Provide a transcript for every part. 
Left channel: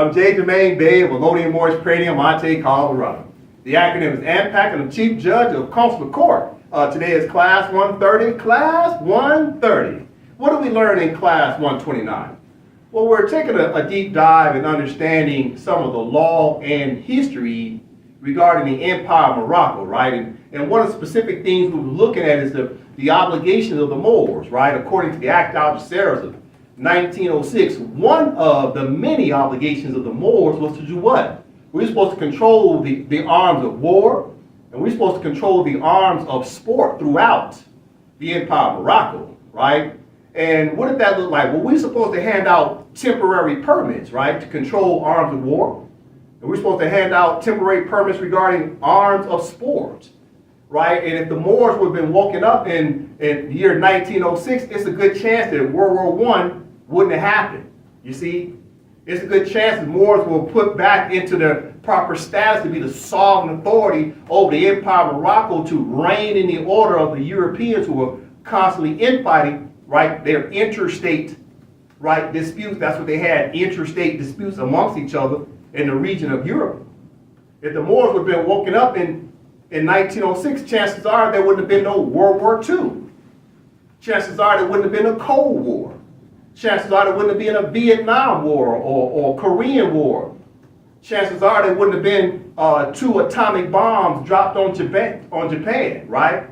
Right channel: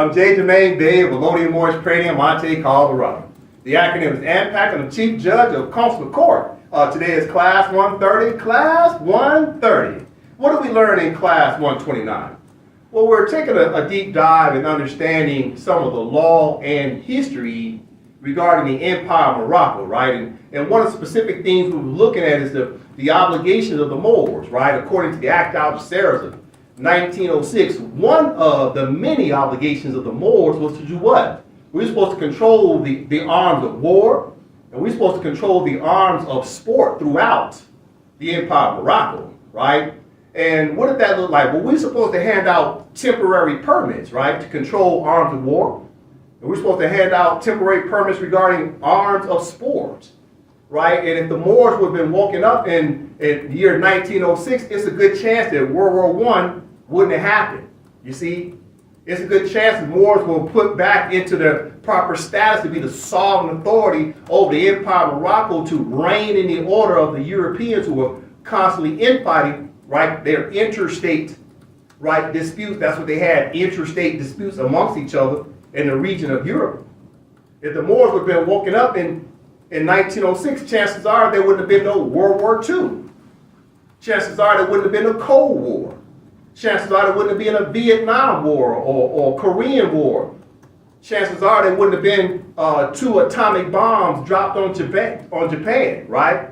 I'm J. Jermaine Bay of Elodian Morris Trading in Monte, Colorado. The acronym is AMPAC, and I'm Chief Judge of Consular Court. Today is Class 130. Class 130. What did we learn in Class 129? Well, we're taking a deep dive in understanding some of the law and history regarding the Empire of Morocco, right? And one of the specific things we were looking at is the obligations of the Moors, right? According to the Act Algeciras of 1906, one of the many obligations of the Moors was to do what? We were supposed to control the arms of war, and we were supposed to control the arms of sport throughout the Empire of Morocco, right? And what did that look like? Well, we were supposed to hand out temporary permits, right, to control arms of war. And we're supposed to hand out temporary permits regarding arms of sport, right? And if the Moors would have been woken up in the year 1906, it's a good chance that World War I wouldn't have happened. You see, it's a good chance the Moors will put back into the proper status to be the sovereign authority over the Empire of Morocco to reign in the order of the Europeans who were constantly infighting, right? Their interstate, right, disputes. That's what they had, interstate disputes amongst each other in the region of Europe. If the Moors would have been woken up in 1906, chances are there wouldn't have been no World War II. Chances are there wouldn't have been a Cold War. Chances are there wouldn't have been a Vietnam War or Korean War. Chances are there wouldn't have been 2 atomic bombs dropped on Japan, right?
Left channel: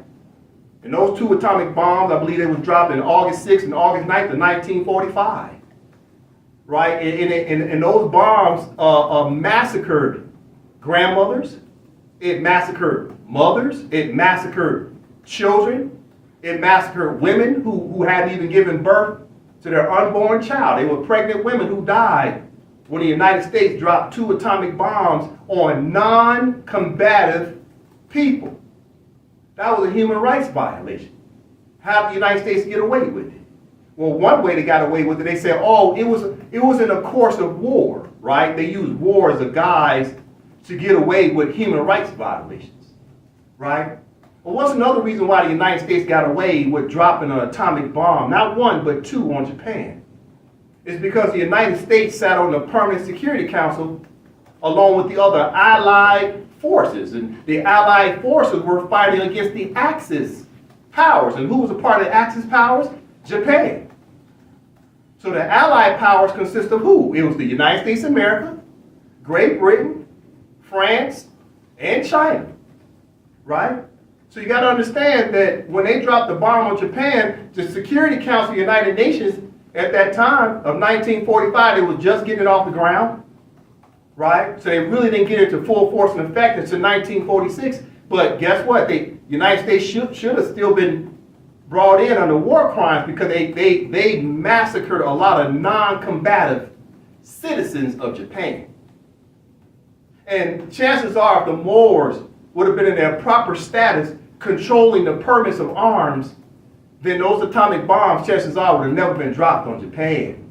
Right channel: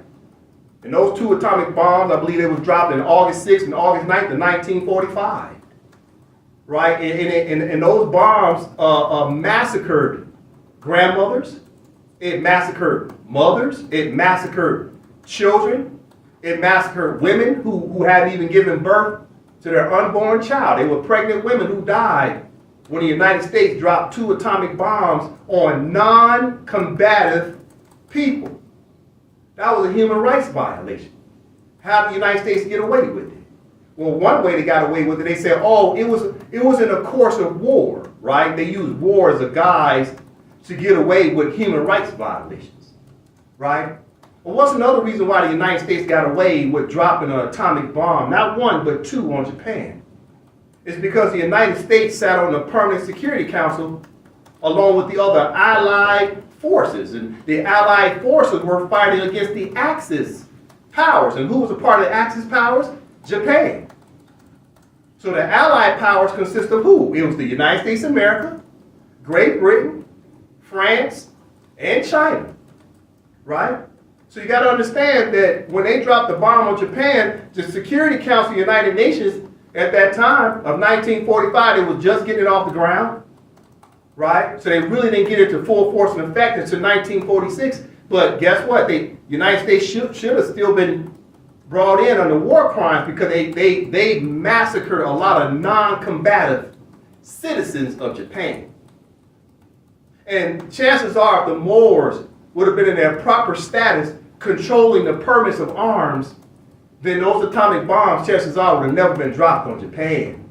And those 2 atomic bombs, I believe they was dropped in August 6th and August 9th of 1945, right? And those bombs massacred grandmothers, it massacred mothers, it massacred children, it massacred women who hadn't even given birth to their unborn child. They were pregnant women who died when the United States dropped 2 atomic bombs on non-combative people. That was a human rights violation. How did the United States get away with it? Well, one way they got away with it, they said, oh, it was in a course of war, right? They used war as a guise to get away with human rights violations, right? Well, what's another reason why the United States got away with dropping an atomic bomb, not 1, but 2 on Japan? It's because the United States sat on the Permanent Security Council along with the other Allied forces. And the Allied forces were fighting against the Axis powers. And who was a part of the Axis powers? Japan. So the Allied powers consist of who? It was the United States of America, Great Britain, France, and China, right? So you got to understand that when they dropped the bomb on Japan, the Security Council of the United Nations at that time of 1945, they was just getting it off the ground, right? So they really didn't get it to full force and effect until 1946. But guess what? The United States should have still been brought in under war crimes because they massacred a lot of non-combative citizens of Japan. And chances are if the Moors would have been in their proper status controlling the permits of arms, then those atomic bombs, chances are, would have never been dropped on Japan.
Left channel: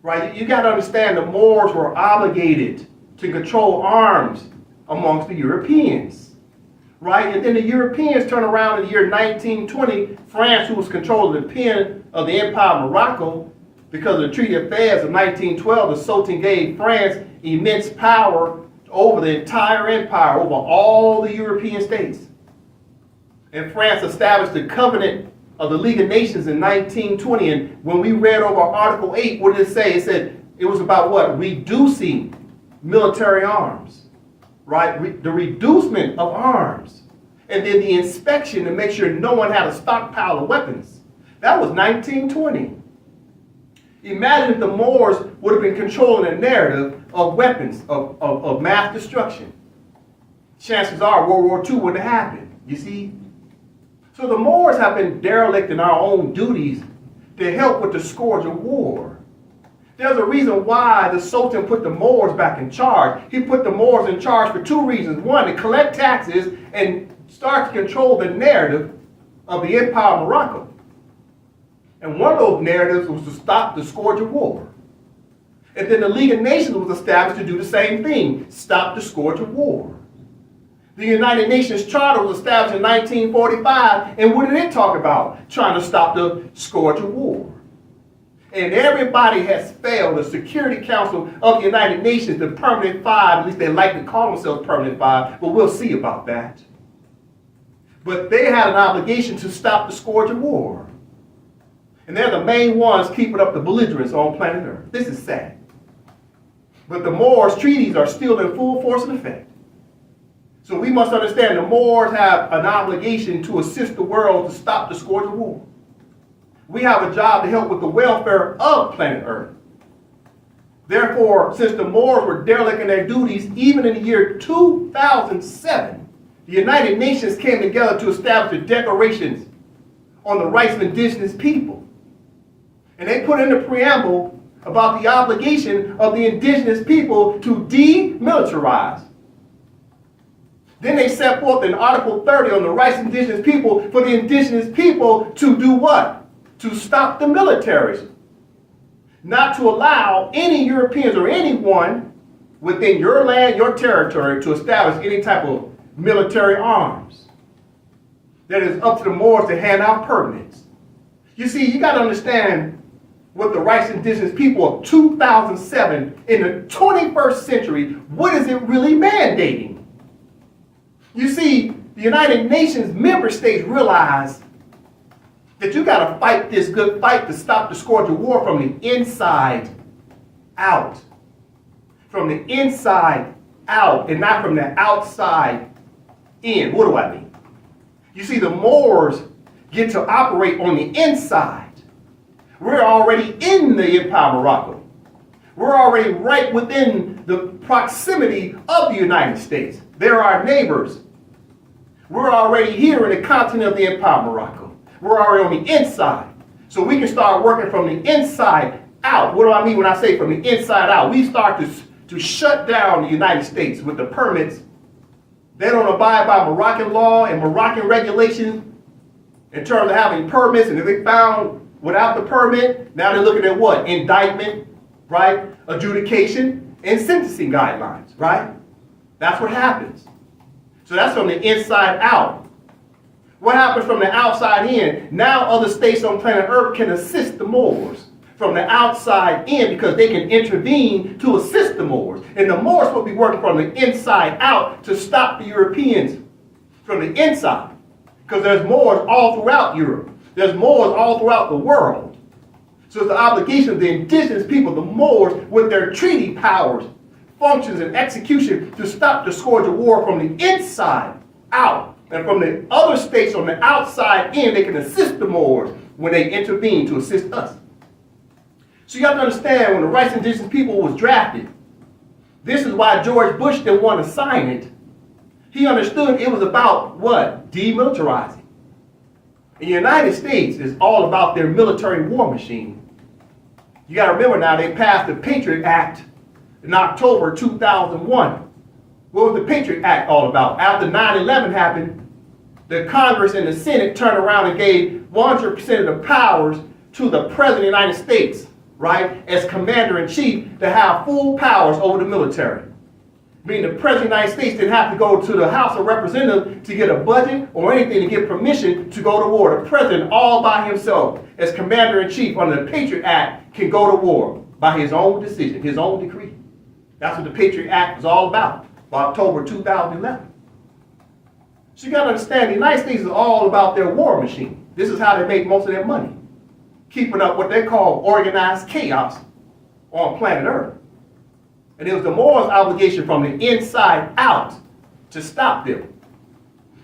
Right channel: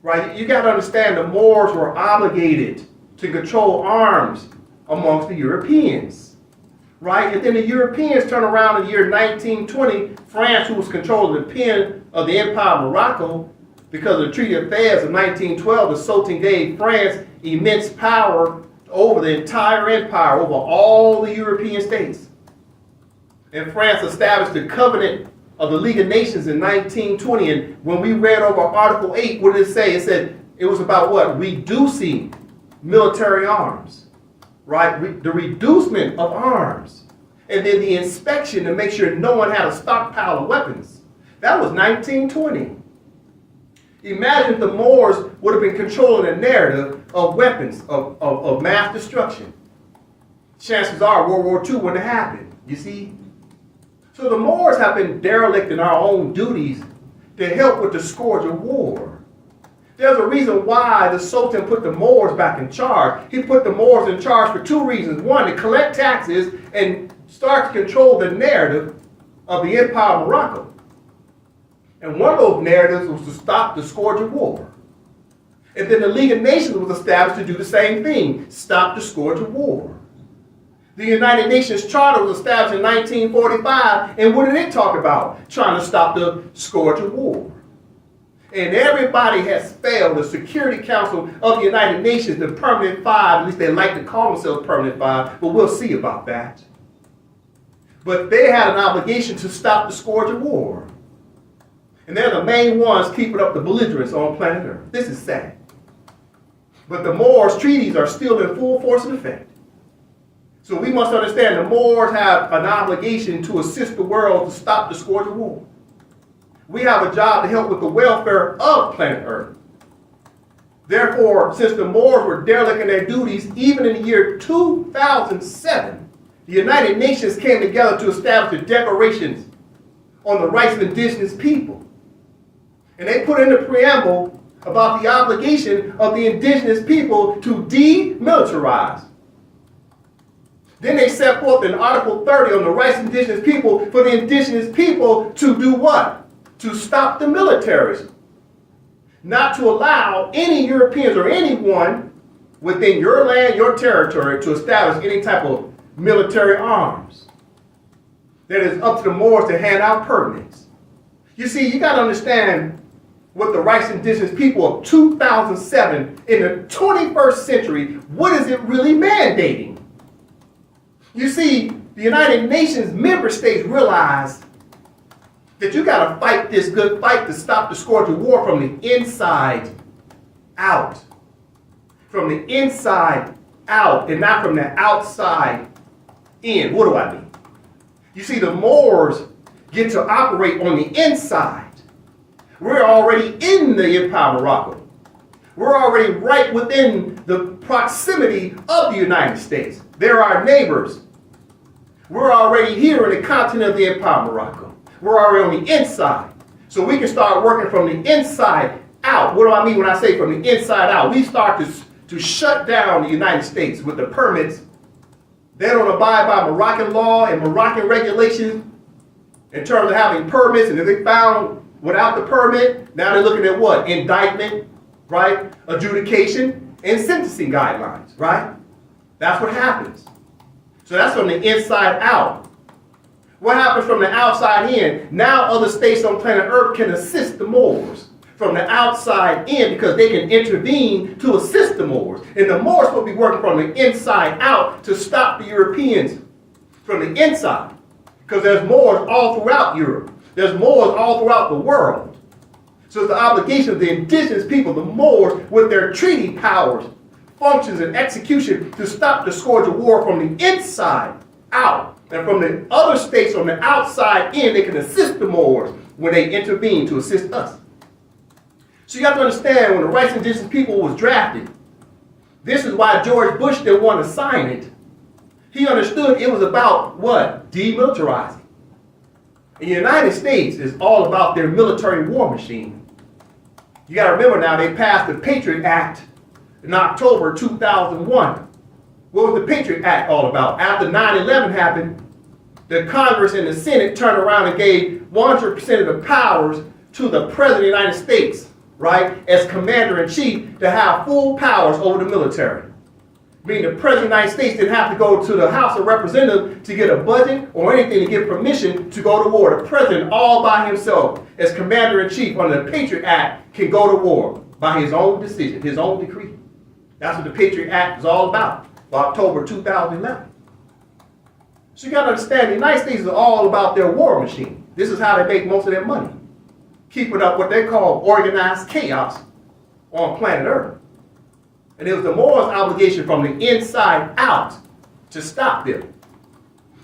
Right? You got to understand the Moors were obligated to control arms amongst the Europeans. Right? And then the Europeans turn around in the year 1920, France, who was controlling the pen of the Empire of Morocco, because of the Treaty of Fez of 1912, the Sultan gave France immense power over the entire empire, over all the European states. And France established the Covenant of the League of Nations in 1920. And when we read over Article 8, what did it say? It said it was about what? Reducing military arms, right? The reducement of arms. And then the inspection to make sure no one had a stockpile of weapons. That was 1920. Imagine if the Moors would have been controlling a narrative of weapons of mass destruction. Chances are World War II wouldn't have happened, you see? So the Moors have been derelict in our own duties to help with the scourge of war. There's a reason why the Sultan put the Moors back in charge. He put the Moors in charge for 2 reasons. 1, to collect taxes and start to control the narrative of the Empire of Morocco. And one of those narratives was to stop the scourge of war. And then the League of Nations was established to do the same thing, stop the scourge of war. The United Nations Charter was established in 1945, and what did it talk about? Trying to stop the scourge of war. And everybody has failed. The Security Council of the United Nations, the Permanent Five, at least they like to call themselves Permanent Five, but we'll see about that. But they had an obligation to stop the scourge of war. And they're the main ones keeping up the belligerence on planet Earth. This is sad. But the Moors treaties are still in full force and effect. So we must understand the Moors have an obligation to assist the world to stop the scourge of war. We have a job to help with the welfare of planet Earth. Therefore, since the Moors were derelict in their duties, even in the year 2007, the United Nations came together to establish the declarations on the rights of indigenous people. And they put in the preamble about the obligation of the indigenous people to demilitarize. Then they set forth in Article 30 on the rights of indigenous people for the indigenous people to do what? To stop the militaries. Not to allow any Europeans or anyone within your land, your territory, to establish any type of military arms. That is up to the Moors to hand out permits. You see, you got to understand what the rights of indigenous people of 2007 in the 21st century, what is it really mandating? You see, the United Nations member states realize that you got to fight this good fight to stop the scourge of war from the inside out. From the inside out and not from the outside in. What do I mean? You see, the Moors get to operate on the inside. We're already in the Empire of Morocco. We're already right within the proximity of the United States. They're our neighbors. We're already here in the continent of the Empire of Morocco. We're already on the inside. So we can start working from the inside out. What do I mean when I say from the inside out? We start to shut down the United States with the permits. They don't abide by Moroccan law and Moroccan regulations in terms of having permits. And if they found without the permit, now they're looking at what? Indictment, right? Adjudication and sentencing guidelines, right? That's what happens. So that's from the inside out. What happens from the outside in? Now other states on planet Earth can assist the Moors from the outside in because they can intervene to assist the Moors. And the Moors will be working from the inside out to stop the Europeans from the inside. Because there's Moors all throughout Europe. There's Moors all throughout the world. So it's the obligation of the indigenous people, the Moors, with their treaty powers, functions, and execution to stop the scourge of war from the inside out. And from the other states on the outside in, they can assist the Moors when they intervene to assist us. So you have to understand, when the rights of indigenous people was drafted, this is why George Bush didn't want to sign it. He understood it was about what? Demilitarizing. And the United States is all about their military war machine. You got to remember now, they passed the Patriot Act in October 2001. What was the Patriot Act all about? After 9/11 happened, the Congress and the Senate turned around and gave 100% of the powers to the President of the United States, right, as Commander-in-Chief to have full powers over the military. Meaning the President of the United States didn't have to go to the House of Representatives to get a budget or anything to get permission to go to war. The President all by himself as Commander-in-Chief under the Patriot Act can go to war by his own decision, his own decree. That's what the Patriot Act was all about. October 2011. So you got to understand, the United States is all about their war machine. This is how they make most of their money. Keeping up what they call organized chaos on planet Earth. And it was the Moors' obligation from the inside out to stop them.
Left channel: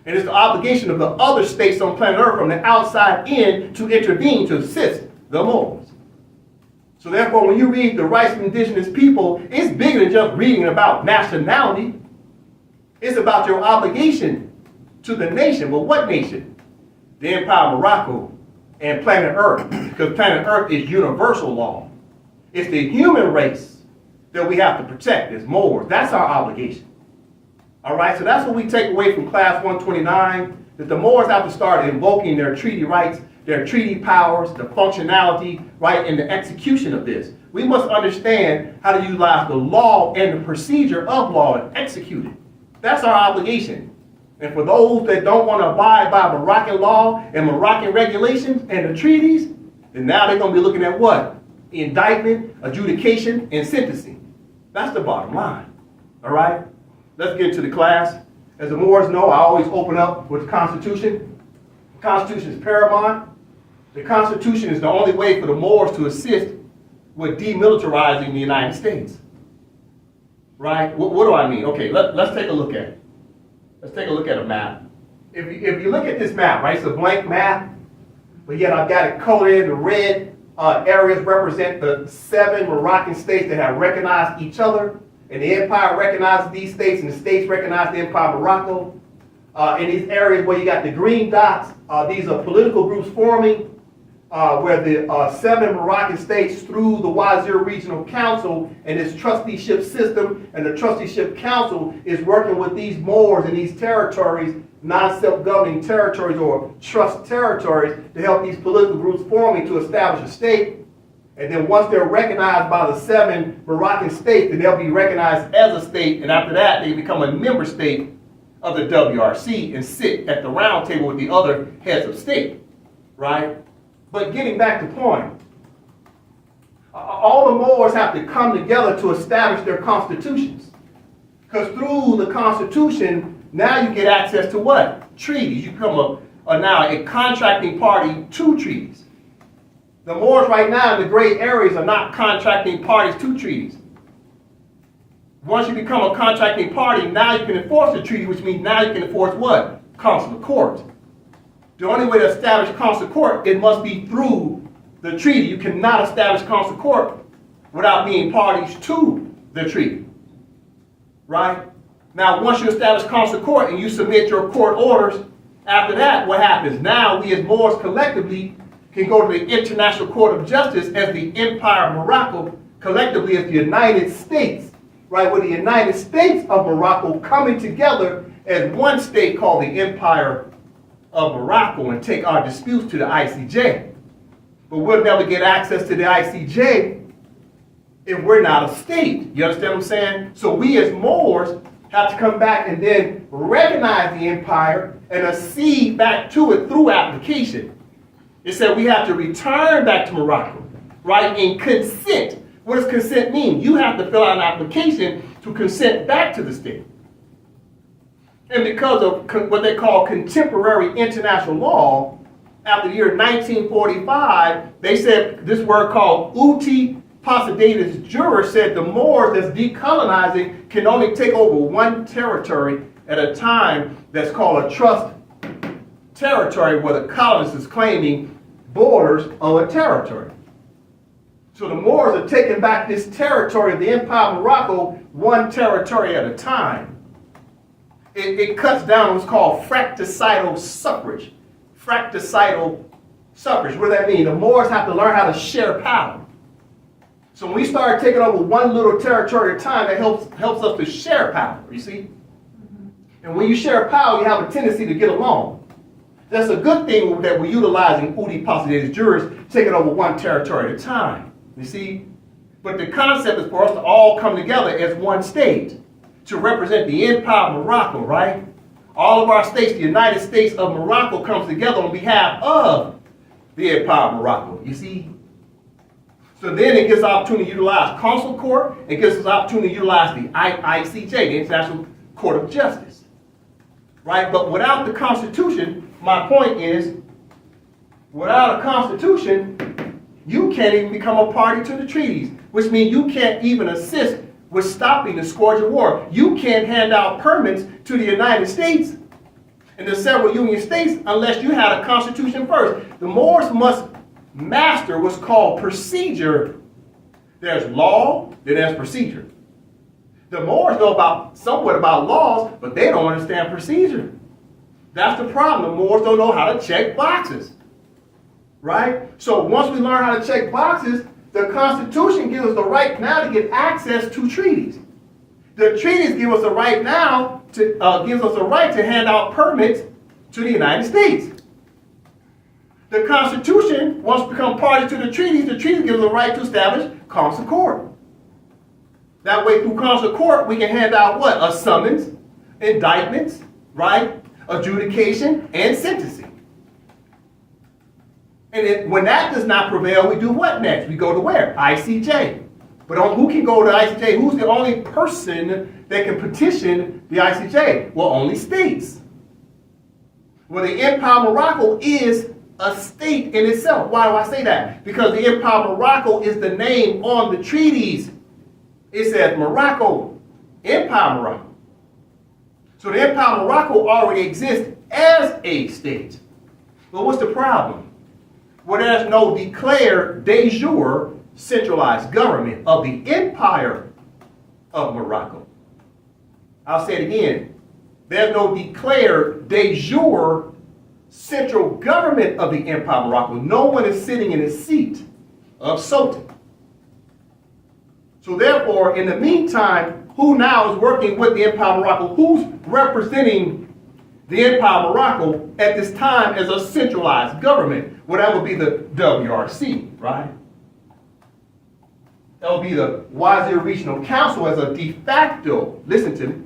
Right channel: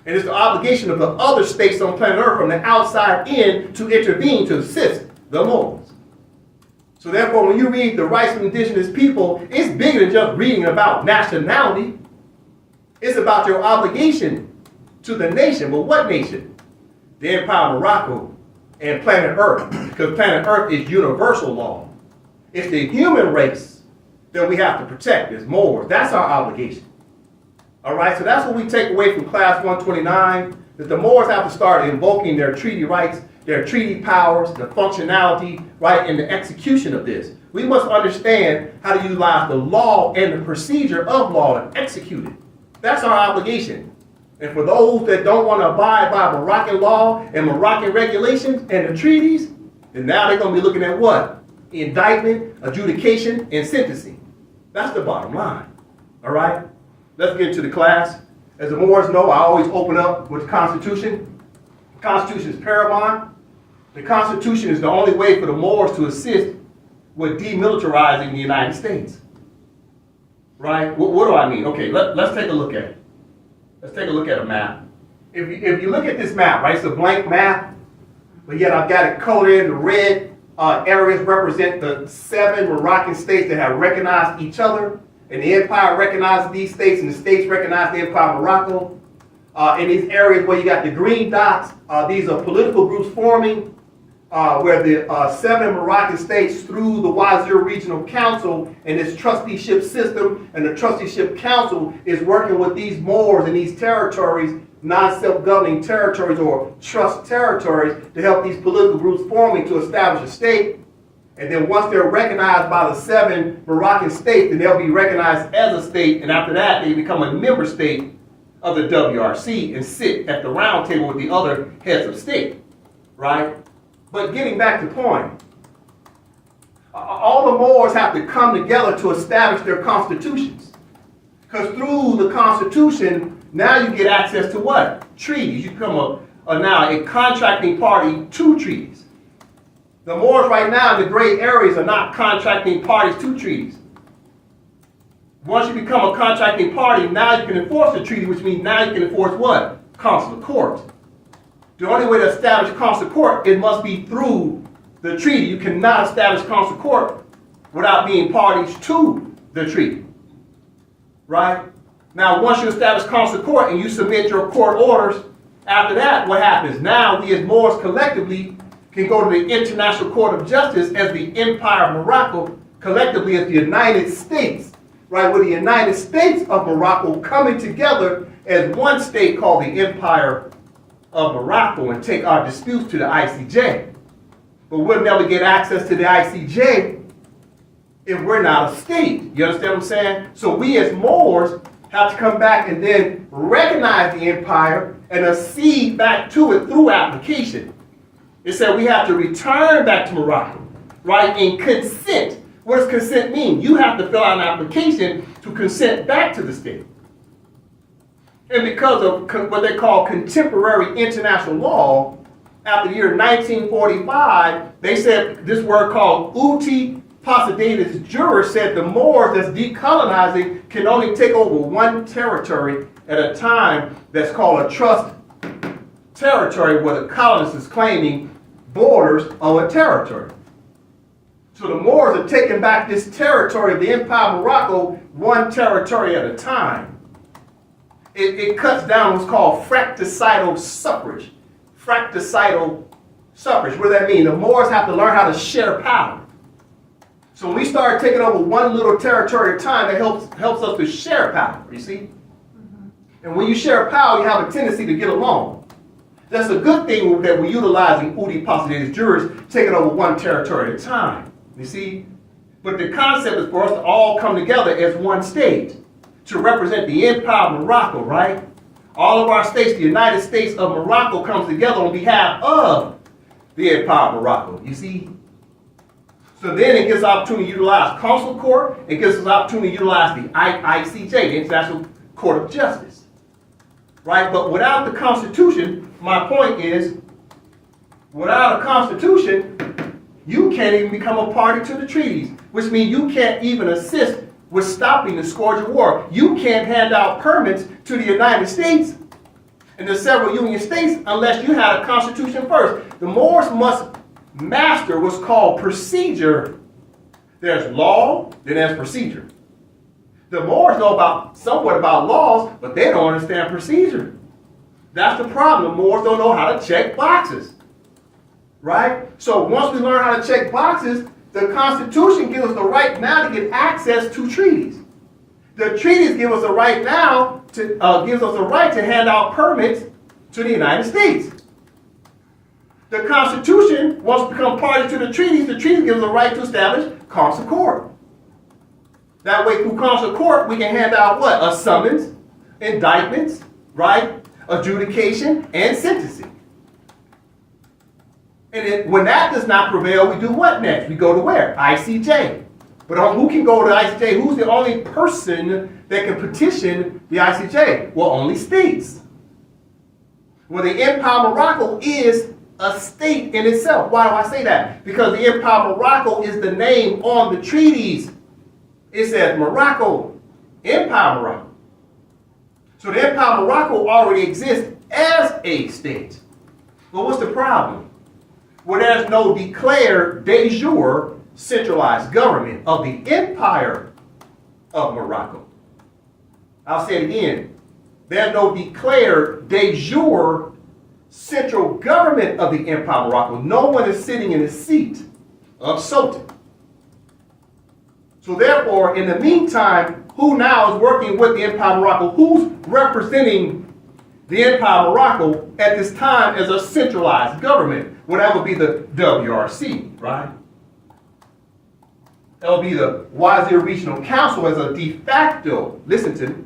And it's the obligation of the other states on planet Earth from the outside in to intervene to assist the Moors. So therefore, when you read the rights of indigenous people, it's bigger than just reading about nationality. It's about your obligation to the nation. But what nation? The Empire of Morocco and planet Earth. Because planet Earth is universal law. It's the human race that we have to protect as Moors. That's our obligation. All right, so that's what we take away from class 129, that the Moors have to start invoking their treaty rights, their treaty powers, the functionality, right, and the execution of this. We must understand how to utilize the law and the procedure of law and execute it. That's our obligation. And for those that don't want to abide by Moroccan law and Moroccan regulations and the treaties, then now they're going to be looking at what? indictment, adjudication, and sentencing. That's the bottom line. All right? Let's get into the class. As the Moors know, I always open up with the Constitution. The Constitution is paramount. The Constitution is the only way for the Moors to assist with demilitarizing the United States. Right? What do I mean? Okay, let's take a look at it. Let's take a look at a map. If you look at this map, right, it's a blank map, but yet I've got it colored in. The red areas represent the 7 Moroccan states that have recognized each other, and the empire recognizes these states, and the states recognize the empire of Morocco. In these areas where you got the green dots, these are political groups forming, where the 7 Moroccan states through the Wazir Regional Council and its trusteeship system, and the trusteeship council is working with these Moors in these territories, non-self-governing territories or trust territories, to help these political groups forming to establish a state. And then once they're recognized by the 7 Moroccan states, then they'll be recognized as a state, and after that they become a member state of the WRC and sit at the round table with the other heads of state, right? But getting back to point, all the Moors have to come together to establish their constitutions. Because through the Constitution, now you get access to what? Treaties. You become now a contracting party to treaties. The Moors right now in the gray areas are not contracting parties to treaties. Once you become a contracting party, now you can enforce the treaty, which means now you can enforce what? Consular court. The only way to establish consular court, it must be through the treaty. You cannot establish consular court without being parties to the treaty. Right? Now, once you establish consular court and you submit your court orders, after that, what happens? Now, we as Moors collectively can go to the International Court of Justice as the Empire of Morocco, collectively as the United States, right? With the United States of Morocco coming together as one state called the Empire of Morocco and take our disputes to the ICJ. But we'll never get access to the ICJ if we're not a state. You understand what I'm saying? So we as Moors have to come back and then recognize the empire and accede back to it through application. It said we have to return back to Morocco, right? And consent. What does consent mean? You have to fill out an application to consent back to the state. And because of what they call contemporary international law, after the year 1945, they said this word called uti possidetis juror said the Moors that's decolonizing can only take over one territory at a time. That's called a trust territory, where the colonist is claiming borders of a territory. So the Moors are taking back this territory of the Empire of Morocco, one territory at a time. It cuts down what's called fratricidal suffrage. Fratricidal suffrage. What does that mean? The Moors have to learn how to share power. So when we start taking over one little territory at a time, that helps us to share power, you see? And when you share power, you have a tendency to get along. That's a good thing that we're utilizing uti possidetis jurors, taking over one territory at a time, you see? But the concept is for us to all come together as one state to represent the Empire of Morocco, right? All of our states, the United States of Morocco, comes together on behalf of the Empire of Morocco, you see? So then it gives us opportunity to utilize consular court. It gives us opportunity to utilize the ICJ, the International Court of Justice. Right? But without the Constitution, my point is, without a Constitution, you can't even become a party to the treaties, which means you can't even assist with stopping the scourge of war. You can't hand out permits to the United States and the several Union states unless you had a Constitution first. The Moors must master what's called procedure. There's law, then there's procedure. The Moors know somewhat about laws, but they don't understand procedure. That's the problem. The Moors don't know how to check boxes. Right? So once we learn how to check boxes, the Constitution gives us the right now to get access to treaties. The treaties give us the right now to hand out permits to the United States. The Constitution, once we become party to the treaties gives us the right to establish consular court. That way, through consular court, we can hand out what? A summons, indictments, right? Adjudication, and sentencing. And then when that does not prevail, we do what next? We go to where? ICJ. But who can go to ICJ? Who's the only person that can petition the ICJ? Well, only states. Well, the Empire of Morocco is a state in itself. Why do I say that? Because the Empire of Morocco is the name on the treaties. It says Morocco, Empire of Morocco. So the Empire of Morocco already exists as a state. But what's the problem? Well, there's no declared de jure centralized government of the Empire of Morocco. I'll say it again. There's no declared de jure central government of the Empire of Morocco. No one is sitting in the seat of Sultan. So therefore, in the meantime, who now is working with the Empire of Morocco? Who's representing the Empire of Morocco at this time as a centralized government? Well, that would be the WRC, right? That would be the Wazir Regional Council as a de facto, listen to me.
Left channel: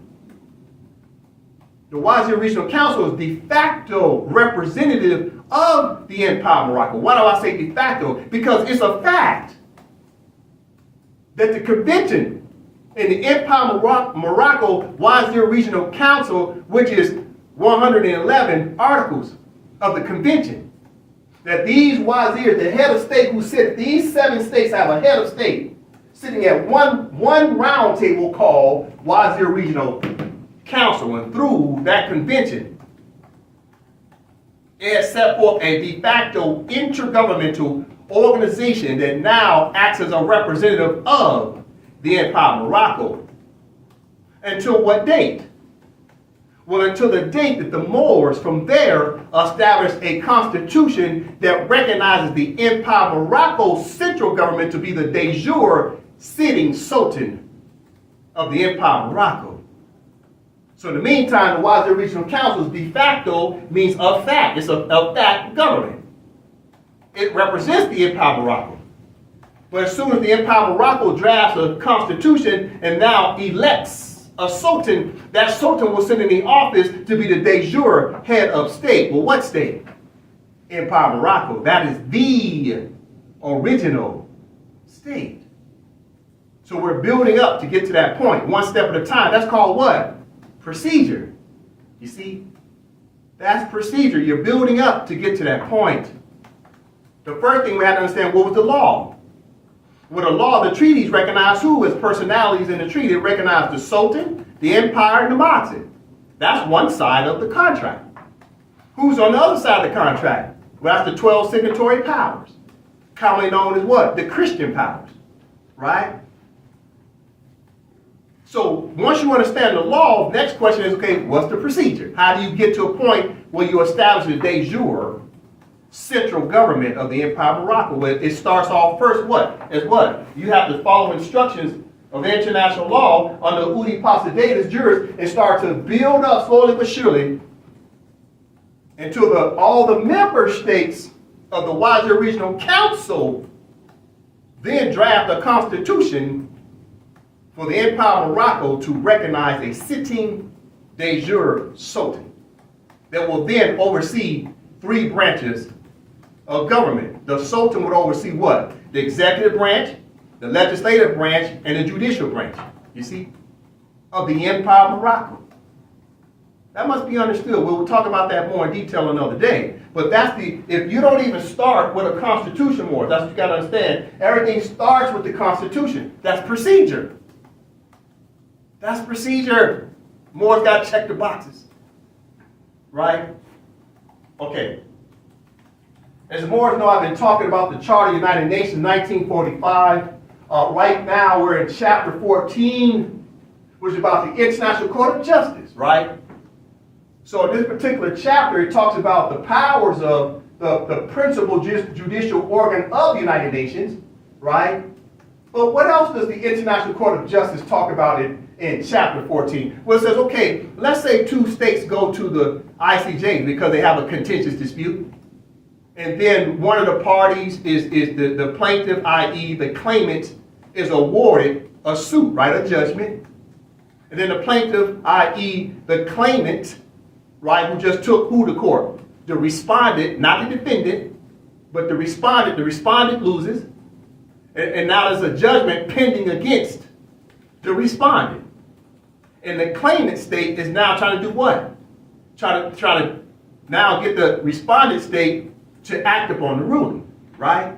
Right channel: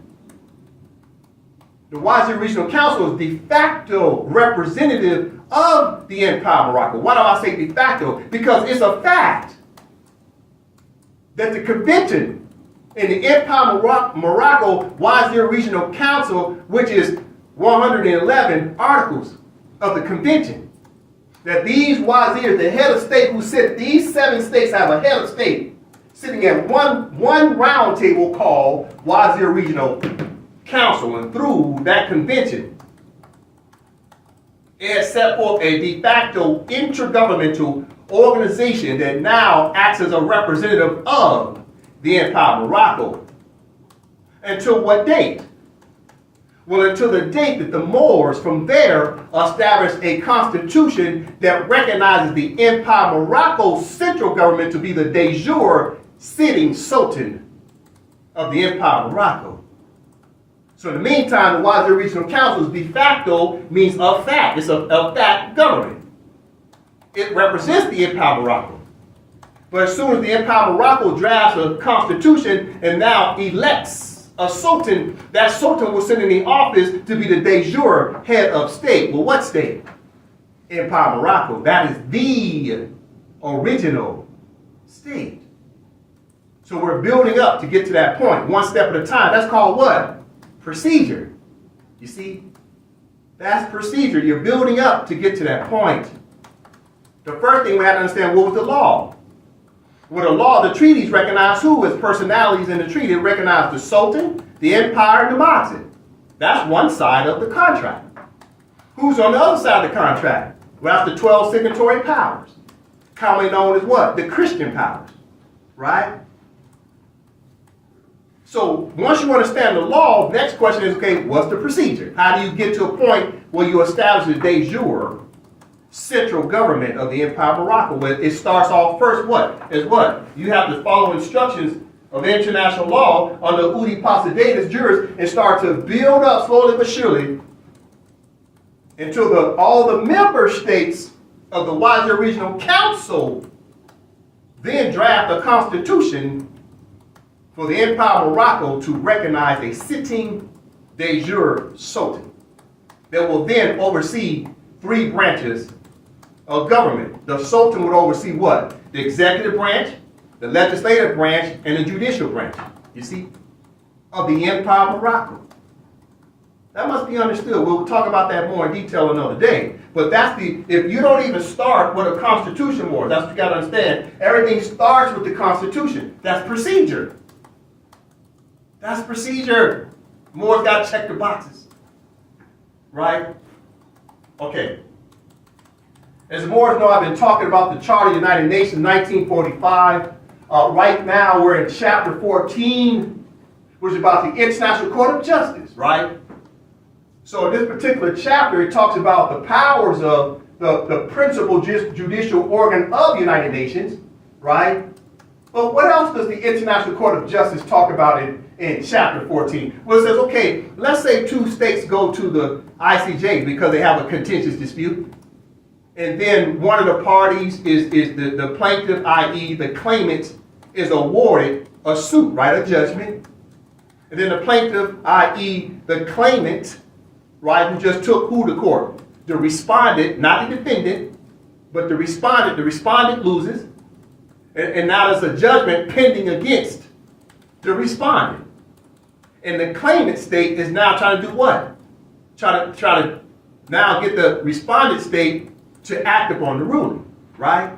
The Wazir Regional Council is de facto representative of the Empire of Morocco. Why do I say de facto? Because it's a fact that the convention in the Empire of Morocco Wazir Regional Council, which is 111 articles of the convention, that these wazirs, the head of state who sit, these 7 states have a head of state sitting at one round table called Wazir Regional Council, and through that convention, it has set forth a de facto intergovernmental organization that now acts as a representative of the Empire of Morocco. Until what date? Well, until the date that the Moors from there established a constitution that recognizes the Empire of Morocco's central government to be the de jure sitting sultan of the Empire of Morocco. So in the meantime, the Wazir Regional Council's de facto means a fact. It's a fact government. It represents the Empire of Morocco. But as soon as the Empire of Morocco drafts a constitution and now elects a sultan, that sultan will sit in the office to be the de jure head of state. Well, what state? Empire of Morocco. That is the original state. So we're building up to get to that point, one step at a time. That's called what? Procedure. You see? That's procedure. You're building up to get to that point. The first thing we have to understand, what was the law? Well, the law, the treaties recognize who as personalities in the treaty. It recognized the Sultan, the Empire, and the Moxie. That's one side of the contract. Who's on the other side of the contract? Well, that's the 12 signatory powers, commonly known as what? The Christian powers, right? So once you understand the law, the next question is, okay, what's the procedure? How do you get to a point where you establish a de jure central government of the Empire of Morocco? Well, it starts off first what? As what? You have to follow instructions of international law under Udi Posidatus juris and start to build up slowly but surely until all the member states of the Wazir Regional Council then draft a constitution for the Empire of Morocco to recognize a sitting de jure sultan that will then oversee 3 branches of government. The sultan would oversee what? The executive branch, the legislative branch, and the judicial branch, you see, of the Empire of Morocco. That must be understood. We'll talk about that more in detail another day. But that's if you don't even start with a constitution more, that's what you got to understand. Everything starts with the constitution. That's procedure. That's procedure. Moore's got to check the boxes. Right? Okay. As the Moors know, I've been talking about the Charter of the United Nations, 1945. Right now, we're in chapter 14, which is about the International Court of Justice, right? So in this particular chapter, it talks about the powers of the principal judicial organ of the United Nations, right? But what else does the International Court of Justice talk about in chapter 14? Well, it says, okay, let's say 2 states go to the ICJ because they have a contentious dispute. And then one of the parties is the plaintiff, i.e. the claimant, is awarded a suit, right, a judgment. And then the plaintiff, i.e. the claimant, right, who just took who to court? The respondent, not the defendant, but the respondent loses, and now there's a judgment pending against the respondent. And the claimant state is now trying to do what? Try to now get the respondent state to act upon the ruling, right?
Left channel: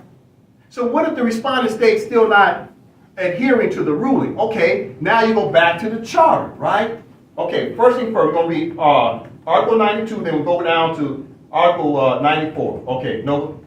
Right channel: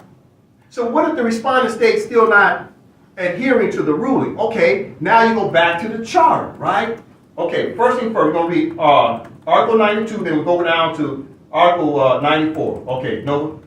So what if the respondent state still not adhering to the ruling? Okay, now you go back to the charter, right? Okay, first thing first, we're going to read Article 92, then we'll go down to Article 94. Okay, Nova?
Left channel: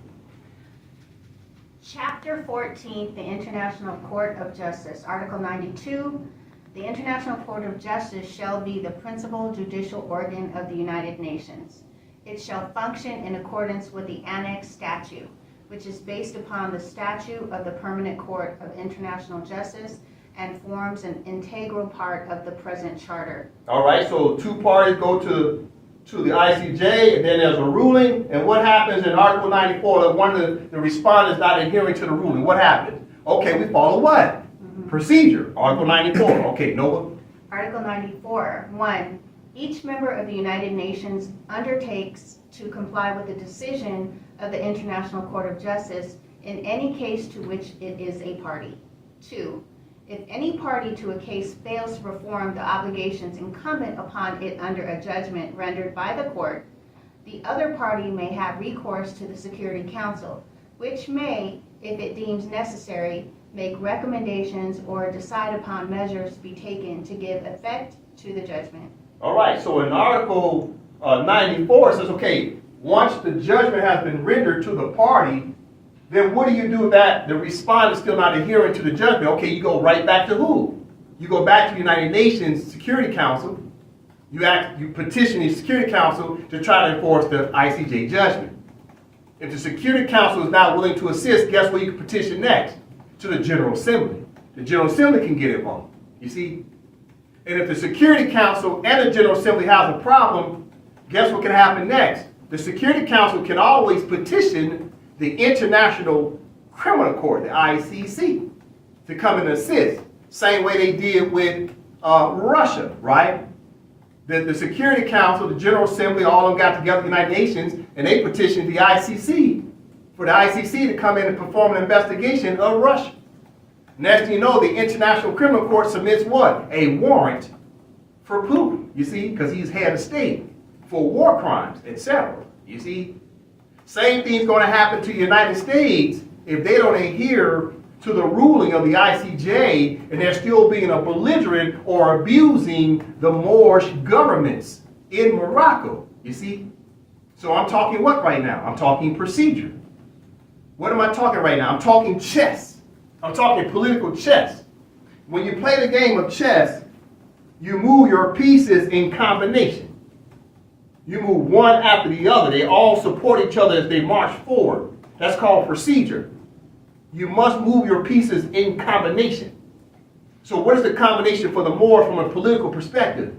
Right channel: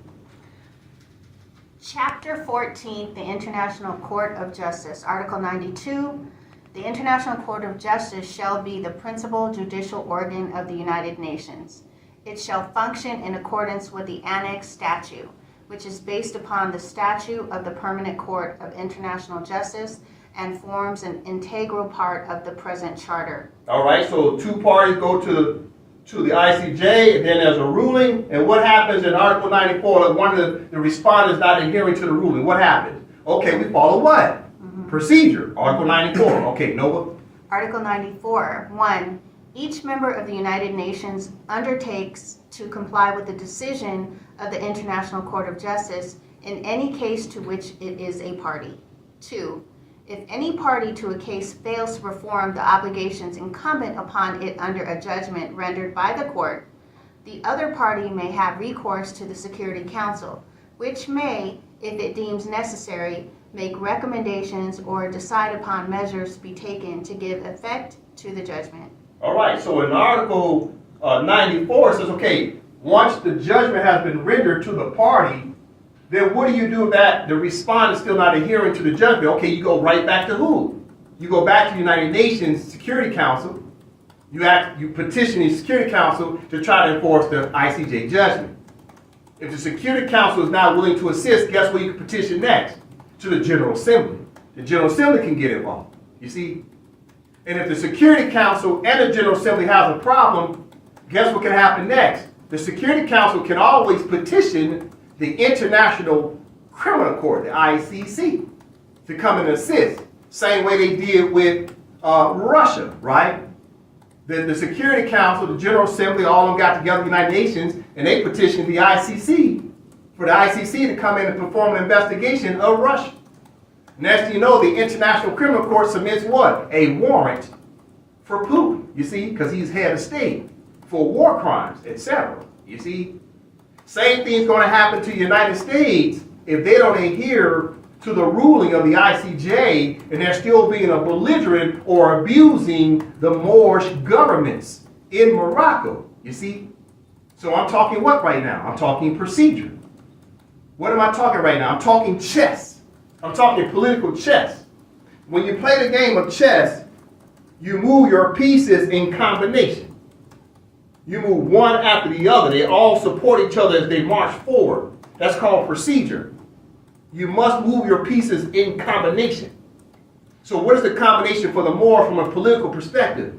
Chapter 14, the International Court of Justice. Article 92, the International Court of Justice shall be the principal judicial organ of the United Nations. It shall function in accordance with the Annex Statute, which is based upon the Statute of the Permanent Court of International Justice and forms an integral part of the present charter. All right, so two parties go to the ICJ, and then there's a ruling, and what happens in Article 94 if one of the respondents not adhering to the ruling? What happens? Okay, we follow what? Procedure. Article 94. Okay, Nova? Article 94, 1. Each member of the United Nations undertakes to comply with the decision of the International Court of Justice in any case to which it is a party. 2. If any party to a case fails to perform the obligations incumbent upon it under a judgment rendered by the court, the other party may have recourse to the Security Council, which may, if it deems necessary, make recommendations or decide upon measures to be taken to give effect to the judgment. All right, so in Article 94, it says, okay, once the judgment has been rendered to the party, then what do you do if that the respondent is still not adhering to the judgment? Okay, you go right back to who? You go back to the United Nations Security Council. You petition the Security Council to try to enforce the ICJ judgment. If the Security Council is not willing to assist, guess where you can petition next? To the General Assembly. The General Assembly can get involved. You see? And if the Security Council and the General Assembly has a problem, guess what can happen next? The Security Council can always petition the International Criminal Court, the ICC, to come and assist. Same way they did with Russia, right? The Security Council, the General Assembly, all of them got together, the United Nations, and they petitioned the ICC for the ICC to come in and perform an investigation of Russia. Next thing you know, the International Criminal Court submits what? A warrant for Putin, you see, because he's head of state, for war crimes, etc. You see? Same thing's going to happen to the United States if they don't adhere to the ruling of the ICJ and they're still being a belligerent or abusing the Moorish governments in Morocco. You see? So I'm talking what right now? I'm talking procedure. What am I talking right now? I'm talking chess. I'm talking political chess. When you play the game of chess, you move your pieces in combination. You move one after the other. They all support each other as they march forward. That's called procedure. You must move your pieces in combination. So what is the combination for the Moor from a political perspective?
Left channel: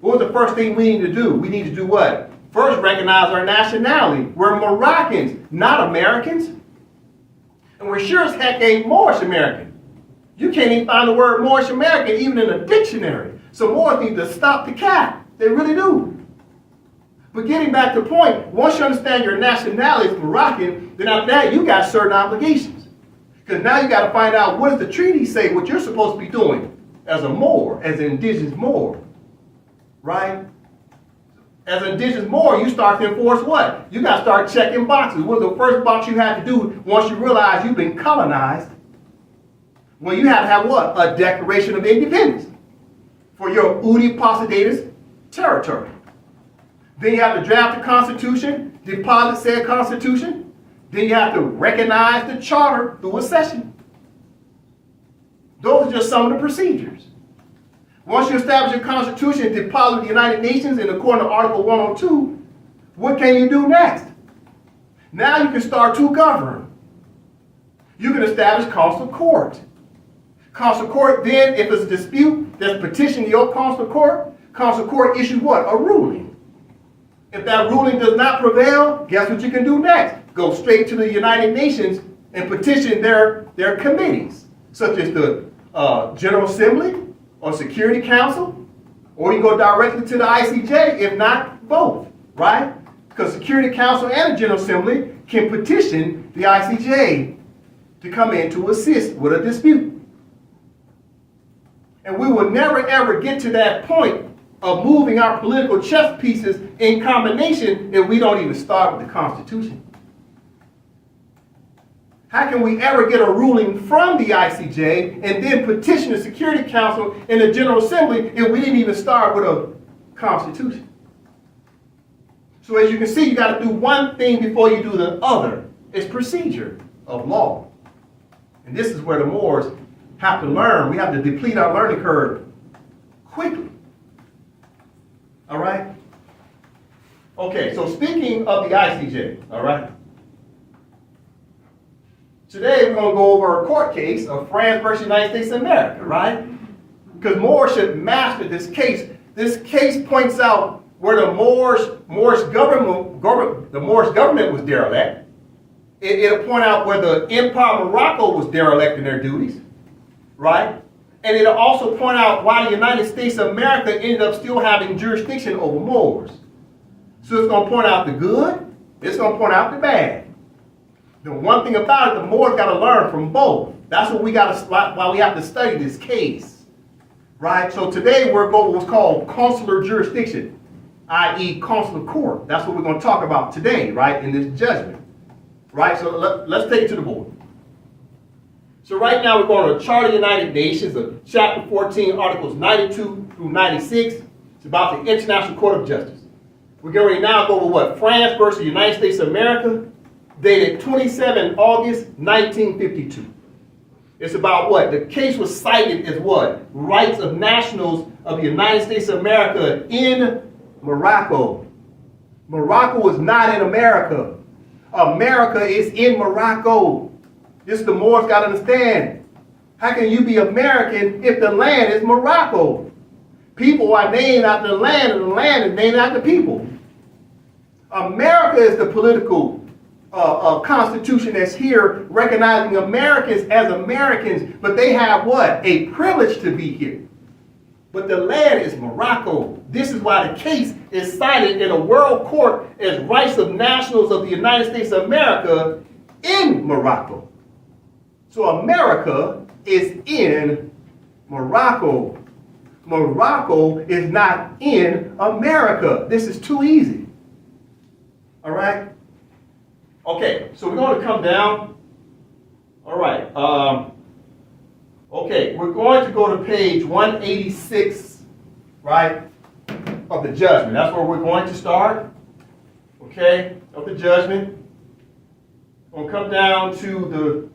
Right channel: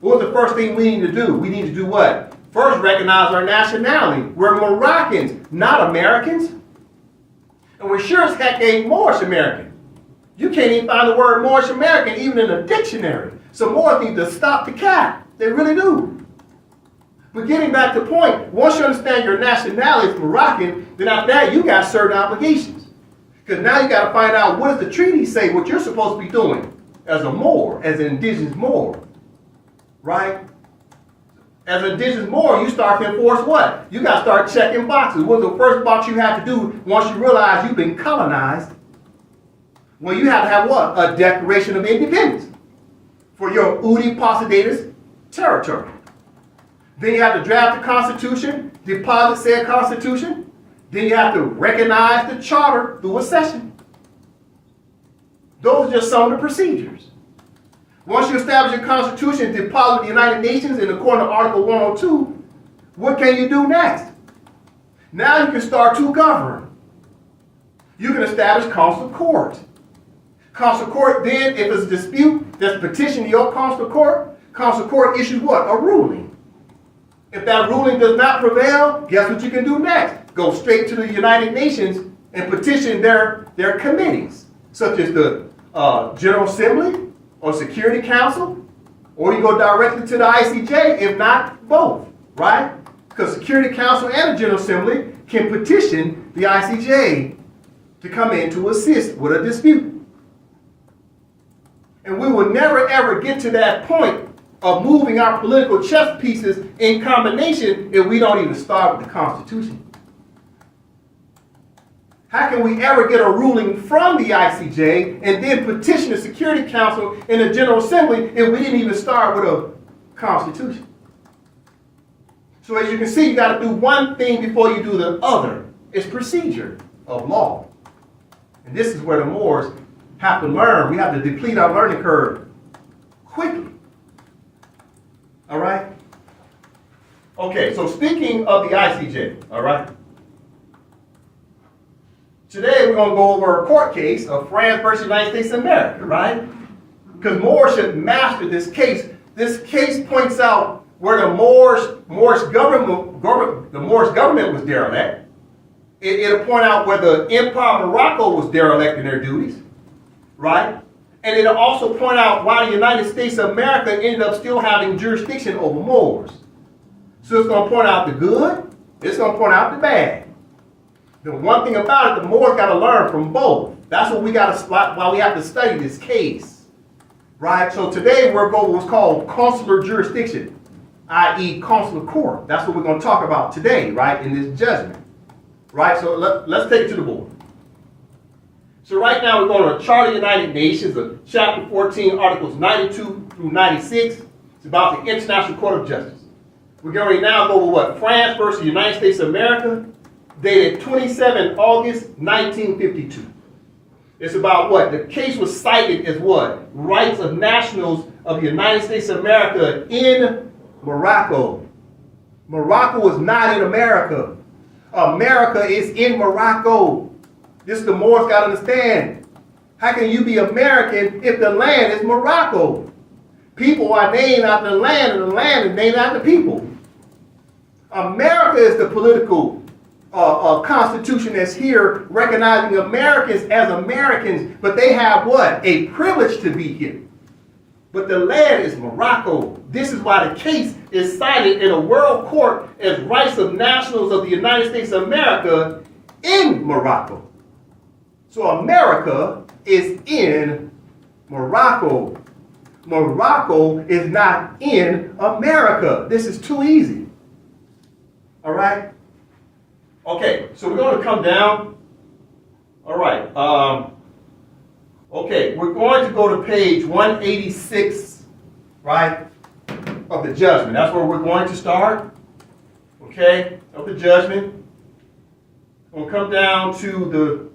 What was the first thing we need to do? We need to do what? First, recognize our nationality. We're Moroccans, not Americans. And we sure as heck ain't Moorish American. You can't even find the word Moorish American even in a dictionary. So Moors need to stop the cat. They really do. But getting back to the point, once you understand your nationality is Moroccan, then after that you got certain obligations. Because now you got to find out what does the treaty say, what you're supposed to be doing as a Moor, as an indigenous Moor, right? As an indigenous Moor, you start to enforce what? You got to start checking boxes. What's the first box you have to do once you realize you've been colonized? Well, you have to have what? A Declaration of Independence for your Udi Posidatus territory. Then you have to draft the Constitution, deposit said Constitution. Then you have to recognize the charter through a session. Those are just some of the procedures. Once you establish a Constitution and deposit the United Nations in according to Article 102, what can you do next? Now you can start to govern. You can establish consular court. Consular court then, if there's a dispute that's petitioned the consular court issues what? A ruling. If that ruling does not prevail, guess what you can do next? Go straight to the United Nations and petition their committees, such as the General Assembly or Security Council, or you go directly to the ICJ, if not both, right? because Security Council and the General Assembly can petition the ICJ to come in to assist with a dispute. And we will never ever get to that point of moving our political chess pieces in combination if we don't even start with the Constitution. How can we ever get a ruling from the ICJ and then petition the Security Council and the General Assembly if we didn't even start with a Constitution? So as you can see, you got to do one thing before you do the other. It's procedure of law. And this is where the Moors have to learn. We have to deplete our learning curve quickly. All right? Okay, so speaking of the ICJ, all right? Today we're going to go over a court case of France versus United States of America, right? Because Moors should master this case. This case points out where the Moorish government was derelict. It'll point out where the Empire of Morocco was derelict in their duties, right? And it'll also point out why the United States of America ended up still having jurisdiction over Moors. So it's going to point out the good, it's going to point out the bad. The one thing about it, the Moors got to learn from both. That's what we got to, why we have to study this case, right? So today we're going to what's called consular jurisdiction, i.e. consular court. That's what we're going to talk about today, right, in this judgment, right? So let's take it to the board. So right now we're going to Charter of the United Nations, of Chapter 14, Articles 92 through 96. It's about the International Court of Justice. We're going to now go over what? France versus the United States of America, dated 27 August 1952. It's about what? The case was cited as what? Rights of nationals of the United States of America in Morocco. Morocco is not in America. America is in Morocco. This the Moors got to understand. How can you be American if the land is Morocco? People are named after the land, and the land is named after people. America is the political constitution that's here, recognizing Americans as Americans, but they have what? A privilege to be here. But the land is Morocco. This is why the case is cited in a world court as rights of nationals of the United States of America in Morocco. So America is in Morocco. Morocco is not in America. This is too easy. All right? Okay, so we're going to come down. All right. Okay, we're going to go to page 186, right, of the judgment. That's where we're going to start, okay, of the judgment. We'll come down to the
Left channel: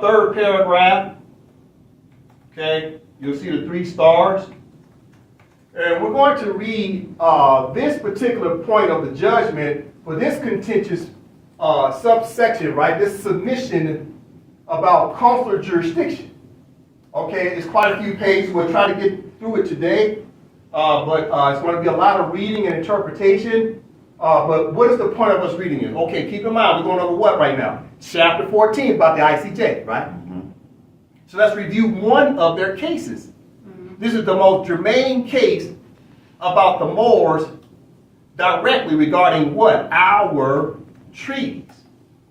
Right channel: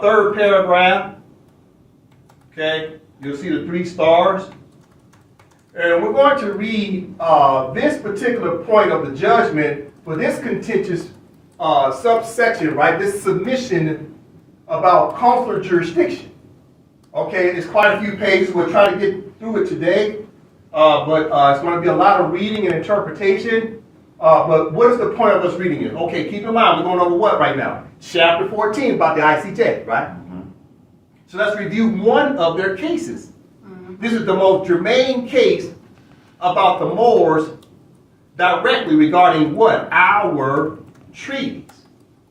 third paragraph. Okay, you'll see the 3 stars. And we're going to read this particular point of the judgment for this contentious subsection, right? This submission about consular jurisdiction. Okay, it's quite a few pages. We'll try to get through it today, but it's going to be a lot of reading and interpretation. But what is the point of us reading it? Okay, keep in mind, we're going over what right now? Chapter 14 about the ICJ, right? Mm-hmm. So let's review one of their cases. This is the most germane case about the Moors directly regarding what? Our treaties.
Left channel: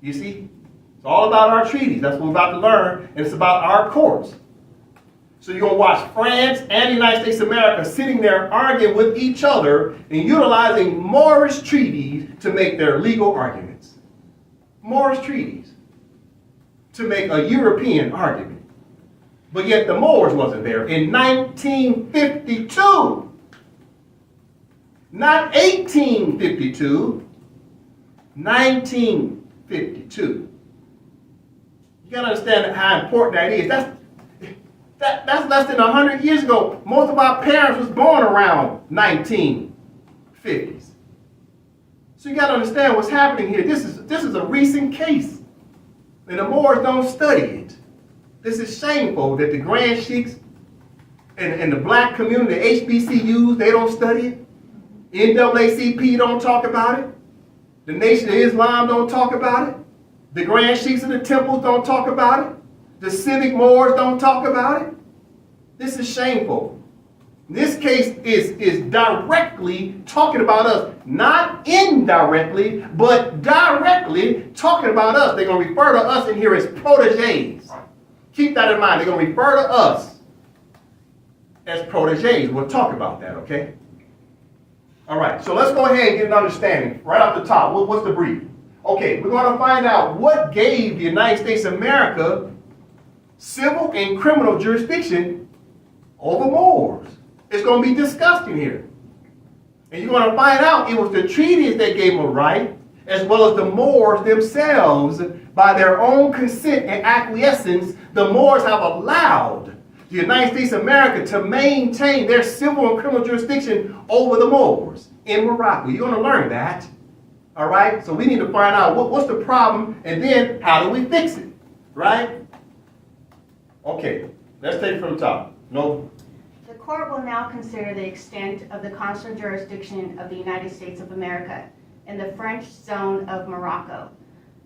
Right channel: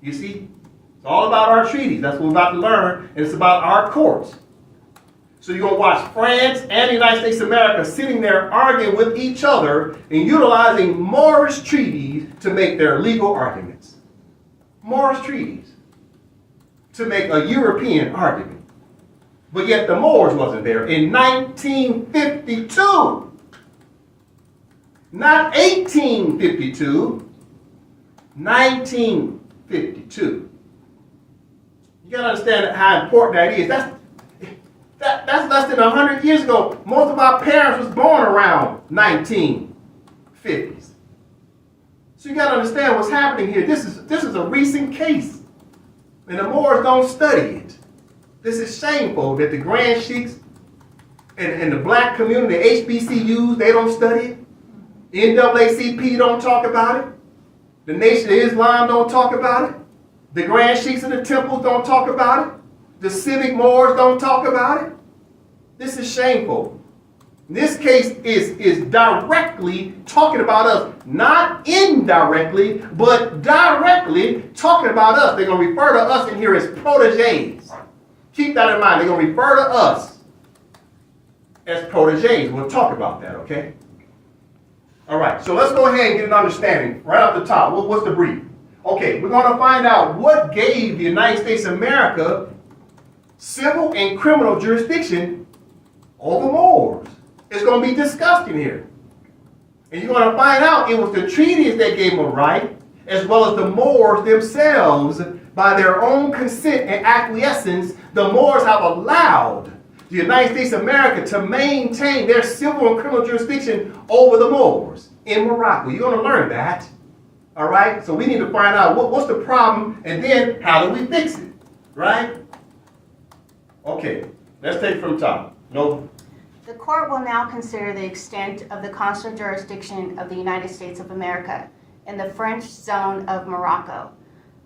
You see? It's all about our treaties. That's what we're about to learn. And it's about our courts. So you're going to watch France and the United States of America sitting there arguing with each other and utilizing Moorish treaties to make their legal arguments. Moorish treaties to make a European argument. But yet the Moors wasn't there in 1952. Not 1852, 1952. You gotta understand how important that is. That's less than 100 years ago. Most of our parents was born around 1950s. So you gotta understand what's happening here. This is a recent case. And the Moors don't study it. This is shameful that the Grand Sheiks and the black community, the HBCUs, they don't study it. NAACP don't talk about it. The Nation of Islam don't talk about it. The Grand Sheiks of the temples don't talk about it. The civic Moors don't talk about it. This is shameful. This case is directly talking about us, not indirectly, but directly talking about us. They're going to refer to us in here as proteges. Keep that in mind. They're going to refer to us as proteges. We'll talk about that, okay? All right, so let's go ahead and get an understanding right off the top. What's the brief? Okay, we're going to find out what gave the United States of America civil and criminal jurisdiction over Moors. It's going to be discussed in here. And you're going to find out it was the treaties that gave them a right, as well as the Moors themselves, by their own consent and acquiescence, the Moors have allowed the United States of America to maintain their civil and criminal jurisdiction over the Moors in Morocco. You're going to learn that. All right? So we need to find out what's the problem, and then how do we fix it? Right? Okay, let's take it from the top. No. The court will now consider the extent of the consular jurisdiction of the United States of America in the French zone of Morocco.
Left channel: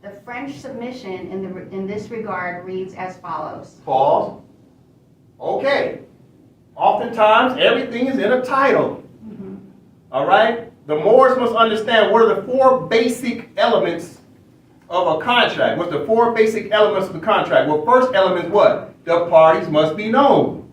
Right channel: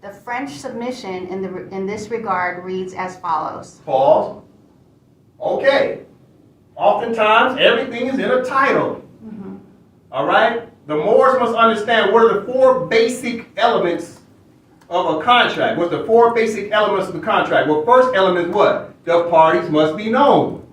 The French submission in this regard reads as follows. Pause. Okay. Oftentimes, everything is in a title. All right? The Moors must understand what are the four basic elements of a contract. What's the four basic elements of the contract? Well, first element is what? The parties must be known.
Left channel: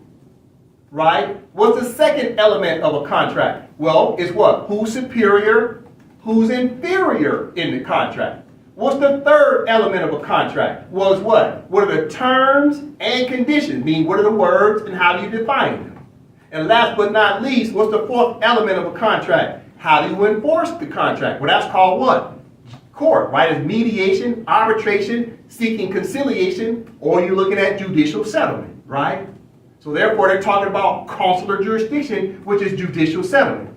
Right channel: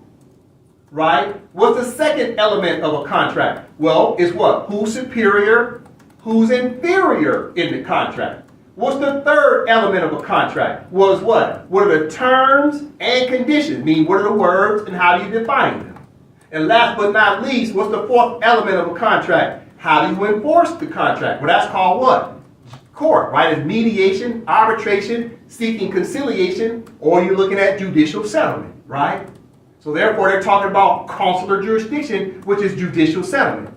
Right? What's the second element of a contract? Well, it's what? Who's superior, who's inferior in the contract. What's the third element of a contract? Well, it's what? What are the terms and conditions? Meaning, what are the words and how do you define them? And last but not least, what's the fourth element of a contract? How do you enforce the contract? Well, that's called what? Court, right? It's mediation, arbitration, seeking conciliation, or you're looking at judicial settlement, right? So therefore, they're talking about consular jurisdiction, which is judicial settlement.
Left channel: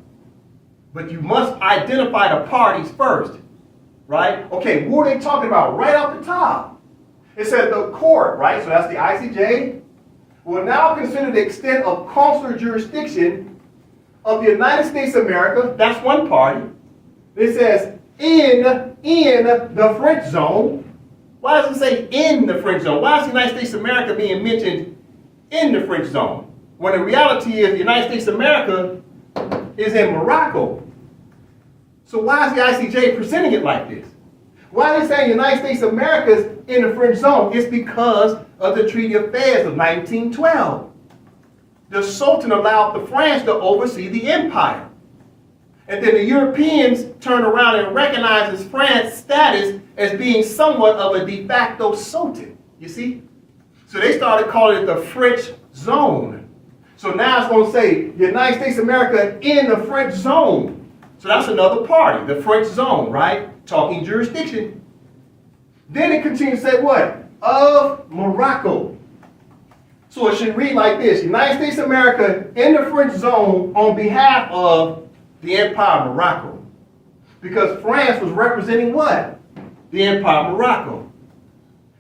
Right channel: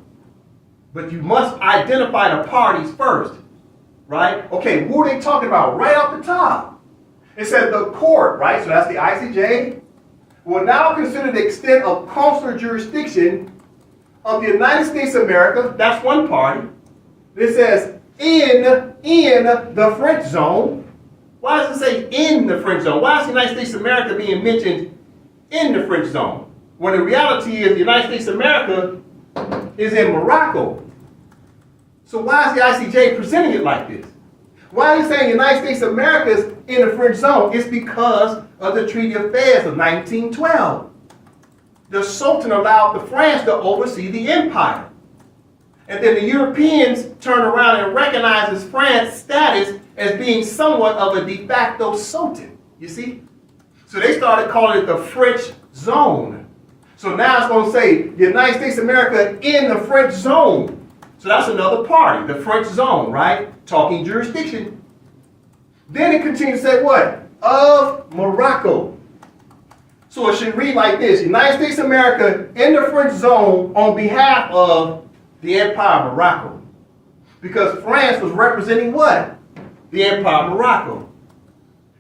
But you must identify the parties first, right? Okay, what are they talking about right off the top? It said the court, right? So that's the ICJ, will now consider the extent of consular jurisdiction of the United States of America. That's one party. It says in the French zone. Why does it say in the French zone? Why is the United States of America being mentioned in the French zone, when the reality is the United States of America is in Morocco? So why is the ICJ presenting it like this? Why is it saying the United States of America is in the French zone? It's because of the Treaty of Fez of 1912. The Sultan allowed the France to oversee the empire. And then the Europeans turned around and recognized France's status as being somewhat of a de facto Sultan, you see? So they started calling it the French zone. So now it's going to say the United States of America in the French zone. So that's another party, the French zone, right? Talking jurisdiction. Then it continues to say what? Of Morocco. So it should read like this. United States of America in the French zone on behalf of the Empire of Morocco. Because France was representing what? The Empire of Morocco.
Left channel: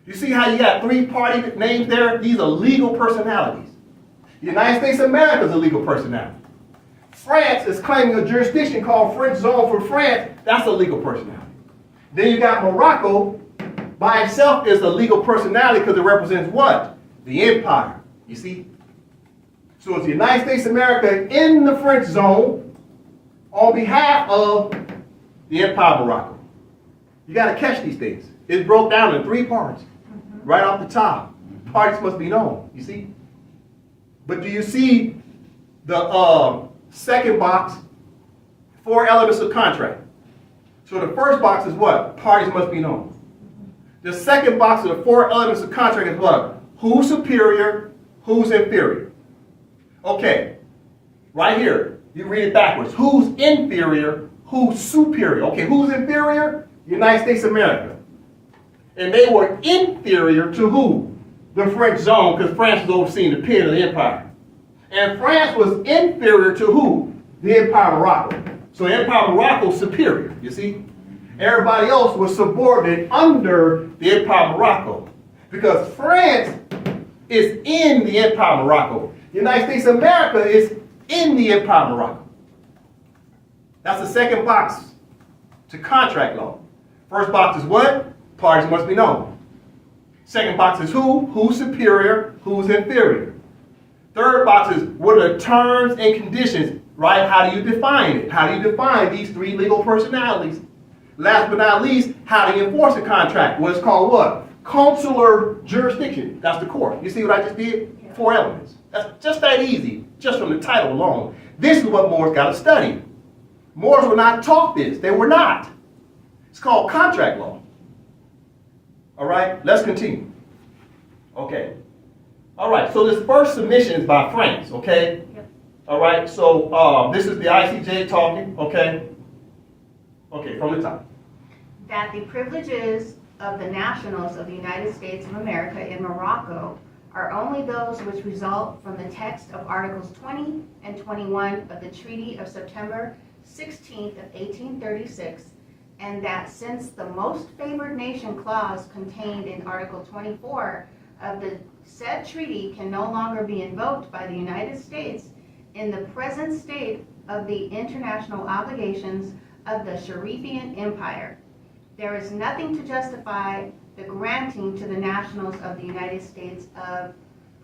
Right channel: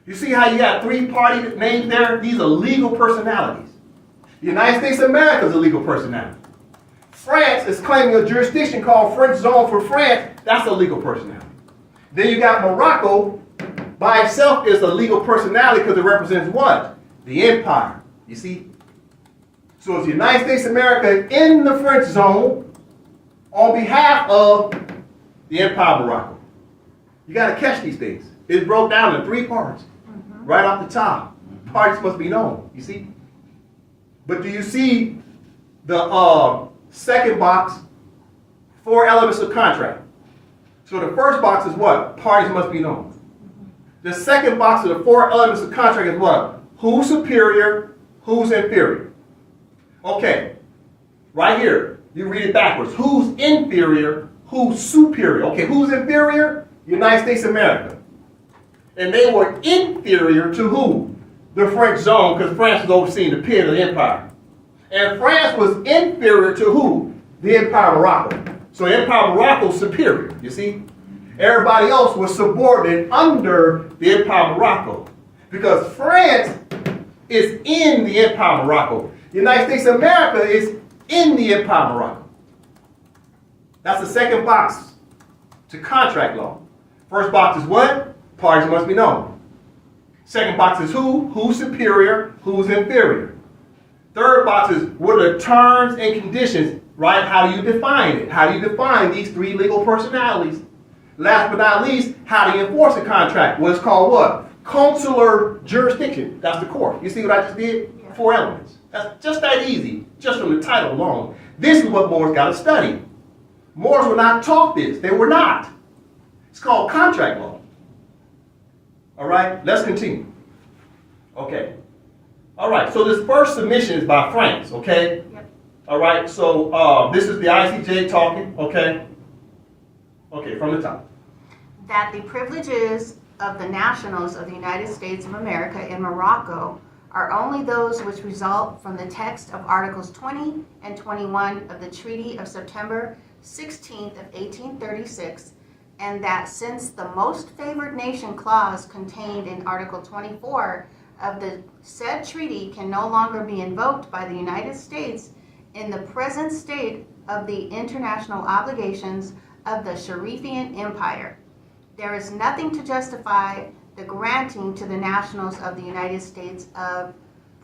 You see how you got three party names there? These are legal personalities. The United States of America is a legal personality. France is claiming a jurisdiction called French Zone for France. That's a legal personality. Then you got Morocco by itself is a legal personality because it represents what? The empire. You see? So it's the United States of America in the French Zone on behalf of the Empire of Morocco. You got to catch these things. It's broke down in three parts. Right off the top. Parties must be known, you see? But do you see the second box? Four elements of contract. So the first box is what? Parties must be known. The second box of the four elements of contract is what? Who's superior, who's inferior. Okay, right here, you read it backwards. Who's inferior, who's superior. Okay, who's inferior? United States of America. And they were inferior to who? The French zone, because France was overseeing the pit of the empire. And France was inferior to who? The Empire of Morocco. So the Empire of Morocco was superior, you see? Everybody else was subordinate under the Empire of Morocco. Because France is in the Empire of Morocco. The United States of America is in the Empire of Morocco. That's the second box to contract law. First box is what? Parties must be known. Second box is who? Who's superior? Who's inferior? Third box is what are the terms and conditions, right? How do you define it? How do you define these three legal personalities? Last but not least, how do you enforce a contract? What's called what? Consular jurisdiction. That's the court. You see what I just did? Yeah. 4 elements. That's just that easy, just from the title alone. This is what Moors got to study. Moors were not taught this. They were not. It's called contract law. All right, let's continue. Okay. All right, so this first submission is by France, okay? Yep. All right, so this is the ICJ talking, okay? Okay, from the top. That the privileges of the nationals of the United States of America in Morocco are only those which result from the text of Articles 20 and 21 of the Treaty of September 16th of 1836, and that since the most favored nation clause contained in Article 24 of the said treaty can no longer be invoked by the United States in the present state of the international obligations of the Sharifian Empire, there is nothing to justify the granting to the nationals of the United States of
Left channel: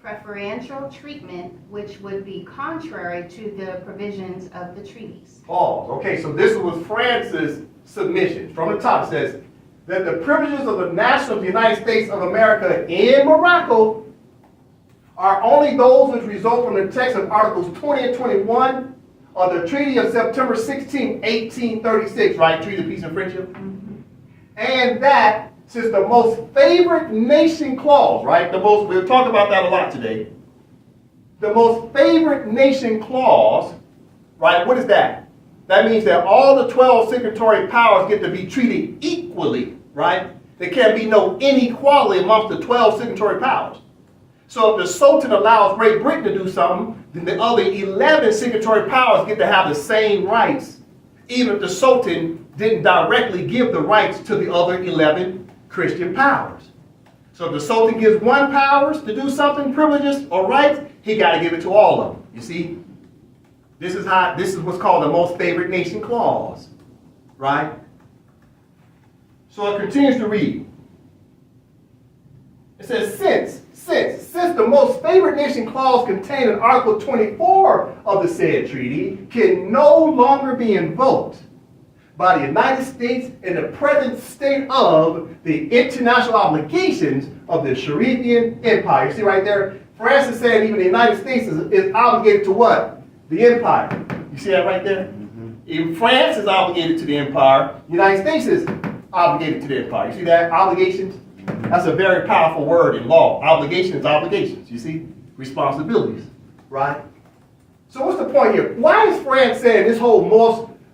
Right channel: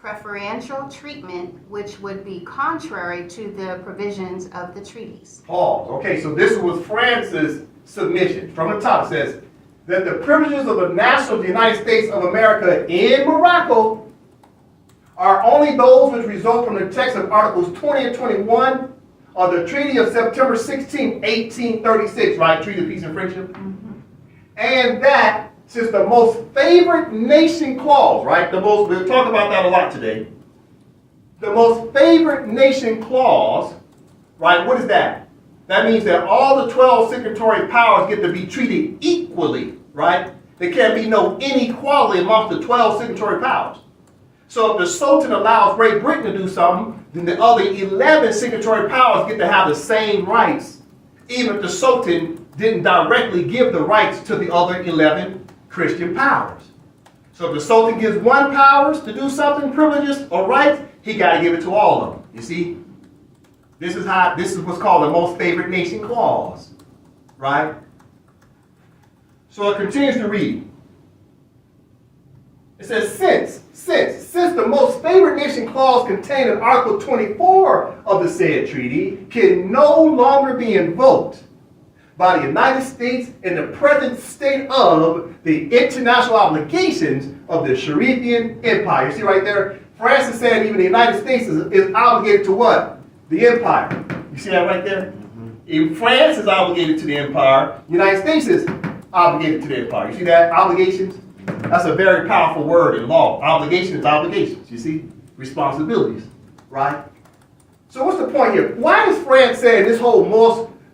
preferential treatment, which would be contrary to the provisions of the treaties. Pause. Okay, so this was France's submission. From the top it says that the privileges of the nationals of the United States of America in Morocco are only those which result from the text of Articles 20 and 21 of the Treaty of September 16, 1836, right? Treaty of Peace and Friendship. Mm-hmm. And that since the most favored nation clause, right? We'll talk about that a lot today. The most favored nation clause, right? What is that? That means that all the 12 signatory powers get to be treated equally, right? There can't be no inequality amongst the 12 signatory powers. So if the Sultan allows Great Britain to do something, then the other 11 signatory powers get to have the same rights, even if the Sultan didn't directly give the rights to the other 11 Christian powers. So if the Sultan gives one powers to do something, privileges or rights, he got to give it to all of them. You see? This is what's called the most favored nation clause, right? So it continues to read. It says, since the most favored nation clause contained in Article 24 of the said treaty can no longer be invoked by the United States in the present state of the international obligations of the Sharifian Empire. You see right there? France is saying even the United States is obligated to what? The empire. You see that right there? Mm-hmm. If France is obligated to the empire, the United States is obligated to the empire. You see that? Obligations? That's a very powerful word in law. Obligation is obligations. You see? Responsibilities. Right? So what's the point here? Why is France saying this whole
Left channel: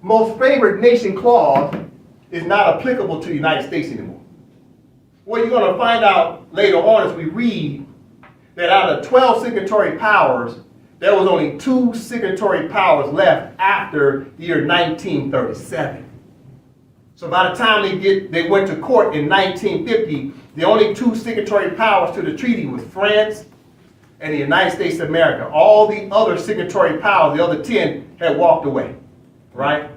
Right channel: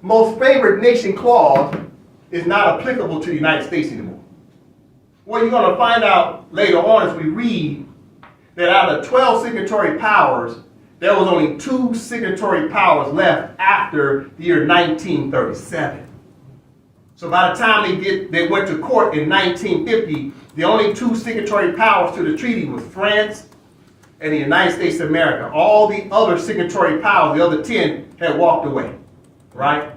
most favored nation clause is not applicable to the United States anymore? Well, you're going to find out later on as we read that out of 12 signatory powers, there was only 2 signatory powers left after the year 1937. So by the time they went to court in 1950, the only 2 signatory powers to the treaty was France and the United States of America. All the other signatory powers, the other 10, had walked away. Right?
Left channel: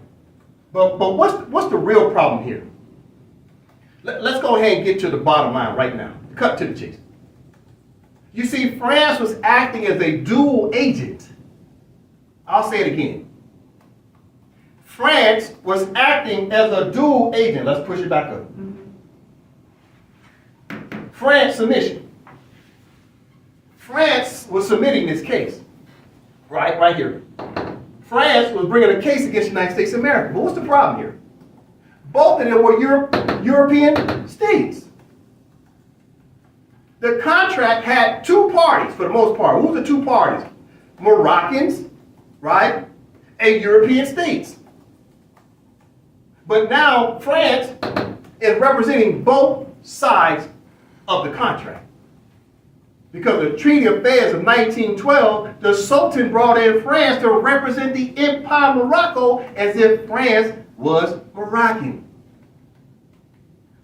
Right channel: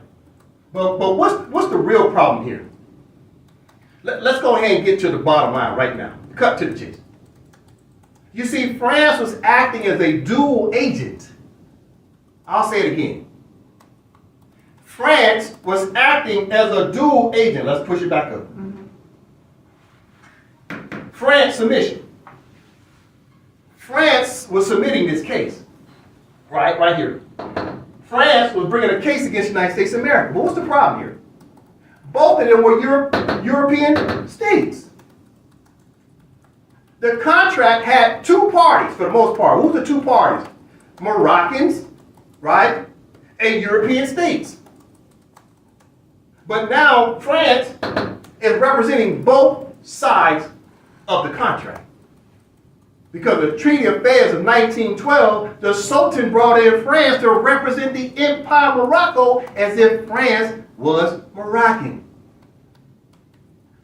But what's the real problem here? Let's go ahead and get to the bottom line right now. Cut to the chase. You see, France was acting as a dual agent. I'll say it again. France was acting as a dual agent. Let's push it back up. Mm-hmm. France submission. France was submitting this case. Right here. France was bringing a case against the United States of America. But what's the problem here? Both of them were European states. The contract had 2 parties for the most part. Who were the 2 parties? Moroccans, right? And European states. But now France is representing both sides of the contract. Because the Treaty of Fez of 1912, the Sultan brought in France to represent the Empire Morocco as if France was Moroccan.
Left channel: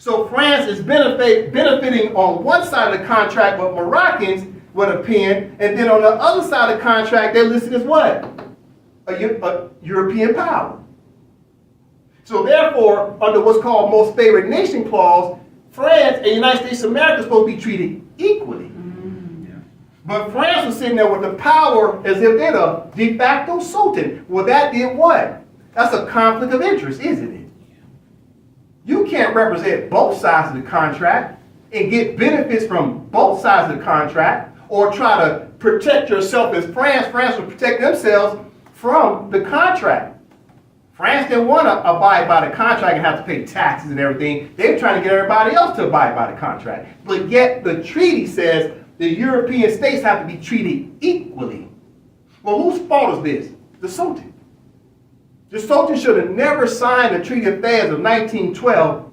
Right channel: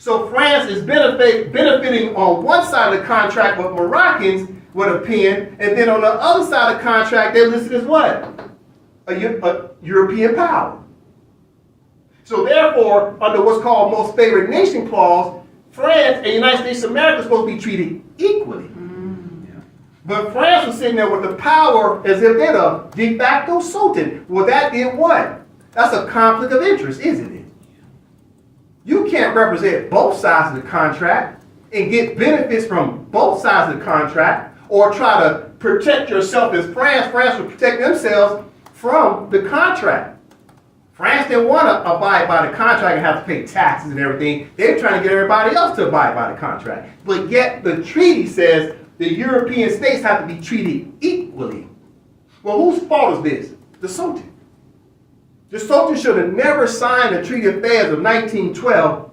So France is benefiting on one side of the contract with Moroccans with a pen, and then on the other side of the contract, they're listed as what? A European power. So therefore, under what's called most favored nation clause, France and the United States of America are supposed to be treated equally. But France was sitting there with the power as if they're the de facto sultan. Well, that did what? That's a conflict of interest, isn't it? You can't represent both sides of the contract and get benefits from both sides of the contract, or try to protect yourself as France. France would protect themselves from the contract. France didn't want to abide by the contract and have to pay taxes and everything. They were trying to get everybody else to abide by the contract. But yet the treaty says the European states have to be treated equally. Well, whose fault is this? The Sultan. The Sultan should have never signed the Treaty of Fez of 1912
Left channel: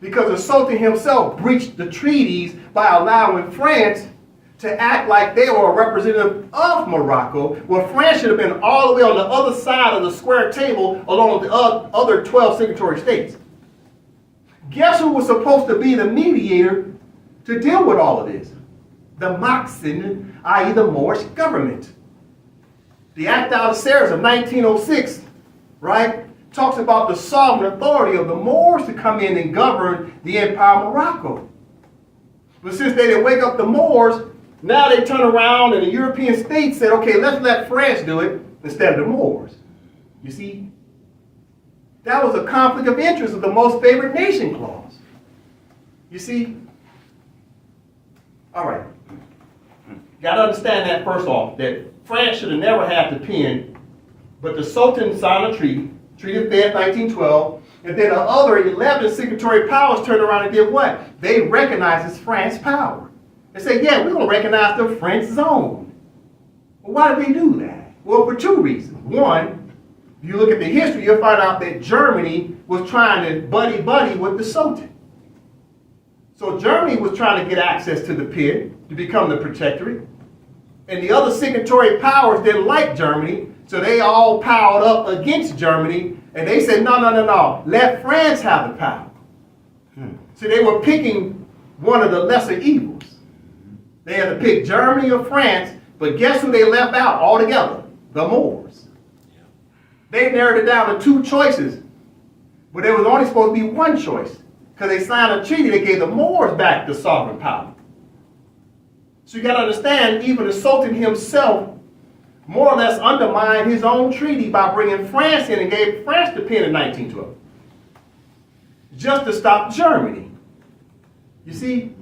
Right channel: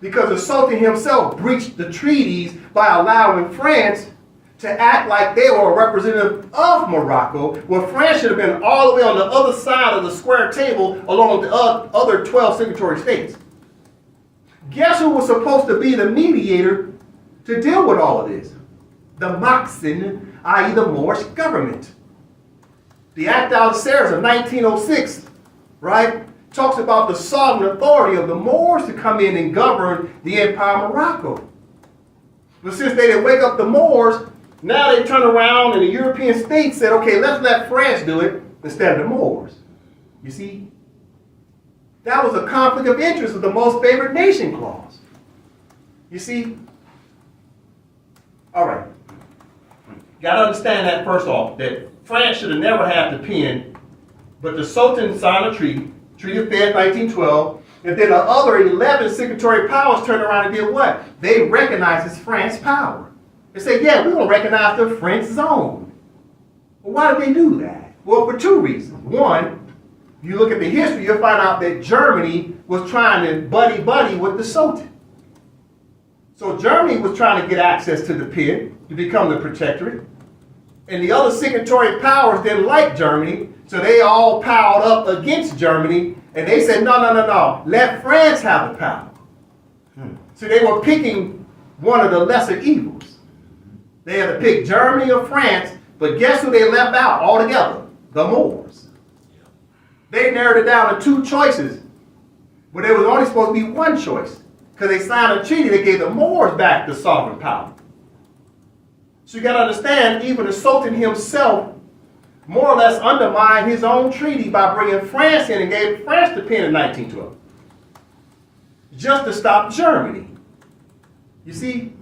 because the Sultan himself breached the treaties by allowing France to act like they were a representative of Morocco, where France should have been all the way on the other side of the square table along with the other 12 signatory states. Guess who was supposed to be the mediator to deal with all of this? The Maxin, i.e. the Moorish government. The Act of Algeciras of 1906, right, talks about the sovereign authority of the Moors to come in and govern the Empire of Morocco. But since they didn't wake up the Moors, now they turn around and the European states said, okay, let's let France do it instead of the Moors. You see? That was a conflict of interest of the most favored nation clause. You see? All right. You got to understand that first off, that France should have never had the pen, but the Sultan signed a treaty, Treaty of Fez 1912, and then the other 11 signatory powers turned around and did what? They recognized France's power. They said, yeah, we're going to recognize the French zone. Well, why did they do that? Well, for two reasons. One, if you look at the history, you'll find out that Germany was trying to buddy-buddy with the Sultan. So Germany was trying to get access to the pen to become the protectorate. And the other signatory powers didn't like Germany, so they all piled up against Germany, and they said, no, let France have the power. So they were picking one of the lesser evils. They had to pick Germany or France, but guess who they left out altogether? The Moors. They narrowed it down to two choices, but there was only supposed to be one choice, because they signed a treaty that gave the Moors back the sovereign power. So you got to understand, even the Sultan himself more or less undermined his own treaty by bringing France in and gave France the pen in 1912, just to stop Germany. You see?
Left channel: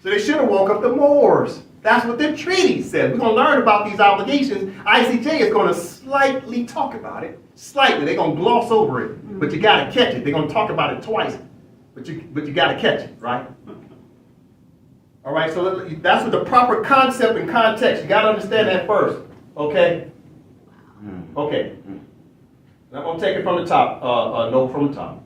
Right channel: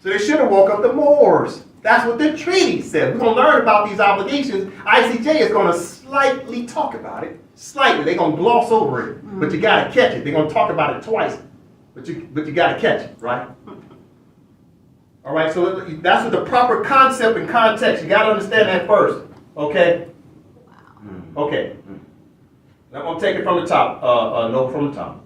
So they should have woke up the Moors. That's what the treaty said. We're going to learn about these obligations. ICJ is going to slightly talk about it. Slightly. They're going to gloss over it. But you got to catch it. They're going to talk about it twice. But you got to catch it, right? All right, so that's what the proper concept and context. You got to understand that first. Okay? Okay. I'm going to take it from the top. Note from the top.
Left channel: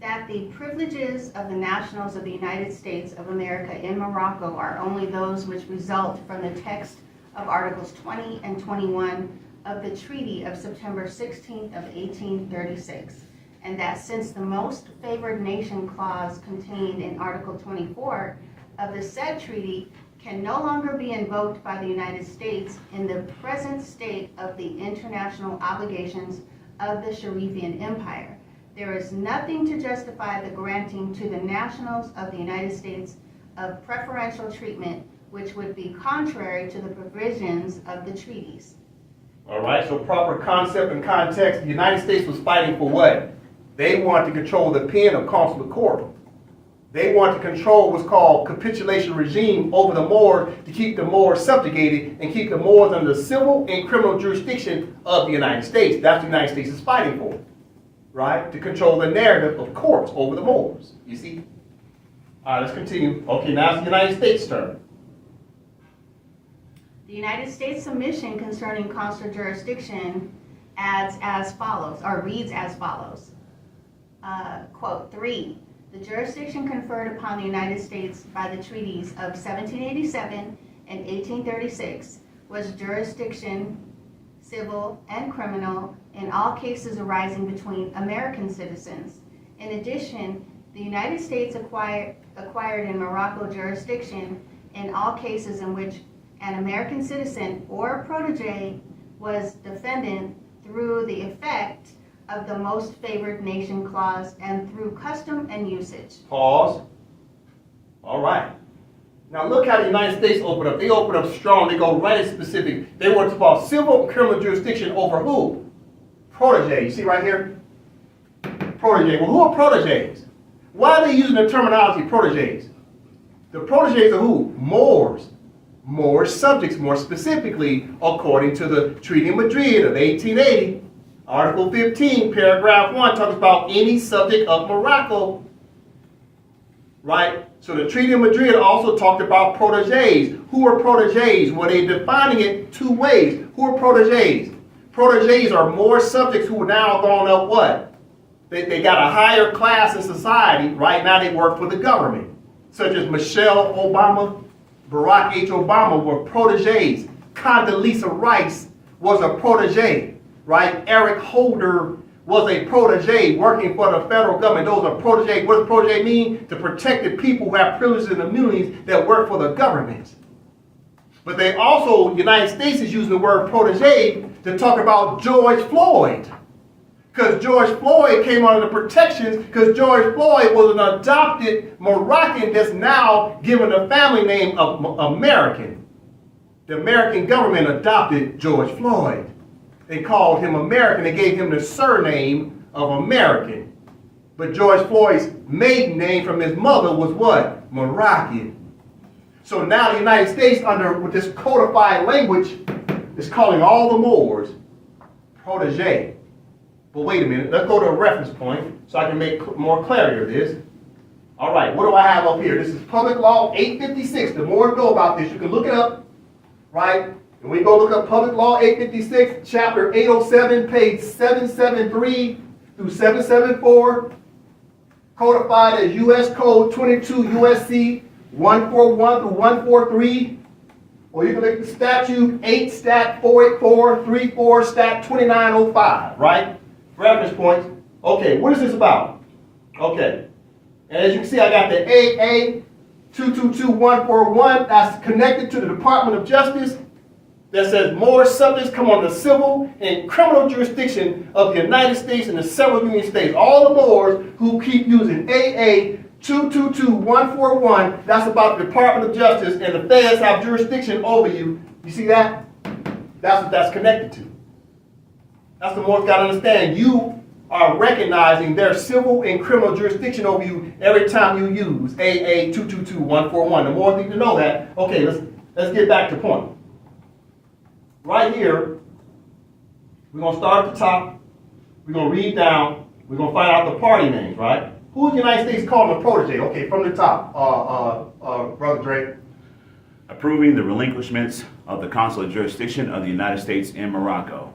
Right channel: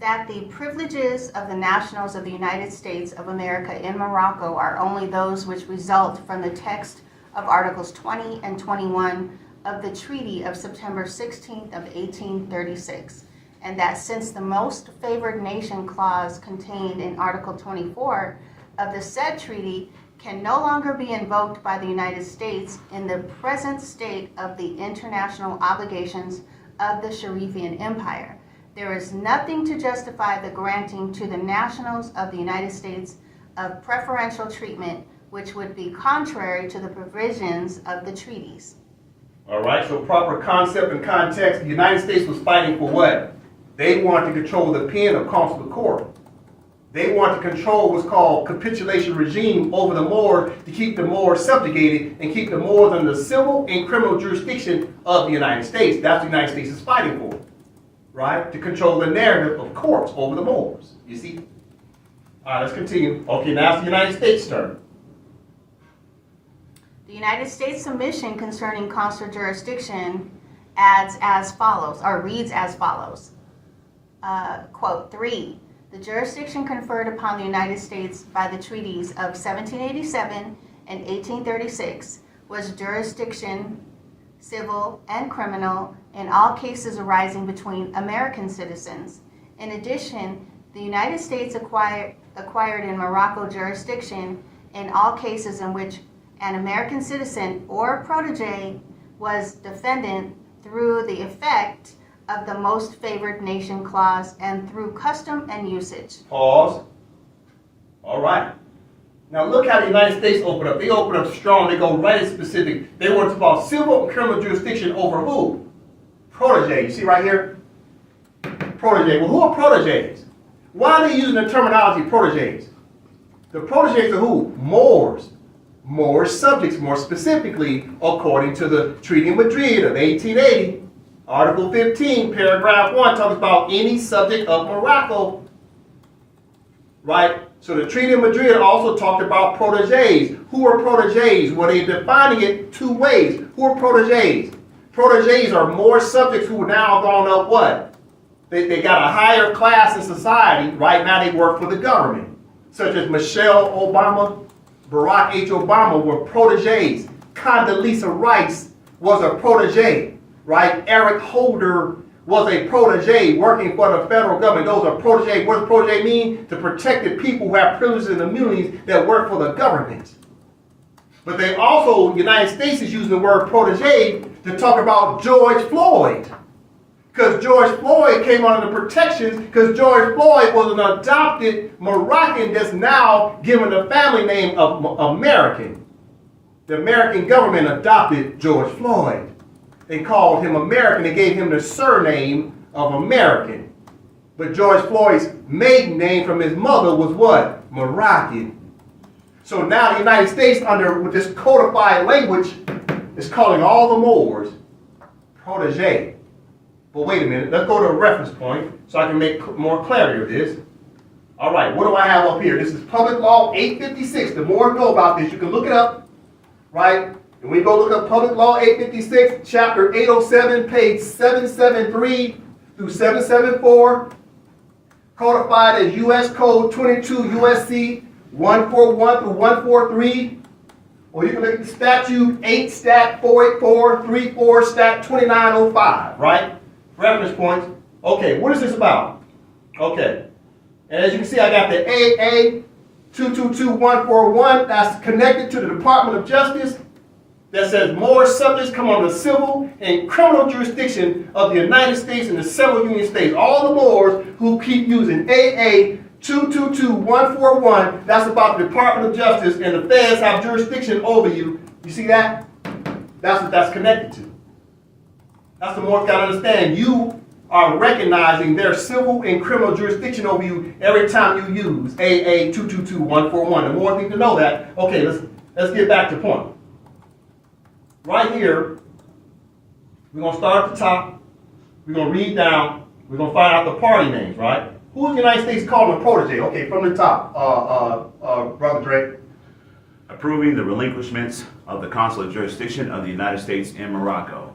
That the privileges of the nationals of the United States of America in Morocco are only those which result from the text of Articles 20 and 21 of the Treaty of September 16th of 1836, and that since the most favored nation clause contained in Article 24 of the said treaty can no longer be invoked by the United States in the present state of the international obligations of the Sharifian Empire, there is nothing to justify the granting to the nationals of the United States of preferential treatment, which would be contrary to the provisions of the treaties. All right, so proper concept and context. The United States was fighting for what? They wanted to control the pen of consular court. They wanted to control what's called capitulation regime over the Moors to keep the Moors subjugated and keep the Moors under the civil and criminal jurisdiction of the United States. That's what the United States is fighting for. Right? To control the narrative of courts over the Moors. You see? All right, let's continue. Okay, now it's the United States' turn. The United States submission concerning consular jurisdiction reads as follows. Quote, 3. The jurisdiction conferred upon the United States by the treaties of 1787 and 1836 was jurisdiction, civil and criminal, in all cases arising between American citizens. In addition, the United States acquired in Morocco jurisdiction in all cases in which an American citizen or protege was defendant through the effect of the most favored nation clause and through custom and usage. Pause. All right. Now look how the United States open up. They open up strong. They go right in specific. They want to call civil and criminal jurisdiction over who? Protege. You see right here? Protege. Well, who are proteges? Why are they using the terminology proteges? The proteges are who? Moors. Moorish subjects, more specifically, according to the Treaty of Madrid of 1880. Article 15, paragraph 1, talks about any subject of Morocco. Right? So the Treaty of Madrid also talked about proteges. Who are proteges? Well, they're defining it two ways. Who are proteges? Proteges are more subjects who are now gone up what? They got a higher class in society. Right now they work for the government. Such as Michelle Obama, Barack H. Obama were proteges. Condoleezza Rice was a protege. Right? Eric Holder was a protege working for the federal government. Those are proteges. What does protege mean? To protect the people who have privileges and immunities that work for the government. But they also, the United States is using the word protege to talk about George Floyd. Because George Floyd came under the protections because George Floyd was an adopted Moroccan that's now given the family name of American. The American government adopted George Floyd. They called him American. They gave him the surname of American. But George Floyd's maiden name from his mother was what? Moroccan. So now the United States, with this codified language, is calling all the Moors protege. But wait a minute, let's go to a reference point so I can make more clarity of this. All right, what do I have up here? This is Public Law 856. The more you know about this, you can look it up, right? And we go look up Public Law 856, Chapter 807, page 773 through 774, codified as U.S. Code 22 U.S.C. 141 through 143. Or you can look at statute 8 stat 484 34 stat 2905, right? Reference points. Okay, what is this about? Okay. And as you can see, I got the AA 222141 that's connected to the Department of Justice that says more subjects come under the civil and criminal jurisdiction of the United States and the several Union states. All the Moors who keep using AA 222141, that's about the Department of Justice, and the feds have jurisdiction over you. You see that? That's what that's connected to. That's the Moors got to understand. You are recognizing their civil and criminal jurisdiction over you every time you use AA 222141. The more need to know that. Okay, let's get back to the point. Right here, we're going to start at the top. We're going to read down. We're going to find out the party names, right? Who is the United States calling a protege? Okay, from the top, Brother Drake. Approving the relinquishments of the consular jurisdiction of the United States in Morocco.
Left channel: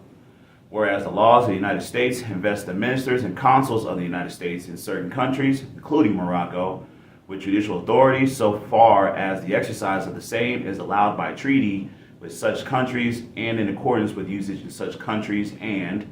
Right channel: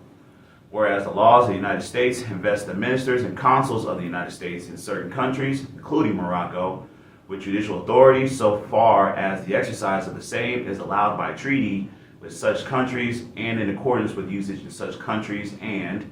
Whereas the laws of the United States invest the ministers and consuls of the United States in certain countries, including Morocco, with judicial authority so far as the exercise of the same is allowed by treaty with such countries and in accordance with usage in such countries, and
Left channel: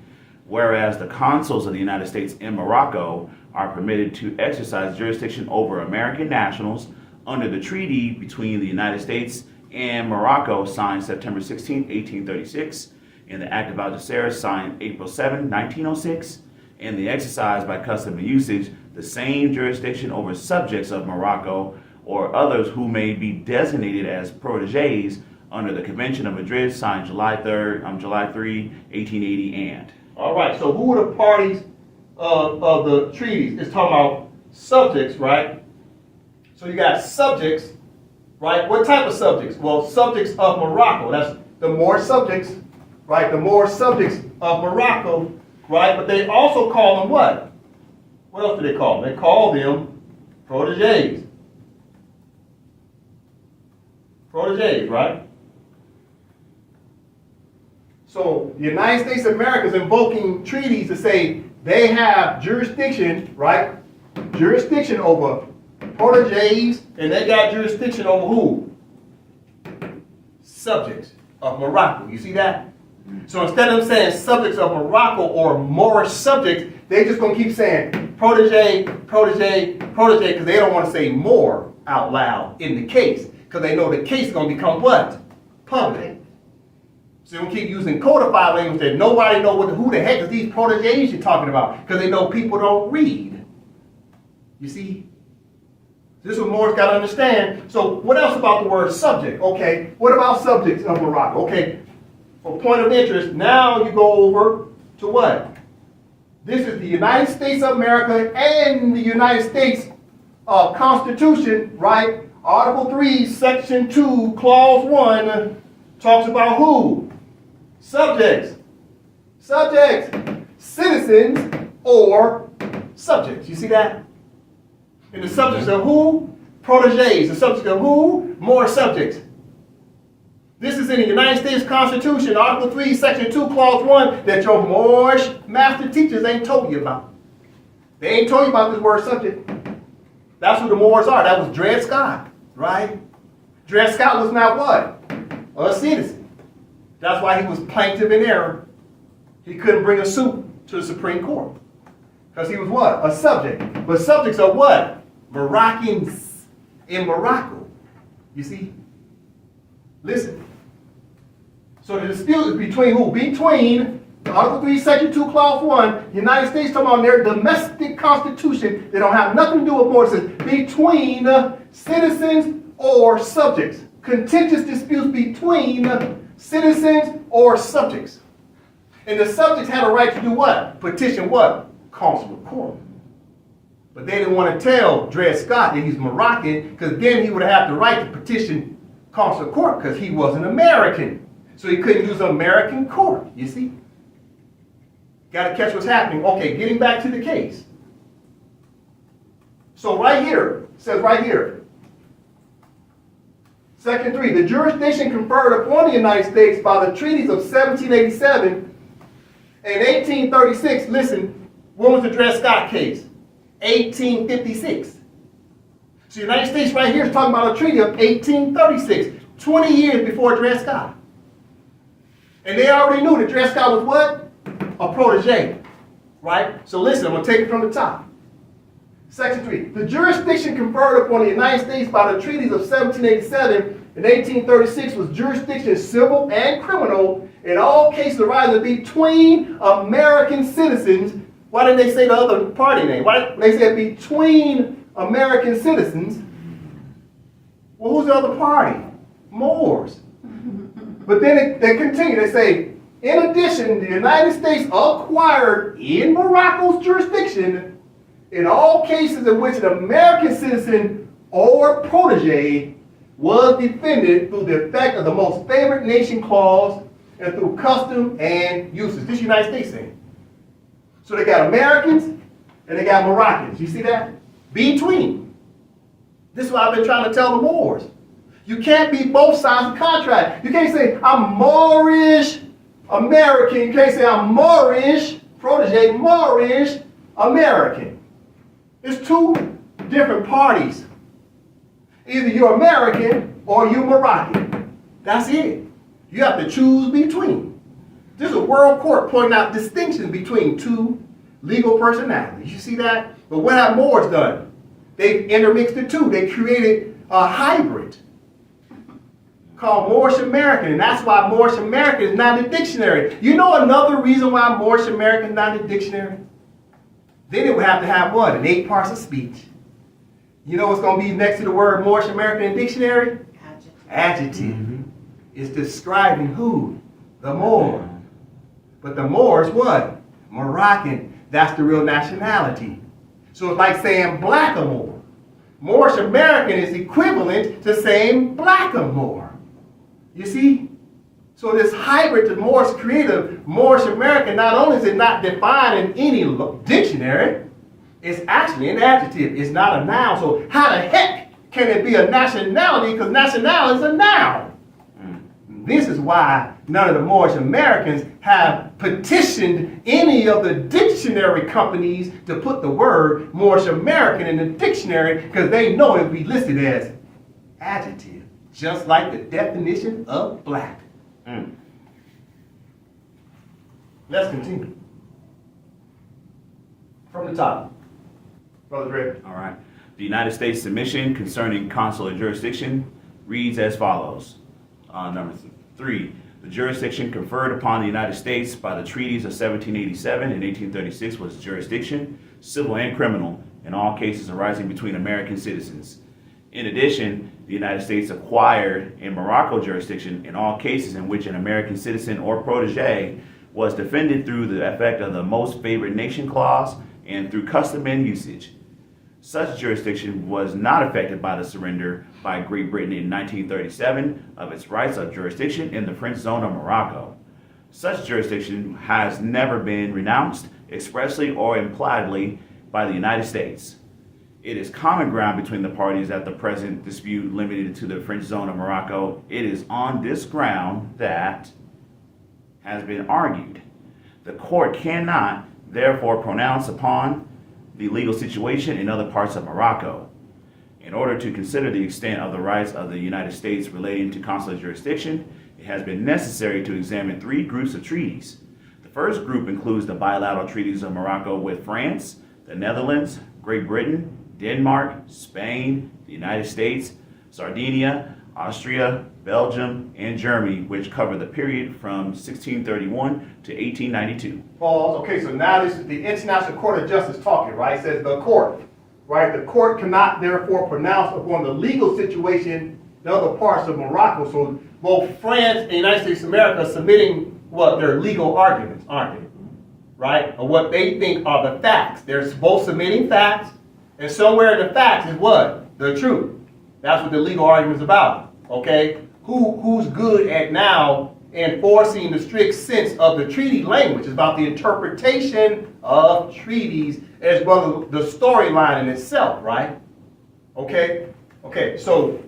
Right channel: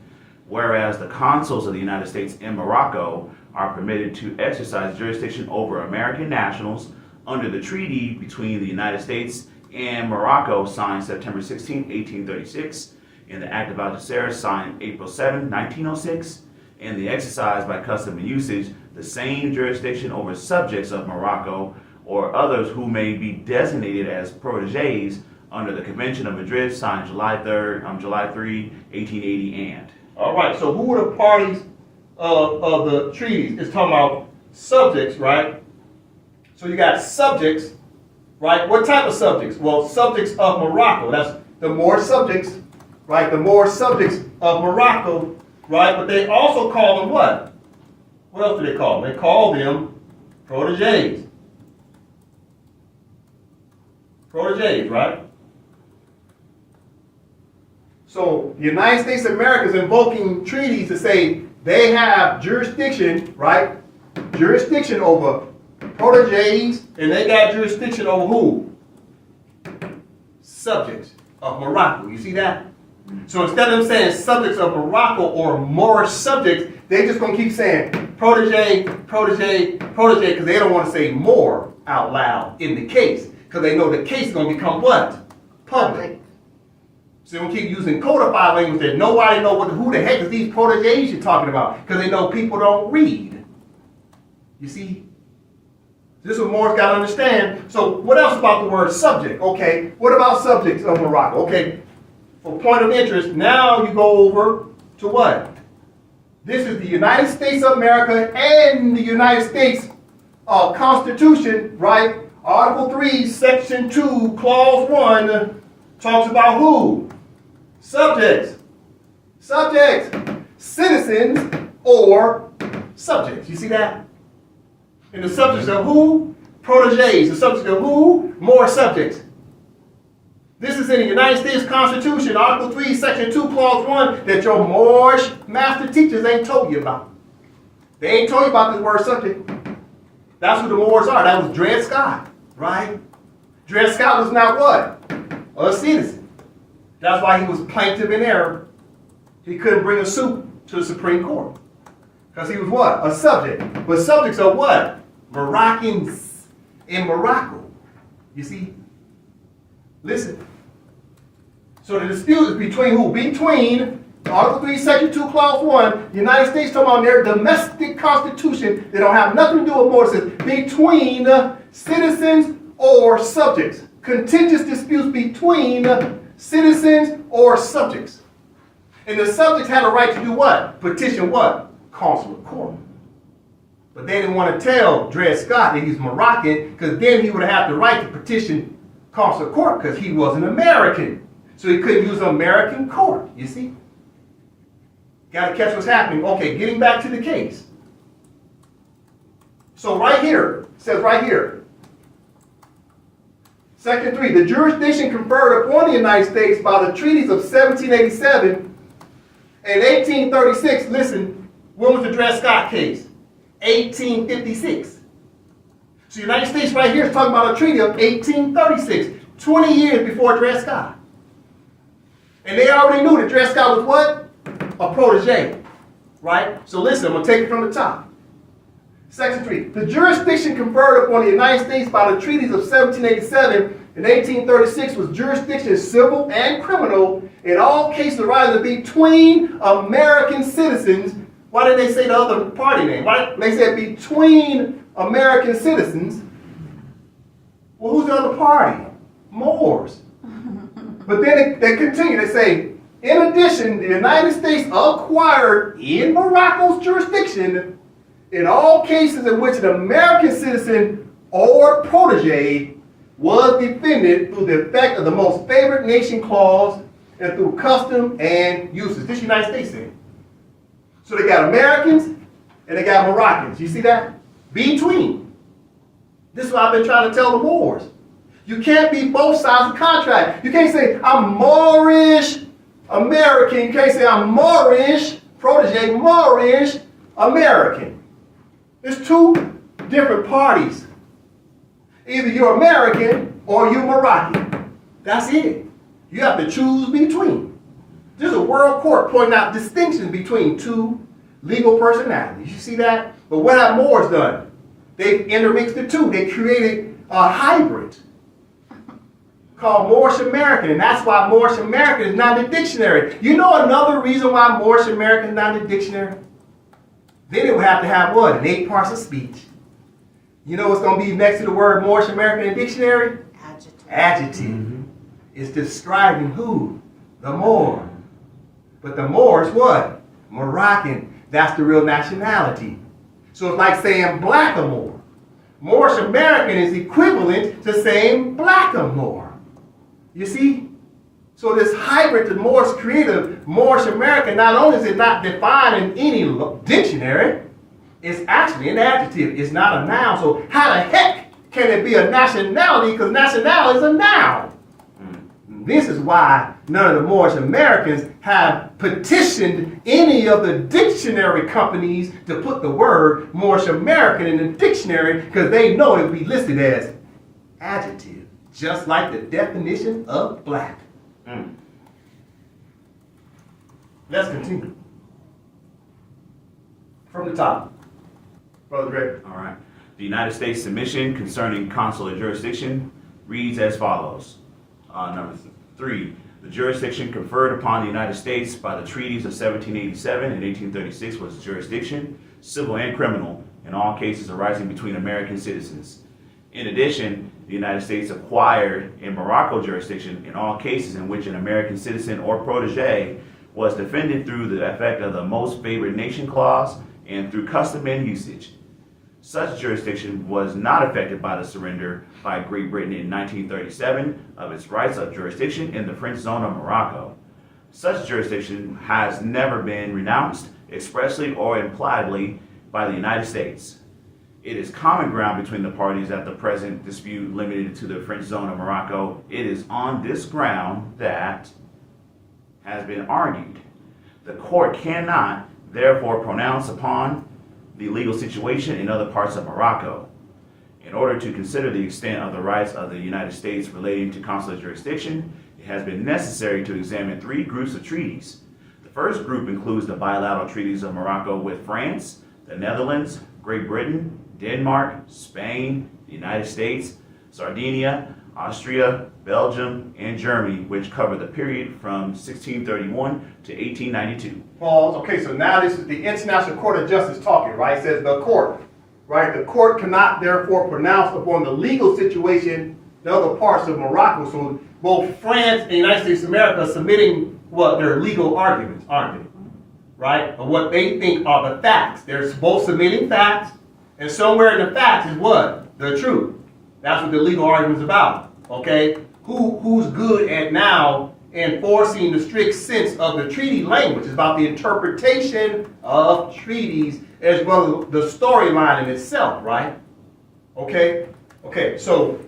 whereas the consuls of the United States in Morocco are permitted to exercise jurisdiction over American nationals under the treaty between the United States and Morocco signed September 16, 1836, and the Act of Algeciras signed April 7, 1906, and the exercise by custom and usage the same jurisdiction over subjects of Morocco or others who may be designated as proteges under the Convention of Madrid signed July 3, 1880, and. All right, so who are the parties of the treaties? It's talking about subjects, right? So you got subjects, right? What type of subjects? Well, subjects of Morocco. That's the more subjects, right? The more subjects of Morocco, right? But they also call them what? What else do they call them? They call them proteges. Proteges, right? So the United States of America is invoking treaties to say they have jurisdiction, right? Jurisdiction over proteges, and they got jurisdiction over who? Subjects of Morocco. You see that? So instead of them saying subjects of Morocco or Moorish subjects, they just going to keep saying protege, protege, protege, because they don't want to say more out loud in the case, because they know the case is going to become what? Public. So they don't keep using codified language that nobody knows who the heck is these proteges you're talking about, because they know people don't read. You see? This is what Moors got to understand. So what else about the word subject? Okay, what about subjects of Morocco? Okay, for point of interest, now you go over to what? This is the United States of America and the United States Constitution, right? Article 3, Section 2, Clause 1 talks about who? Subjects. Subjects. Citizens or subjects. You see that? And the subjects of who? Proteges. The subjects of who? More subjects. This is in the United States Constitution, Article 3, Section 2, Clause 1, that your Moorish master teachers ain't told you about. They ain't told you about this word subject. That's who the Moors are. That was Dred Scott, right? Dred Scott was not what? A citizen. That's why he was plaintiff in error. He couldn't bring a suit to the Supreme Court. Because he was what? A subject. But subjects are what? Moroccans in Morocco. You see? Listen. So the dispute is between who? Between Article 3, Section 2, Clause 1, the United States talking about their domestic constitution. They don't have nothing to do with more. It says between citizens or subjects. Contentious disputes between citizens or subjects. And the subjects had a right to do what? Petition what? Consular court. But they didn't want to tell Dred Scott that he's Moroccan, because then he would have had the right to petition consular court because he was an American. So he couldn't use an American court, you see? Got to catch what's happening. Okay, getting back to the case. So right here, it says right here, Section 3, the jurisdiction conferred upon the United States by the treaties of 1787 and 1836. Listen, when was the Dred Scott case? 1856. So the United States right here is talking about a treaty of 1836, 20 years before Dred Scott. And they already knew that Dred Scott was what? A protege, right? So listen, I'm going to take it from the top. Section 3. The jurisdiction conferred upon the United States by the treaties of 1787 and 1836 was jurisdiction civil and criminal in all cases arising between American citizens. Why didn't they say the other party name? Why didn't they say between American citizens? Well, who's the other party? Moors. But then they continue. They say, in addition, the United States acquired in Morocco's jurisdiction in all cases in which an American citizen or protege was defended through the effect of the most favored nation clause and through custom and uses. This United States thing. So they got Americans and they got Moroccans. You see that? Between. This is what I've been trying to tell the Moors. You can't be both sides of the contract. You can't say, I'm Moorish American. You can't say, I'm Moorish protege, Moorish American. It's two different parties. Either you're American or you're Moroccan. That's it. You have to choose between. There's a world court pointing out distinctions between two legal personalities. You see that? But what have Moors done? They've intermixed the two. They created a hybrid called Moorish American, and that's why Moorish American is not in the dictionary. You know another reason why Moorish American is not in the dictionary? Then it would have to have what? An 8 parts of speech. You know what's going to be next to the word Moorish American in the dictionary? Adjective. Adjective. Mm-hmm. It's describing who? The Moor. But the Moor is what? Moroccan. That's the real nationality. So it's like saying Blackamoor. Moorish American is equivalent to saying Blackamoor. You see? So this hybrid that Moors created, Moorish American, not only is it not defined in any dictionary, it's actually an adjective. It's not a noun. So how the heck can it be a nationality? Because nationality is a noun. This is why none of the Moorish Americans have petitioned any of the dictionary companies to put the word Moorish American in the dictionary, because they know it will be listed as adjective, just like the definition of black. Let's continue. From the top. Brother Greg. All right. The United States submission concerning consular jurisdiction reads as follows. Number 3. The jurisdiction conferred upon the United States by the treaties of 1787 and 1836 was jurisdiction, civil and criminal, in all cases arising between American citizens. In addition, the United States acquired in Morocco jurisdiction in all cases in which an American citizen or protege was defended through the effect of the most favored nation clause and through custom and usage. Such jurisdiction was not affected by the surrender by Great Britain in 1937 of its rights of jurisdiction in the French zone of Morocco. Such jurisdiction has never been renounced expressly or impliedly by the United States. It is common ground between the parties that the present dispute limited to the French zone of Morocco. It is on this ground that has been argued. The court cannot, therefore, pronounce upon the legal situation in other parts of Morocco. In order to consider the extent of the rights of the United States relating to consular jurisdiction, it has been necessary to examine three groups of treaties. The first group includes the bilateral treaties of Morocco with France, the Netherlands, Great Britain, Denmark, Spain, the United States, Sardinia, Austria, Belgium, and Germany, which cover the period from 1631 to 1892. Pause. Okay, so now this is the International Court of Justice talking, right? It says the court, right? The court cannot therefore pronounce upon the legal situation in other parts of Morocco. So both France and the United States of America are submitting what their legal arguments, aren't they? Right? Or what they think are the facts. They're both submitting facts, and somewhere in the facts is what? The truth. That's what the legal argument is about. Okay? Who's good at now enforcing the strict sense of the treaty language? It's about the interpretation of treaties as well as the storyline in itself, right? Okay? Okay, so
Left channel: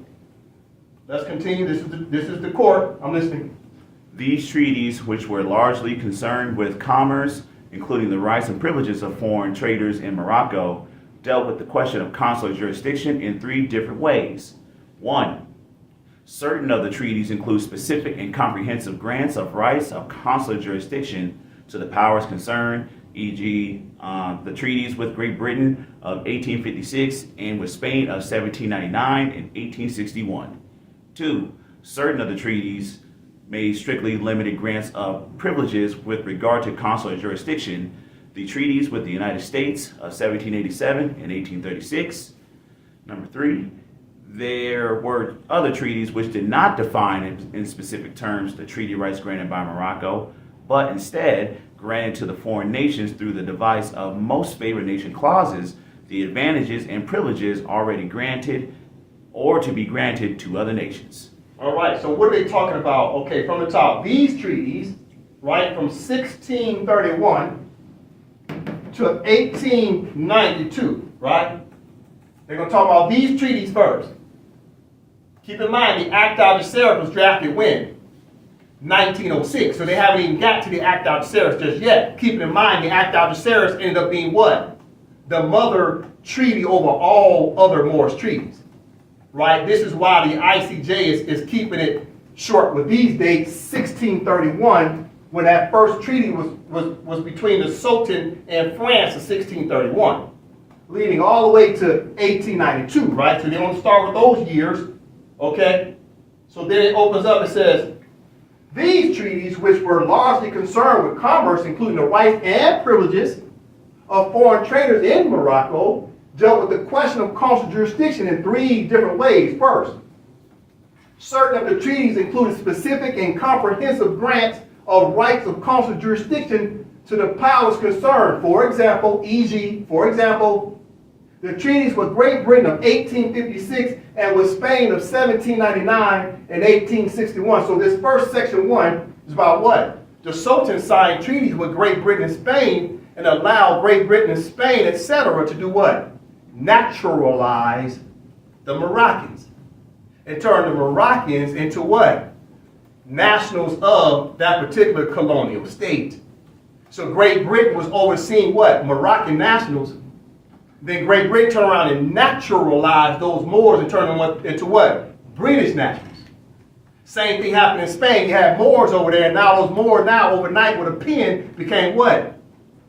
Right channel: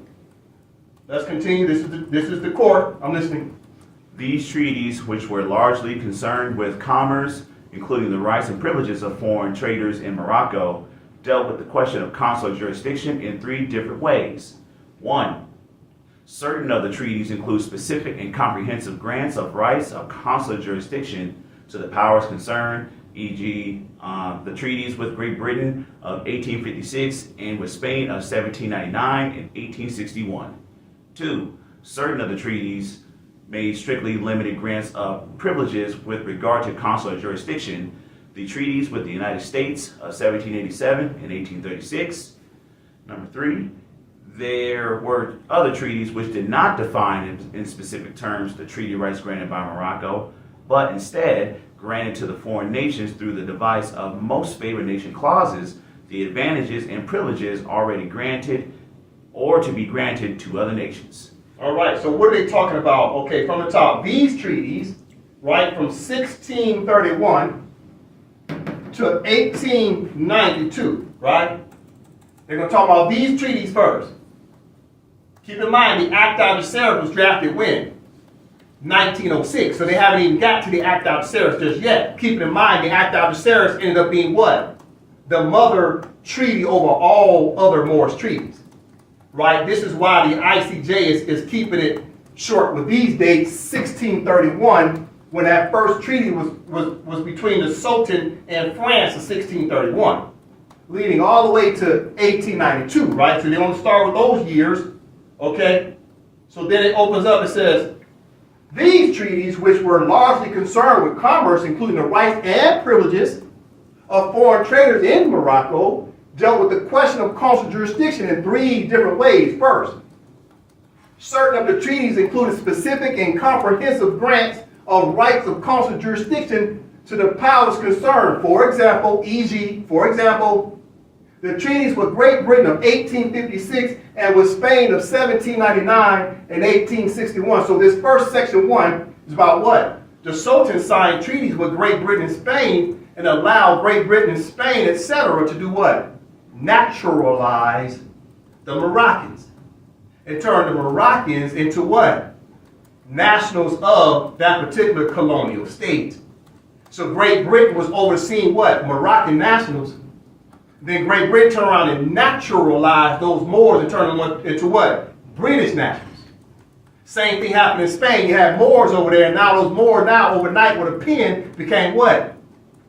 let's continue. This is the court. I'm listening. These treaties, which were largely concerned with commerce, including the rights and privileges of foreign traders in Morocco, dealt with the question of consular jurisdiction in three different ways. One, certain of the treaties include specific and comprehensive grants of rights of consular jurisdiction to the powers concerned, e.g., the treaties with Great Britain of 1856 and with Spain of 1799 and 1861. Two, certain of the treaties made strictly limited grants of privileges with regard to consular jurisdiction, the treaties with the United States of 1787 and 1836. Number three, there were other treaties which did not define in specific terms the treaty rights granted by Morocco, but instead granted to the foreign nations through the device of most favored nation clauses the advantages and privileges already granted or to be granted to other nations. All right, so what are they talking about? Okay, from the top, these treaties, right, from 1631 to 1892, right? They're going to talk about these treaties first. Keep in mind, the Act of Serif was drafted when? 1906. So they haven't even got to the Act of Serif just yet. Keep in mind, the Act of Serif ended up being what? The mother treaty over all other Moorish treaties. Right? This is why the ICJ is keeping it short with these dates, 1631, when that first treaty was between the Sultan and France in 1631, leading all the way to 1892, right? So they want to start with those years, okay? So then it opens up and says, these treaties, which were largely concerned with commerce, including the rights and privileges of foreign traders in Morocco, dealt with the question of consular jurisdiction in three different ways. First, certain of the treaties included specific and comprehensive grants of rights of consular jurisdiction to the powers concerned. For example, the treaties with Great Britain of 1856 and with Spain of 1799 and 1861. So this first section 1 is about what? The Sultan signed treaties with Great Britain and Spain and allowed Great Britain and Spain, etc., to do what? Naturalize the Moroccans and turn the Moroccans into what? Nationals of that particular colonial state. So Great Britain was overseeing what? Moroccan nationals. Then Great Britain turned around and naturalized those Moors and turned them into what? British nationals. Same thing happened in Spain. You had Moors over there, and now those Moors now overnight with a pen became what?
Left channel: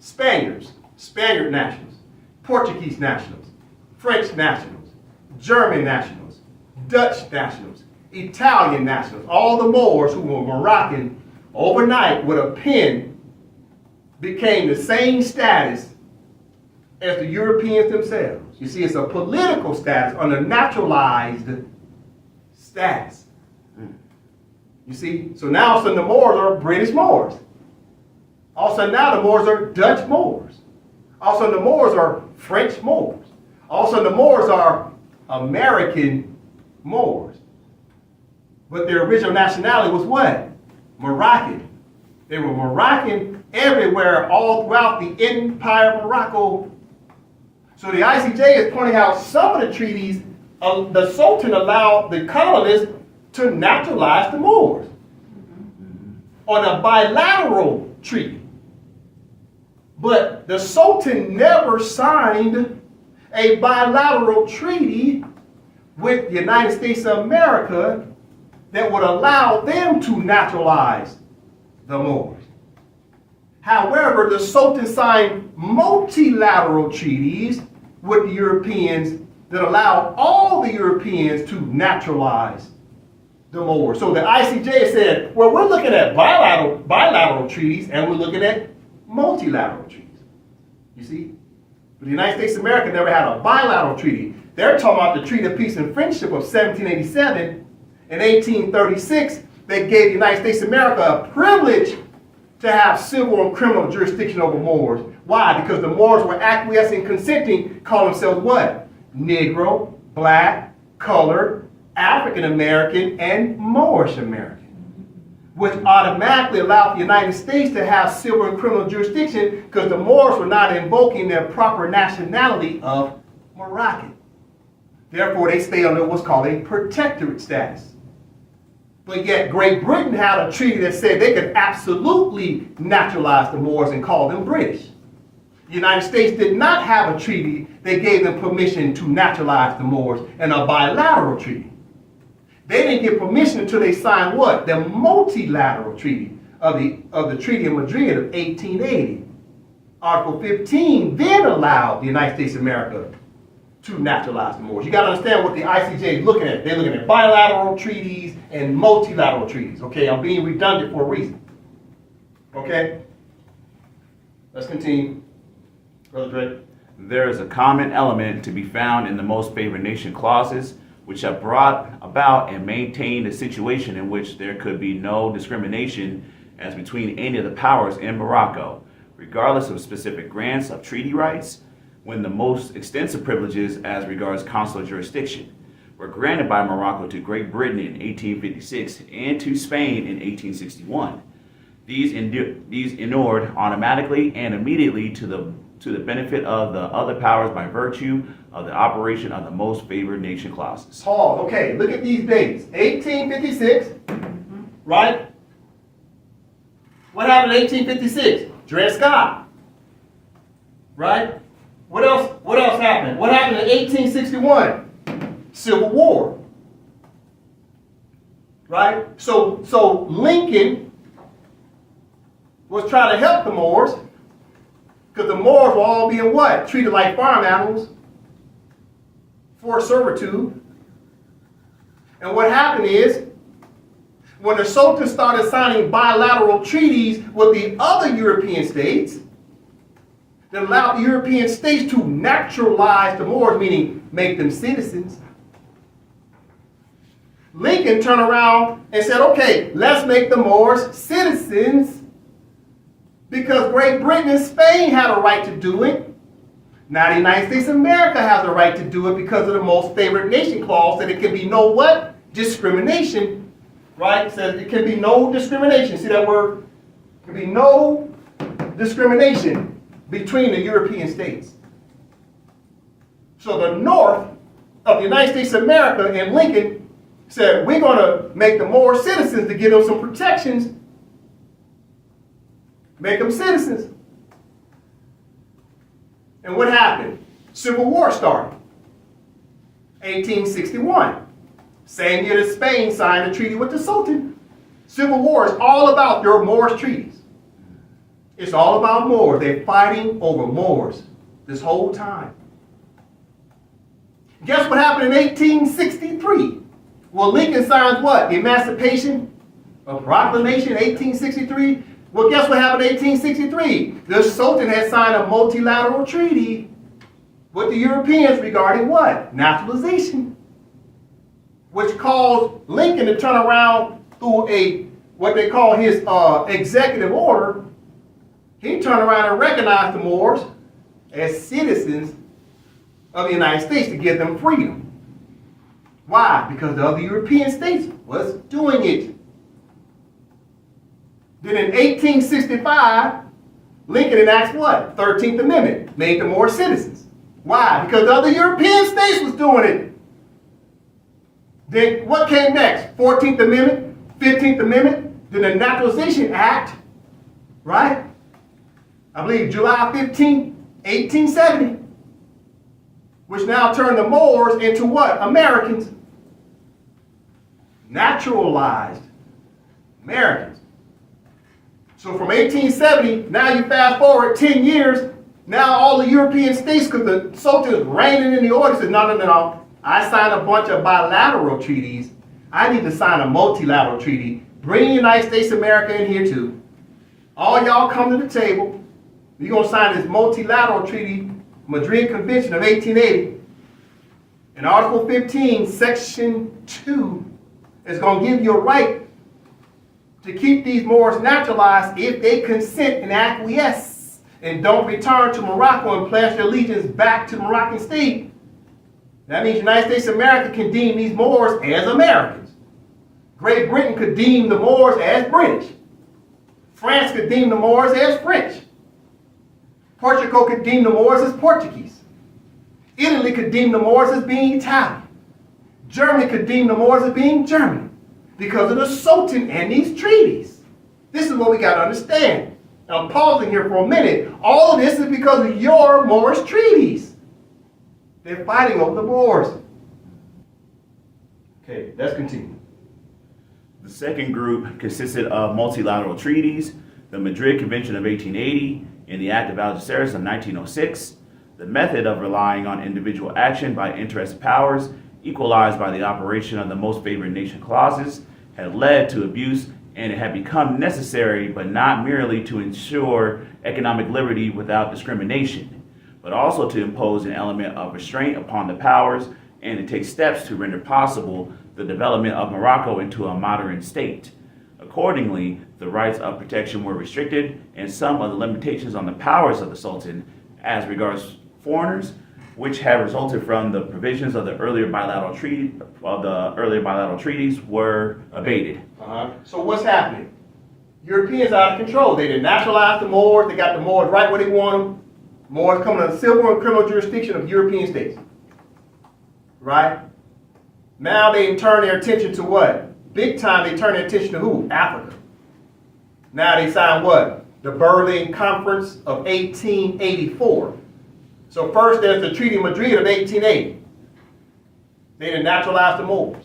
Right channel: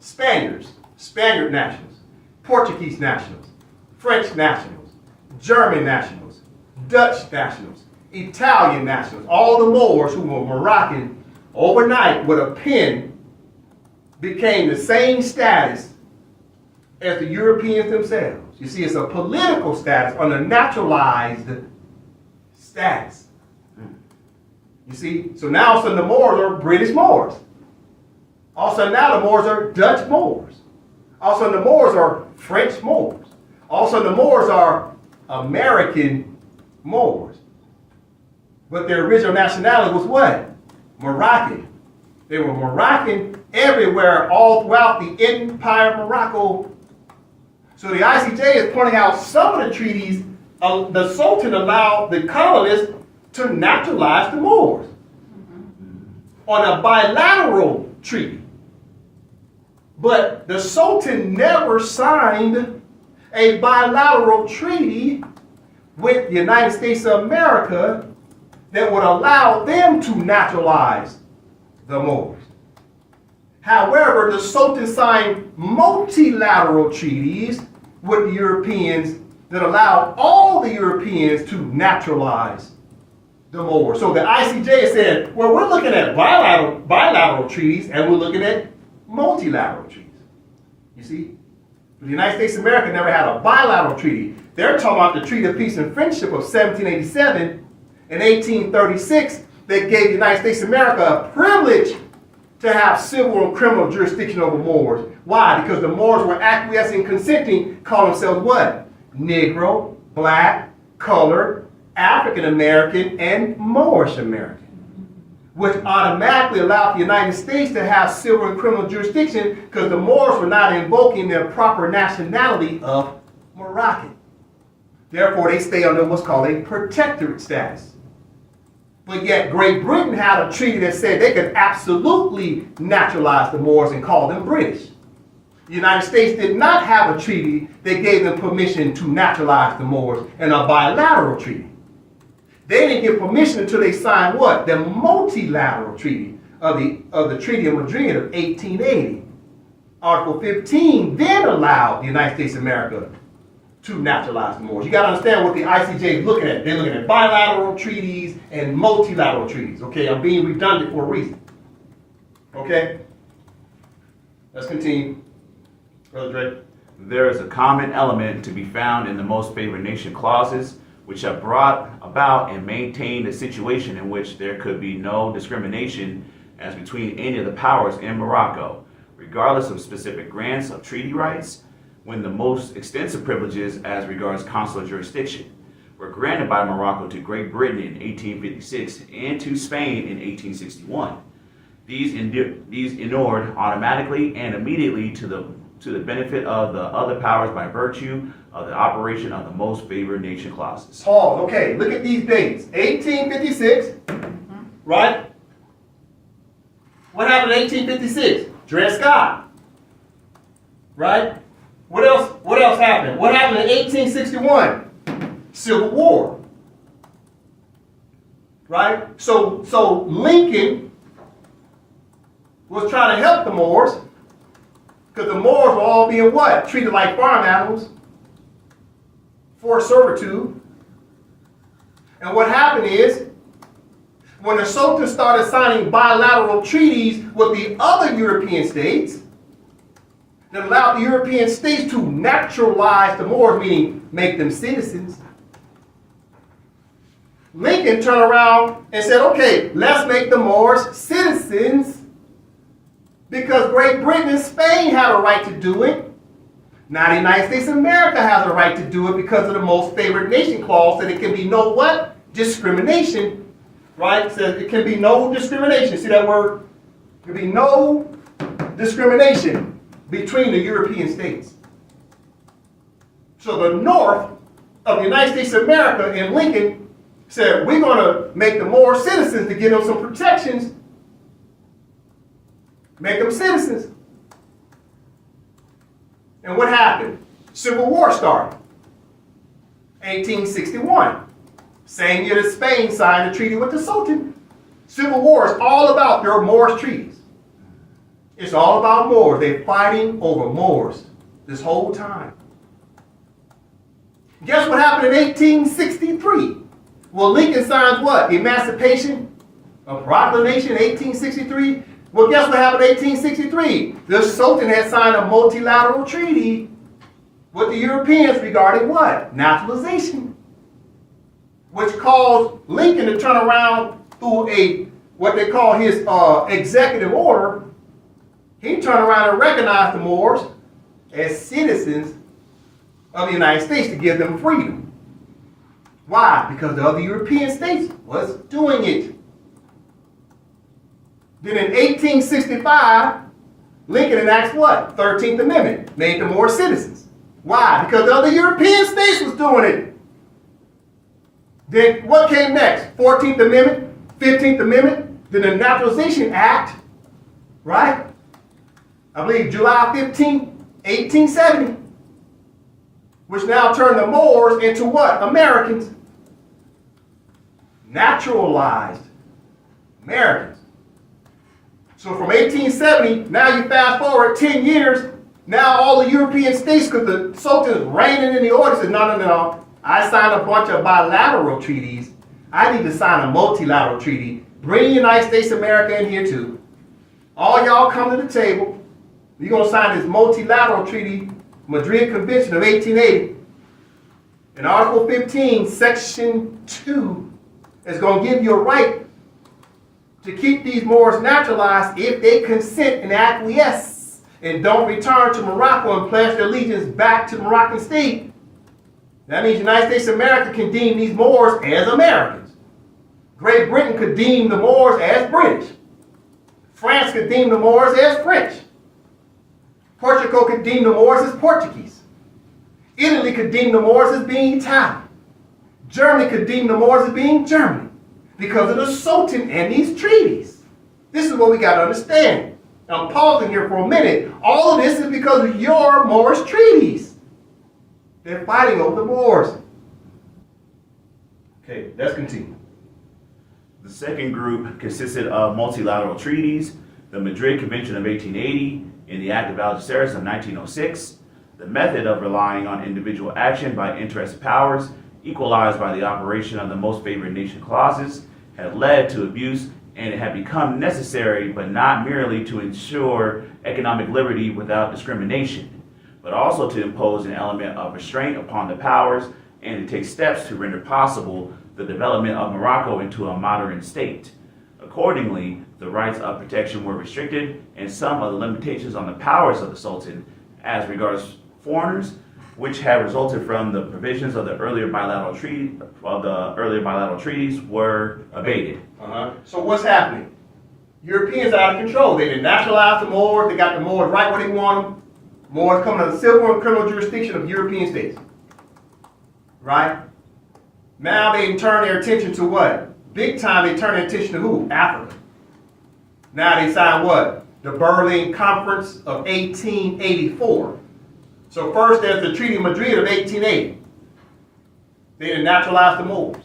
Spaniards, Spaniard nationals, Portuguese nationals, French nationals, German nationals, Dutch nationals, Italian nationals. All the Moors who were Moroccan overnight with a pen became the same status as the Europeans themselves. You see, it's a political status under naturalized status. You see, so now all of a sudden the Moors are British Moors. All of a sudden now the Moors are Dutch Moors. All of a sudden the Moors are French Moors. All of a sudden the Moors are American Moors. But their original nationality was what? Moroccan. They were Moroccan everywhere, all throughout the empire of Morocco. So the ICJ is pointing out some of the treaties the Sultan allowed the colonists to naturalize the Moors on a bilateral treaty. But the Sultan never signed a bilateral treaty with the United States of America that would allow them to naturalize the Moors. However, the Sultan signed multilateral treaties with the Europeans that allowed all the Europeans to naturalize the Moors. So the ICJ said, well, we're looking at bilateral treaties and we're looking at multilateral treaties. You see? But the United States of America never had a bilateral treaty. They're talking about the Treaty of Peace and Friendship of 1787 and 1836 that gave the United States of America a privilege to have civil and criminal jurisdiction over Moors. Why? Because the Moors were acquiescing, consenting, calling themselves what? Negro, black, colored, African American, and Moorish American, which automatically allowed the United States to have civil and criminal jurisdiction because the Moors were not invoking their proper nationality of Moroccan. Therefore, they stay under what's called a protectorate status. But yet, Great Britain had a treaty that said they could absolutely naturalize the Moors and call them British. The United States did not have a treaty that gave them permission to naturalize the Moors in a bilateral treaty. They didn't get permission until they signed what? The multilateral treaty of the Treaty of Madrid of 1880. Article 15 then allowed the United States of America to naturalize the Moors. You got to understand what the ICJ is looking at. They're looking at bilateral treaties and multilateral treaties. Okay, I'm being redundant for a reason. Okay? Let's continue. Brother Drake. There is a common element to be found in the most favored nation clauses, which have brought about and maintained a situation in which there could be no discrimination as between any of the powers in Morocco, regardless of specific grants of treaty rights, when the most extensive privileges as regards consular jurisdiction were granted by Morocco to Great Britain in 1856 and to Spain in 1861. These inured automatically and immediately to the benefit of the other powers by virtue of the operation of the most favored nation clauses. Pause. Okay, look at these dates. 1856, right? What happened in 1856? Dred Scott, right? What else happened? What happened in 1861? Civil War, right? So Lincoln was trying to help the Moors because the Moors were all being what? Treated like farm animals, forced servitude. And what happened is, when the Sultan started signing bilateral treaties with the other European states that allowed the European states to naturalize the Moors, meaning make them citizens, Lincoln turned around and said, okay, let's make the Moors citizens because Great Britain and Spain had a right to do it. Now the United States of America has a right to do it because of the most favored nation clause, that it can be no what? Discrimination, right? It says it can be no discrimination. See that word? There can be no discrimination between the European states. So the North of the United States of America and Lincoln said, we're going to make the Moors citizens to give them some protections. Make them citizens. And what happened? Civil War started. 1861. Same year that Spain signed a treaty with the Sultan. Civil War is all about their Moorish treaties. It's all about Moors. They're fighting over Moors this whole time. Guess what happened in 1863? Well, Lincoln signs what? The Emancipation of Proclamation, 1863. Well, guess what happened in 1863? The Sultan had signed a multilateral treaty with the Europeans regarding what? Naturalization. Which caused Lincoln to turn around through what they call his executive order. He turned around and recognized the Moors as citizens of the United States to give them freedom. Why? Because the other European states was doing it. Then in 1865, Lincoln enacts what? 13th Amendment, made them Moor citizens. Why? Because the other European states was doing it. Then what came next? 14th Amendment, 15th Amendment, then the Naturalization Act, right? I believe July 15, 1870, which now turned the Moors into what? Americans. Naturalized Americans. So from 1870, now you fast forward 10 years, now all the European states, because the Sultan is reigning in the order, says, no. I signed a bunch of bilateral treaties. I need to sign a multilateral treaty. Bring the United States of America in here too. All y'all come to the table. We're going to sign this multilateral treaty, Madrid Convention of 1880. In Article 15, Section 2, is going to give you a right to keep these Moors naturalized if they consent and acquiesce and don't return to Morocco and pledge their allegiance back to the Moroccan state. That means the United States of America can deem these Moors as Americans. Great Britain could deem the Moors as British. France could deem the Moors as French. Portugal could deem the Moors as Portuguese. Italy could deem the Moors as being Italian. Germany could deem the Moors as being German because of the Sultan and these treaties. This is what we got to understand. Now, I'm pausing here for a minute. All of this is because of your Moorish treaties. They're fighting over the Moors. Okay, let's continue. The second group consisted of multilateral treaties, the Madrid Convention of 1880 and the Act of Algeciras of 1906, the method of relying on individual action by interested powers, equalized by the operation of the most favored nation clauses, had led to abuse, and it had become necessary, but not merely to ensure economic liberty without discrimination, but also to impose an element of restraint upon the powers and to take steps to render possible the development of Morocco into a modern state. Accordingly, the rights of protection were restricted, and some of the limitations on the powers of the Sultan as regards foreigners, which had resulted from the provisions of the earlier bilateral treaties, were abated. So what's happening? Europeans are out of control. They did naturalize the Moors. They got the Moors right where they want them. Moors coming under the civil and criminal jurisdiction of European states. Right? Now they turn their attention to what? Big time they turn their attention to who? Africa. Now they sign what? The Berlin Conference of 1884. So first there's the Treaty of Madrid of 1880. They naturalized the Moors.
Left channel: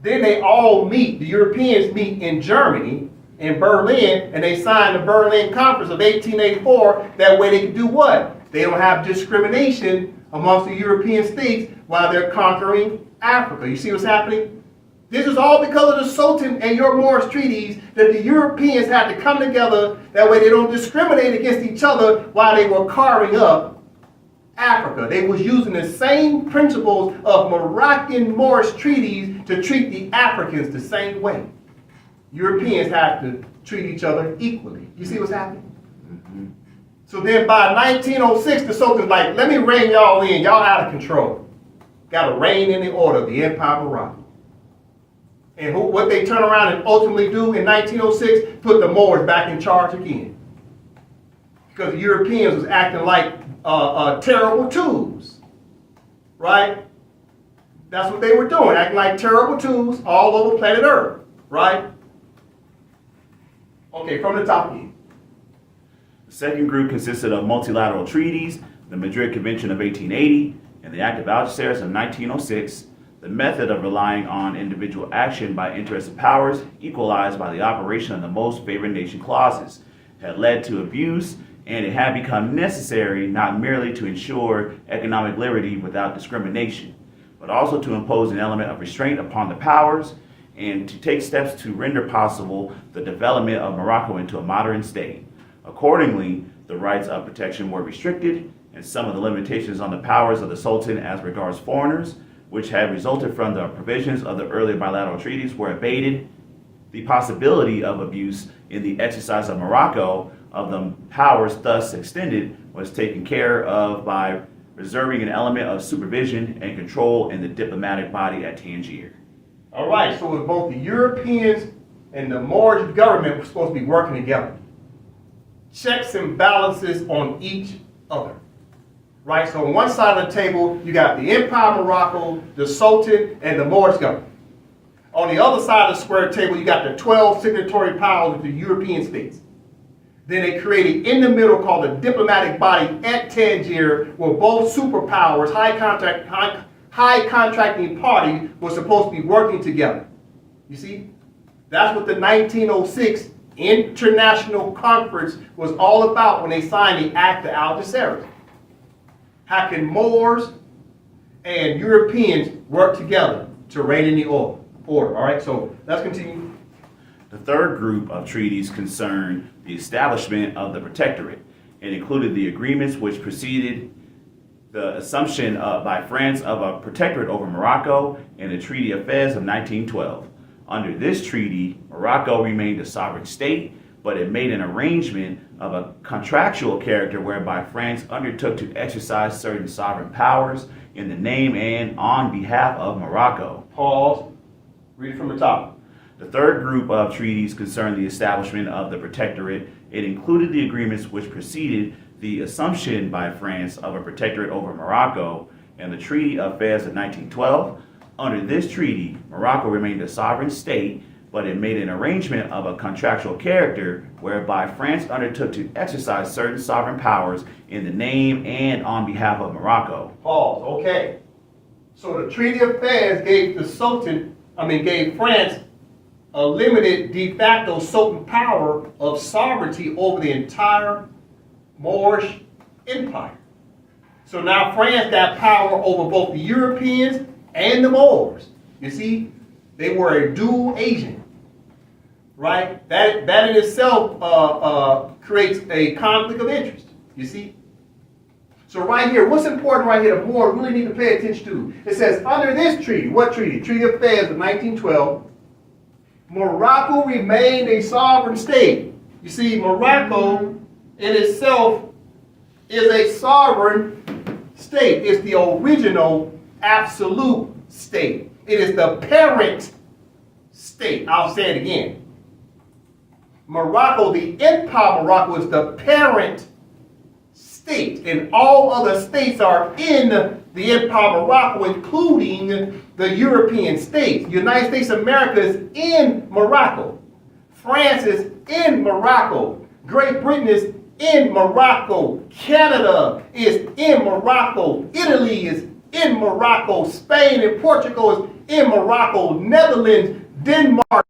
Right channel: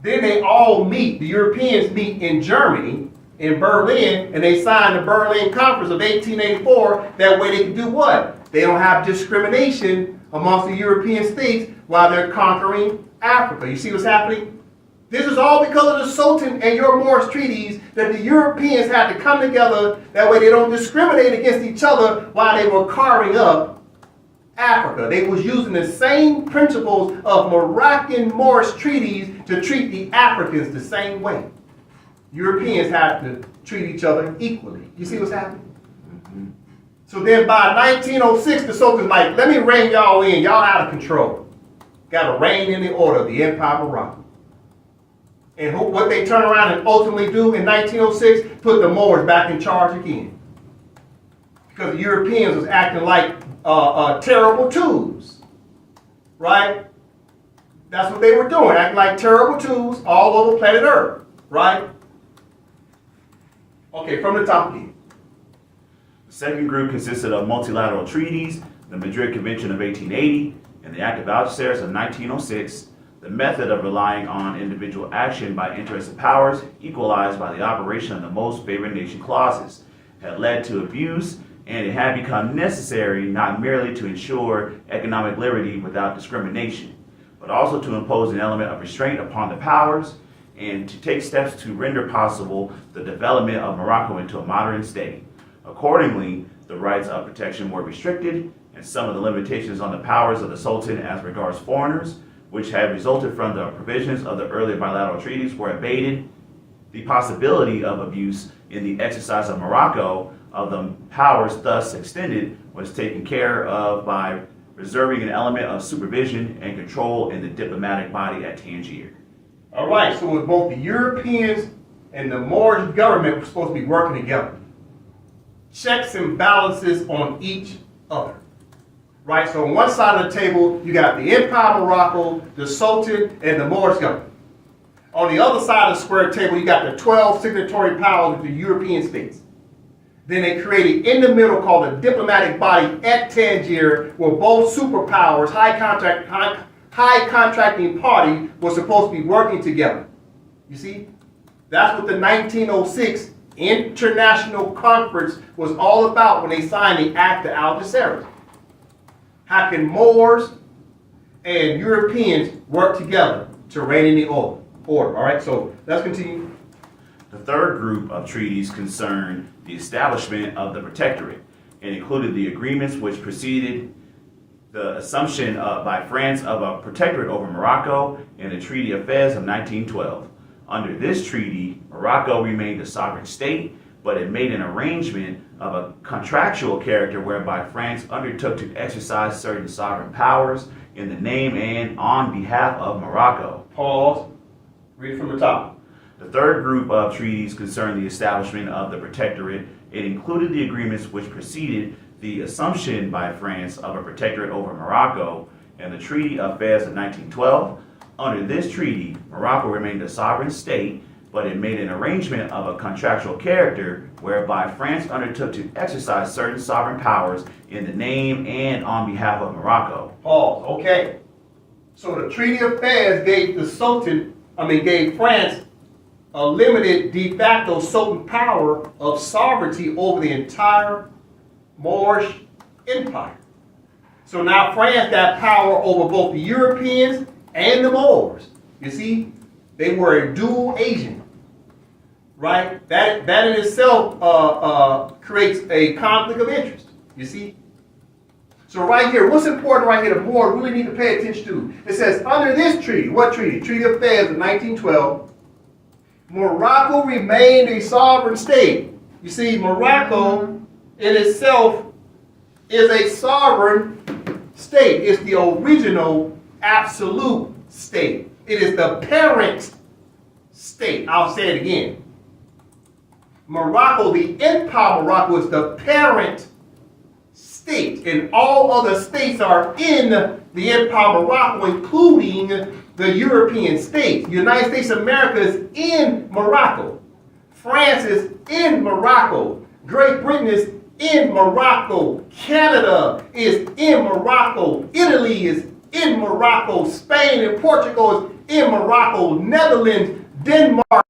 Then they all meet, the Europeans meet in Germany, in Berlin, and they sign the Berlin Conference of 1884. That way they can do what? They don't have discrimination amongst the European states while they're conquering Africa. You see what's happening? This is all because of the Sultan and your Moorish treaties that the Europeans had to come together. That way they don't discriminate against each other while they were carving up Africa. They was using the same principles of Moroccan Moorish treaties to treat the Africans the same way. Europeans had to treat each other equally. You see what's happening? Mm-hmm. So then by 1906, the Sultan's like, let me rein y'all in. Y'all out of control. Got to rein in the order of the Empire of Morocco. And what they turn around and ultimately do in 1906, put the Moors back in charge again. Because the Europeans was acting like terrible twos. Right? That's what they were doing, acting like terrible twos all over planet Earth. Right? Okay, from the top again. The second group consisted of multilateral treaties, the Madrid Convention of 1880 and the Act of Algeciras of 1906, the method of relying on individual action by interested powers, equalized by the operation of the most favored nation clauses, had led to abuse, and it had become necessary not merely to ensure economic liberty without discrimination, but also to impose an element of restraint upon the powers and to take steps to render possible the development of Morocco into a modern state. Accordingly, the rights of protection were restricted, and some of the limitations on the powers of the Sultan as regards foreigners, which had resulted from the provisions of the earlier bilateral treaties, were abated. The possibility of abuse in the exercise of Morocco of the powers thus extended was taken care of by reserving an element of supervision and control in the diplomatic body at Tangier. All right, so both the Europeans and the Moorish government were supposed to be working together. Checks and balances on each other. Right, so on one side of the table, you got the Empire of Morocco, the Sultan, and the Moorish government. On the other side of the square table, you got the 12 signatory powers of the European states. Then they created in the middle called a diplomatic body at Tangier, where both superpowers, high contracting parties were supposed to be working together. You see? That's what the 1906 International Conference was all about when they signed the Act of Algeciras. How can Moors and Europeans work together to reign in the order? All right, so let's continue. The third group of treaties concerned the establishment of the protectorate and included the agreements which preceded the assumption by France of a protectorate over Morocco and the Treaty of Fez of 1912. Under this treaty, Morocco remained a sovereign state, but it made an arrangement of a contractual character whereby France undertook to exercise certain sovereign powers in the name and on behalf of Morocco. Pause. Read it from the top. The third group of treaties concerned the establishment of the protectorate. It included the agreements which preceded the assumption by France of a protectorate over Morocco and the Treaty of Fez of 1912. Under this treaty, Morocco remained a sovereign state, but it made an arrangement of a contractual character whereby France undertook to exercise certain sovereign powers in the name and on behalf of Morocco. Pause. Okay. So the Treaty of Fez gave France a limited de facto Sultan power of sovereignty over the entire Moorish Empire. So now France got power over both the Europeans and the Moors. You see, they were a dual agent, right? That in itself creates a conflict of interest. You see. So right here, what's important right here, the Moors really need to pay attention to. It says under this treaty, what treaty? Treaty of Fez of 1912. Morocco remained a sovereign state. You see, Morocco in itself is a sovereign state. It's the original absolute state. It is the parent state. I'll say it again. Morocco, the Empire of Morocco, is the parent state, and all other states are in the Empire of Morocco, including the European states. The United States of America is in Morocco. France is in Morocco. Great Britain is in Morocco. Canada is in Morocco. Italy is in Morocco. Spain and Portugal is in Morocco. Netherlands, Denmark,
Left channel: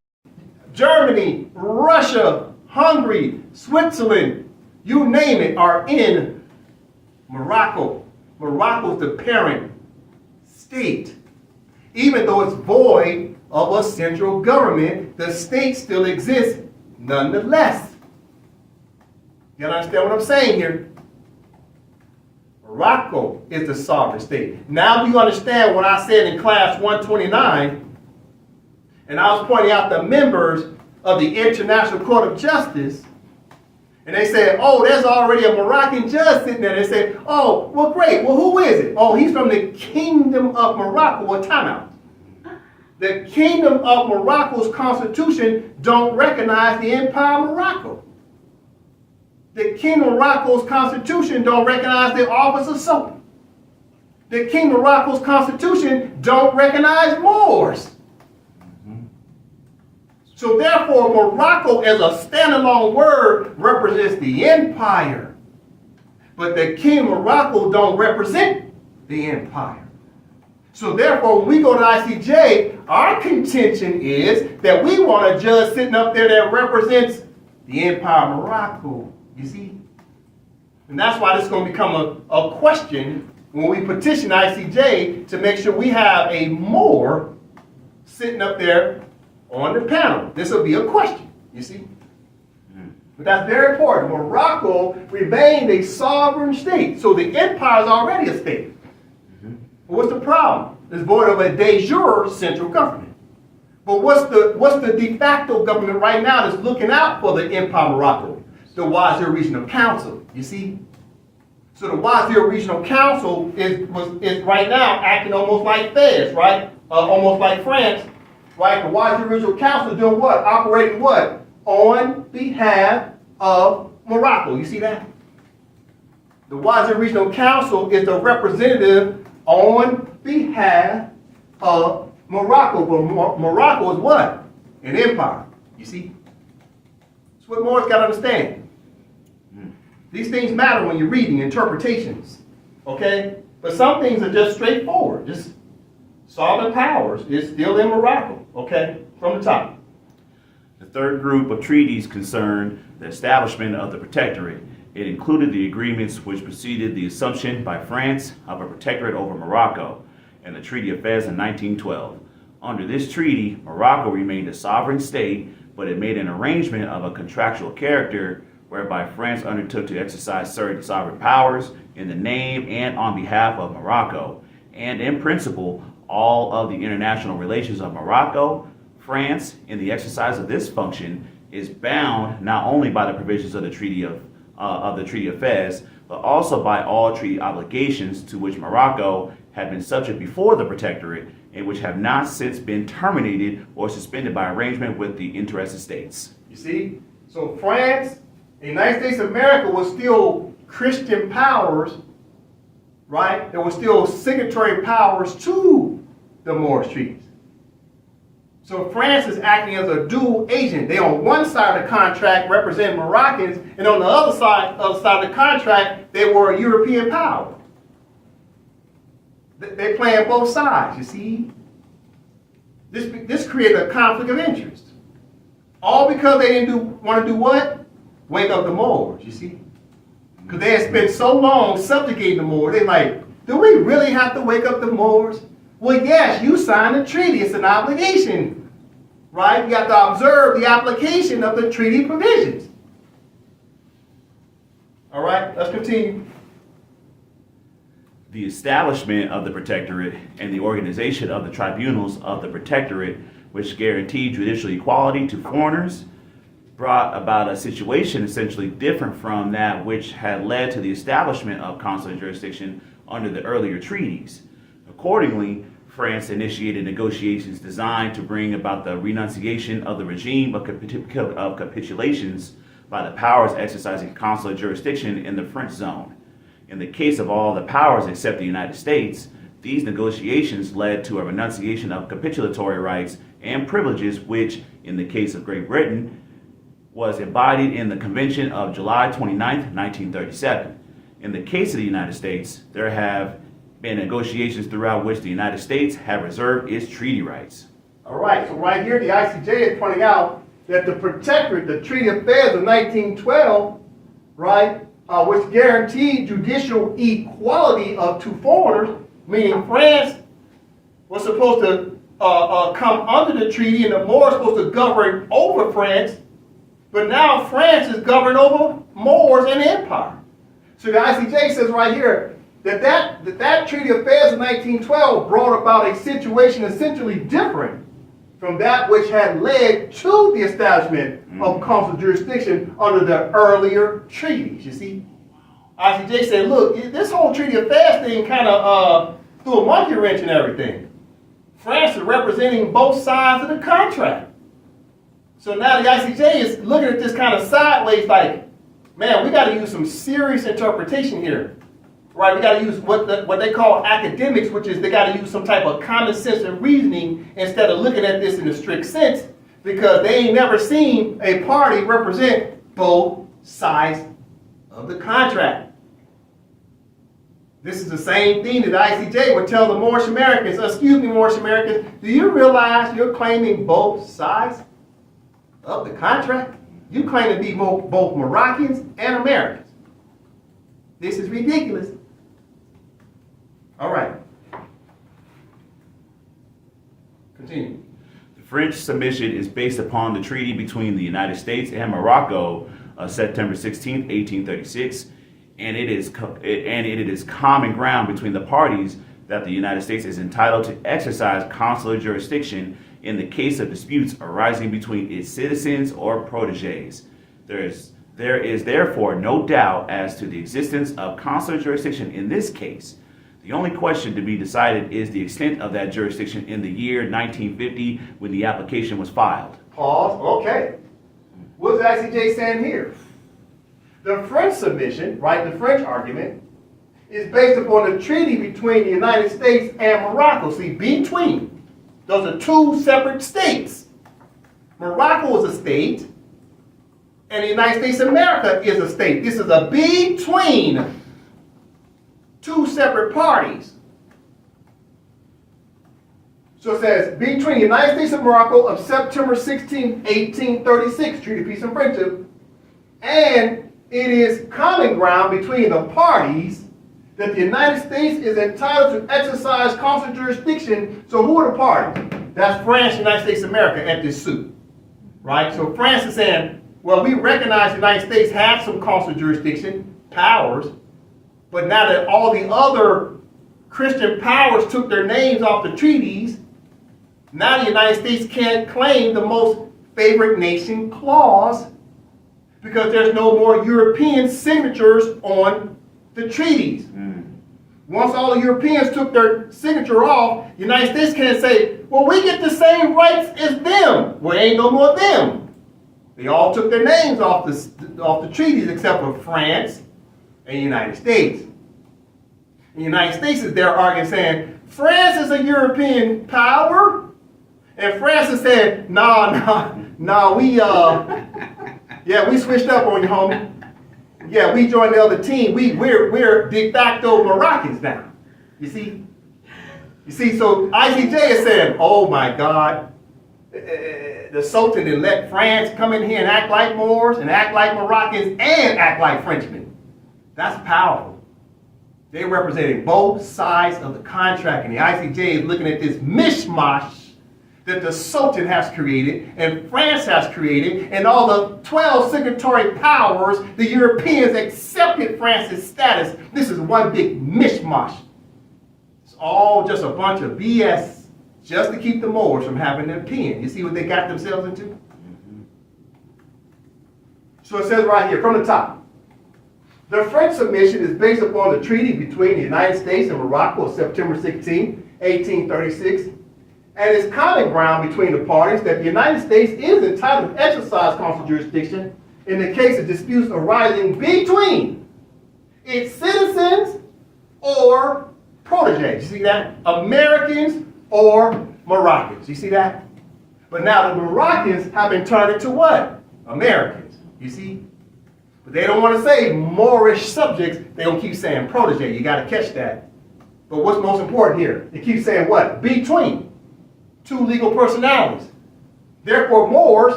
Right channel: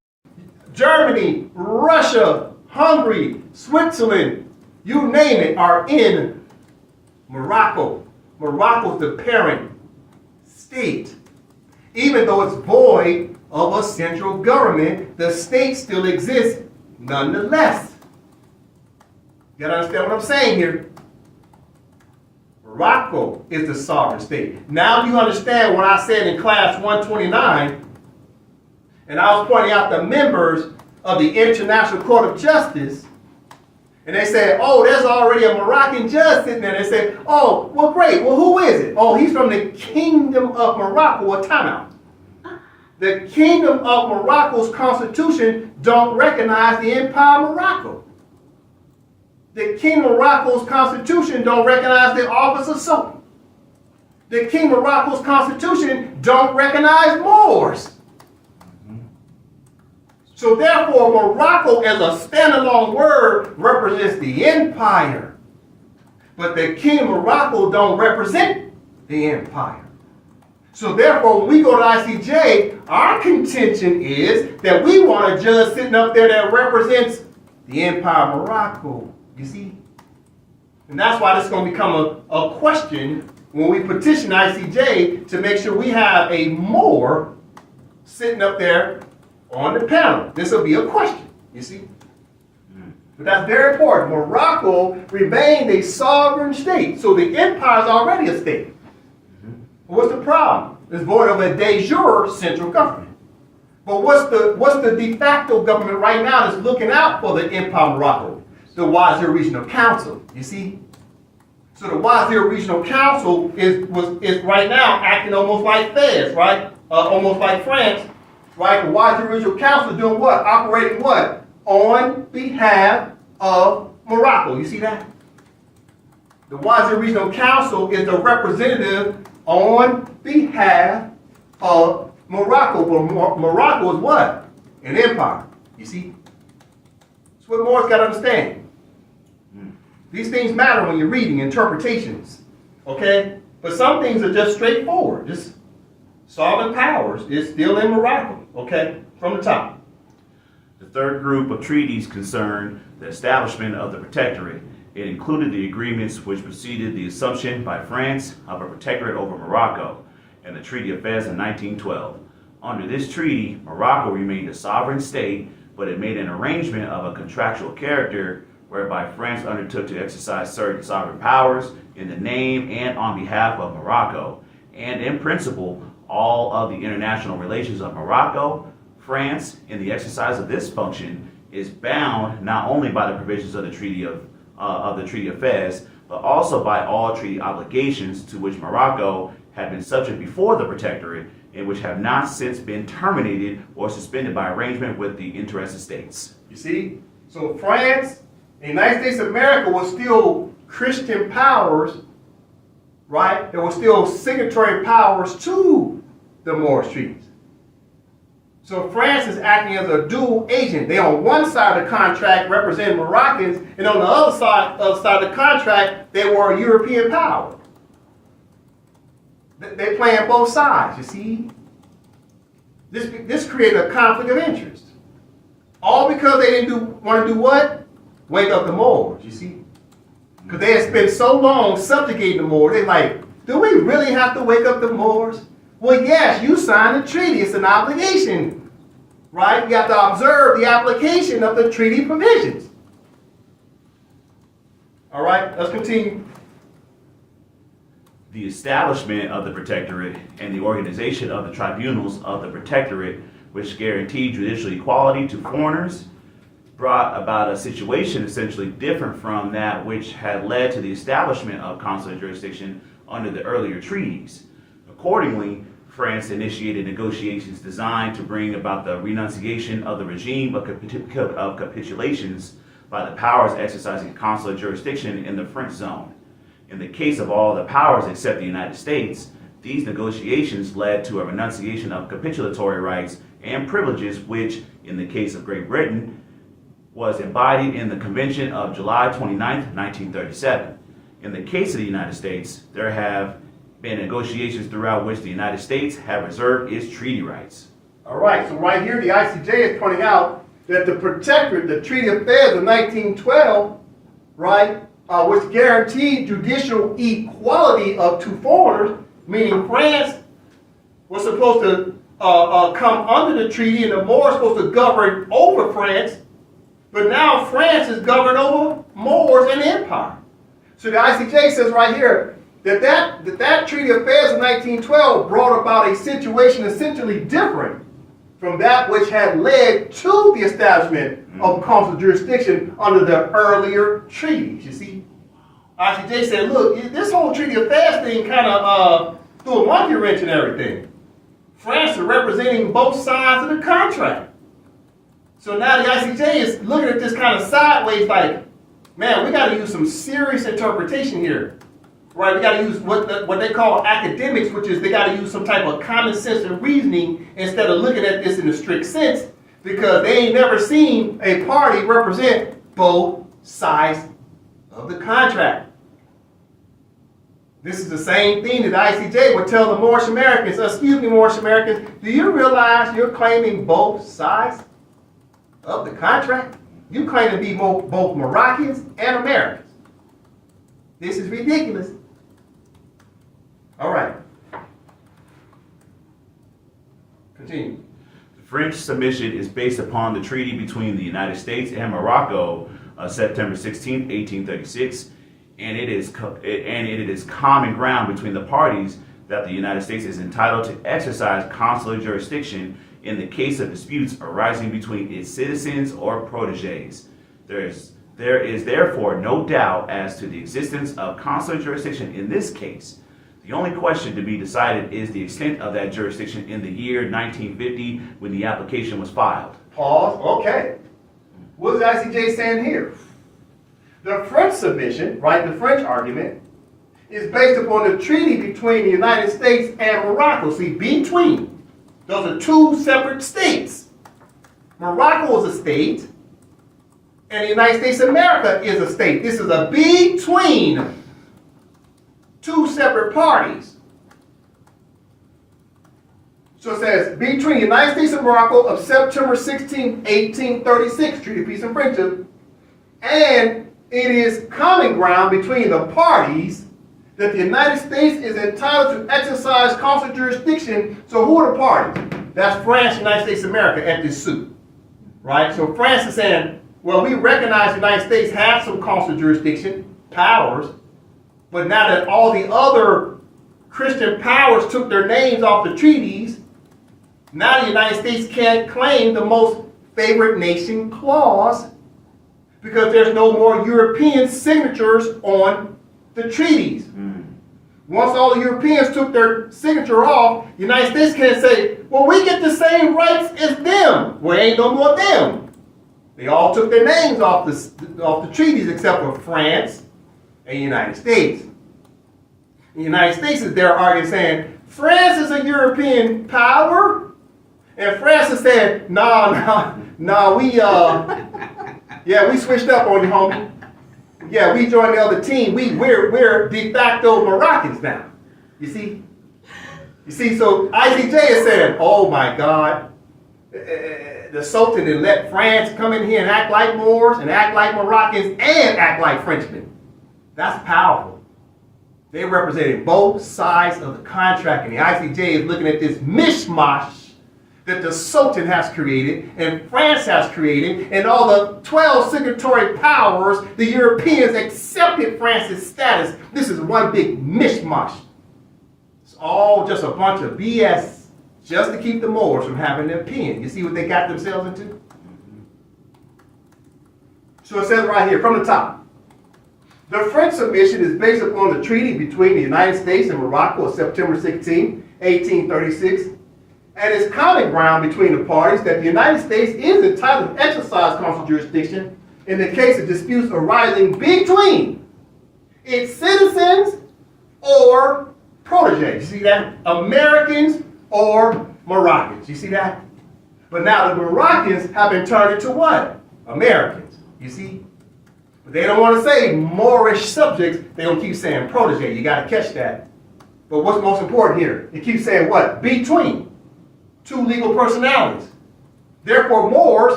Germany, Russia, Hungary, Switzerland, you name it, are in Morocco. Morocco is the parent state. Even though it's void of a central government, the state still exists nonetheless. You gotta understand what I'm saying here. Morocco is the sovereign state. Now do you understand what I said in class 129? And I was pointing out the members of the International Court of Justice. And they said, oh, there's already a Moroccan judge sitting there. They said, oh, well, great. Well, who is it? Oh, he's from the Kingdom of Morocco. A timeout. The Kingdom of Morocco's constitution don't recognize the Empire of Morocco. The Kingdom of Morocco's constitution don't recognize the office of Sultan. The Kingdom of Morocco's constitution don't recognize Moors. So therefore, Morocco as a standalone word represents the empire. But the Kingdom of Morocco don't represent the empire. So therefore, when we go to ICJ, our contention is that we want a judge sitting up there that represents the Empire of Morocco. You see? And that's why this is going to become a question when we petition ICJ to make sure we have a Moor sitting up there on the panel. This will be a question, you see? But that's very important. Morocco remained a sovereign state. So the empire is already a state. What's the problem? It's void of a de jure central government. But what's the de facto government right now that's looking out for the Empire Morocco? The Wazir Regional Council, you see? So the Wazir Regional Council is right now acting almost like Fez, right? Almost like France, right? The Wazir Regional Council is doing what? Operating what? On behalf of Morocco. You see that? The Wazir Regional Council is the representative on behalf of Morocco. But Morocco is what? An empire. You see? That's what Moore's got to understand. These things matter when you're reading interpretations. Okay? But some things are just straightforward. Just sovereign powers is still in Morocco. Okay? From the top. The third group of treaties concerned the establishment of the protectorate. It included the agreements which preceded the assumption by France of a protectorate over Morocco and the Treaty of Fez in 1912. Under this treaty, Morocco remained a sovereign state, but it made an arrangement of a contractual character whereby France undertook to exercise certain sovereign powers in the name and on behalf of Morocco, and in principle, all of the international relations of Morocco. France, in the exercise of this function, is bound not only by the provisions of the Treaty of Fez, but also by all treaty obligations to which Morocco had been subject before the protectorate, and which have not since been terminated or suspended by arrangement with the interested states. You see? So France, the United States of America was still Christian powers, right? There were still signatory powers to the Moorish treaties. So France is acting as a dual agent. They on one side of the contract represent Moroccans, and on the other side of the contract, they were a European power. They playing both sides, you see? This created a conflict of interest. All because they didn't want to do what? Wake up the Moors, you see? Because they had spent so long subjugating the Moors. They're like, do we really have to wake up the Moors? Well, yes, you signed the treaty. It's an obligation, right? You have to observe the application of the treaty provisions. All right, let's continue. The establishment of the protectorate and the organization of the tribunals of the protectorate, which guaranteed judicial equality to foreigners, brought about a situation essentially different from that which had led to the establishment of consular jurisdiction under the earlier treaties. Accordingly, France initiated negotiations designed to bring about the renunciation of the regime of capitulations by the powers exercising consular jurisdiction in the French zone. In the case of all the powers except the United States, these negotiations led to a renunciation of capitulatory rights and privileges which, in the case of Great Britain, was embodied in the Convention of July 29, 1937. In the case of the United States, there have been negotiations throughout which the United States have reserved its treaty rights. All right, so right here, the ICJ is pointing out that the protectorate, the Treaty of Fez of 1912, right, which guaranteed judicial equality of two foreigners, meaning France was supposed to come under the treaty and the Moors supposed to govern over France, but now France is governed over Moors and the empire. So the ICJ says right here that Treaty of Fez of 1912 brought about a situation essentially different from that which had led to the establishment of consular jurisdiction under the earlier treaties. You see, ICJ said, look, this whole Treaty of Fez thing kind of threw a monkey wrench in everything. France is representing both sides of the contract. So now the ICJ is looking at this kind of sideways like, man, we got to use some serious interpretation here. Right, we got to use what they call academics, which is they got to use some type of common sense and reasoning instead of looking at this in a strict sense, because they ain't never seen a party represent both sides of the contract. This is the same thing that the ICJ would tell the Moorish Americans. Excuse me, Moorish Americans, do you realize you're claiming both sides of the contract? You claim to be both Moroccans and Americans. This is ridiculous. All right. Continue. The French submission is based upon the treaty between the United States and Morocco, of September 16, 1836, and it is common ground between the parties that the United States is entitled to exercise consular jurisdiction in the case of disputes arising between its citizens or protégés. There is therefore no doubt as to the existence of consular jurisdiction in this case. The only question to be decided is the extent of that jurisdiction in the year 1950 when the application was filed. Pause. Okay. What is the ICJ saying here? The French submission, right, the French argument, is based upon the treaty between the United States and Morocco. See, between. Those are two separate states. Morocco is a state, and the United States of America is a state. This is a between two separate parties. So it says, between the United States and Morocco of September 16, 1836, Treaty of Peace and Friendship, and it is common ground between the parties that the United States is entitled to exercise consular jurisdiction. So who are the parties? That's France and the United States of America at this suit, right? So France is saying, well, we recognize the United States has some consular jurisdiction powers, but now that all the other Christian powers took their names off the treaties, now the United States can't claim the most favored nation clause because there's no more European signatures on the treaties. Once all the Europeans took their signature off, the United States can't say, well, we get the same rights as them. Well, ain't no more them. They all took their names off the treaties except for France and the United States. The United States is there arguing saying, France is a European power, and France is saying, no, we switched up on you, homie. Yeah, we joined the other team. We're de facto Moroccans now. You see? So ICJ is saying, oh my God, the Sultan had let France come in here and act like Moors and act like Moroccans and act like Frenchmen. That's powerful. They represented both sides of the contract, and the ICJ is looking at this mishmash that the Sultan has created and France has created, and all the 12 signatory powers, the Europeans accepted France's status. This is one big mishmash. It's all just a bunch of BS just to keep the Moors from having their pen. You see what they got themselves into? So it says right here from the top, the French submission is based upon the treaty between the United States and Morocco of September 16, 1836, and is common ground between the parties that the United States is entitled to exercise consular jurisdiction in the case of disputes arising between its citizens or protégés. You see that? Americans or Moroccans. You see that? But now the Moroccans have been turned into what? Americans. You see? But they don't want to say Moorish subjects. They don't keep saying protégé. You got to catch that. But what's most important here? It keeps saying what? Between two legal personalities. Therefore, Moors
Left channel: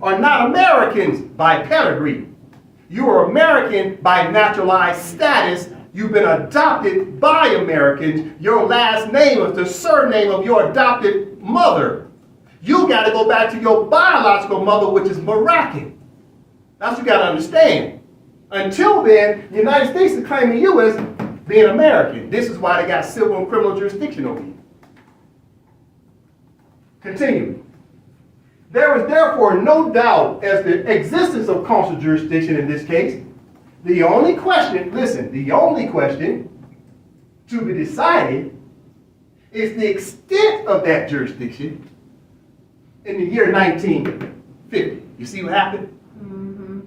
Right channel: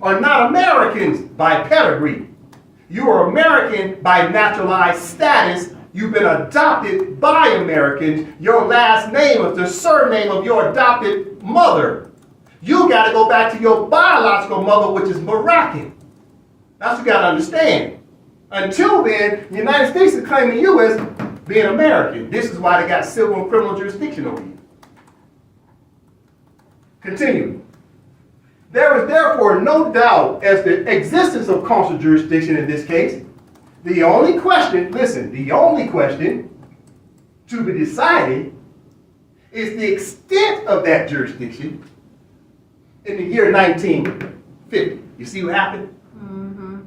are not Americans by pedigree. You are American by naturalized status. You've been adopted by Americans. Your last name is the surname of your adopted mother. You got to go back to your biological mother, which is Moroccan. That's what you got to understand. Until then, the United States is claiming you as being American. This is why they got civil and criminal jurisdiction over you. Continue. There is therefore no doubt as to the existence of consular jurisdiction in this case. The only question, listen, the only question to be decided is the extent of that jurisdiction in the year 1950. You see what happened? Mm-hmm.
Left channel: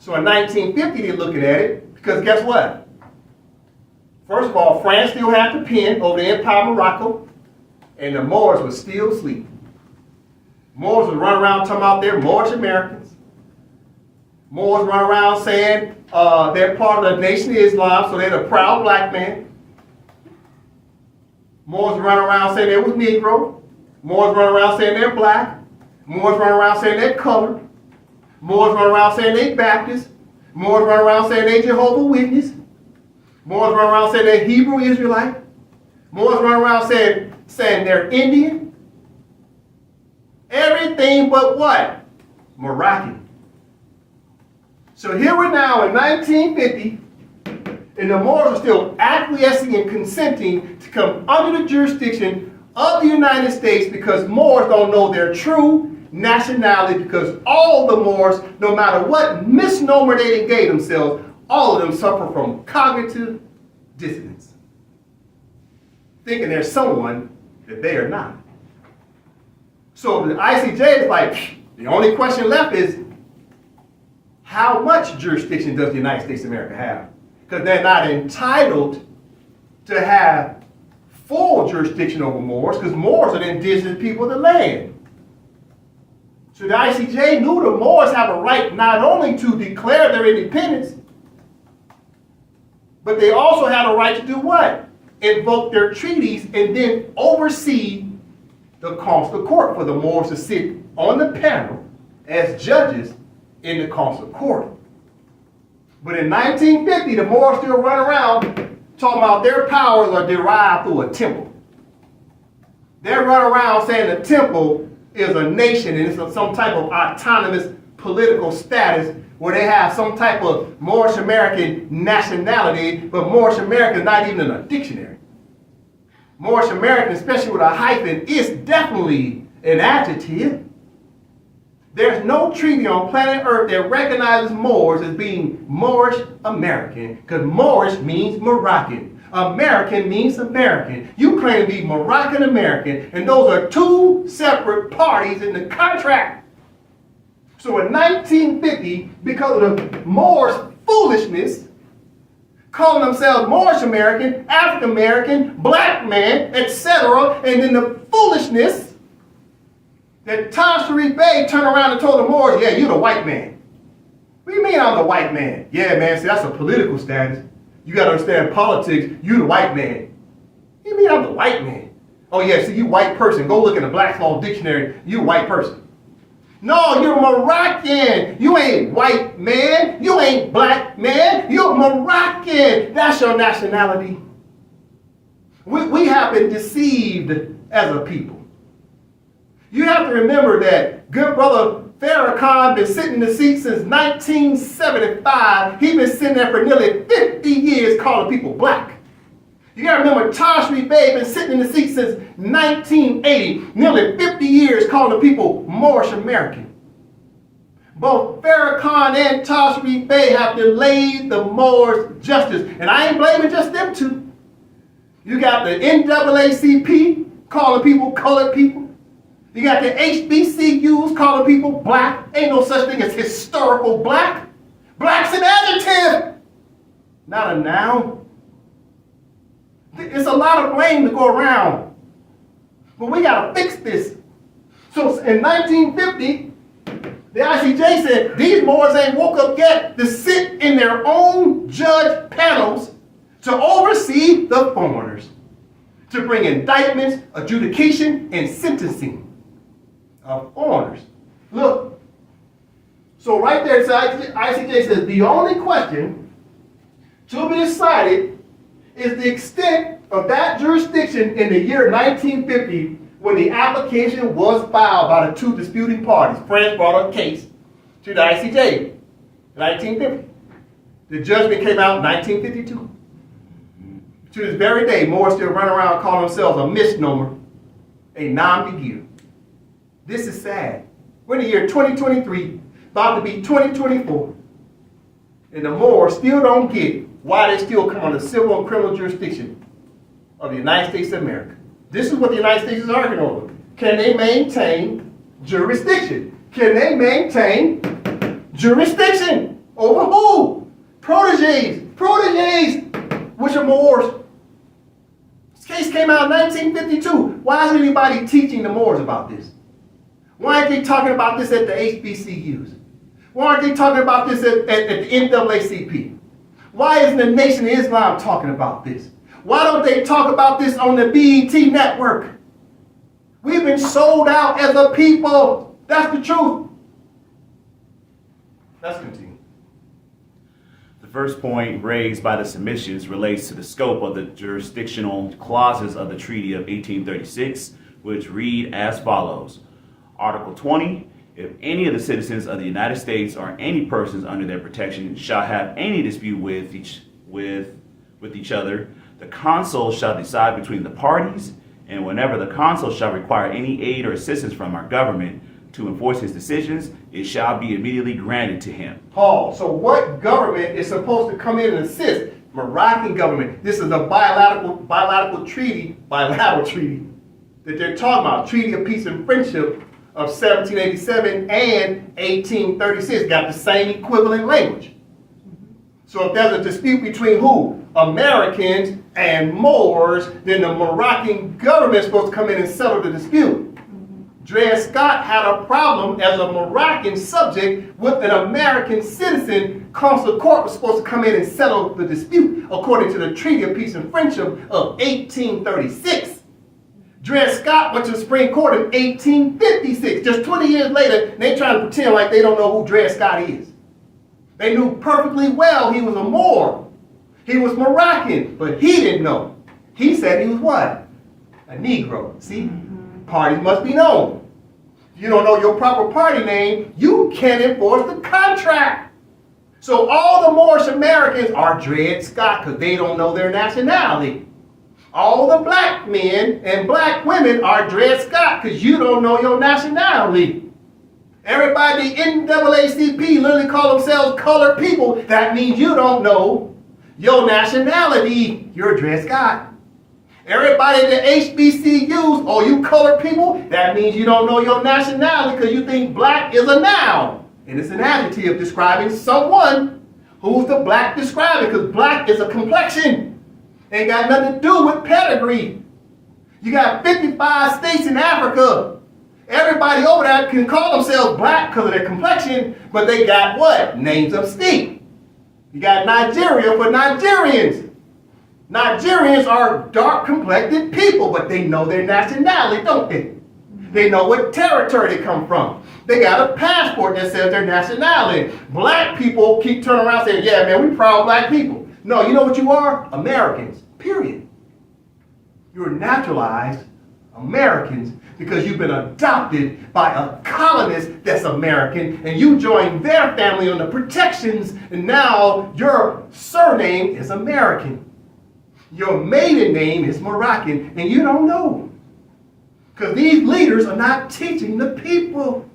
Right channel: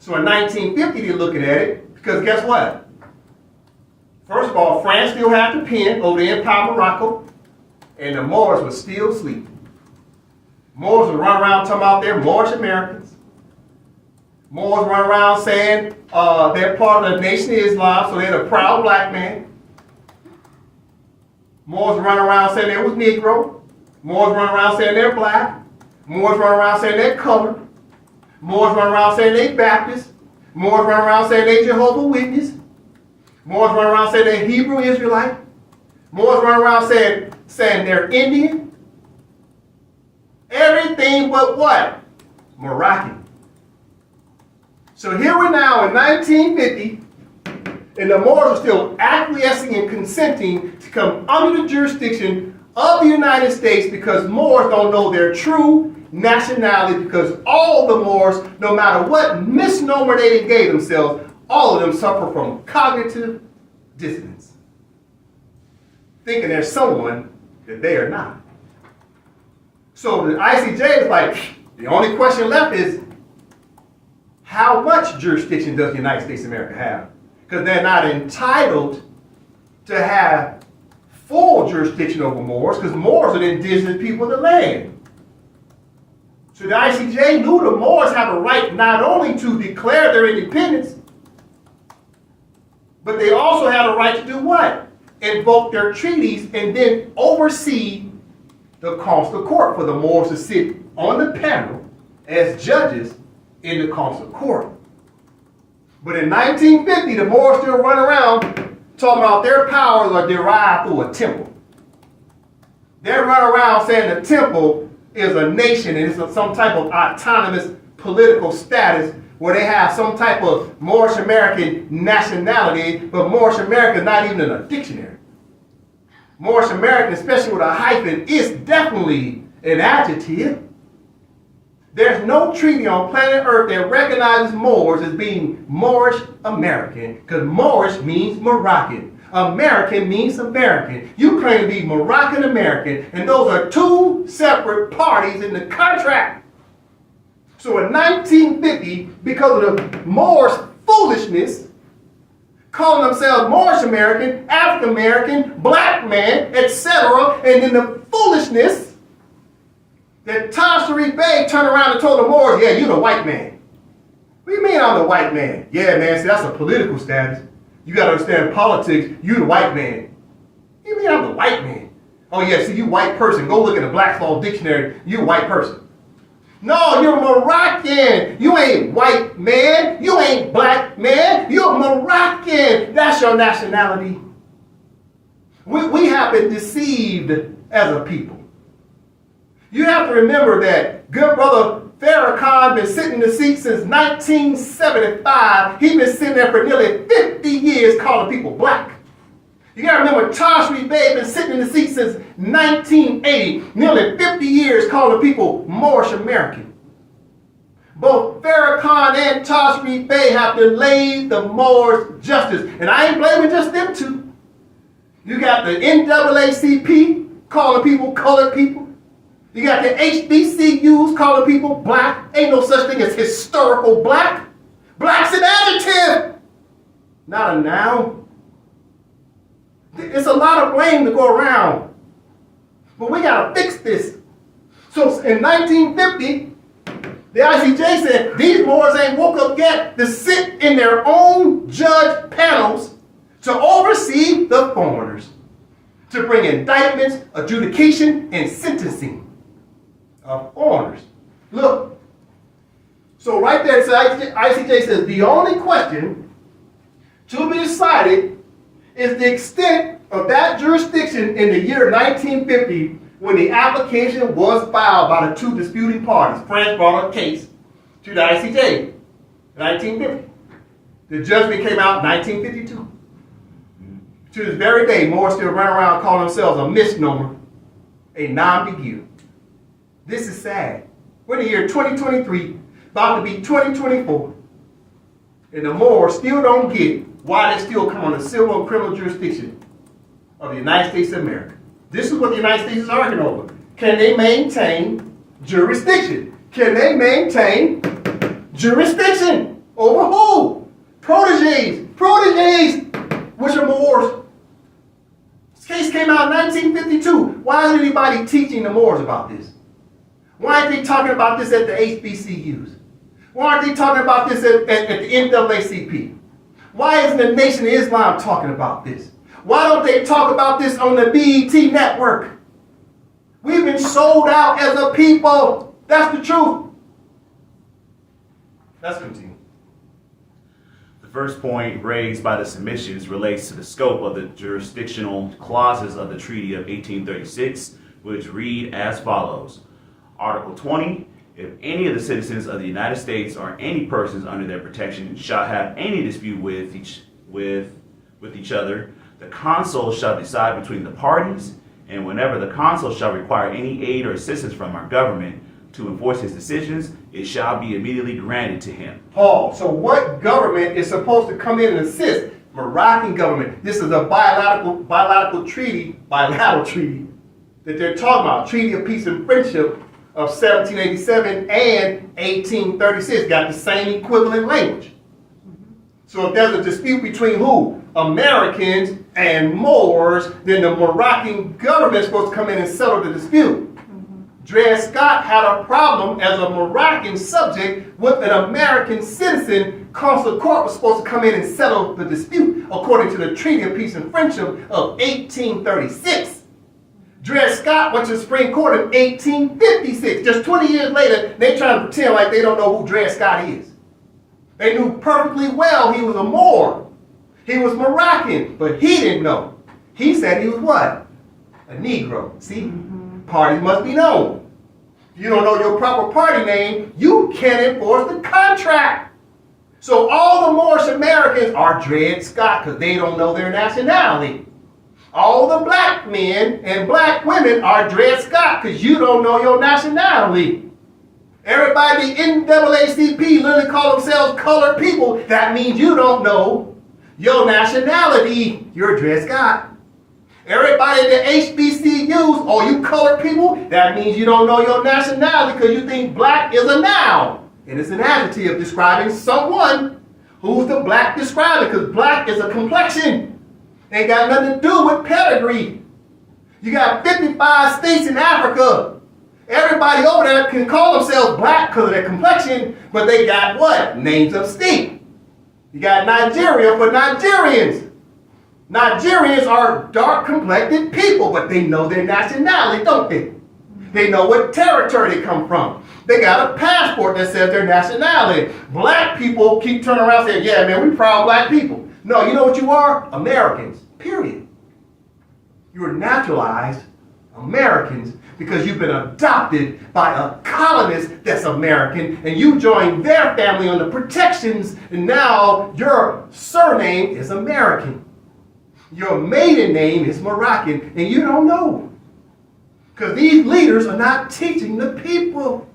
So in 1950, they're looking at it because guess what? First of all, France still had the pen over the Empire of Morocco, and the Moors were still asleep. Moors would run around talking about they're Moorish Americans. Moors run around saying they're part of the Nation of Islam, so they're the proud black man. Moors run around saying they was Negro. Moors run around saying they're black. Moors run around saying they're colored. Moors run around saying they Baptist. Moors run around saying they Jehovah's Witness. Moors run around saying they're Hebrew Israelite. Moors run around saying they're Indian. Everything but what? Moroccan. So here we're now in 1950, and the Moors are still acquiescing and consenting to come under the jurisdiction of the United States because Moors don't know their true nationality, because all the Moors, no matter what misnomer they gave themselves, all of them suffer from cognitive dissonance, thinking they're someone that they are not. So the ICJ is like, the only question left is, how much jurisdiction does the United States of America have? Because they're not entitled to have full jurisdiction over Moors, because Moors are the indigenous people of the land. So the ICJ knew the Moors have a right not only to declare their independence, but they also have a right to do what? Invoke their treaties and then oversee the consular court for the Moors to sit on the panel as judges in the consular court. But in 1950, the Moors still run around talking about their powers are derived through a temple. They run around saying the temple is a nation and it's some type of autonomous political status where they have some type of Moorish American nationality, but Moorish American is not even in a dictionary. Moorish American, especially with a hyphen, is definitely an adjective. There's no treaty on planet Earth that recognizes Moors as being Moorish American, because Moorish means Moroccan. American means American. You claim to be Moroccan American, and those are two separate parties in the contract. So in 1950, because of the Moors' foolishness, calling themselves Moorish American, African American, black man, etc., and then the foolishness that Taj Sharif Bey turned around and told the Moors, yeah, you're the white man. What do you mean I'm the white man? Yeah, man, see, that's a political status. You got to understand politics, you the white man. What do you mean I'm the white man? Oh, yeah, see, you white person. Go look in the Black's Law Dictionary. You a white person. No, you're Moroccan. You ain't white man. You ain't black man. You're Moroccan. That's your nationality. We have been deceived as a people. You have to remember that good brother Farrakhan been sitting in the seat since 1975. He's been sitting there for nearly 50 years calling people black. You got to remember Taj Sharif Bey been sitting in the seat since 1980, nearly 50 years calling people Moorish American. Both Farrakhan and Taj Sharif Bey have delayed the Moors justice. And I ain't blaming just them two. You got the NAACP calling people colored people. You got the HBCUs calling people black. Ain't no such thing as historical black. Black's an adjective, not a noun. It's a lot of blame to go around. But we got to fix this. So in 1950, the ICJ said these Moors ain't woke up yet to sit in their own judge panels to oversee the foreigners, to bring indictments, adjudication, and sentencing of foreigners. Look, so right there, ICJ says the only question to be decided is the extent of that jurisdiction in the year 1950 when the application was filed by the two disputing parties. France brought a case to the ICJ in 1950. The judgment came out in 1952. To this very day, Moors still run around calling themselves a misnomer, a non-begue. This is sad. We're in the year 2023, about to be 2024, and the Moors still don't get why they still come under civil and criminal jurisdiction of the United States of America. This is what the United States is arguing over. Can they maintain jurisdiction? Can they maintain jurisdiction over who? Proteges, which are Moors. This case came out in 1952. Why isn't anybody teaching the Moors about this? Why aren't they talking about this at the HBCUs? Why aren't they talking about this at the NAACP? Why isn't the Nation of Islam talking about this? Why don't they talk about this on the BET network? We've been sold out as a people. That's the truth. Let's continue. The first point raised by the submissions relates to the scope of the jurisdictional clauses of the Treaty of 1836, which read as follows. Article 20, If any of the citizens of the United States or any persons under their protection shall have any dispute with each other, the consul shall decide between the parties, and whenever the consul shall require any aid or assistance from our government to enforce his decisions, it shall be immediately granted to him. Paul, so what government is supposed to come in and assist? Moroccan government. This is a bilateral treaty that they're talking about. Treaty of Peace and Friendship of 1787 and 1836 got the same equivalent language. So if there's a dispute between who? Americans and Moors, then the Moroccan government is supposed to come in and settle the dispute. Dred Scott had a problem as a Moroccan subject with an American citizen. Consular court was supposed to come in and settle the dispute according to the Treaty of Peace and Friendship of 1836. Dred Scott went to the Supreme Court in 1856. Just 20 years later, they trying to pretend like they don't know who Dred Scott is. They knew perfectly well he was a Moor. He was Moroccan, but he didn't know. He said he was what? A Negro. See? Parties must be known. If you don't know your proper party name, you can't enforce the contract. So all the Moorish Americans are Dred Scott because they don't know their nationality. All the black men and black women are Dred Scott because you don't know your nationality. Everybody, the NAACP, literally call themselves colored people. That means you don't know your nationality. You're Dred Scott. Everybody in the HBCUs, oh, you colored people, that means you don't know your nationality because you think black is a noun. And it's an adjective describing someone. Who's the black describing? Because black is a complexion. Ain't got nothing to do with pedigree. You got 55 states in Africa. Everybody over there can call themselves black because of their complexion, but they got what? Names of state. You got Nigeria for Nigerians. Nigerians are dark-complected people, but they know their nationality, don't they? They know what territory they come from. They got a passport that says their nationality. Black people keep turning around saying, yeah, man, we proud black people. No, you know what you are? Americans, period. You're naturalized Americans because you've been adopted by a colonist that's American, and you joined their family under protections, and now your surname is American. Your maiden name is Moroccan, and you don't know. Because these leaders are not teaching the people.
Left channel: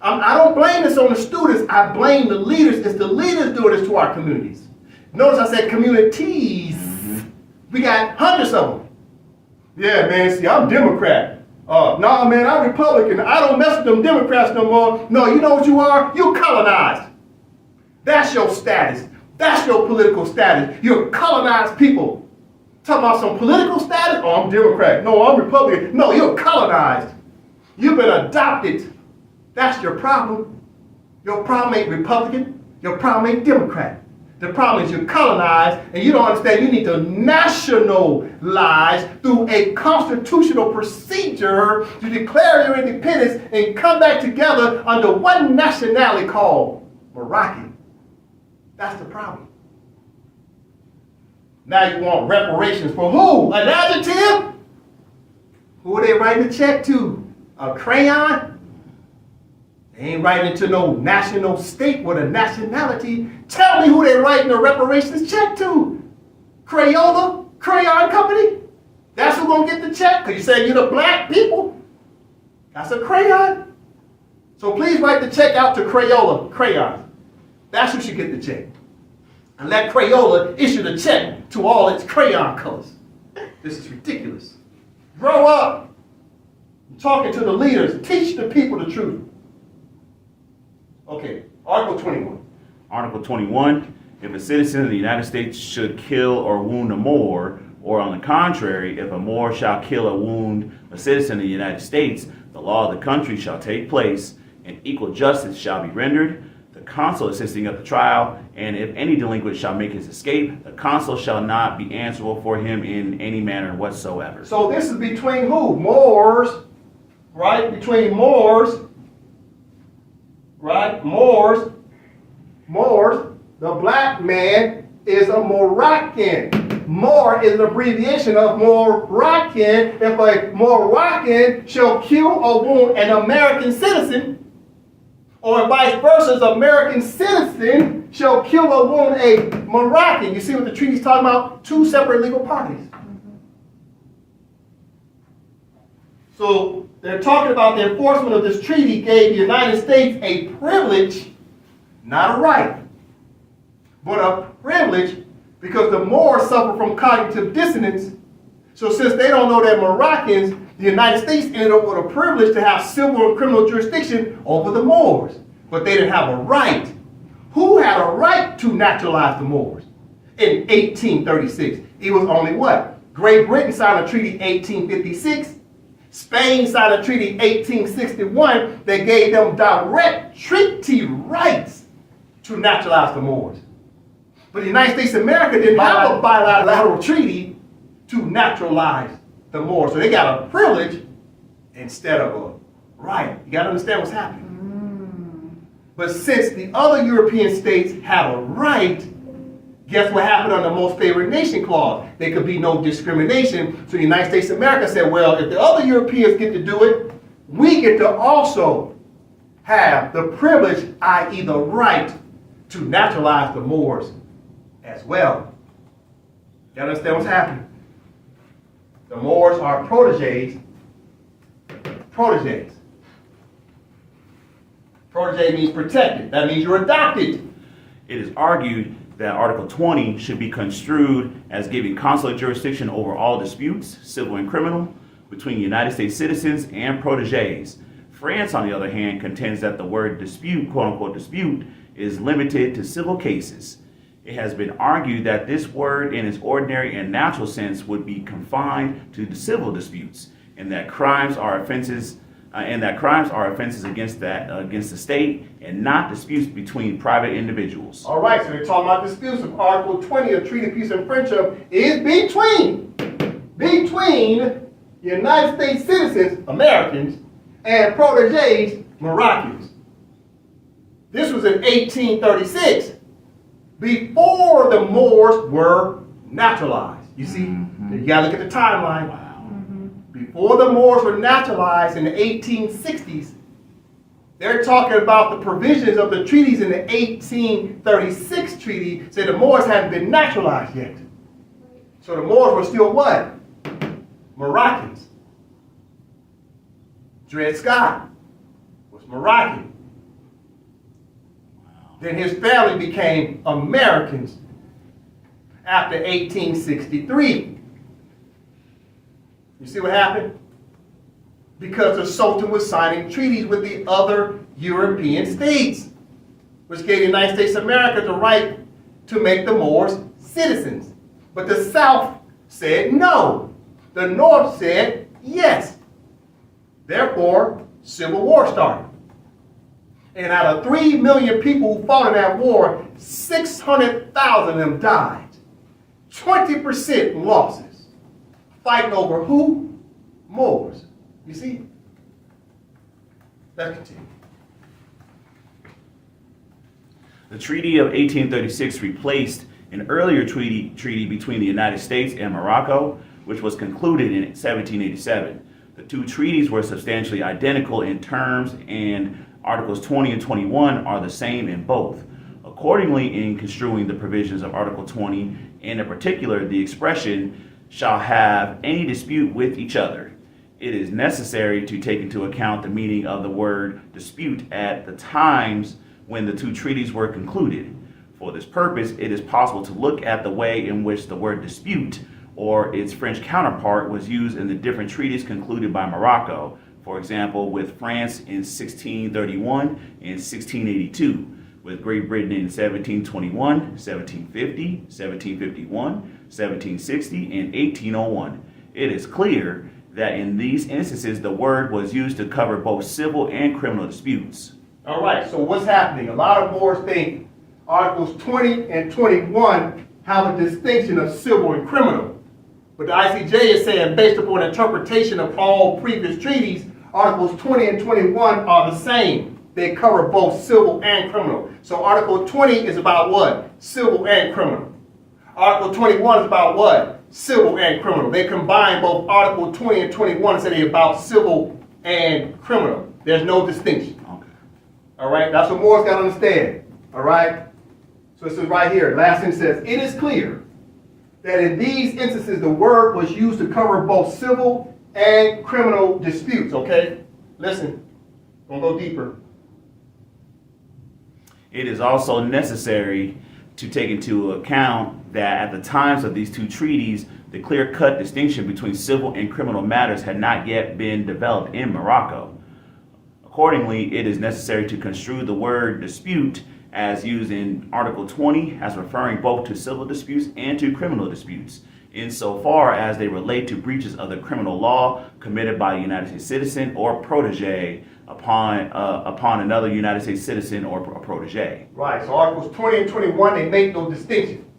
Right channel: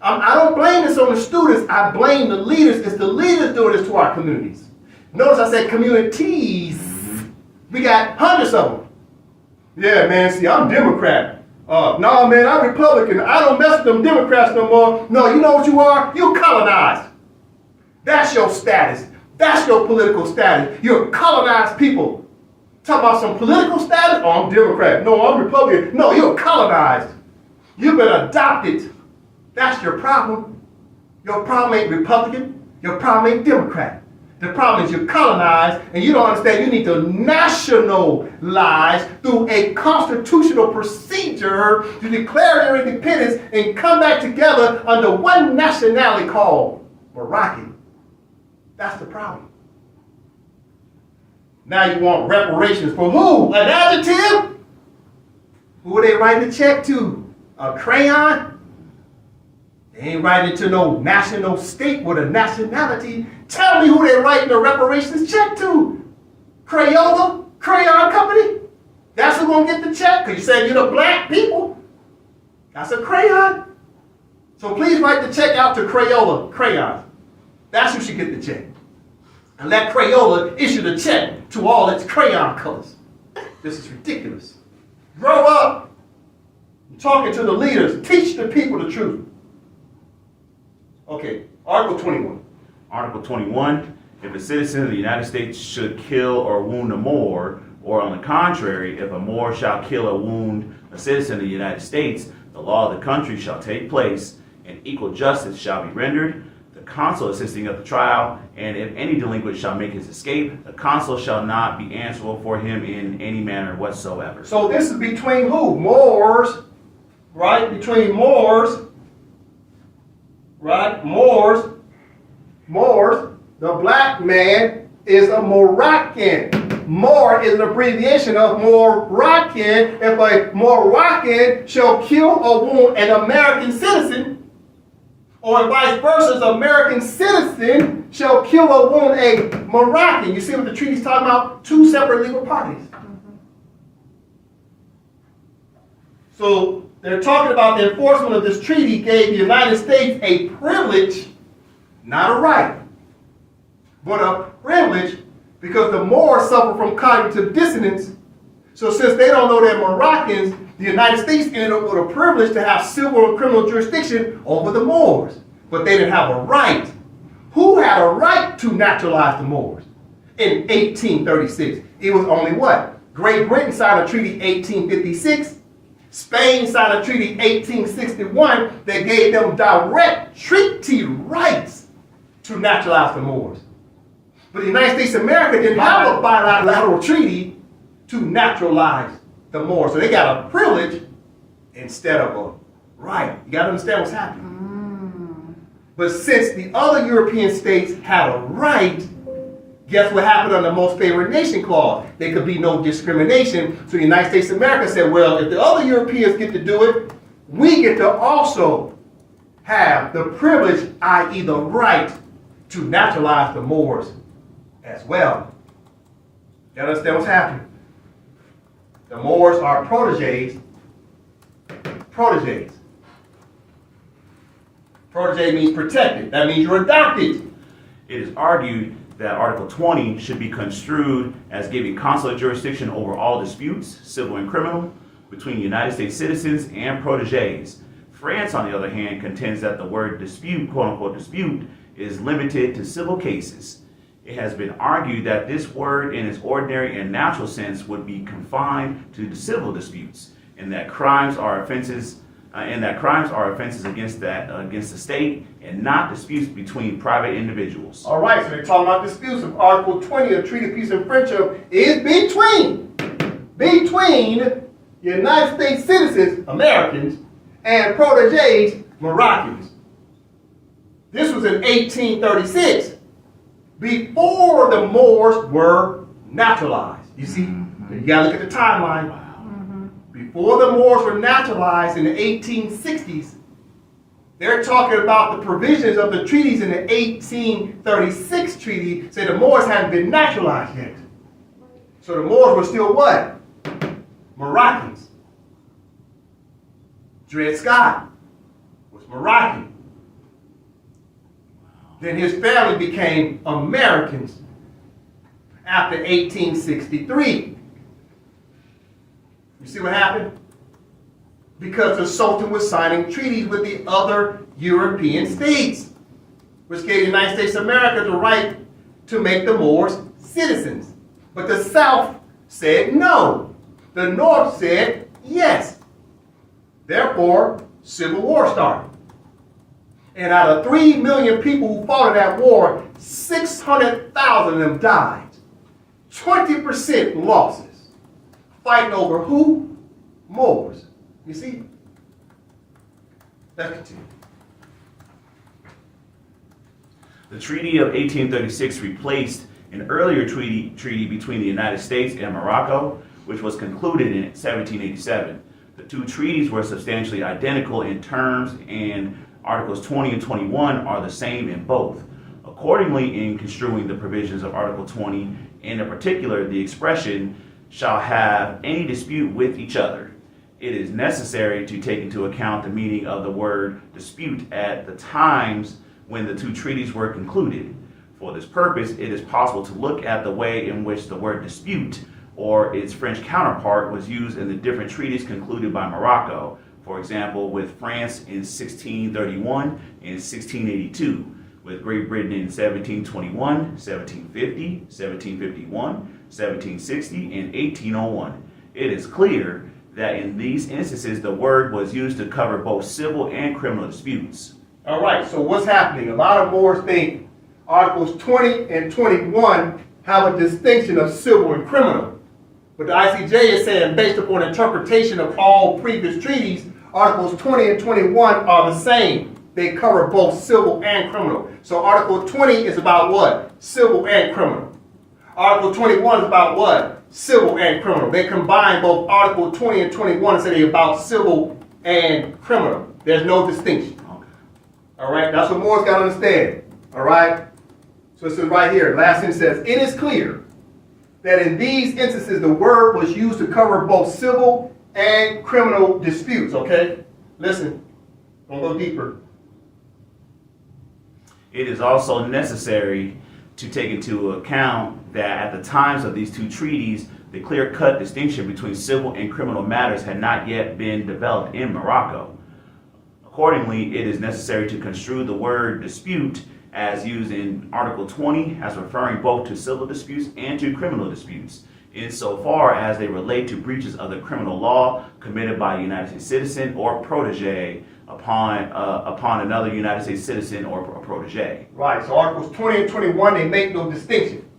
I don't blame this on the students. I blame the leaders. It's the leaders doing this to our communities. Notice I said communities. We got hundreds of them. Yeah, man, see, I'm Democrat. No, man, I'm Republican. I don't mess with them Democrats no more. No, you know what you are? You're colonized. That's your status. That's your political status. You're colonized people. Talking about some political status? Oh, I'm Democrat. No, I'm Republican. No, you're colonized. You've been adopted. That's your problem. Your problem ain't Republican. Your problem ain't Democrat. The problem is you're colonized and you don't understand you need to nationalize through a constitutional procedure to declare your independence and come back together under one nationality called Moroccan. That's the problem. Now you want reparations for who? An adjective? Who are they writing the check to? A crayon? They ain't writing it to no national state with a nationality. Tell me who they writing the reparations check to. Crayola? Crayon Company? That's who gonna get the check? Because you said you're the black people? That's a crayon. So please write the check out to Crayola Crayon. That's who should get the check. And let Crayola issue the check to all its crayon colors. This is ridiculous. Grow up. I'm talking to the leaders. Teach the people the truth. Okay, Article 21. Article 21, if a citizen of the United States should kill or wound a Moor, or on the contrary, if a Moor shall kill or wound a citizen of the United States, the law of the country shall take place, and equal justice shall be rendered, the consul assisting at the trial, and if any delinquent shall make his escape, the consul shall not be answerable for him in any manner whatsoever. So this is between who? Moors, right? Between Moors, right? Moors. The black man is a Moroccan. Moor is an abbreviation of Moroccan. If a Moroccan shall kill or wound an American citizen, Or vice versa, an American citizen shall kill or wound a Moroccan. You see what the treaty's talking about? Two separate legal parties. So they're talking about the enforcement of this treaty gave the United States a privilege, not a right, but a privilege, because the Moors suffer from cognitive dissonance. So since they don't know they're Moroccans, the United States ended up with a privilege to have civil and criminal jurisdiction over the Moors. But they didn't have a right. Who had a right to naturalize the Moors? In 1836, it was only what? Great Britain signed a treaty 1856. Spain signed a treaty 1861 that gave them direct treaty rights to naturalize the Moors. But the United States of America didn't have a bilateral treaty to naturalize the Moors. So they got a privilege instead of a right. You got to understand what's happening. But since the other European states had a right, guess what happened on the Most Favored Nation Clause? There could be no discrimination. So the United States of America said, well, if the other Europeans get to do it, we get to also have the privilege, i.e. the right, to naturalize the Moors as well. You understand what's happening? The Moors are proteges. Proteges. Protege means protected. That means you're adopted. It is argued that Article 20 should be construed as giving consular jurisdiction over all disputes, civil and criminal, between United States citizens and proteges. France, on the other hand, contends that the word dispute, quote-unquote dispute, is limited to civil cases. It has been argued that this word in its ordinary and natural sense would be confined to the civil disputes, and that crimes are offenses against the state and not disputes between private individuals. All right, so they're talking about disputes of Article 20 of Treaty of Peace and Friendship is between United States citizens, Americans, and proteges, Moroccans. This was in 1836, before the Moors were naturalized. You see, you gotta look at the timeline. Before the Moors were naturalized in the 1860s, they're talking about the provisions of the treaties in the 1836 treaty, said the Moors hadn't been naturalized yet. So the Moors were still what? Moroccans. Dred Scott was Moroccan. Then his family became Americans after 1863. You see what happened? Because the Sultan was signing treaties with the other European states, which gave the United States of America the right to make the Moors citizens. But the South said no. The North said yes. Therefore, Civil War started. And out of 3 million people who fought in that war, 600,000 of them died. 20% losses. Fighting over who? Moors. You see? Let's continue. The Treaty of 1836 replaced an earlier treaty between the United States and Morocco, which was concluded in 1787. The two treaties were substantially identical in terms, and Articles 20 and 21 are the same in both. Accordingly, in construing the provisions of Article 20, and in particular the expression shall have any dispute with each other, it is necessary to take into account the meaning of the word dispute at the times when the two treaties were concluded. For this purpose, it is possible to look at the way in which the word dispute or its French counterpart was used in the different treaties concluded by Morocco. For example, with France in 1631 and 1682, with Great Britain in 1721, 1750, 1751, 1760, and 1801. It is clear that in these instances the word was used to cover both civil and criminal disputes. All right, so what's happening? A lot of Moors think Articles 20 and 21 have a distinction of civil and criminal. But the ICJ is saying, based upon interpretation of all previous treaties, Articles 20 and 21 are the same. They cover both civil and criminal. So Article 20 is about what? Civil and criminal. Article 21 is about what? Civil and criminal. They combine both Article 20 and 21 and say they're about civil and criminal. There's no distinction. All right, that's what Moors got to understand. All right, so it says right here, last sentence says, it is clear that in these instances the word was used to cover both civil and criminal disputes. Okay, listen, I'm gonna go deeper. It is also necessary to take into account that at the times of these two treaties, the clear-cut distinction between civil and criminal matters had not yet been developed in Morocco. Accordingly, it is necessary to construe the word dispute as used in Article 20 as referring both to civil disputes and to criminal disputes, insofar as they relate to breaches of the criminal law committed by a United States citizen or protege upon another United States citizen or protege. Right, so Articles 20 and 21, they make no distinction.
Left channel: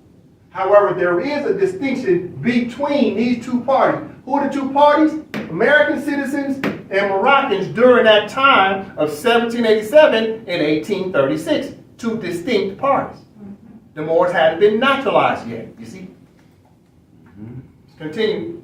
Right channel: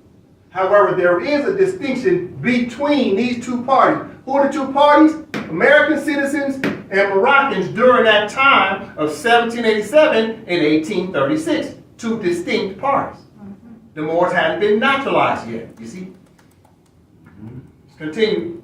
However, there is a distinction between these two parties. Who are the two parties? American citizens and Moroccans during that time of 1787 and 1836. Two distinct parties. The Moors hadn't been naturalized yet, you see? Let's continue.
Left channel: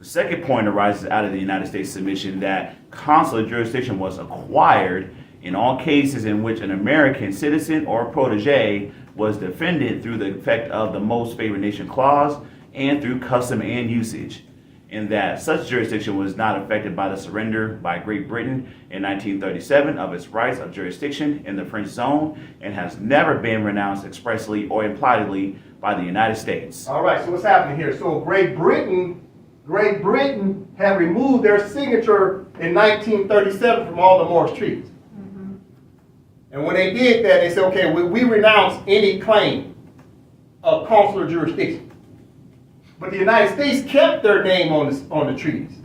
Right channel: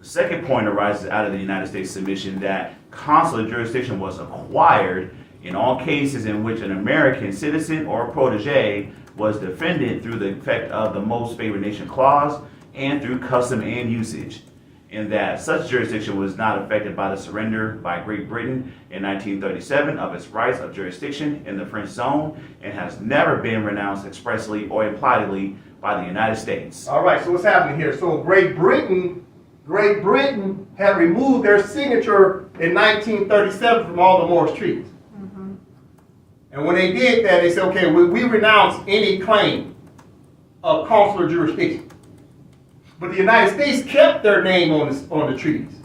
The second point arises out of the United States submission that consular jurisdiction was acquired in all cases in which an American citizen or protege was defended through the effect of the most favored nation clause and through custom and usage, and that such jurisdiction was not affected by the surrender by Great Britain in 1937 of its rights of jurisdiction in the French zone and has never been renounced expressly or impliedly by the United States. All right, so what's happening here? So Great Britain had removed their signature in 1937 from all the Moorish treaties. And when they did that, they said, okay, we renounce any claim of consular jurisdiction. But the United States kept their name on the treaties.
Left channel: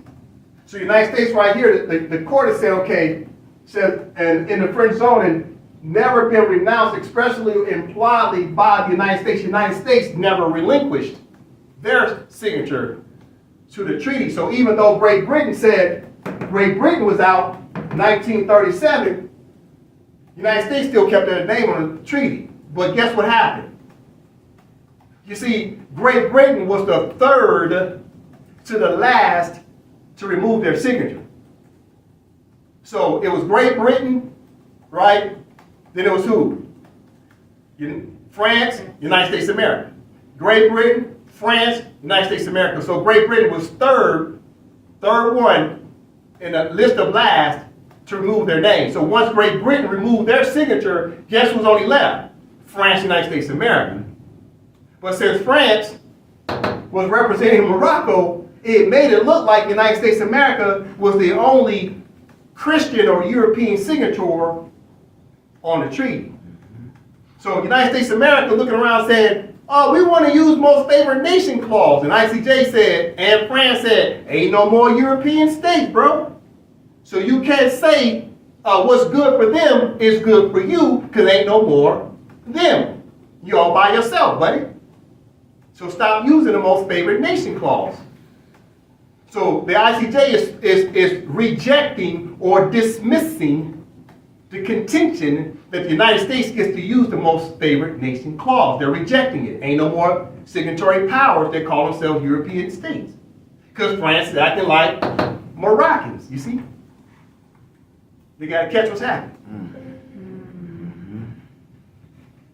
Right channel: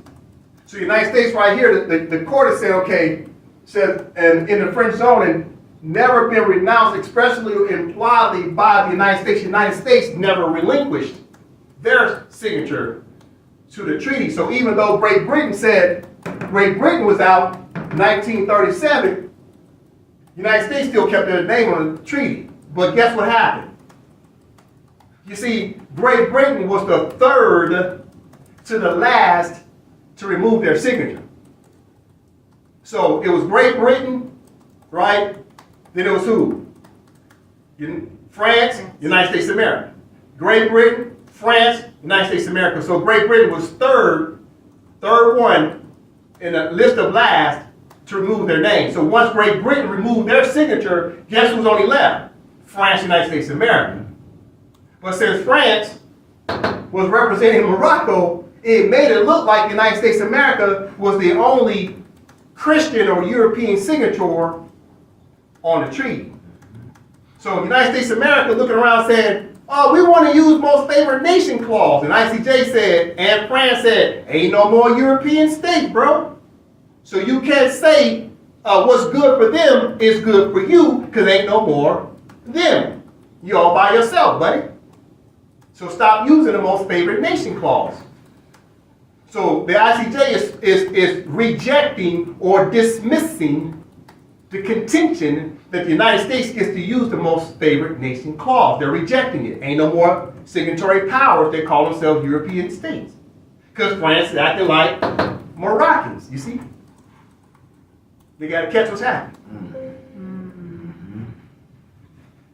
So the United States right here, the court has said, okay, said, and in the French zone, and never been renounced expressly or impliedly by the United States. The United States never relinquished their signature to the treaty. So even though Great Britain said Great Britain was out 1937, the United States still kept their name on the treaty. But guess what happened? You see, Great Britain was the third to the last to remove their signature. So it was Great Britain, right? Then it was who? France, United States of America. Great Britain, France, United States of America. So Great Britain was third one in the list of last to remove their name. So once Great Britain removed their signature, guess who's only left? France, United States of America. But since France was representing Morocco, it made it look like the United States of America was the only Christian or European signature on the treaty. So the United States of America looking around said, oh, we want to use most favored nation clause. And ICJ said, and France said, ain't no more European states, bro. So you can't say what's good for them is good for you because ain't no more them. You all by yourself, buddy. So stop using the most favored nation clause. So the ICJ is rejecting or dismissing the contention that the United States gets to use the most favored nation clause. They're rejecting it. Ain't no more signatory powers. They call themselves European states. Because France is acting like Moroccans, you see? They got to catch what's happening.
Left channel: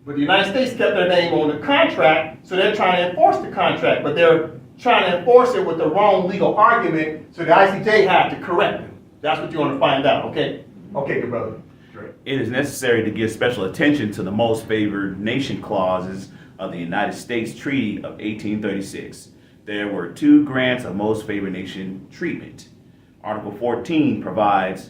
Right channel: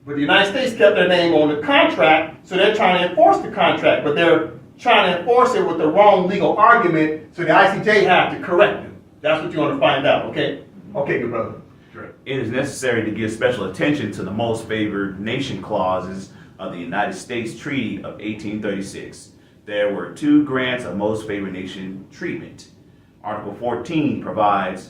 But the United States kept their name on the contract, so they're trying to enforce the contract, but they're trying to enforce it with the wrong legal argument, so the ICJ had to correct them. That's what you want to find out, okay? Okay, good brother. Great. It is necessary to give special attention to the most favored nation clauses of the United States Treaty of 1836. There were two grants of most favored nation treatment. Article 14 provides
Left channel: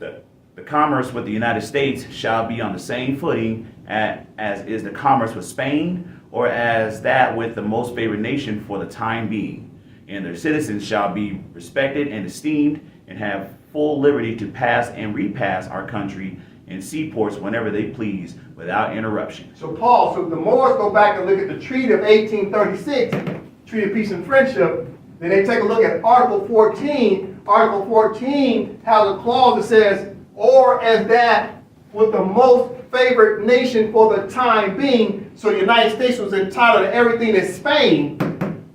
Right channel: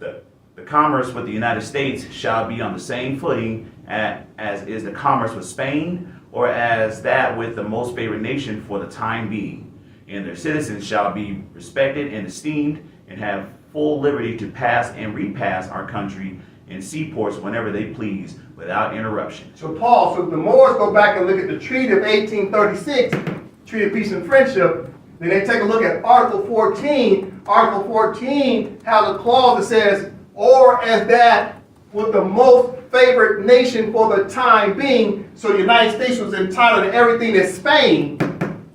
that the commerce with the United States shall be on the same footing as is the commerce with Spain, or as that with the most favored nation for the time being. And their citizens shall be respected and esteemed and have full liberty to pass and repass our country in seaports whenever they please without interruption. So Paul, so if the Moors go back and look at the Treaty of 1836, Treaty of Peace and Friendship, then they take a look at Article 14. Article 14 has a clause that says, or as that with the most favored nation for the time being, so the United States was entitled to everything that Spain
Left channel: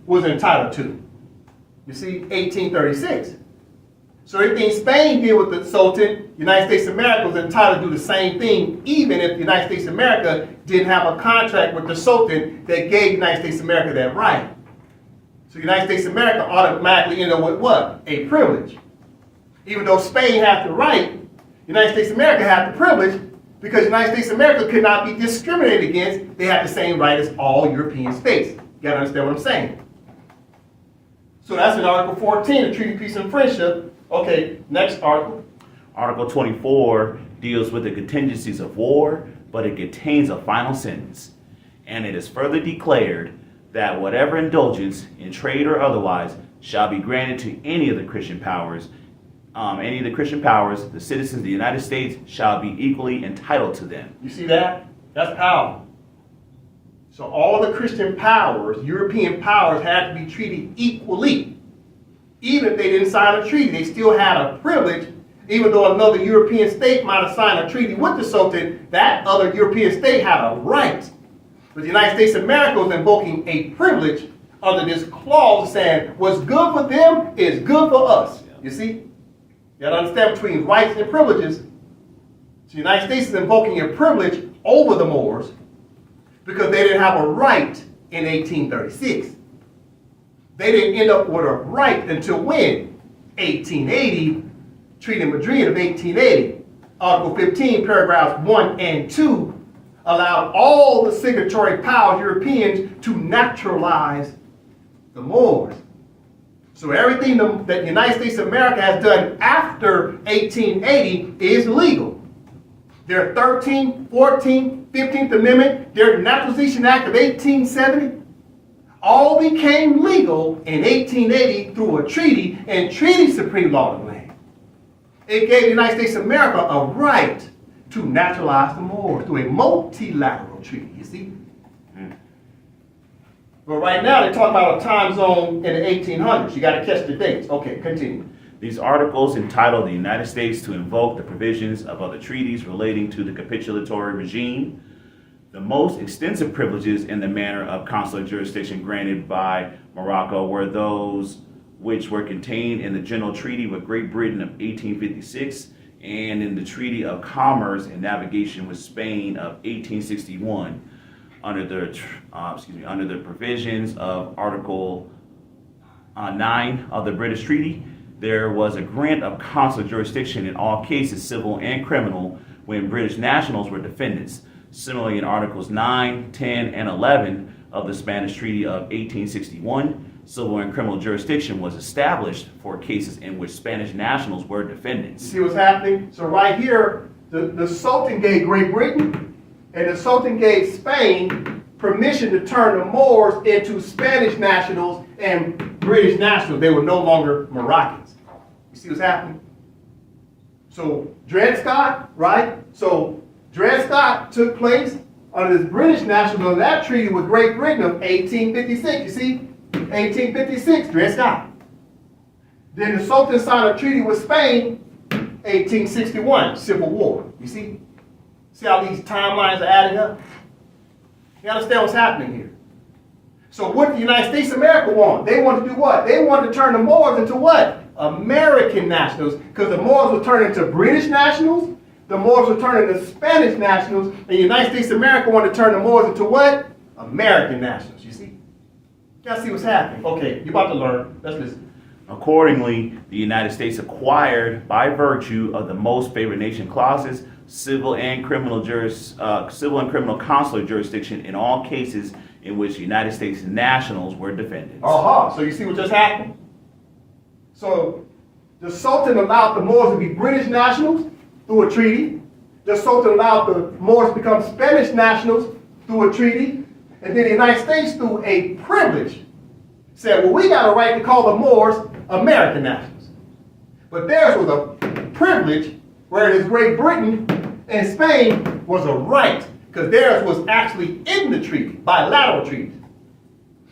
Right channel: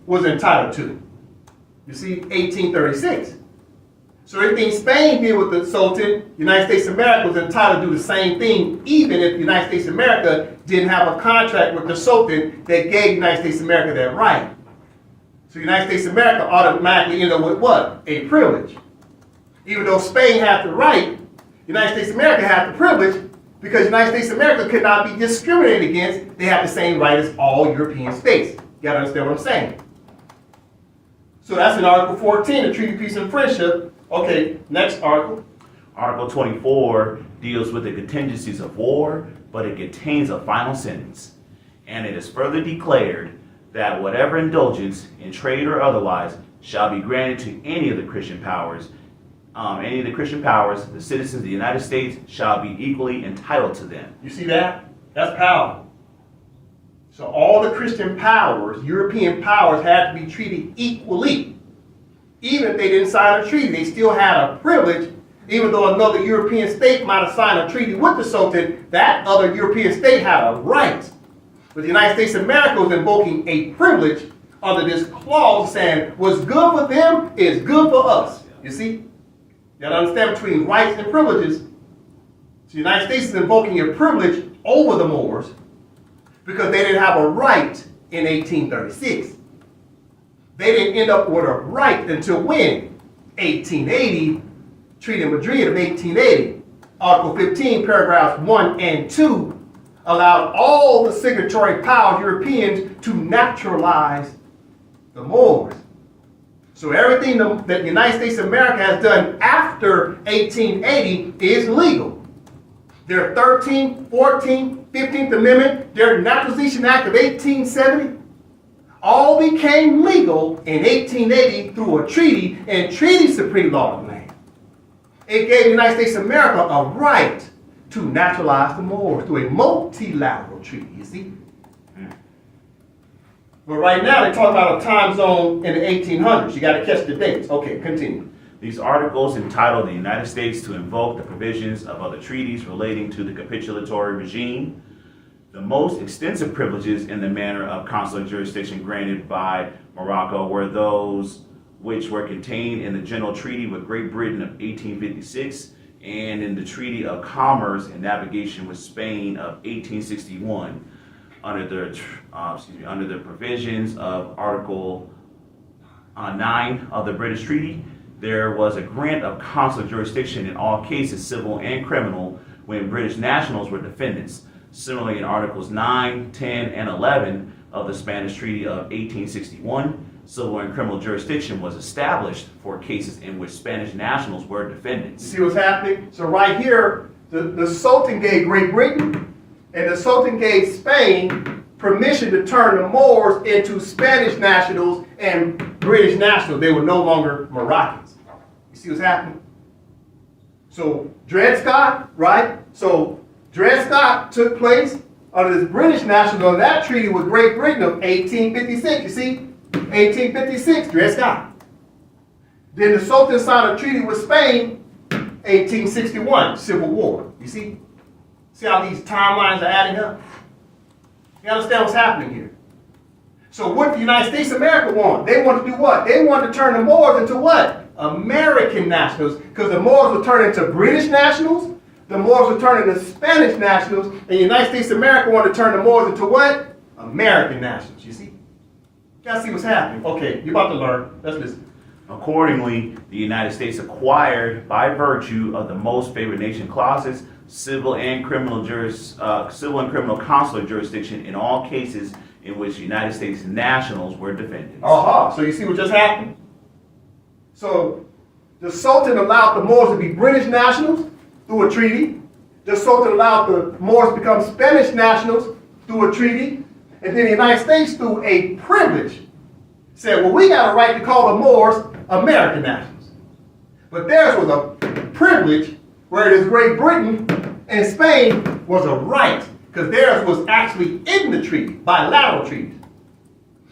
was entitled to. You see, 1836. So everything Spain did with the Sultan, United States of America was entitled to do the same thing, even if the United States of America didn't have a contract with the Sultan that gave United States of America that right. So United States of America automatically ended up with what? A privilege. Even though Spain had the right, United States of America had the privilege because United States of America could not be discriminated against. They had the same right as all European states. You gotta understand what I'm saying. So that's in Article 14, the Treaty of Peace and Friendship. Okay, next article. Article 24 deals with the contingencies of war, but it contains a final sentence. And it is further declared that whatever indulgence, in trade or otherwise, shall be granted to any of the Christian powers, the citizens of the United States shall be equally entitled to them. You see that? That's powerful. So all the Christian powers, European powers, had to be treated equally. Even if they didn't sign a treaty, they still had a privilege. Even though another European state might have signed a treaty with the Sultan, that other European state had a right. But the United States of America was invoking a privilege under this clause saying what's good for them is good for us. You see? You gotta understand between rights and privileges. So the United States is invoking a privilege over the Moors because they didn't have a right in 1836. They didn't end up with a right until when? 1880, Treaty of Madrid of 1880. Article 15, paragraphs 1 and 2 allowed all the signatory powers, Europeans, to naturalize the Moors. So everything that the United States of America has done after 1880 is legal. Their 13th, 14th, 15th Amendment, their Naturalization Act of 1870, all became legal in 1880 through a treaty, and treaty supreme law of the land. It gave the United States of America a right to naturalize the Moors through a multilateral treaty, you see? But right now, they're talking about a time zone in the 1800s. You got to catch the dates. Okay, continue. These articles entitle the United States to invoke the provisions of other treaties relating to the capitulatory regime. The most extensive privileges in the manner of consular jurisdiction granted by Morocco were those which were contained in the General Treaty with Great Britain of 1856 and in the Treaty of Commerce and Navigation with Spain of 1861. Under the provisions of Article 9 of the British Treaty, there was a grant of consular jurisdiction in all cases, civil and criminal, when British nationals were defendants. Similarly, in Articles 9, 10, and 11 of the Spanish Treaty of 1861, civil and criminal jurisdiction was established for cases in which Spanish nationals were defendants. You see what's happening? So right here, the Sultan gave Great Britain and the Sultan gave Spain permission to turn the Moors into Spanish nationals and British nationals. They were no longer Moroccans. You see what's happening? So Dred Scott, right? So Dred Scott took place under this British national under that treaty with Great Britain of 1856. You see? 1856, Dred Scott. Then the Sultan signed a treaty with Spain, 1861, Civil War. You see? See how these timelines are adding up? You understand what's happening here? So what did the United States of America want? They wanted to do what? They wanted to turn the Moors into what? American nationals. Because the Moors would turn into British nationals. The Moors would turn into Spanish nationals. And the United States of America wanted to turn the Moors into what? American nationals. You see? You gotta see what's happening. Okay, you're about to learn. Let's listen. Accordingly, the United States acquired, by virtue of the most favored nation clauses, civil and criminal consular jurisdiction in all cases in which United States nationals were defendants. So you see what just happened? So the Sultan allowed the Moors to be British nationals through a treaty. The Sultan allowed the Moors to become Spanish nationals through a treaty. And then the United States, through a privilege, said, well, we got a right to call the Moors American nationals. But theirs was a privilege, whereas Great Britain and Spain was a right, because theirs was actually in the treaty, bilateral treaties.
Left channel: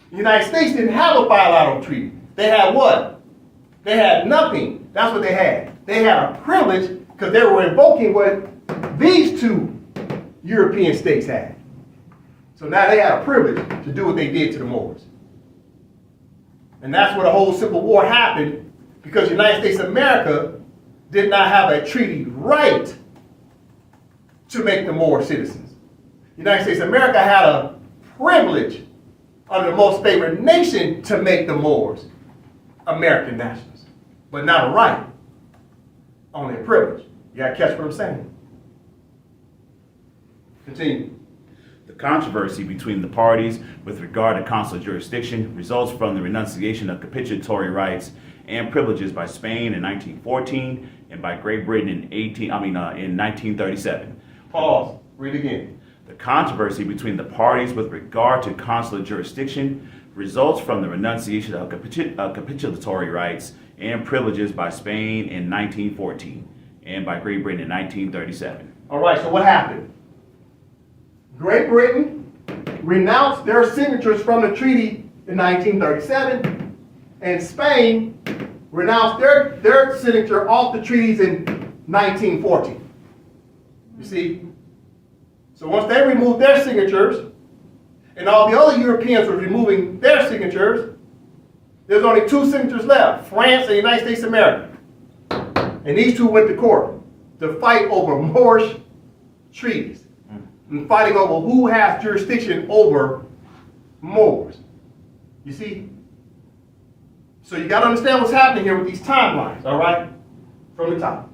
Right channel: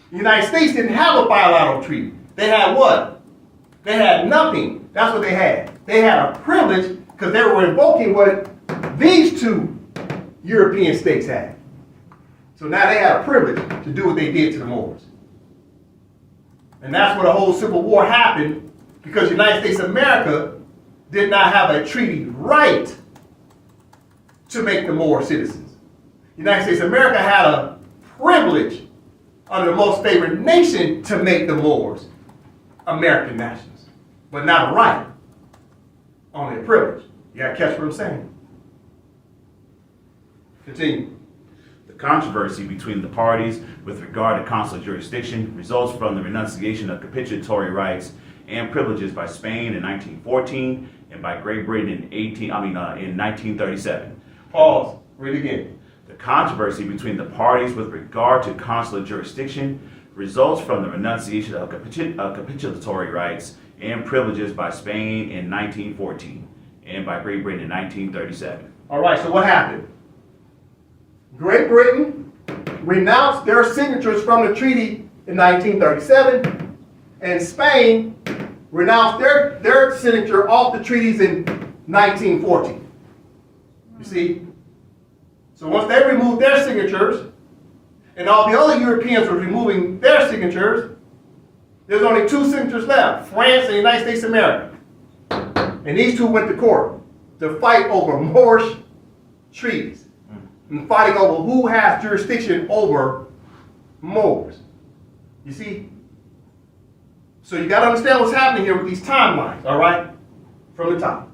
The United States didn't have a bilateral treaty. They had what? They had nothing. That's what they had. They had a privilege because they were invoking what these two European states had. So now they had a privilege to do what they did to the Moors. And that's where the whole Civil War happened, because the United States of America did not have a treaty right to make the Moors citizens. The United States of America had a privilege under the most favored nation to make the Moors American nationals, but not a right, only a privilege. You gotta catch what I'm saying. Continue. The controversy between the parties with regard to consular jurisdiction results from the renunciation of capitulatory rights and privileges by Spain in 1914 and by Great Britain in 1937. Pause. Read again. The controversy between the parties with regard to consular jurisdiction results from the renunciation of capitulatory rights and privileges by Spain in 1914 and by Great Britain in 1937. All right, so what happened? Great Britain renounced their signatures from the treaty in 1937, and Spain renounced their signature off the treaties in 1914. You see? So once they removed their signatures, and all the other Europeans were removing their signatures, there's only two signatures left, France and the United States of America. And these two went to court to fight over Moorish treaties and fighting over who has jurisdiction over Moors. You see? So you got to understand what's happening here with these timelines, all right? From the top.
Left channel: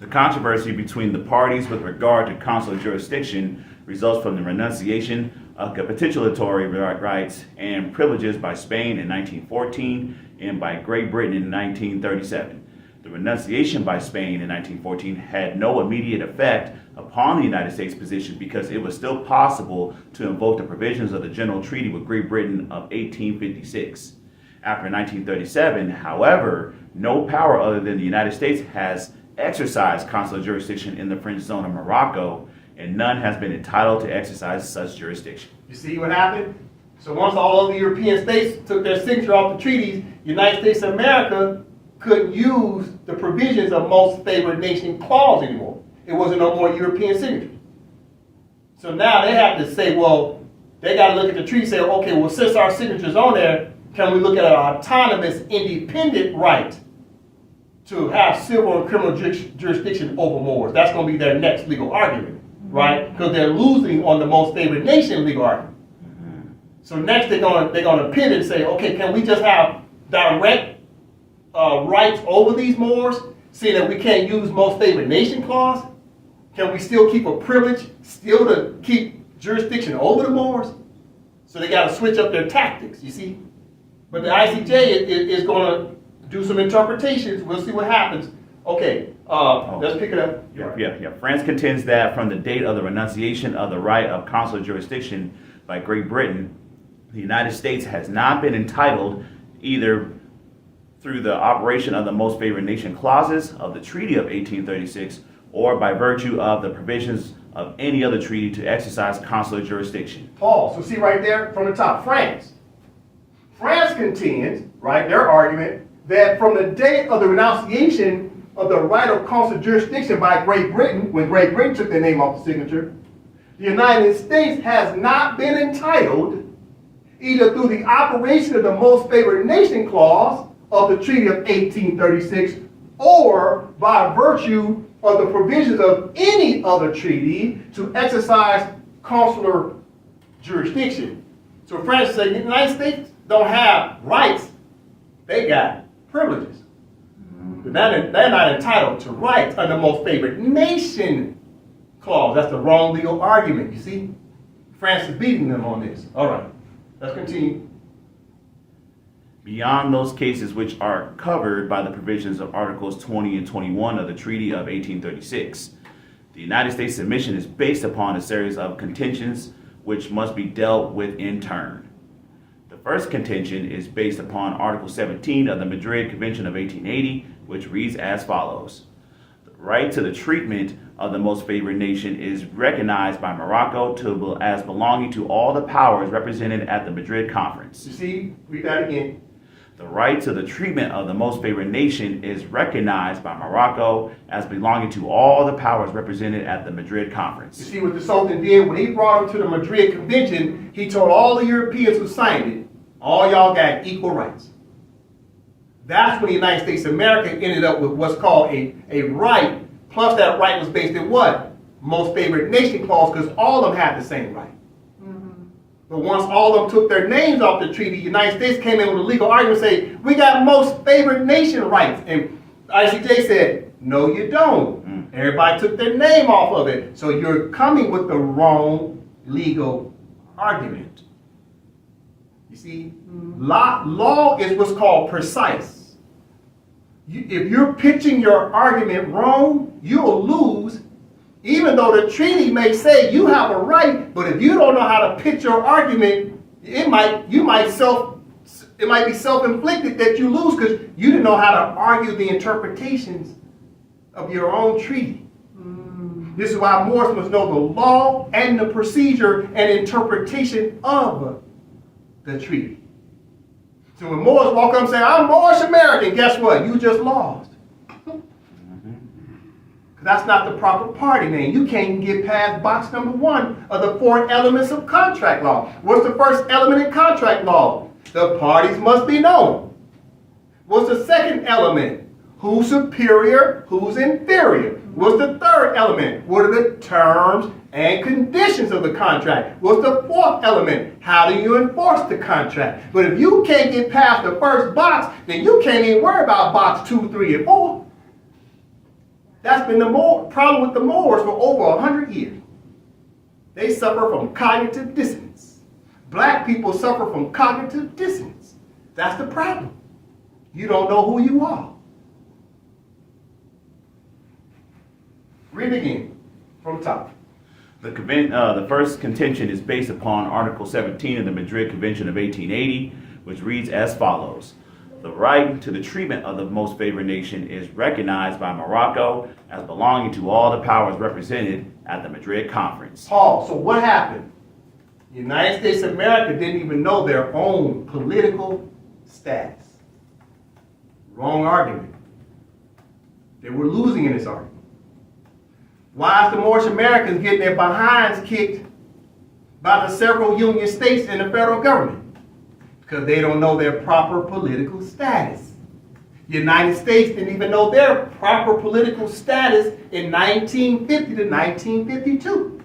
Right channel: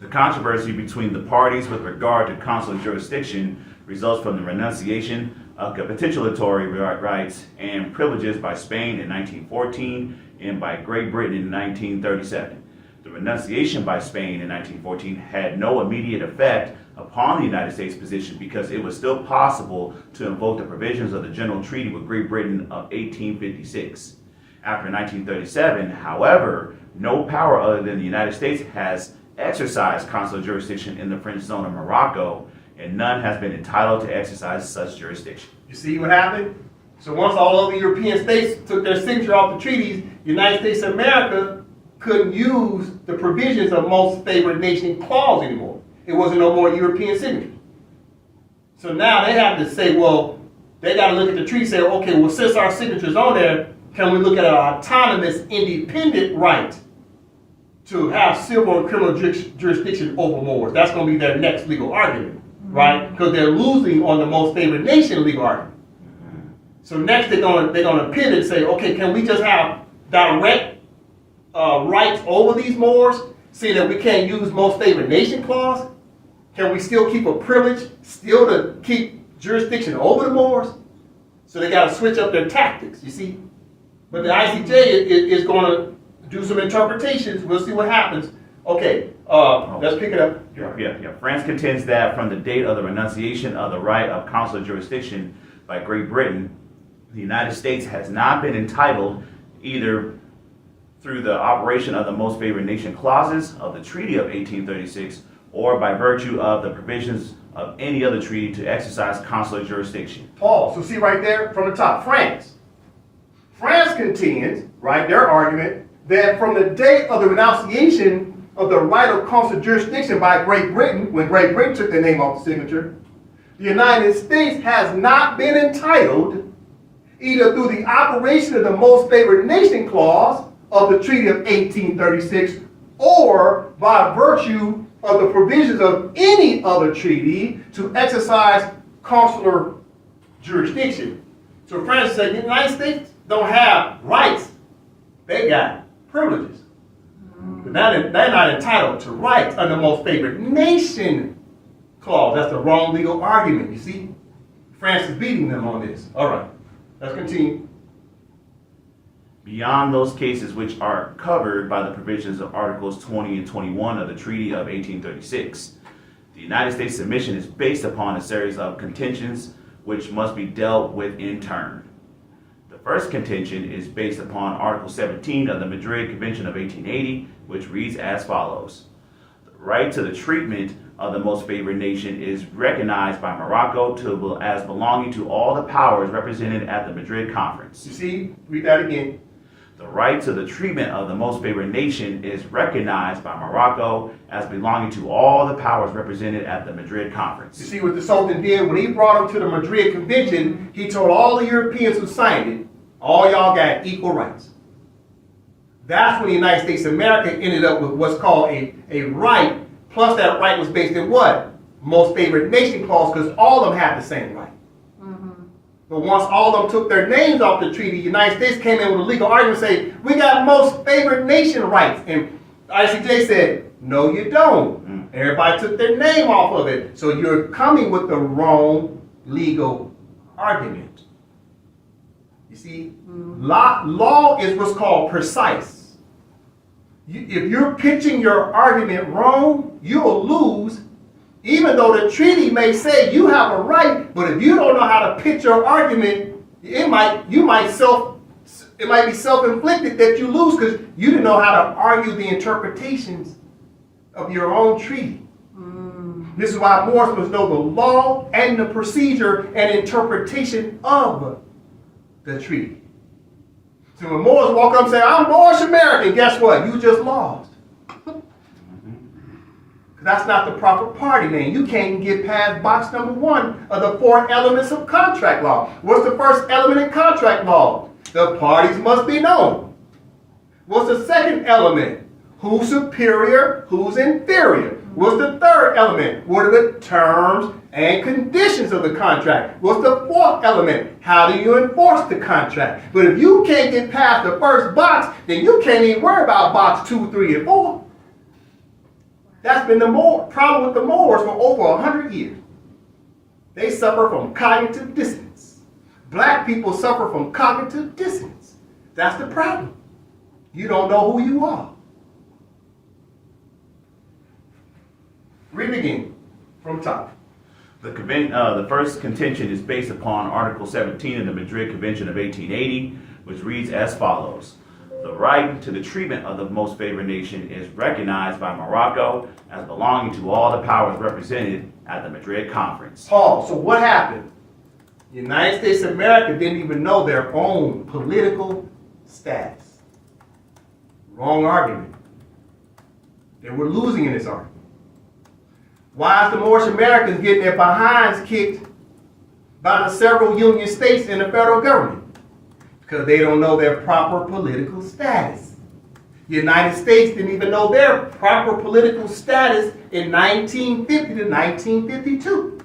The controversy between the parties with regard to consular jurisdiction results from the renunciation of capitulatory rights and privileges by Spain in 1914 and by Great Britain in 1937. The renunciation by Spain in 1914 had no immediate effect upon the United States position because it was still possible to invoke the provisions of the General Treaty with Great Britain of 1856. After 1937, however, no power other than the United States has exercised consular jurisdiction in the French zone of Morocco, and none has been entitled to exercise such jurisdiction. You see what happened? So once all of the European states took their signature off the treaties, the United States of America couldn't use the provisions of most favored nation clause anymore. It wasn't no more European signature. So now they have to say, well, they got to look at the treaty and say, okay, well, since our signature's on there, can we look at an autonomous, independent right to have civil and criminal jurisdiction over Moors? That's going to be their next legal argument, right? Because they're losing on the most favored nation legal argument. So next they're going to pivot and say, okay, can we just have direct rights over these Moors, seeing that we can't use most favored nation clause? Can we still keep a privilege, still to keep jurisdiction over the Moors? So they got to switch up their tactics, you see? But the ICJ is going to do some interpretations. We'll see what happens. Okay, let's pick it up. Yeah. France contends that from the date of the renunciation of the right of consular jurisdiction by Great Britain, the United States has not been entitled either through the operation of the most favored nation clauses of the Treaty of 1836 or by virtue of the provisions of any other treaty to exercise consular jurisdiction. Paul, so see right there from the top, France. France contends, right, their argument, that from the date of the renunciation of the right of consular jurisdiction by Great Britain, when Great Britain took their name off the signature, the United States has not been entitled either through the operation of the most favored nation clause of the Treaty of 1836 or by virtue of the provisions of any other treaty to exercise consular jurisdiction. So France said the United States don't have rights, they got privileges. But now they're not entitled to rights under the most favored nation clause. That's the wrong legal argument, you see? France is beating them on this. All right, let's continue. Beyond those cases which are covered by the provisions of Articles 20 and 21 of the Treaty of 1836, the United States submission is based upon a series of contentions which must be dealt with in turn. The first contention is based upon Article 17 of the Madrid Convention of 1880, which reads as follows. The right to the treatment of the most favored nation is recognized by Morocco as belonging to all the powers represented at the Madrid Conference. You see, read that again. The right to the treatment of the most favored nation is recognized by Morocco as belonging to all the powers represented at the Madrid Conference. You see what the Sultan did when he brought them to the Madrid Convention, he told all the Europeans who signed it, all y'all got equal rights. That's when the United States of America ended up with what's called a right, plus that right was based in what? Most favored nation clause, because all of them had the same right. But once all of them took their names off the treaty, the United States came in with a legal argument saying, we got most favored nation rights. And ICJ said, no, you don't. Everybody took their name off of it. So you're coming with the wrong legal argument. You see, law is what's called precise. If you're pitching your argument wrong, you'll lose. Even though the treaty may say you have a right, but if you don't know how to pitch your argument, it might be self-inflicted that you lose because you didn't know how to argue the interpretations of your own treaty. This is why Moors must know the law and the procedure and interpretation of the treaty. So when Moors walk up and say, I'm Moorish American, guess what? You just lost. That's not the proper party name. You can't even get past box number 1 of the 4 elements of contract law. What's the first element in contract law? The parties must be known. What's the second element? Who's superior, who's inferior? What's the third element? What are the terms and conditions of the contract? What's the fourth element? How do you enforce the contract? But if you can't get past the first box, then you can't even worry about box 2, 3, and 4. That's been the problem with the Moors for over 100 years. They suffer from cognitive dissonance. Black people suffer from cognitive dissonance. That's the problem. You don't know who you are. Read again from the top. The first contention is based upon Article 17 of the Madrid Convention of 1880, which reads as follows. The right to the treatment of the most favored nation is recognized by Morocco as belonging to all the powers represented at the Madrid Conference. Paul, so what happened? The United States of America didn't even know their own political status. Wrong argument. They were losing in this argument. Why is the Moorish Americans getting their behinds kicked by the several union states and the federal government? Because they don't know their proper political status. The United States didn't even know their proper political status in 1950 to 1952.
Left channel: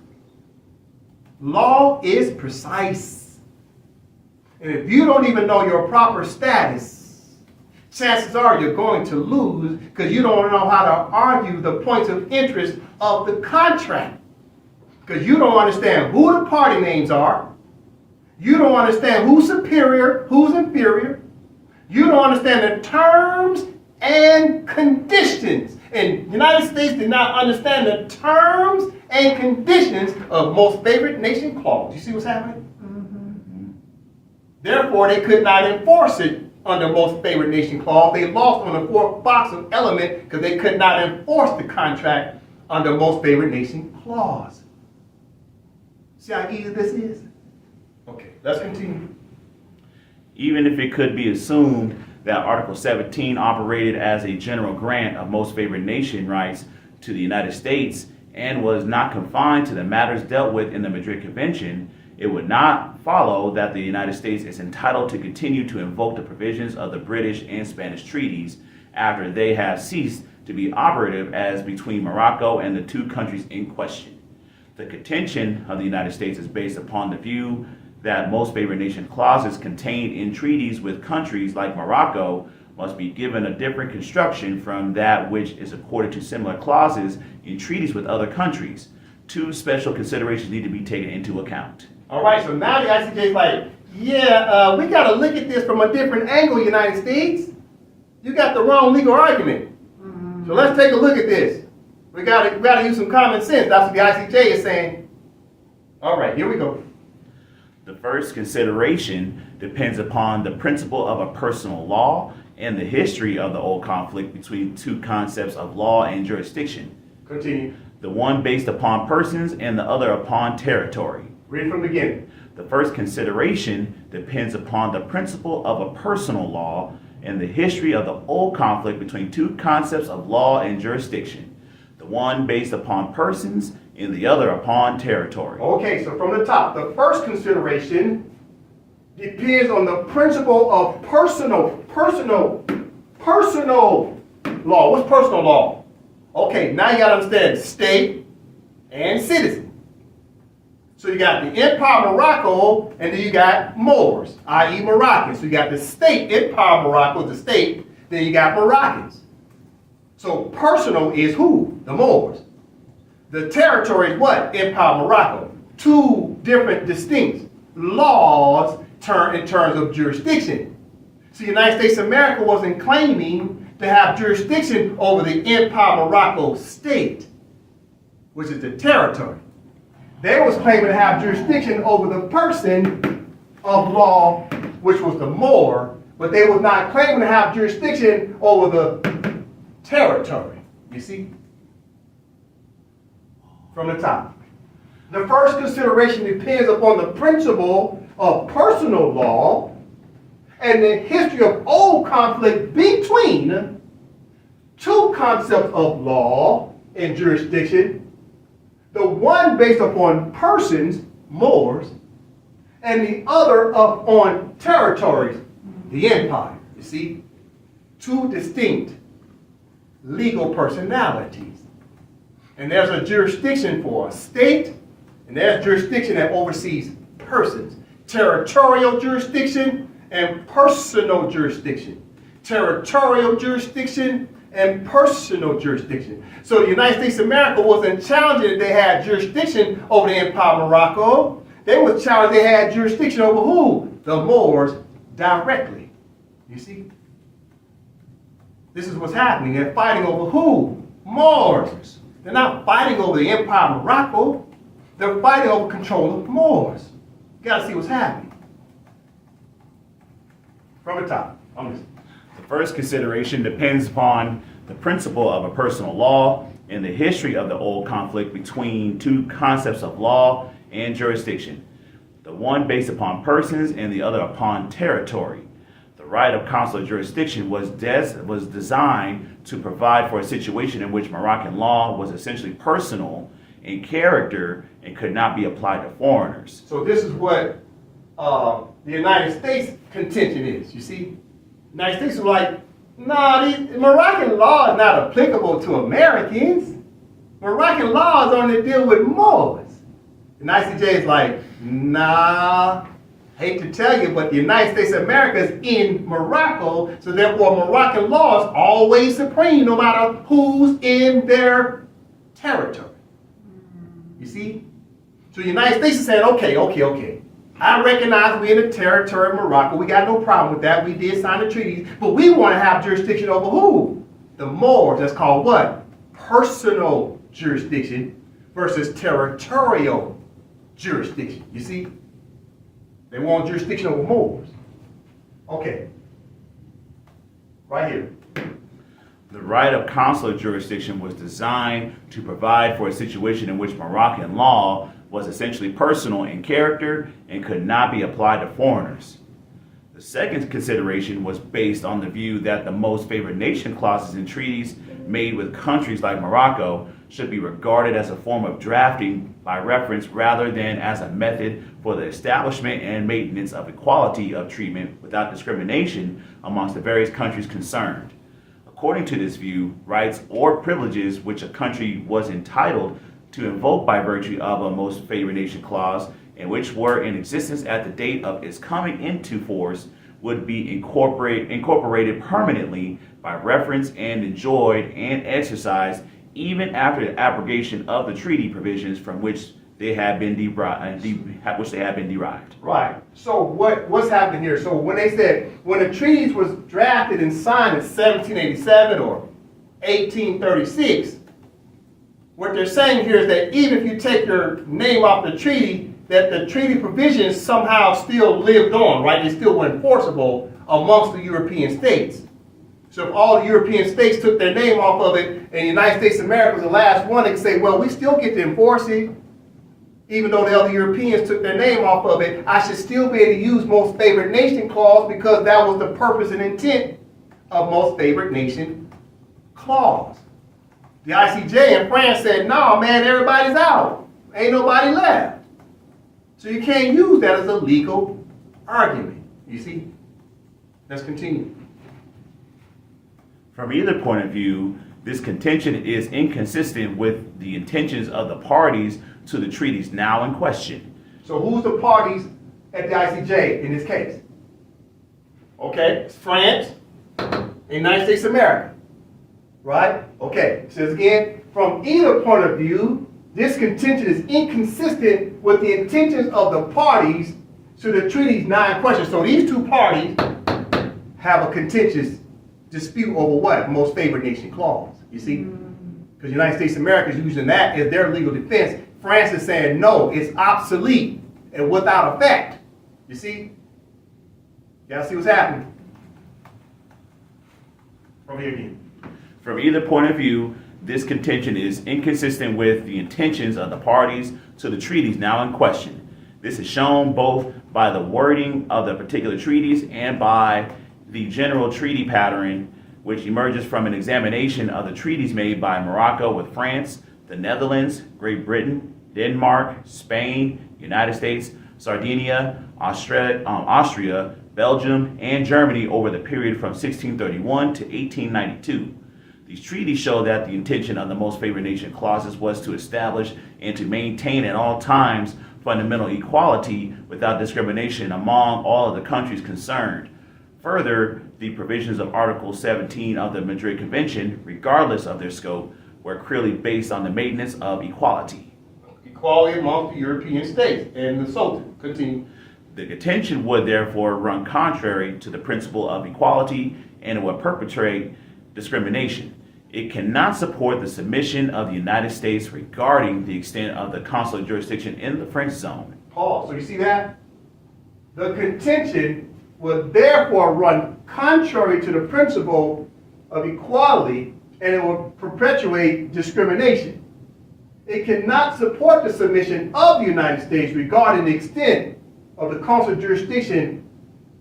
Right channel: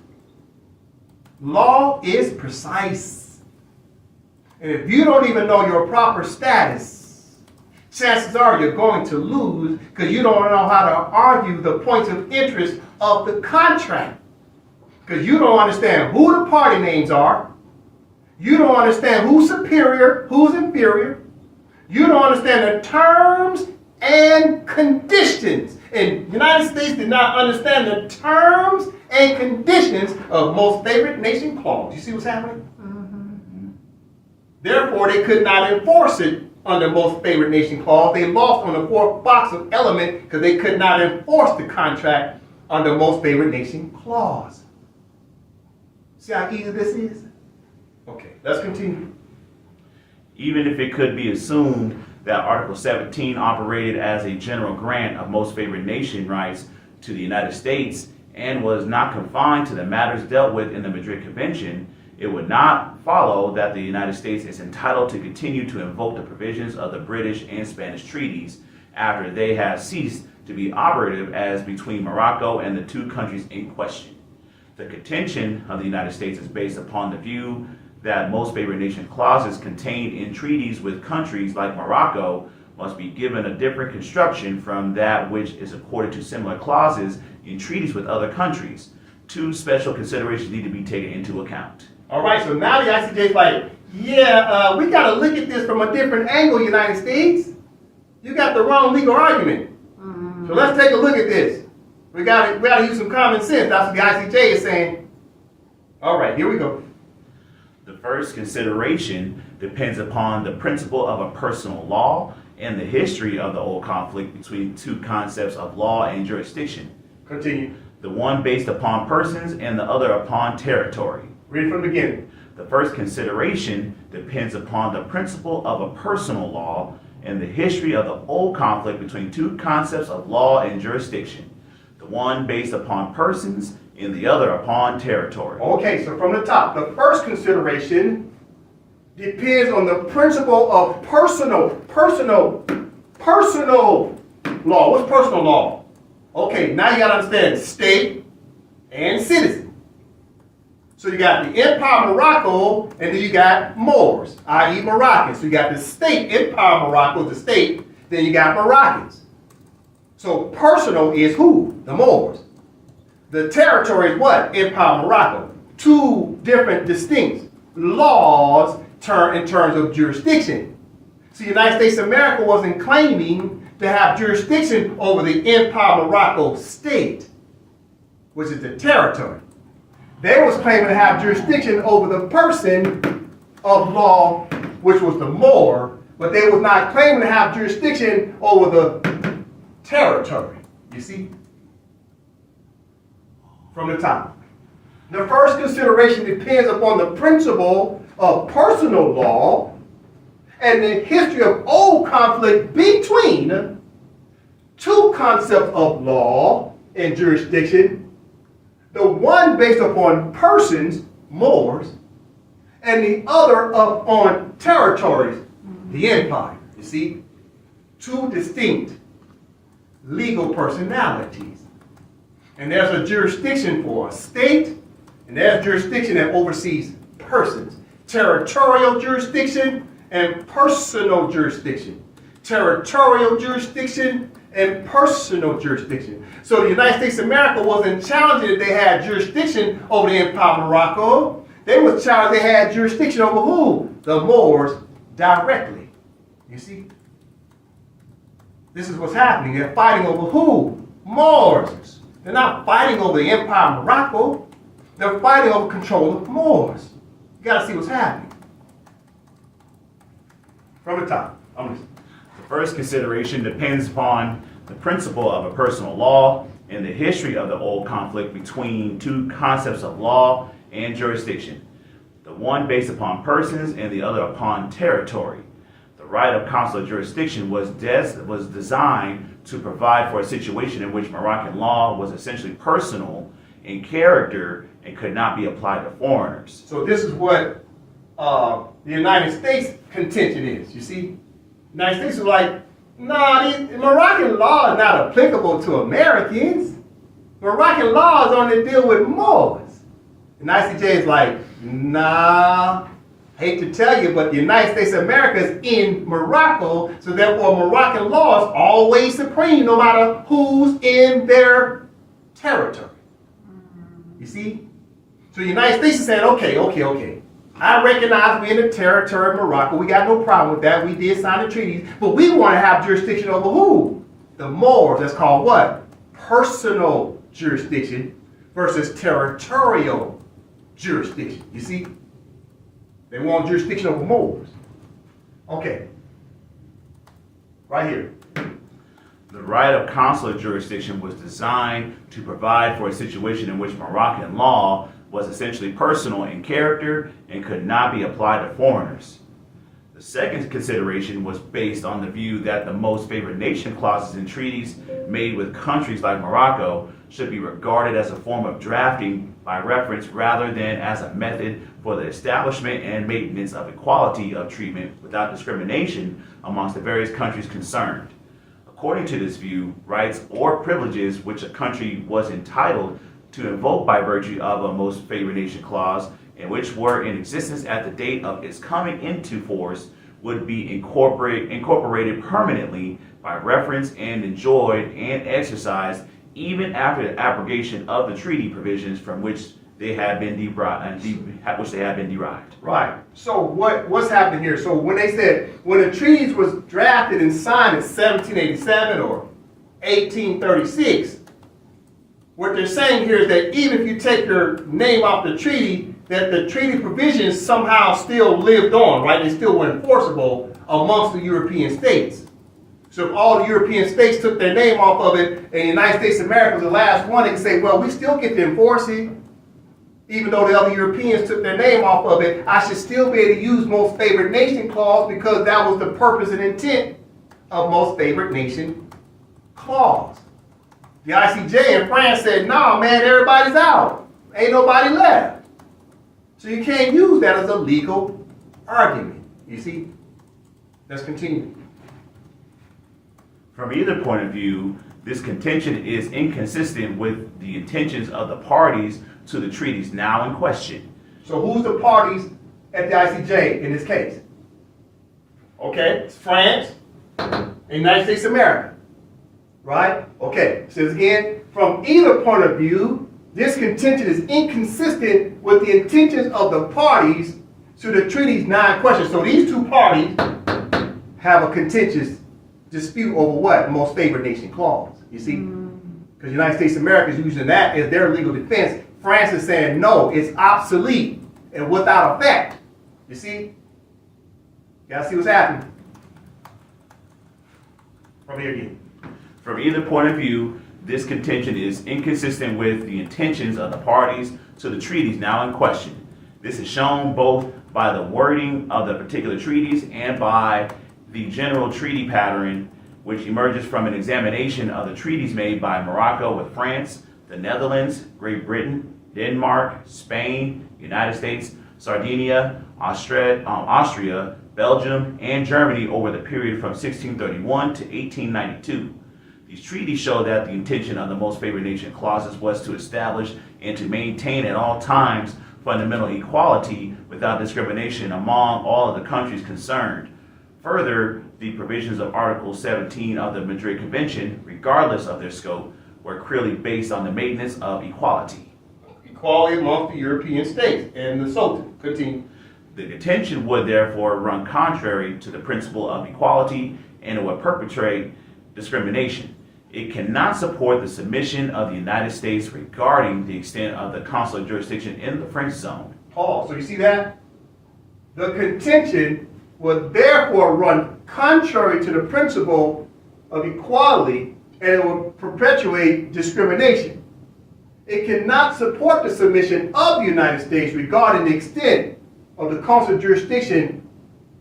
Law is precise. And if you don't even know your proper status, chances are you're going to lose because you don't know how to argue the points of interest of the contract. Because you don't understand who the party names are. You don't understand who's superior, who's inferior. You don't understand the terms and conditions. And the United States did not understand the terms and conditions of most favored nation clause. You see what's happening? Therefore, they could not enforce it under most favored nation clause. They lost on the 4th box of element because they could not enforce the contract under most favored nation clause. See how easy this is? Okay, let's continue. Even if it could be assumed that Article 17 operated as a general grant of most favored nation rights to the United States and was not confined to the matters dealt with in the Madrid Convention, it would not follow that the United States is entitled to continue to invoke the provisions of the British and Spanish treaties after they have ceased to be operative as between Morocco and the 2 countries in question. The contention of the United States is based upon the view that most favored nation clauses contained in treaties with countries like Morocco must be given a different construction from that which is accorded to similar clauses in treaties with other countries. 2 special considerations need to be taken into account. All right, so now the ICJ is like, we got to look at this from a different angle, United States. You got the wrong legal argument. So let's take a look at this. We got to use some common sense. That's what the ICJ is saying. All right, here we go. The first consideration depends upon the principle of a personal law and the history of the old conflict between 2 concepts of law and jurisdiction. Continue. The one based upon persons and the other upon territory. Read from the beginning. The first consideration depends upon the principle of a personal law and the history of the old conflict between 2 concepts of law and jurisdiction. The one based upon persons and the other upon territory. Okay, so from the top, the first consideration depends on the principle of personal personal law. What's personal law? Okay, now you got to understand state and citizen. So you got the Empire of Morocco, and then you got Moors, i.e. Moroccans. So you got the state, Empire of Morocco, the state, then you got Moroccans. So personal is who? The Moors. The territory is what? Empire of Morocco. Two different distinct laws in terms of jurisdiction. So the United States of America wasn't claiming to have jurisdiction over the Empire of Morocco state, which is the territory. They was claiming to have jurisdiction over the person of law, which was the Moor, but they was not claiming to have jurisdiction over the territory. You see? From the top. The first consideration depends upon the principle of personal law and the history of old conflict between two concepts of law and jurisdiction. The one based upon persons, Moors, and the other upon territories, the empire. You see? Two distinct legal personalities. And there's a jurisdiction for a state, and there's jurisdiction that oversees persons. Territorial jurisdiction and personal jurisdiction. Territorial jurisdiction and personal jurisdiction. So the United States of America wasn't challenging that they had jurisdiction over the Empire of Morocco. They was challenging they had jurisdiction over who? The Moors directly. You see? This is what's happening. They're fighting over who? Moors. They're not fighting over the Empire of Morocco. They're fighting over control of Moors. You got to see what's happening. From the top. The first consideration depends upon the principle of a personal law and the history of the old conflict between two concepts of law and jurisdiction, the one based upon persons and the other upon territory. The right of consular jurisdiction was designed to provide for a situation in which Moroccan law was essentially personal in character and could not be applied to foreigners. So this is what the United States contention is, you see? The United States is like, nah, Moroccan law is not applicable to Americans. Moroccan laws only deal with Moors. And ICJ is like, nah, hate to tell you, but the United States of America is in Morocco, so therefore Moroccan law is always supreme no matter who's in their territory. You see? So the United States is saying, okay. I recognize we're in the territory of Morocco. We got no problem with that. We did sign the treaties, but we want to have jurisdiction over who? The Moors. That's called what? Personal jurisdiction versus territorial jurisdiction. You see? They want jurisdiction over Moors. Okay. Right here. The right of consular jurisdiction was designed to provide for a situation in which Moroccan law was essentially personal in character and could not be applied to foreigners. The second consideration was based on the view that the most favored nation clauses in treaties made with countries like Morocco should be regarded as a form of drafting by reference rather than as a method for the establishment and maintenance of equality of treatment without discrimination amongst the various countries concerned. According to this view, rights or privileges which a country was entitled to invoke by virtue of a most favored nation clause and which were in existence at the date of its coming into force would be incorporated permanently by reference and enjoyed and exercised even after the abrogation of the treaty provisions from which they had been derived. Right. So what's happening here? So when they said when the treaties was drafted and signed in 1787 or 1836, what they're saying here is that even if you take your name off the treaty, that the treaty provisions somehow still lived on, right? They still were enforceable amongst the European states. So if all the European states took their name off of it and the United States of America was the last one, they could say, well, we still get to enforce it. Even though the other Europeans took their name off of it, I should still be able to use most favored nation clause because that was the purpose and intent of most favored nation clause. The ICJ in France said, no, man, everybody's out. Ain't nobody left. So you can't use that as a legal argument. You see? Let's continue. From either point of view, this contention is inconsistent with the intentions of the parties to the treaties now in question. So who's the parties at the ICJ in this case? Okay, it's France and United States of America. Right? Okay, it says again, from either point of view, this contention is inconsistent with the intentions of the parties to the treaties now in question. So these two parties have a contentious dispute over what? Most favored nation clause. You see? Because the United States of America is using that as their legal defense. France is saying, no, it's obsolete and without effect. You see? You gotta see what's happening. From here again. From either point of view, this contention is inconsistent with the intentions of the parties to the treaties now in question. This is shown both by the wording of the particular treaties and by the general treaty pattern, which emerges from an examination of the treaties made by Morocco with France, the Netherlands, Great Britain, Denmark, Spain, United States, Sardinia, Austria, Belgium, and Germany over the period from 1631 to 1892. These treaties show that the intention of the most favored nation clauses was to establish and to maintain at all times fundamental equality without discrimination among all of the countries concerned. Further, the provisions of Article 17 of the Madrid Convention, regardless of their scope, were clearly based on the maintenance of equality. Equality amongst the European states and the Sultan. Continue. The contention would therefore run contrary to the principle of equality and it would perpetrate discrimination. It cannot support the submission of the United States regarding the extent of the consular jurisdiction in the French zone. Paul, so you see that? The contention would therefore run contrary to the principle of equality and it will perpetuate discrimination. It cannot support the submission of the United States regarding the extent of the consular jurisdiction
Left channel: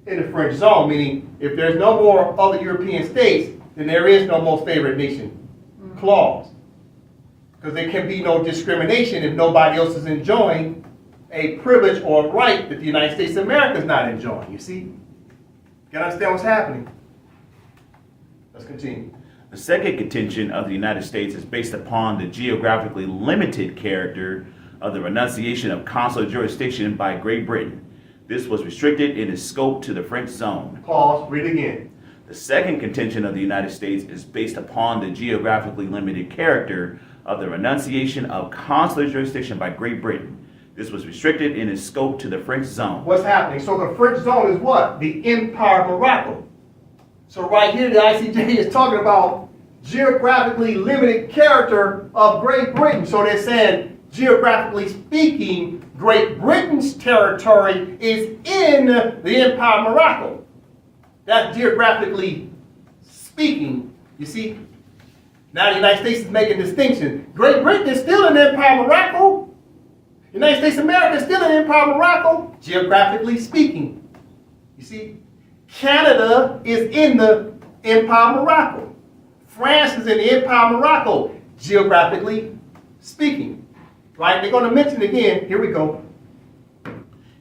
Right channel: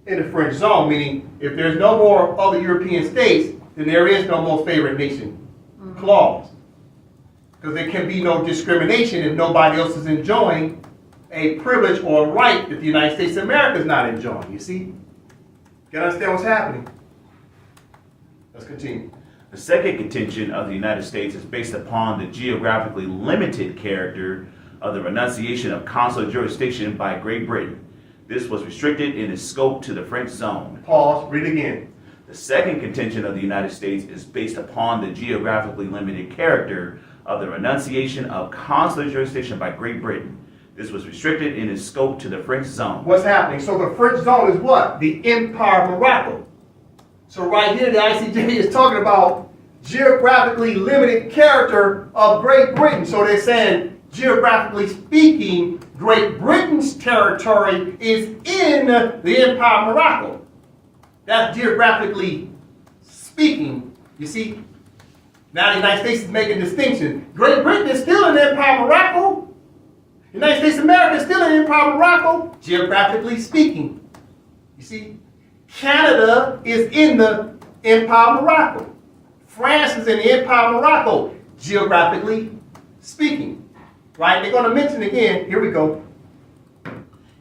in the French zone, meaning if there's no more other European states, then there is no most favored nation clause. Because there can be no discrimination if nobody else is enjoying a privilege or a right that the United States of America is not enjoying. You see? You gotta understand what's happening. Let's continue. The second contention of the United States is based upon the geographically limited character of the renunciation of consular jurisdiction by Great Britain. This was restricted in its scope to the French zone. Pause, read again. The second contention of the United States is based upon the geographically limited character of the renunciation of consular jurisdiction by Great Britain. This was restricted in its scope to the French zone. What's happening? So the French zone is what? The Empire of Morocco. So right here, the ICJ is talking about geographically limited character of Great Britain. So they're saying, geographically speaking, Great Britain's territory is in the Empire of Morocco. That's geographically speaking, you see. Now the United States is making a distinction. Great Britain is still in the Empire of Morocco. The United States of America is still in the Empire of Morocco, geographically speaking. You see, Canada is in the Empire of Morocco. France is in the Empire of Morocco, geographically speaking. Right? They're going to mention again. Here we go.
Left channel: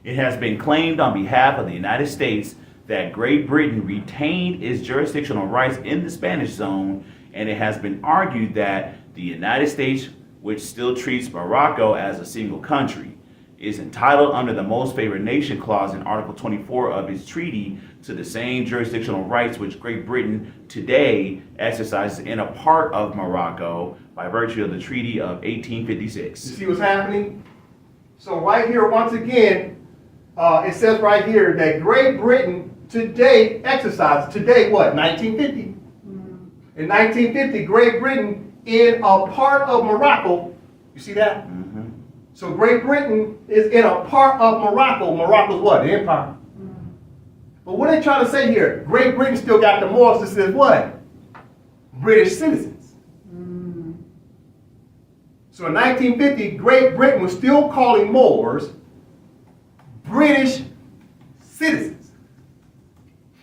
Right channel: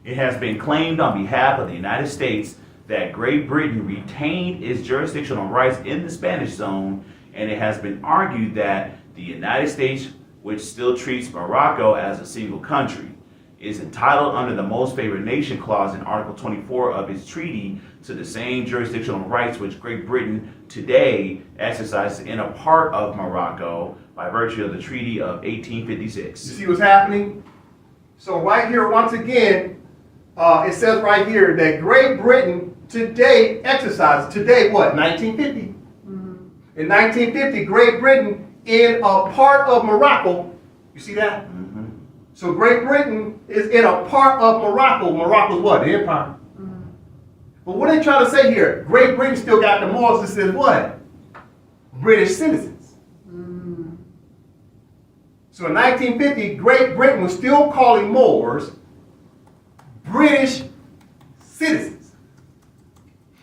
It has been claimed on behalf of the United States that Great Britain retained its jurisdictional rights in the Spanish zone, and it has been argued that the United States, which still treats Morocco as a single country, is entitled under the Most Favored Nation clause in Article 24 of its treaty to the same jurisdictional rights which Great Britain today exercises in a part of Morocco by virtue of the Treaty of 1856. You see what's happening? So right here, once again, it says right here that Great Britain today exercises, today what, 1950? In 1950, Great Britain in a part of Morocco, you see that? So Great Britain is in a part of Morocco. Morocco's what? The empire. But what are they trying to say here? Great Britain still got the morals that says what? British citizens. So in 1950, Great Britain was still calling Moors British citizens.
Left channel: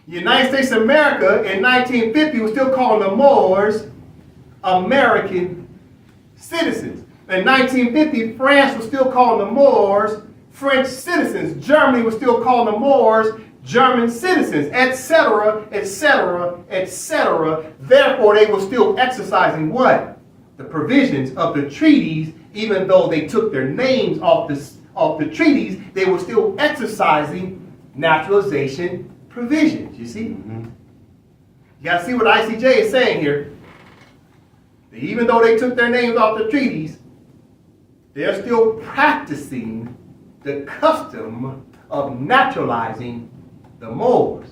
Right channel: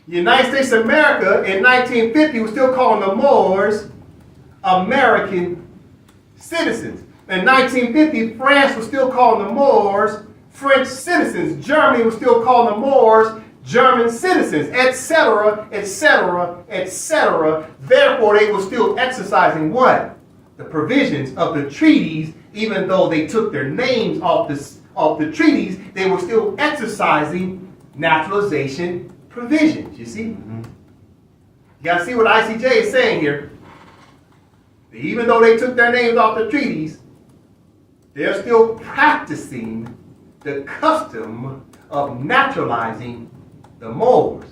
The United States of America in 1950 was still calling the Moors American citizens. In 1950, France was still calling the Moors French citizens. Germany was still calling the Moors German citizens, etc., etc., etc. Therefore, they were still exercising what? The provisions of the treaties, even though they took their names off the treaties, they were still exercising naturalization provisions. You see? You got to see what ICJ is saying here. Even though they took their names off the treaties, they're still practicing the custom of naturalizing the Moors.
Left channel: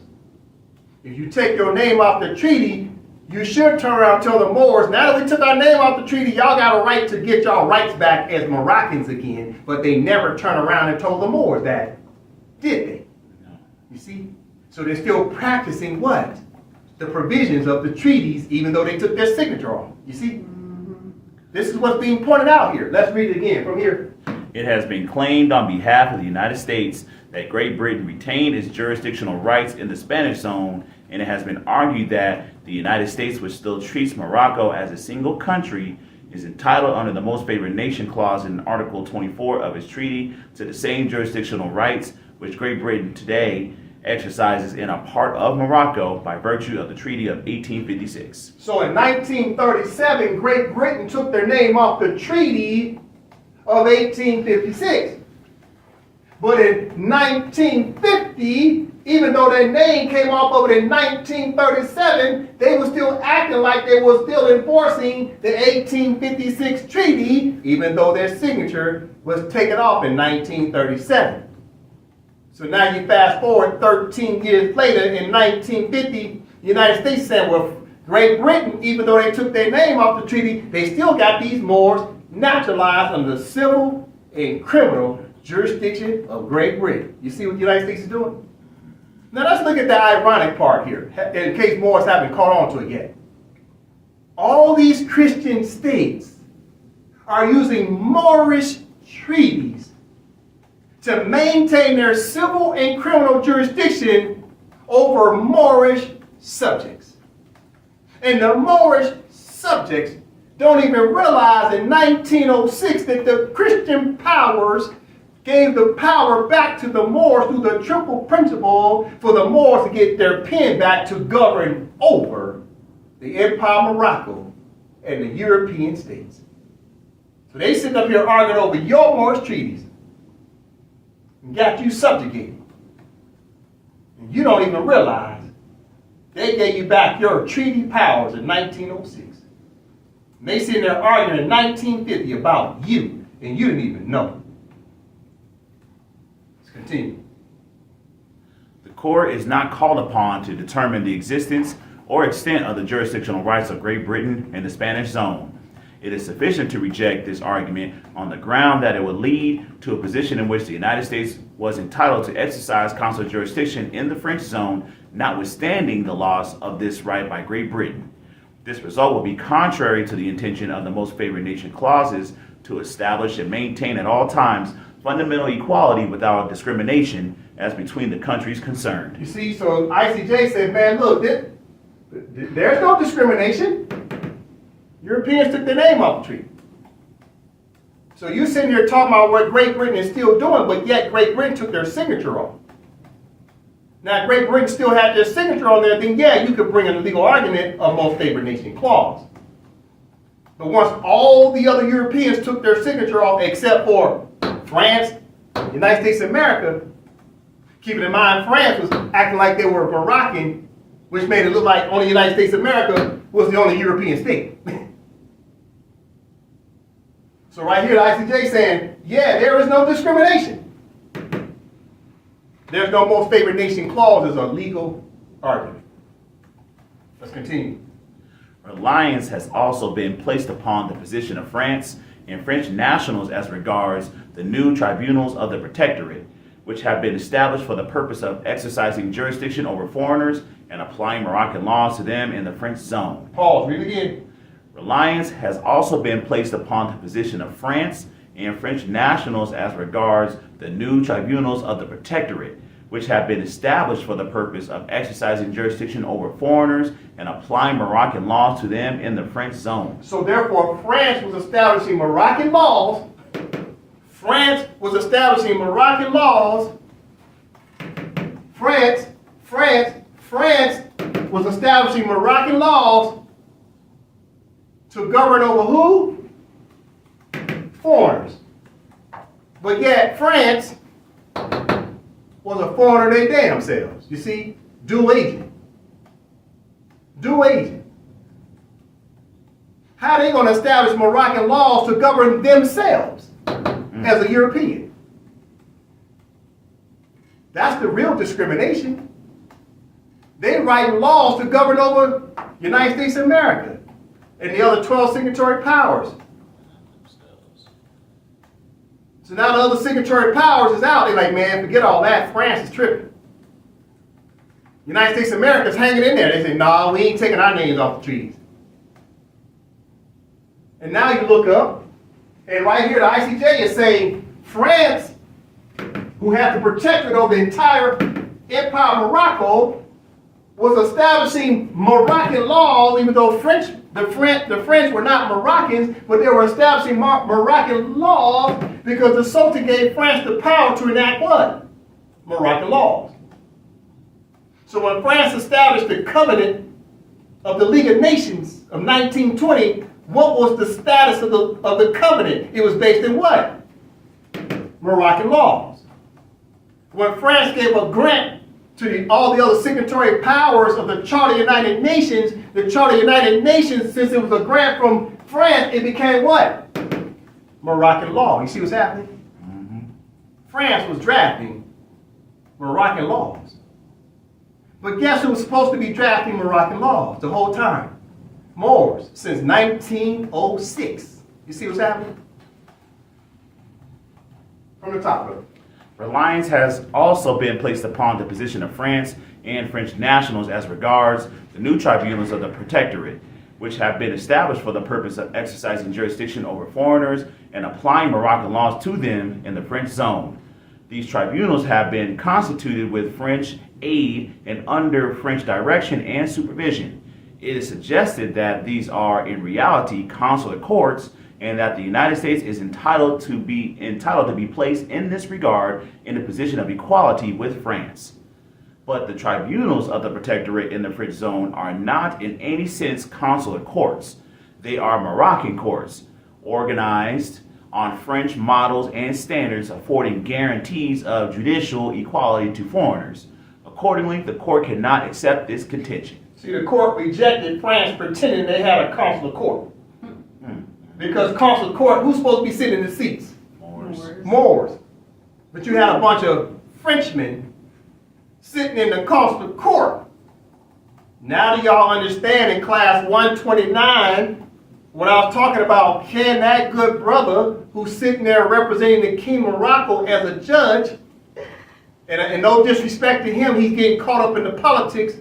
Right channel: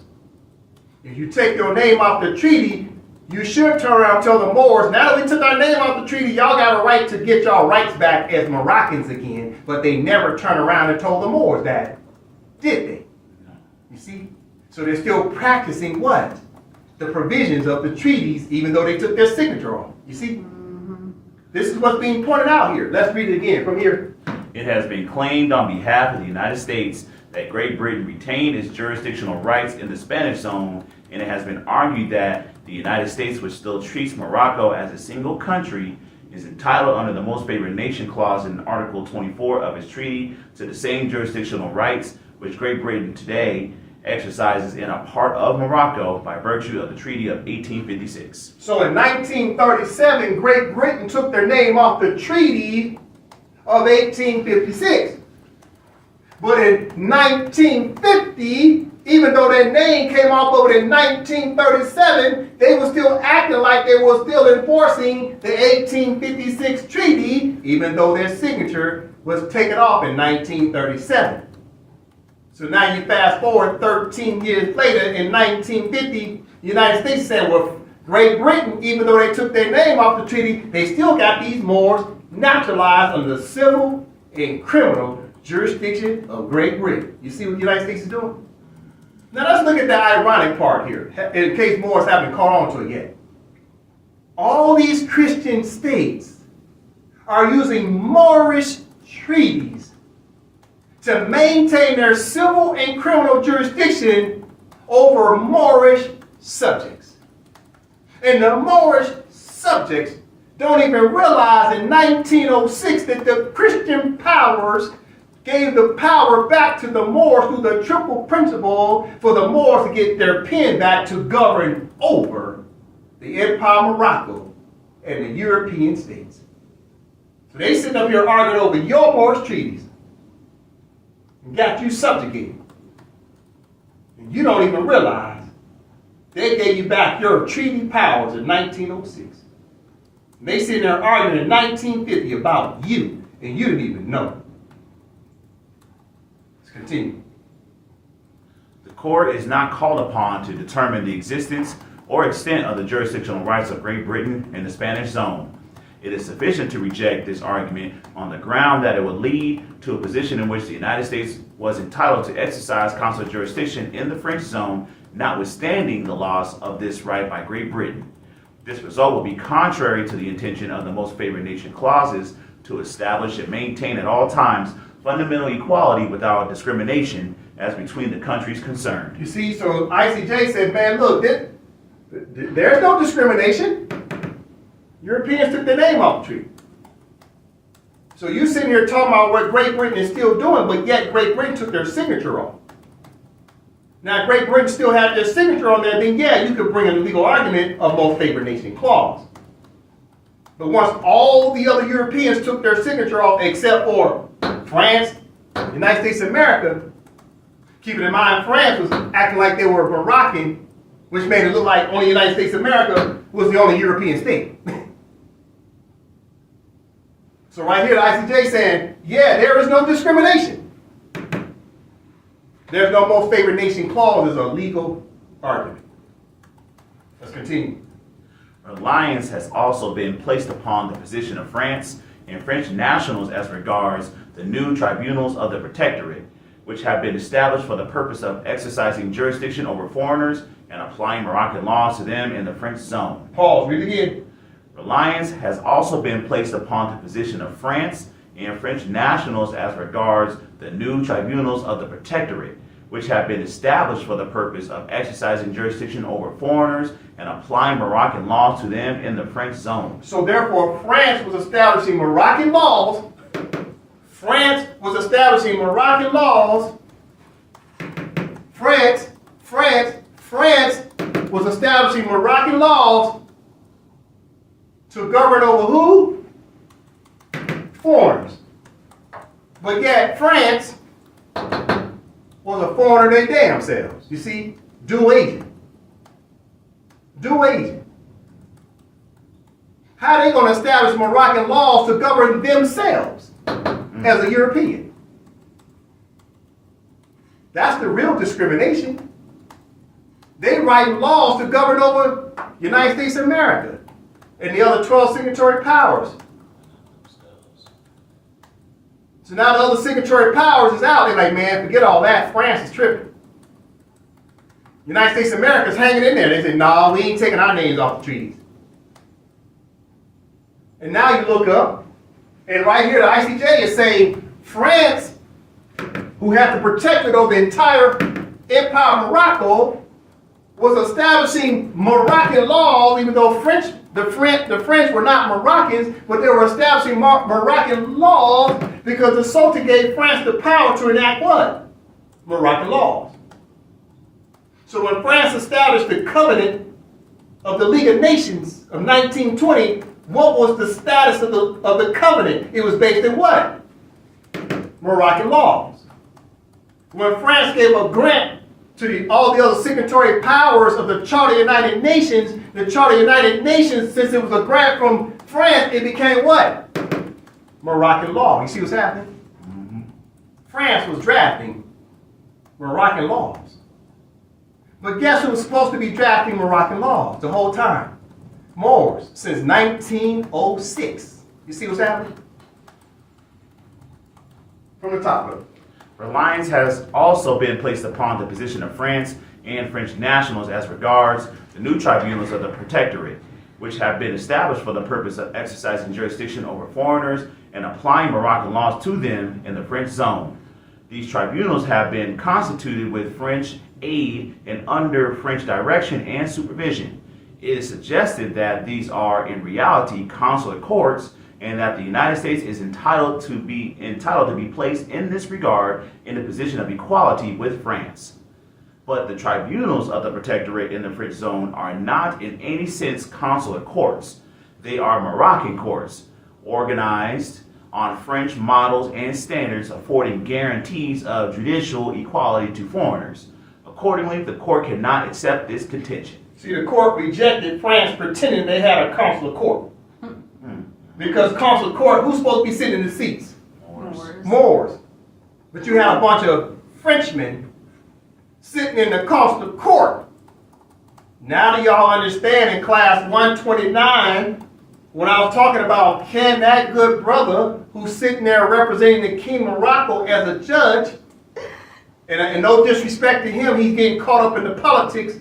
If you take your name off the treaty, you should turn around and tell the Moors, now that we took our name off the treaty, y'all got a right to get y'all rights back as Moroccans again. But they never turned around and told the Moors that, did they? You see? So they're still practicing what? The provisions of the treaties, even though they took their signature off. You see? This is what's being pointed out here. Let's read it again from here. It has been claimed on behalf of the United States that Great Britain retained its jurisdictional rights in the Spanish zone, and it has been argued that the United States, which still treats Morocco as a single country, is entitled under the Most Favored Nation clause in Article 24 of its treaty to the same jurisdictional rights which Great Britain today exercises in a part of Morocco by virtue of the Treaty of 1856. So in 1937, Great Britain took their name off the Treaty of 1856. But in 1950, even though their name came off of it in 1937, they were still acting like they were still enforcing the 1856 treaty, even though their signature was taken off in 1937. So now you fast forward 13 years later, in 1950, the United States said, well, Great Britain, even though they took their name off the treaty, they still got these Moors naturalized under the civil and criminal jurisdiction of Great Britain. You see what the United States is doing? Now let's look at the ironic part here, in case Moors haven't caught on to it yet. All these Christian states are using Moorish treaties to maintain their civil and criminal jurisdiction over Moorish subjects. And the Moorish subjects don't even realize in 1906 that the Christian powers gave the power back to the Moors through the triple principle for the Moors to get their pen back to govern over the Empire of Morocco and the European states. So they sitting up here arguing over your Moorish treaties and got you subjugated. And you don't even realize they gave you back your treaty powers in 1906. And they sitting there arguing in 1950 about you, and you didn't even know. Let's continue. The court is not called upon to determine the existence or extent of the jurisdictional rights of Great Britain and the Spanish zone. It is sufficient to reject this argument on the ground that it would lead to a position in which the United States was entitled to exercise consular jurisdiction in the French zone, notwithstanding the loss of this right by Great Britain. This result will be contrary to the intention of the Most Favored Nation clauses to establish and maintain at all times fundamental equality without discrimination as between the countries concerned. You see, so ICJ said, man, look, there's no discrimination. Europeans took their name off the treaty. So you sitting here talking about what Great Britain is still doing, but yet Great Britain took their signature off. Now, if Great Britain still had their signature on there, then yeah, you could bring a legal argument of Most Favored Nation clause. But once all the other Europeans took their signature off, except for France, United States of America, keeping in mind France was acting like they were Moroccan, which made it look like only the United States of America was the only European state. So right here, the ICJ saying, yeah, there is no discrimination. There's no Most Favored Nation clause as a legal argument. Let's continue. Reliance has also been placed upon the position of France and French nationals as regards the new tribunals of the Protectorate, which have been established for the purpose of exercising jurisdiction over foreigners and applying Moroccan laws to them in the French zone. Pause, read again. Reliance has also been placed upon the position of France and French nationals as regards the new tribunals of the Protectorate, which have been established for the purpose of exercising jurisdiction over foreigners and applying Moroccan laws to them in the French zone. So therefore, France was establishing Moroccan laws. France was establishing Moroccan laws France was establishing Moroccan laws to govern over who? Foreigners. But yet France was a foreigner they damn selves. You see, dual agent. Dual agent. How are they going to establish Moroccan laws to govern themselves as a European? That's the real discrimination. They write laws to govern over United States of America and the other 12 signatory powers. So now the other signatory powers is out. They're like, man, forget all that. France is tripping. United States of America is hanging in there. They say, no, we ain't taking our names off the treaties. And now you look up, and right here the ICJ is saying France, who had to protect it over the entire empire of Morocco, was establishing Moroccan laws, even though the French were not Moroccans, but they were establishing Moroccan laws because the Sultan gave France the power to enact what? Moroccan laws. So when France established the Covenant of the League of Nations of 1920, what was the status of the covenant? It was based in what? Moroccan laws. When France gave a grant to all the other signatory powers of the Charter of the United Nations, the Charter of the United Nations, since it was a grant from France, it became what? Moroccan law. You see what's happening? Mm-hmm. France was drafting Moroccan laws. But guess who was supposed to be drafting Moroccan laws the whole time? Moors, since 1906. You see what's happening? From the top of it. Reliance has also been placed upon the position of France and French nationals as regards the new tribunals of the Protectorate, which have been established for the purpose of exercising jurisdiction over foreigners and applying Moroccan laws to them in the French zone. These tribunals have been constituted with French aid and under French direction and supervision. It is suggested that these are in reality consular courts and that the United States is entitled to be placed in this regard in a position of equality with France. But the tribunals of the Protectorate in the French zone are not in any sense consular courts. They are Moroccan courts, organized on French models and standards, affording guarantees of judicial equality to foreigners. Accordingly, the court cannot accept this contention. See, the court rejected France pretending they had a consular court. Because consular court, who's supposed to be sitting in the seats? Moors. But you had a bunch of Frenchmen sitting in the consular court. Now do y'all understand in class 129 when I was talking about can that good brother who's sitting there representing the King of Morocco as a judge, and no disrespect to him, he's getting caught up in the politics,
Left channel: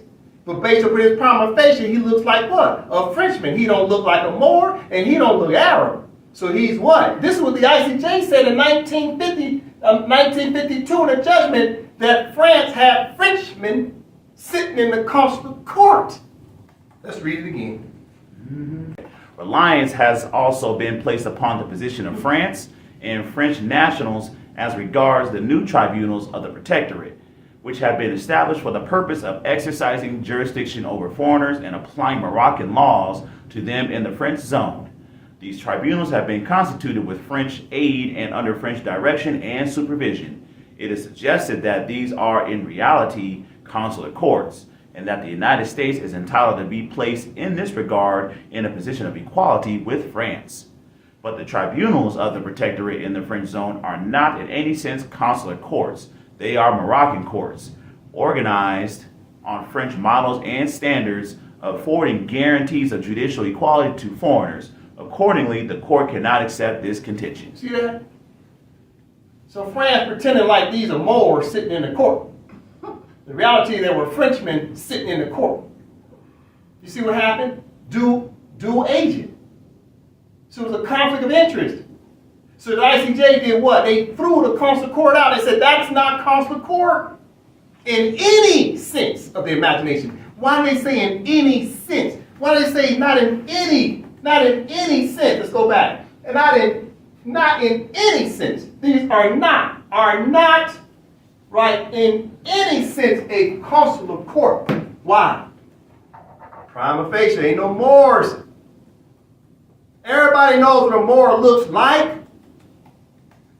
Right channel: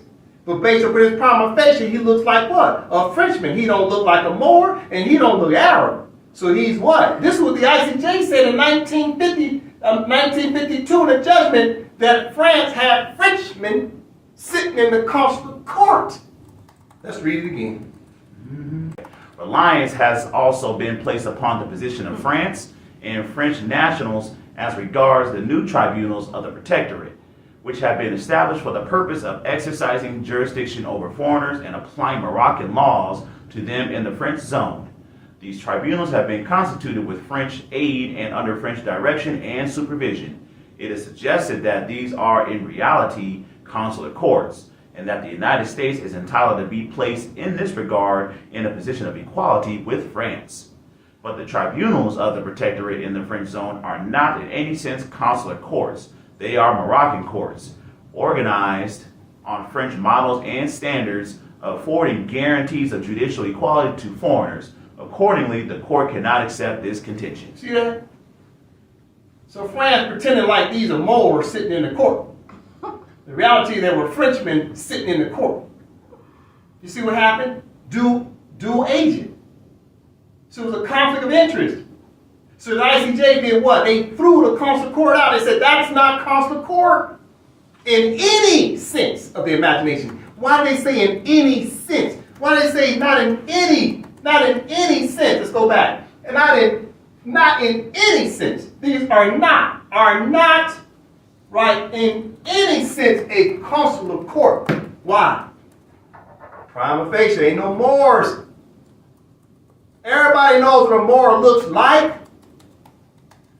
but based on his prima facie, he looks like what? A Frenchman. He don't look like a Moor, and he don't look Arab. So he's what? This is what the ICJ said in 1952 in a judgment that France had Frenchmen sitting in the consular court. Let's read it again. Reliance has also been placed upon the position of France and French nationals as regards the new tribunals of the Protectorate, which have been established for the purpose of exercising jurisdiction over foreigners and applying Moroccan laws to them in the French zone. These tribunals have been constituted with French aid and under French direction and supervision. It is suggested that these are in reality consular courts, and that the United States is entitled to be placed in this regard in a position of equality with France. But the tribunals of the Protectorate in the French zone are not in any sense consular courts. They are Moroccan courts, organized on French models and standards, affording guarantees of judicial equality to foreigners. Accordingly, the court cannot accept this contention. See that? So France pretending like these are Moors sitting in the court. The reality, there were Frenchmen sitting in the court. You see what happened? Dual agent. So it was a conflict of interest. So the ICJ did what? They threw the consular court out. They said that's not consular court in any sense of the imagination. Why do they say in any sense? Why do they say not in any sense? Let's go back. Not in any sense. These are not right, in any sense, a consular court. Why? Prima facie, ain't no Moors. Everybody knows what a Moor looks like.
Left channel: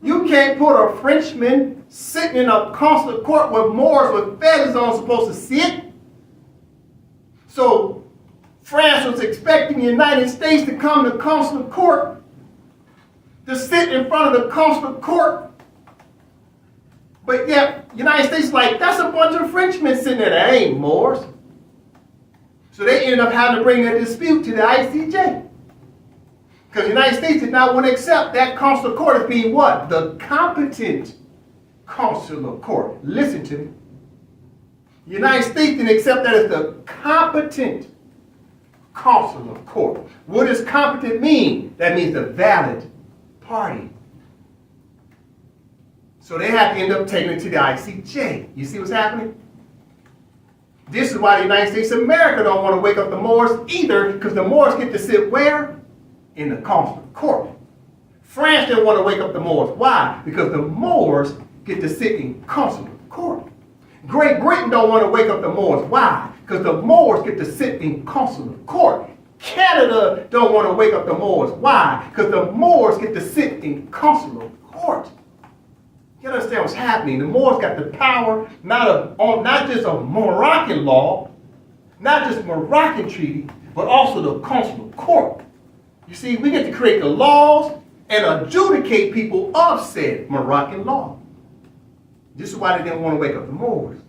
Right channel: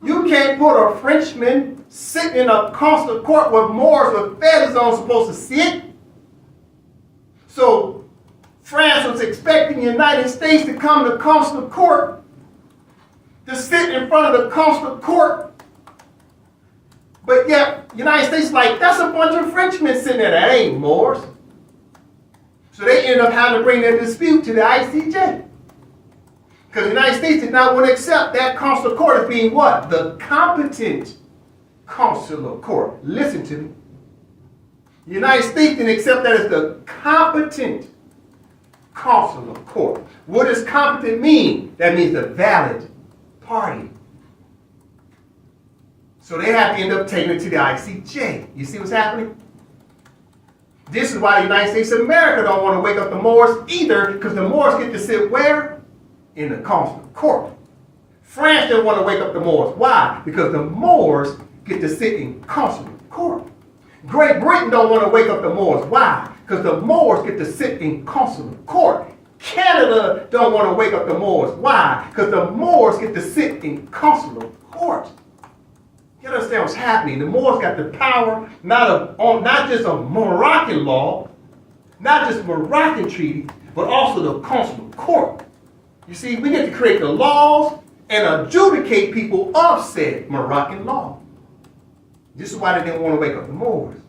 You can't put a Frenchman sitting in a consular court where Moors with feathers on supposed to sit. So France was expecting the United States to come to consular court, to sit in front of the consular court. But yet, the United States is like, that's a bunch of Frenchmen sitting there. That ain't Moors. So they ended up having to bring their dispute to the ICJ. Because the United States did not want to accept that consular court as being what? The competent consular court. Listen to me. The United States didn't accept that as the competent consular court. What does competent mean? That means the valid party. So they have to end up taking it to the ICJ. You see what's happening? This is why the United States of America don't want to wake up the Moors either, because the Moors get to sit where? In the consular court. France didn't want to wake up the Moors. Why? Because the Moors get to sit in consular court. Great Britain don't want to wake up the Moors. Why? Because the Moors get to sit in consular court. Canada don't want to wake up the Moors. Why? Because the Moors get to sit in consular court. You understand what's happening? The Moors got the power not just of Moroccan law, not just Moroccan treaty, but also the consular court. You see, we get to create the laws and adjudicate people of said Moroccan law. This is why they didn't want to wake up the Moors.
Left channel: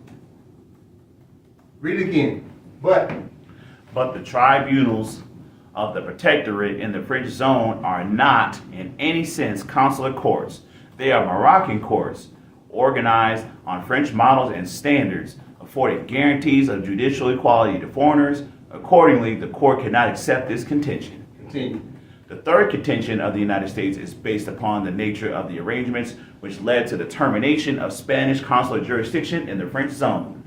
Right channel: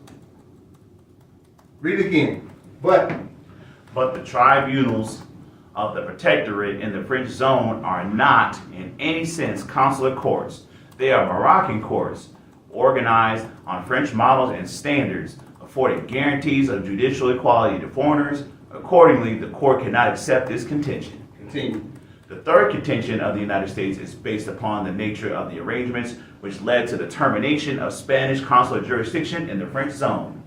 Read it again. But the tribunals of the protectorate in the French zone are not, in any sense, consular courts. They are Moroccan courts, organized on French models and standards, affording guarantees of judicial equality to foreigners. Accordingly, the court cannot accept this contention. continue. The third contention of the United States is based upon the nature of the arrangements which led to the termination of Spanish consular jurisdiction in the French zone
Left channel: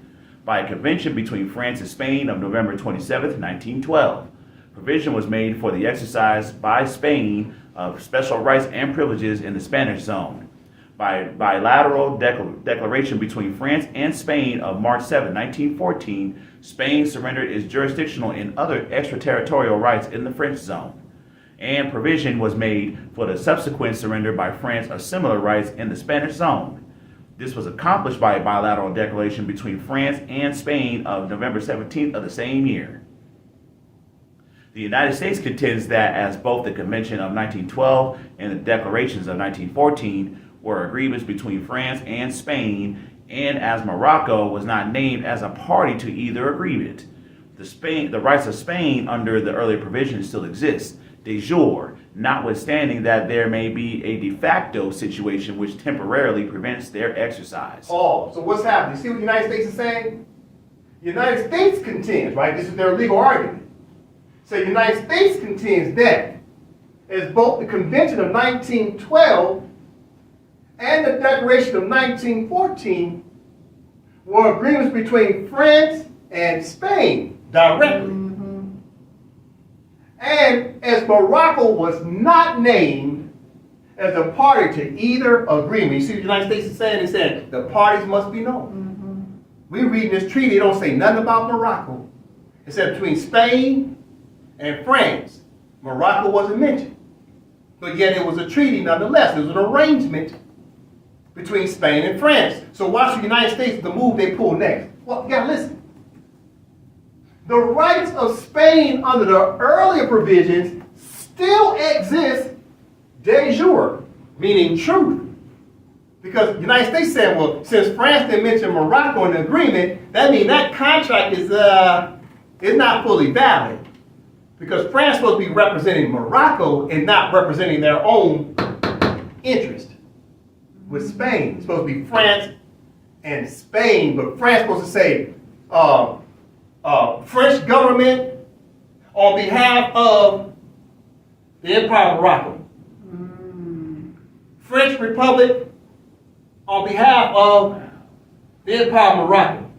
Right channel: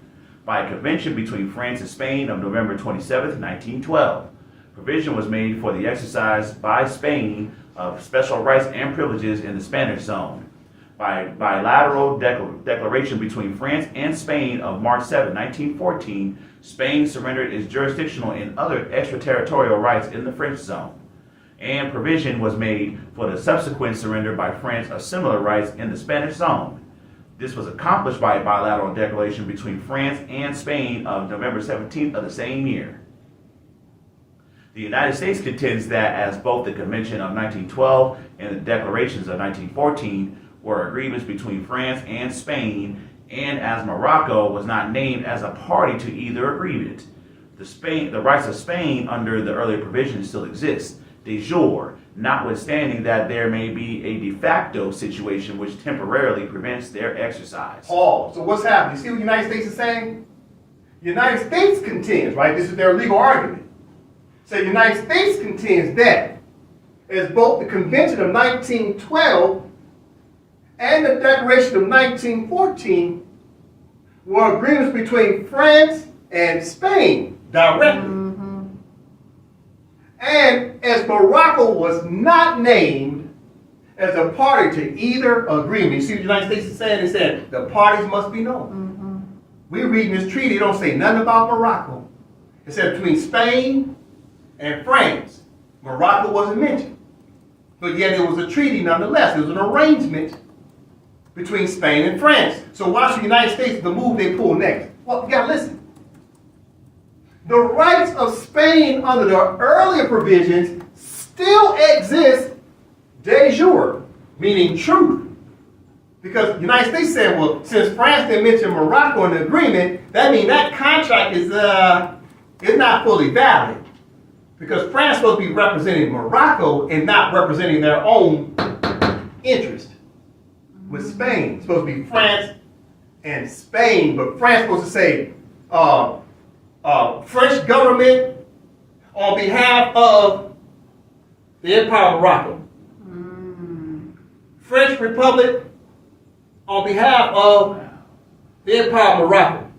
by a convention between France and Spain of November 27, 1912. Provision was made for the exercise by Spain of special rights and privileges in the Spanish zone. By bilateral declaration between France and Spain of March 7, 1914, Spain surrendered its jurisdictional and other extraterritorial rights in the French zone. And provision was made for the subsequent surrender by France of similar rights in the Spanish zone. This was accomplished by a bilateral declaration between France and Spain of November 17th of the same year. The United States contends that as both the Convention of 1912 and the declarations of 1914 were agreements between France and Spain, and as Morocco was not named as a party to either agreement, the rights of Spain under the earlier provisions still exist, de jure, notwithstanding that there may be a de facto situation which temporarily prevents their exercise. Oh, so what's happening? You see what the United States is saying? The United States contends, right? This is their legal argument. So the United States contends that as both the Convention of 1912 and the Declaration of 1914 were agreements between France and Spain directly. And as Morocco was not named as a party to either agreement, you see what the United States is saying? They said the parties must be known. We read this treaty, it don't say nothing about Morocco. It said between Spain and France. Morocco wasn't mentioned. But yet it was a treaty nonetheless. It was an arrangement between Spain and France. So watch the United States, the move they pull next. Well, you gotta listen. The rights of Spain under the earlier provisions still exist de jure, meaning truth. Because the United States said, well, since France didn't mention Morocco in the agreement, that means that contract is not fully valid. Because France is supposed to be representing Morocco and not representing their own interest. With Spain, it's supposed to be France and Spain, but France is supposed to say, French government on behalf of the Empire of Morocco. French Republic on behalf of the Empire of Morocco.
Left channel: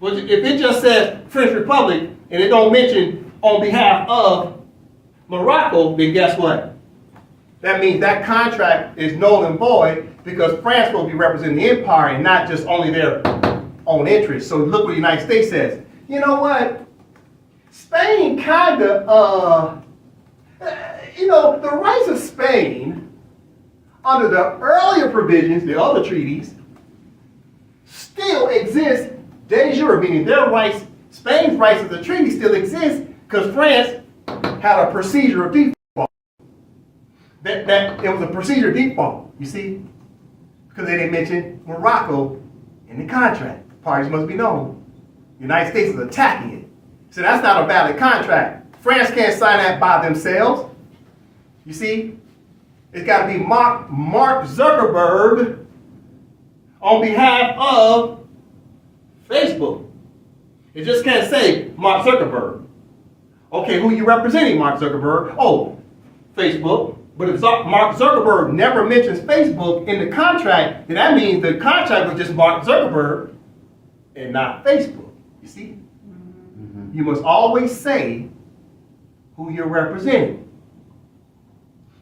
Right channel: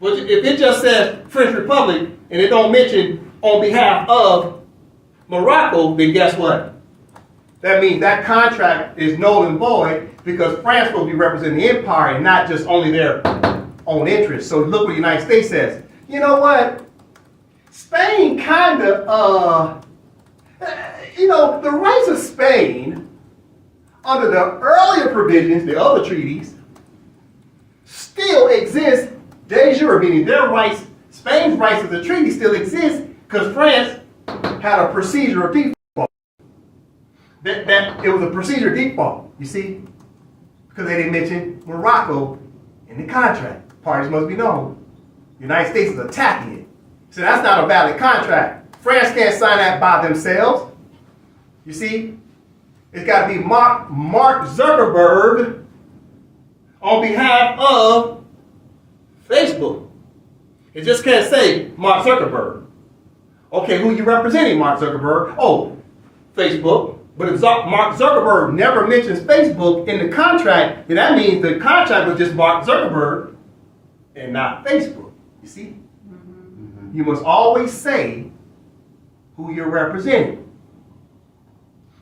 But if it just says French Republic and it don't mention on behalf of Morocco, then guess what? that means that contract is null and void because France will be representing the empire and not just only their own interests. So look what the United States says. You know what? Spain kind of, the rights of Spain under the earlier provisions, the other treaties, still exist de jure, meaning their rights, Spain's rights as a treaty still exist because France had a procedure of default. That it was a procedure of default, you see? Because they didn't mention Morocco in the contract. Parties must be known. The United States is attacking it. So that's not a valid contract. France can't sign that by themselves. You see? It's got to be Mark Zuckerberg on behalf of Facebook. It just can't say Mark Zuckerberg. Okay, who you representing, Mark Zuckerberg? Oh, Facebook. But if Mark Zuckerberg never mentions Facebook in the contract, then that means the contract was just Mark Zuckerberg and not Facebook. You see? Mm-hmm. You must always say who you're representing.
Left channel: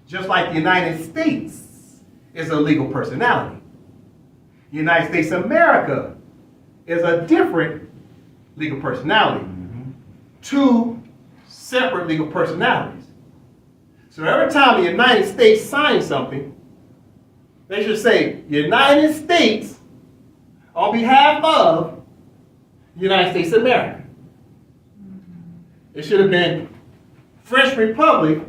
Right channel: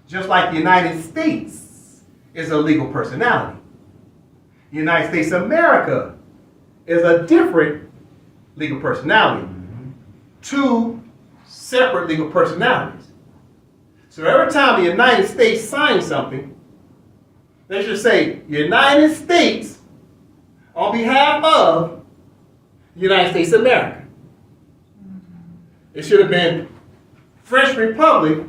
Just like the United States is a legal personality. The United States of America is a different legal personality. Mm-hmm. Two separate legal personalities. So every time the United States signs something, they should say United States on behalf of the United States of America. It should have been French Republic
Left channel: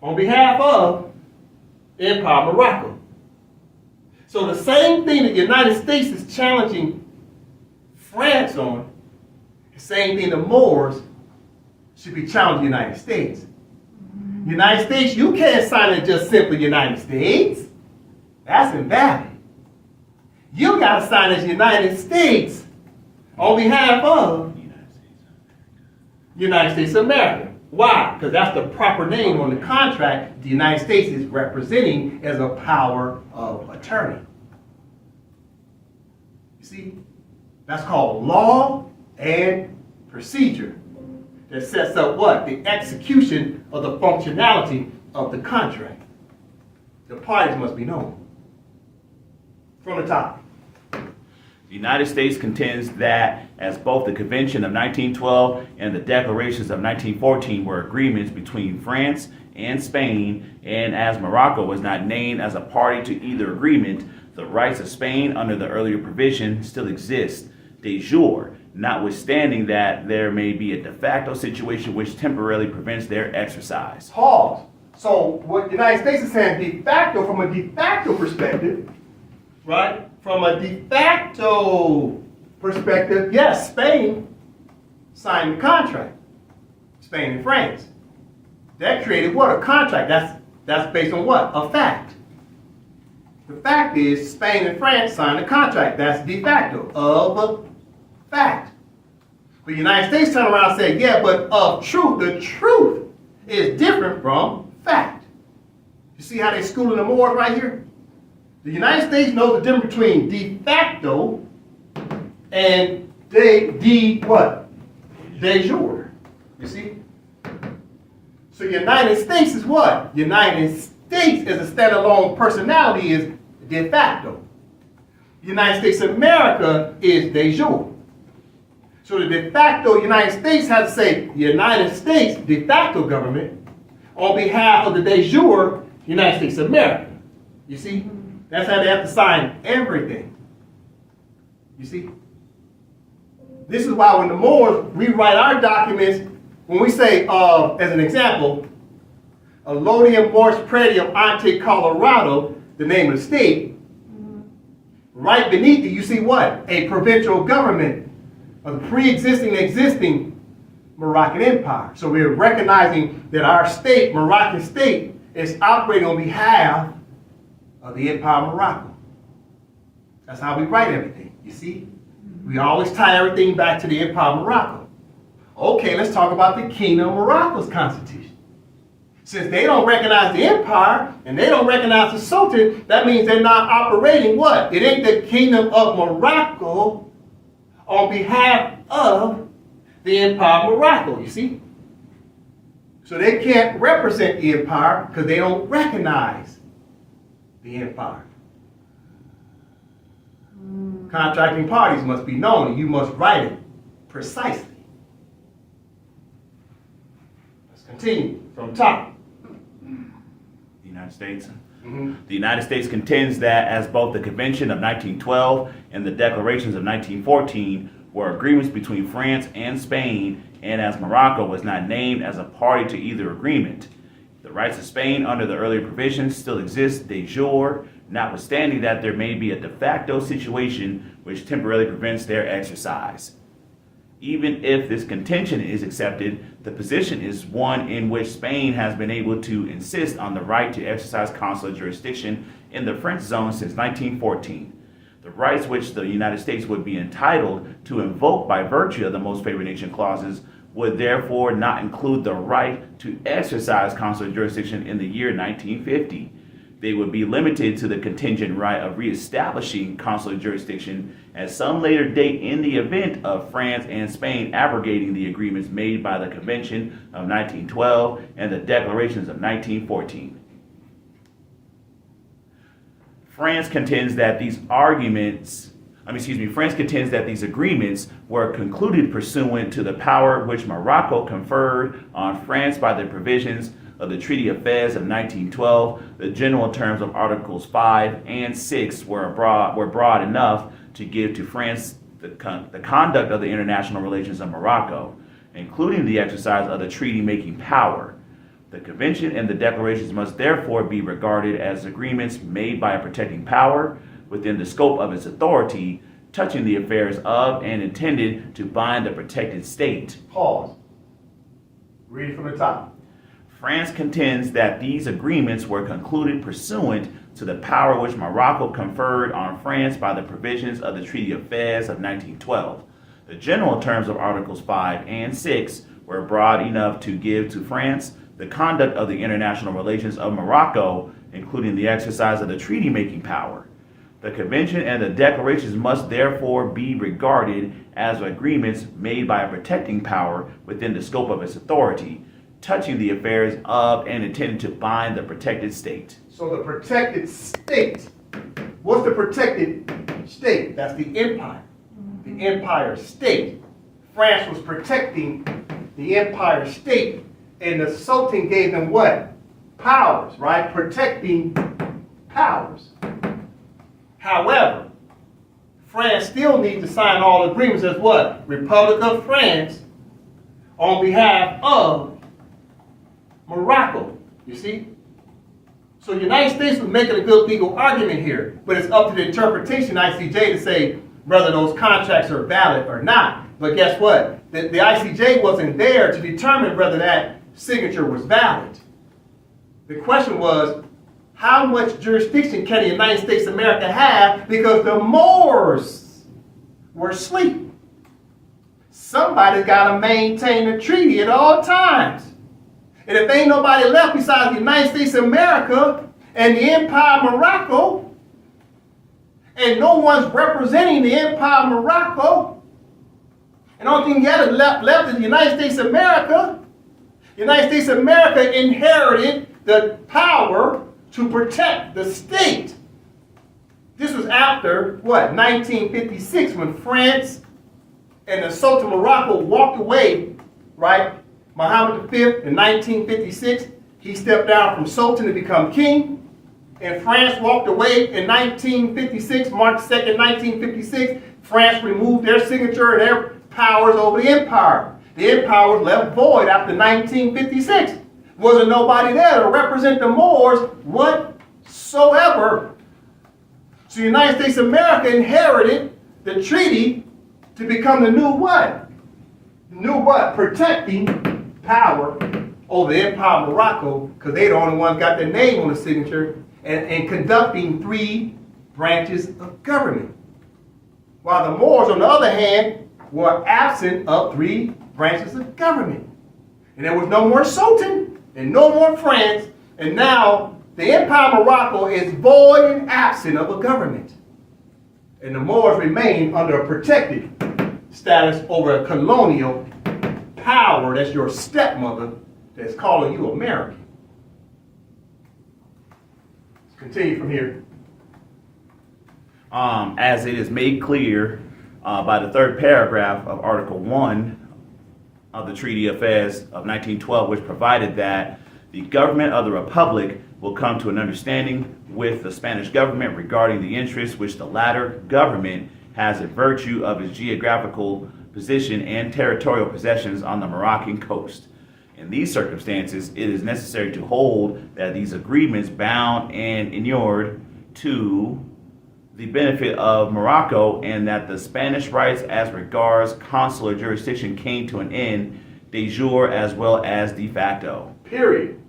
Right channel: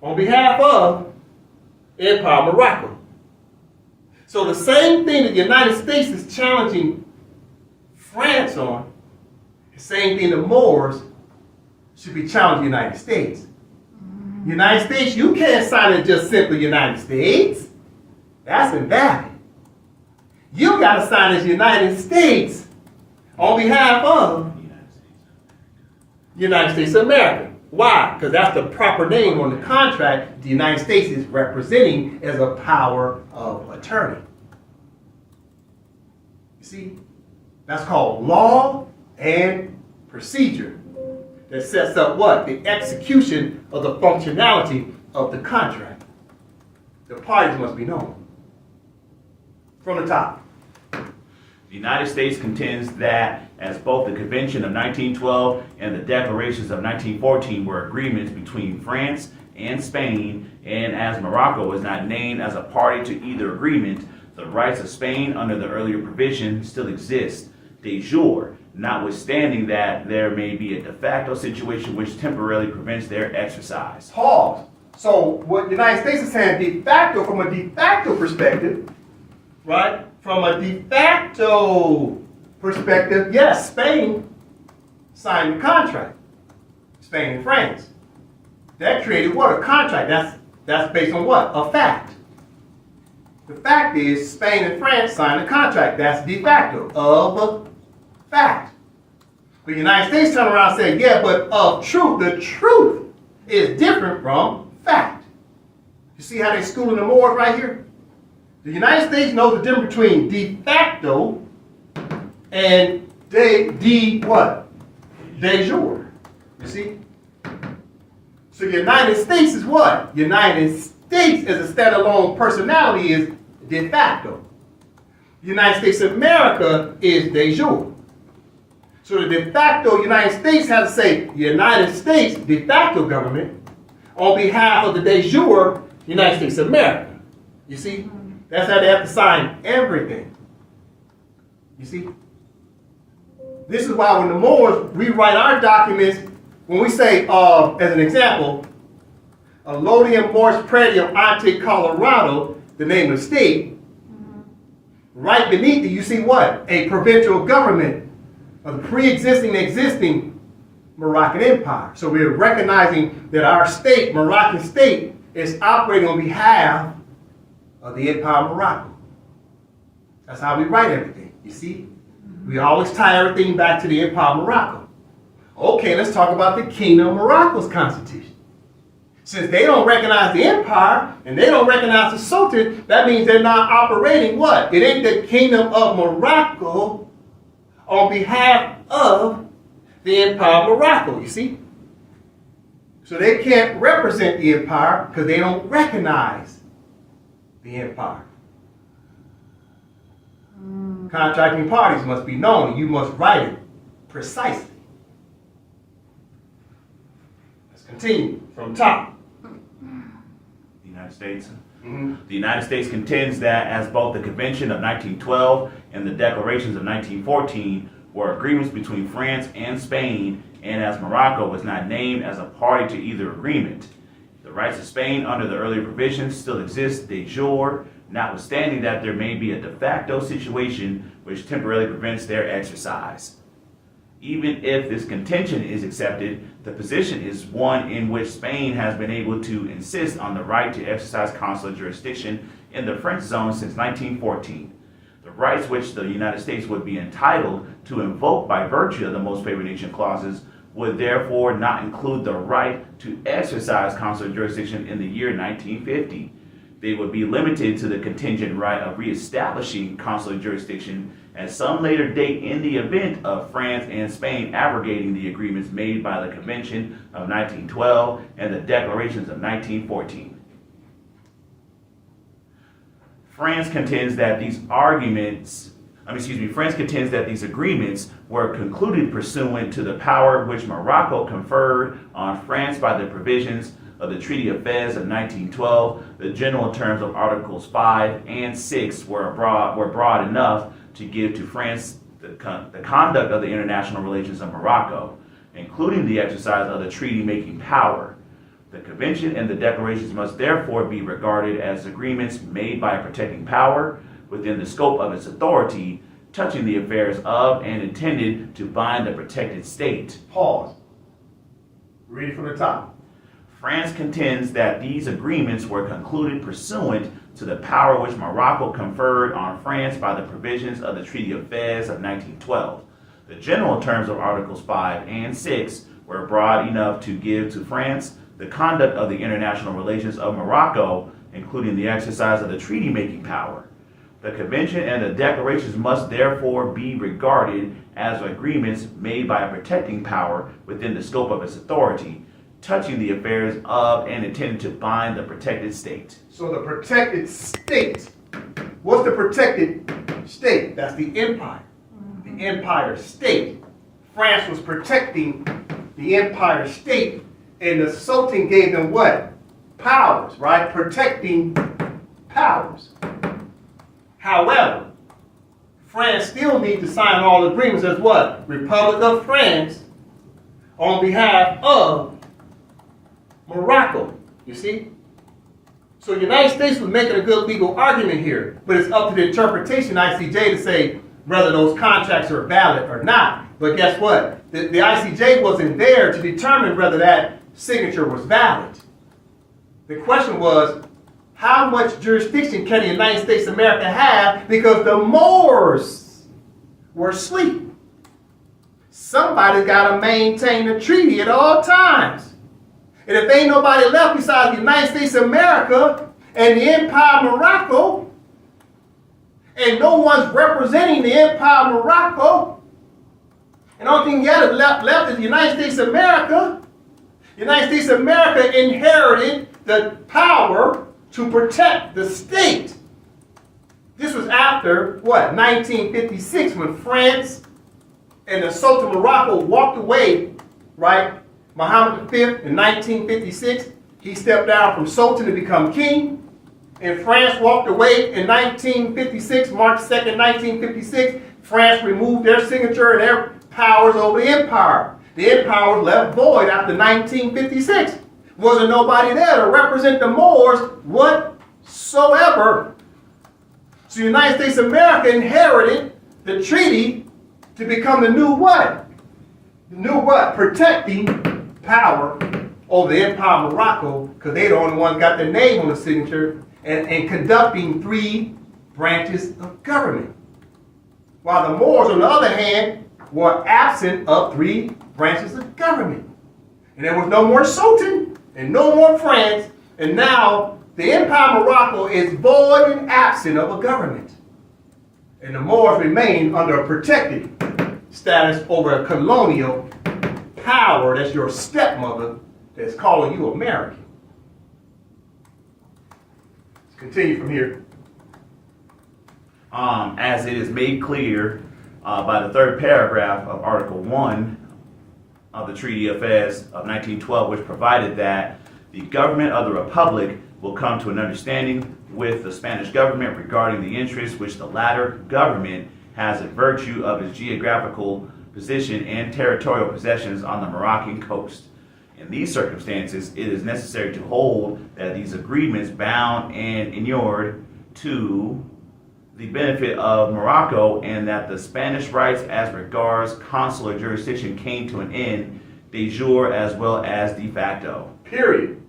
on behalf of the Empire of Morocco. So the same thing that the United States is challenging France on, the same thing the Moors should be challenging the United States. United States, you can't sign it just simply United States. That's invalid. You got to sign as United States on behalf of United States of America. Why? Because that's the proper name on the contract the United States is representing as a power of attorney. You see? That's called law and procedure. That sets up what? The execution of the functionality of the contract. The parties must be known. From the top. The United States contends that as both the Convention of 1912 and the Declarations of 1914 were agreements between France and Spain, and as Morocco was not named as a party to either agreement, the rights of Spain under the earlier provision still exist de jure, notwithstanding that there may be a de facto situation which temporarily prevents their exercise. Pause. So what the United States is saying de facto, from a de facto perspective, right? From a de facto perspective, yes, Spain signed the contract. Spain and France. That created what? A contract. That's based on what? A fact. The fact is Spain and France signed a contract. That's de facto of a fact. But the United States turned around and said, yeah, but of truth, the truth is different from fact. You see how they're schooling the Moors right here? The United States knows the difference between de facto and de jure. You see? So United States is what? United States as a standalone personality is de facto. The United States of America is de jure. So the de facto United States has to say United States de facto government on behalf of the de jure United States of America. You see? That's how they have to sign everything. You see? This is why when the Moors, we write our documents, when we say, as an example, Allodium Mors Pretium Ante Colorado, the name of the state, right beneath it, you see what? A provincial government of the pre-existing, existing Moroccan Empire. So we're recognizing that our state, Moroccan state, is operating on behalf of the Empire of Morocco. That's how we write everything, you see? We always tie everything back to the Empire of Morocco. Okay, let's talk about the Kingdom of Morocco's constitution. Since they don't recognize the empire and they don't recognize the Sultan, that means they're not operating what? It ain't the Kingdom of Morocco on behalf of the Empire of Morocco, you see? So they can't represent the empire because they don't recognize the empire. Contracting parties must be known, and you must write it precisely. Let's continue from top. The United States. Mm-hmm. The United States contends that as both the Convention of 1912 and the Declarations of 1914 were agreements between France and Spain, and as Morocco was not named as a party to either agreement, the rights of Spain under the earlier provisions still exist de jure, notwithstanding that there may be a de facto situation which temporarily prevents their exercise. Even if this contention is accepted, the position is one in which Spain has been able to insist on the right to exercise consular jurisdiction in the French zone since 1914. The rights which the United States would be entitled to invoke by virtue of the most favored nation clauses would therefore not include the right to exercise consular jurisdiction in the year 1950. They would be limited to the contingent right of reestablishing consular jurisdiction at some later date in the event of France and Spain abrogating the agreements made by the Convention of 1912 and the Declarations of 1914. France contends that these agreements were concluded pursuant to the power which Morocco conferred on France by the provisions of the Treaty of Fez of 1912. The general terms of Articles 5 and 6 were broad enough to give to France the conduct of the international relations of Morocco, including the exercise of the treaty-making power. The Convention and the Declarations must therefore be regarded as agreements made by a protecting power within the scope of its authority, touching the affairs of and intended to bind the protected state. Pause. Read it from the top. France contends that these agreements were concluded pursuant to the power which Morocco conferred on France by the provisions of the Treaty of Fez of 1912. The general terms of Articles 5 and 6 were broad enough to give to France the conduct of the international relations of Morocco, including the exercise of the treaty-making power. The Convention and the Declarations must therefore be regarded as agreements made by a protecting power within the scope of its authority, touching the affairs of and intended to bind the protected state. So the protected state, what's the protected state? That's the empire. The empire state. France was protecting the empire state, and the Sultan gave them what? Powers, right? Protecting powers. However, France still needs to sign all agreements as what? Republic of France on behalf of Morocco, you see? So the United States was making a good legal argument here, but it's up to the interpretation ICJ to say whether those contracts are valid or not. But guess what? The ICJ wasn't there to determine whether that signature was valid. The question was, how much jurisdiction can the United States of America have because the Moors were asleep? Somebody got to maintain the treaty at all times. And if ain't nobody left besides the United States of America and the Empire of Morocco, and no one's representing the Empire of Morocco, and all thing left is the United States of America, the United States of America inherited the power to protect the state. This was after, what, 1956, when France and the Sultan of Morocco walked away, right? Muhammad V in 1956, he stepped down from Sultan to become king. And France walked away in 1956, March 2nd, 1956. France removed their signature and their powers over the empire. The empire was left void after 1956. Wasn't nobody there to represent the Moors whatsoever. So the United States of America inherited the treaty to become the new what? New what? Protecting power over the Empire of Morocco, because they the only ones got their name on the signature, and conducting 3 branches of government. While the Moors, on the other hand, were absent of 3 branches of government. And there was no more Sultan and no more France, and now the Empire of Morocco is void and absent of a government. And the Moors remain under a protected status over a colonial power that's your stepmother that's calling you American. Let's continue from here. As it is made clear by the third paragraph of Article 1 of the Treaty of Fez of 1912, which provided that the government of the Republic will come to an understanding with the Spanish government regarding the interests which the latter government has in virtue of its geographical position and territorial possessions on the Moroccan coast. In these circumstances, it is necessary to hold that these agreements bound and inured to the benefit of Morocco, and that the Spanish rights as regards consular jurisdiction came to an end de jure as well as de facto. Period.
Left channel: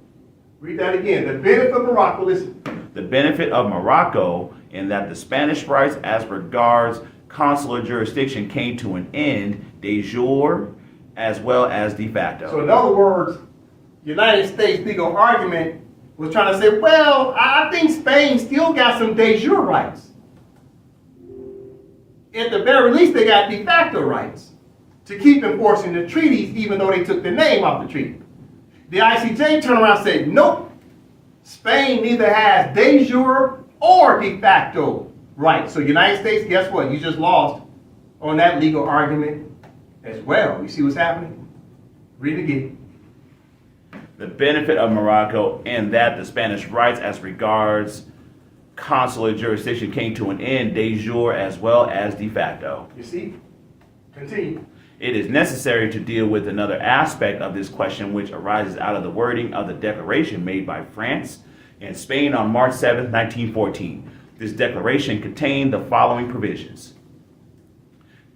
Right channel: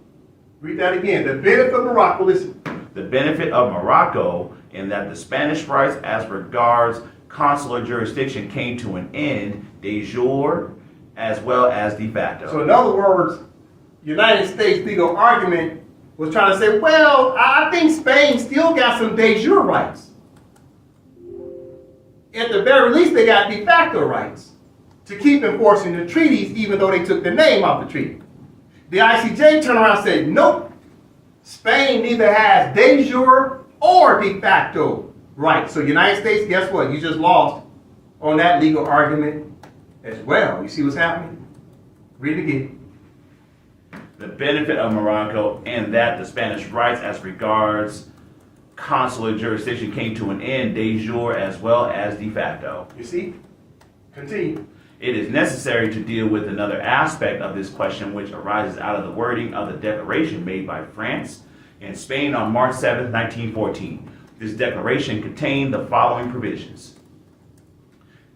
Read that again. The benefit of Morocco, listen. The benefit of Morocco, in that the Spanish rights as regards consular jurisdiction came to an end de jure as well as de facto. So in other words, United States legal argument was trying to say, well, I think Spain still got some de jure rights. At the very least, they got de facto rights to keep enforcing the treaties, even though they took the name off the treaty. The ICJ turned around and said, nope, Spain neither has de jure or de facto rights. So United States, guess what? You just lost on that legal argument as well. You see what's happening? Read it again. The benefit of Morocco, in that the Spanish rights as regards consular jurisdiction came to an end de jure as well as de facto. You see? Continue. It is necessary to deal with another aspect of this question, which arises out of the wording of the declaration made by France and Spain on March 7, 1914. This declaration contained the following provisions.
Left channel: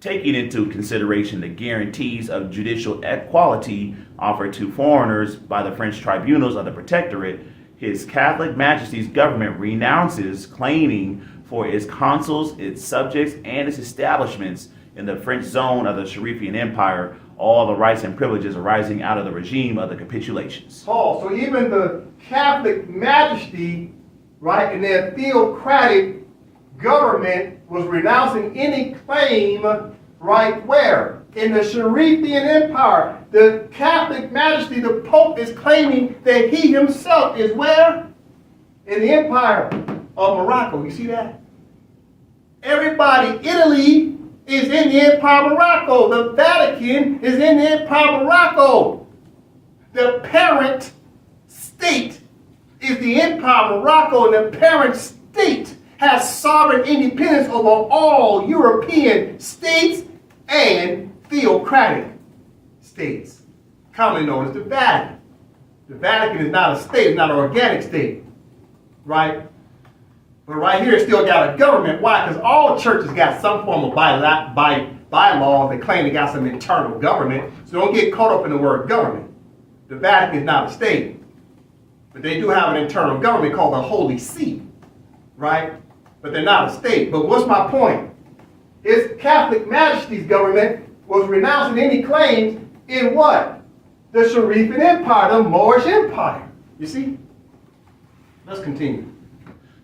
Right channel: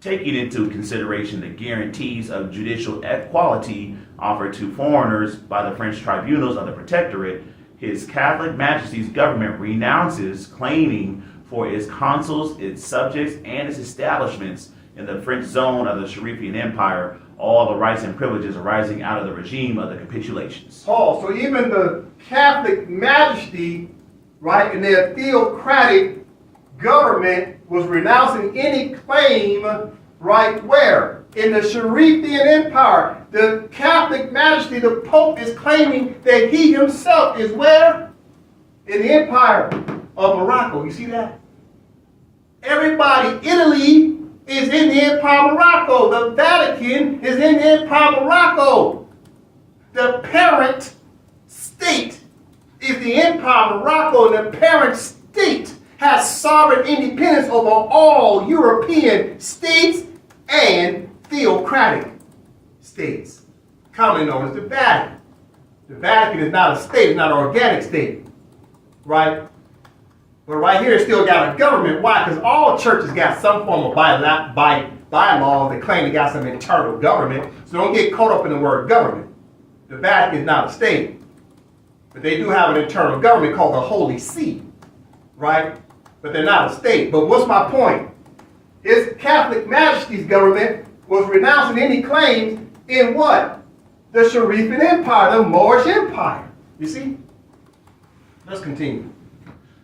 Taking into consideration the guarantees of judicial equality offered to foreigners by the French tribunals of the Protectorate, His Catholic Majesty's government renounces claiming for its consuls, its subjects, and its establishments in the French zone of the Sharifian Empire all the rights and privileges arising out of the regime of the capitulations. Paul, so even the Catholic Majesty, right, and their theocratic government was renouncing any claim, right, where? In the Sharifian Empire. The Catholic Majesty, the Pope, is claiming that he himself is where? In the Empire of Morocco. You see that? Everybody, Italy is in the Empire of Morocco. The Vatican is in the Empire of Morocco. The parent state is the Empire of Morocco, and the parent state has sovereign independence over all European states and theocratic states, commonly known as the Vatican. The Vatican is not a state, it's not an organic state, right? But right here, it's still got a government. Why? Because all churches got some form of bylaws that claim they got some internal government. So don't get caught up in the word government. The Vatican is not a state, but they do have an internal government called the Holy See, right? But they're not a state. But what's my point? His Catholic Majesty's government was renouncing any claims in what? The Sharifian Empire, the Moorish Empire. You see? Let's continue.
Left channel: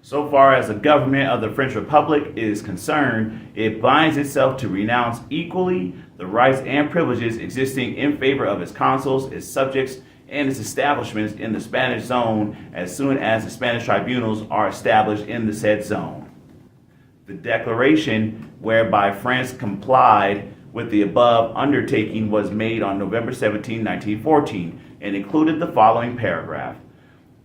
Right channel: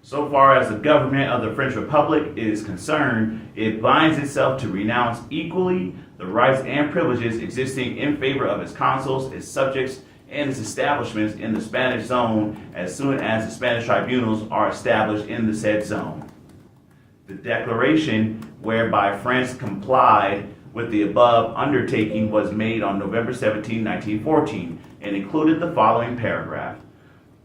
So far as the government of the French Republic is concerned, it binds itself to renounce equally the rights and privileges existing in favor of its consuls, its subjects, and its establishments in the Spanish zone as soon as the Spanish tribunals are established in the said zone. The declaration whereby France complied with the above undertaking was made on November 17, 1914, and included the following paragraph.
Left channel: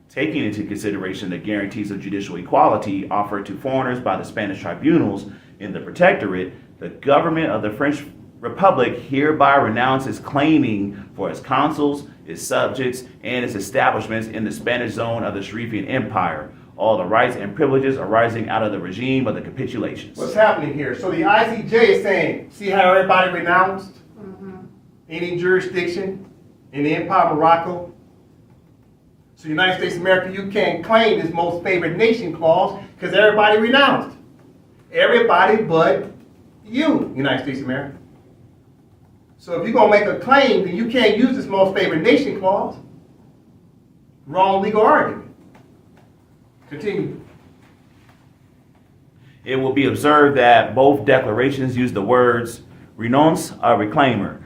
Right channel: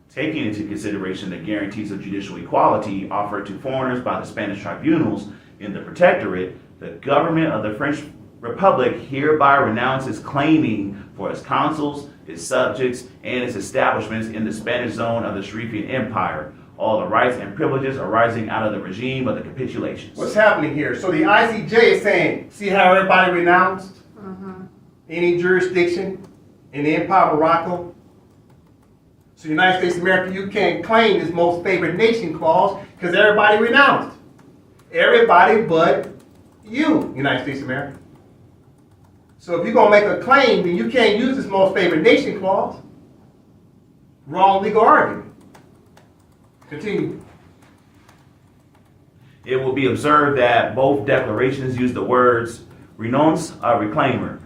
Taking into consideration the guarantees of judicial equality offered to foreigners by the Spanish tribunals in the Protectorate, the government of the French Republic hereby renounces claiming for its consuls, its subjects, and its establishments in the Spanish zone of the Sharifian Empire, all the rights and privileges arising out of the regime of the capitulations. What's happening here? So the ICJ is saying, see how everybody renounced any jurisdiction in the Empire of Morocco? So United States of America, you can't claim this most favored nation clause because everybody renounced. Everybody but you, United States of America. So if you're going to make a claim, then you can't use this most favored nation clause. Wrong legal argument. Continue. It will be observed that both declarations use the words renounce, reclaimer,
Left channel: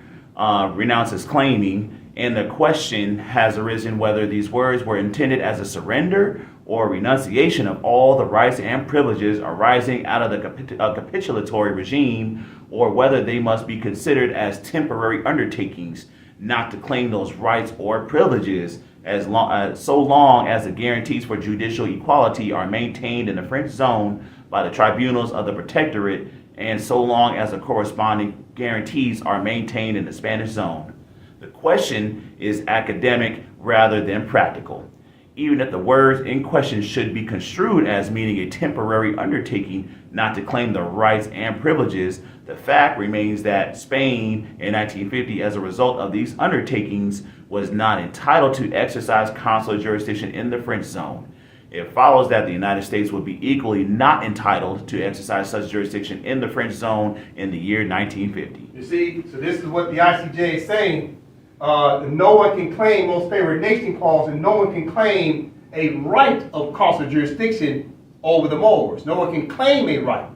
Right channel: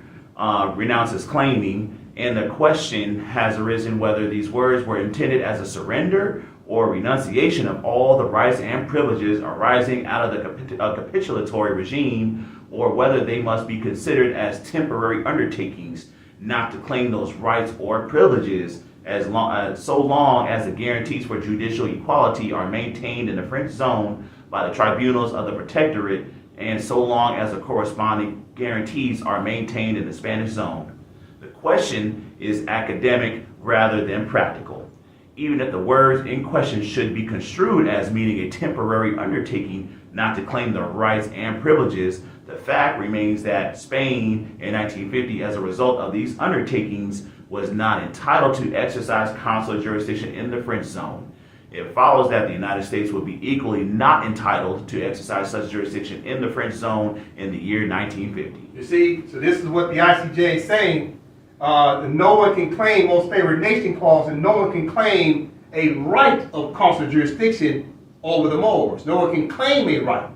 renounce as claiming, and the question has arisen whether these words were intended as a surrender or renunciation of all the rights and privileges arising out of the capitulatory regime, or whether they must be considered as temporary undertakings not to claim those rights or privileges so long as the guarantees for judicial equality are maintained in the French zone by the tribunals of the protectorate, and so long as the corresponding guarantees are maintained in the Spanish zone. The question is academic rather than practical. Even if the words in question should be construed as meaning a temporary undertaking not to claim the rights and privileges, the fact remains that Spain in 1950, as a result of these undertakings, was not entitled to exercise consular jurisdiction in the French zone. It follows that the United States would be equally not entitled to exercise such jurisdiction in the French zone in the year 1950. You see, so this is what the ICJ is saying. No one can claim most favored nation clause, and no one can claim a right of consular jurisdiction over the Moors. No one can claim a right.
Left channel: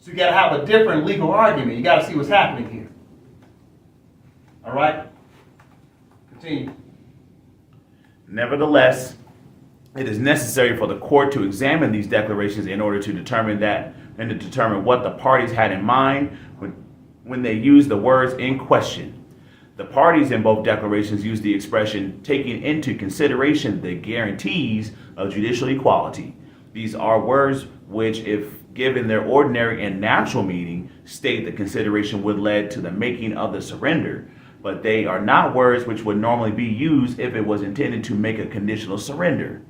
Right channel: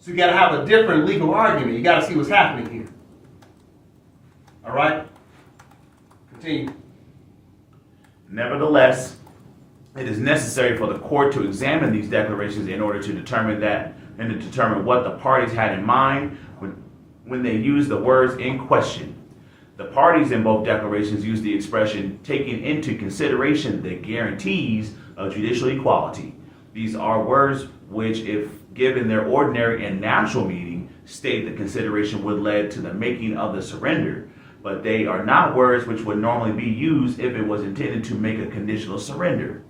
So you got to have a different legal argument. You got to see what's happening here. All right? Continue. Nevertheless, it is necessary for the court to examine these declarations in order to determine what the parties had in mind when they used the words in question. The parties in both declarations used the expression taking into consideration the guarantees of judicial equality. These are words which, if given their ordinary and natural meaning, state the consideration would lead to the making of the surrender, but they are not words which would normally be used if it was intended to make a conditional surrender.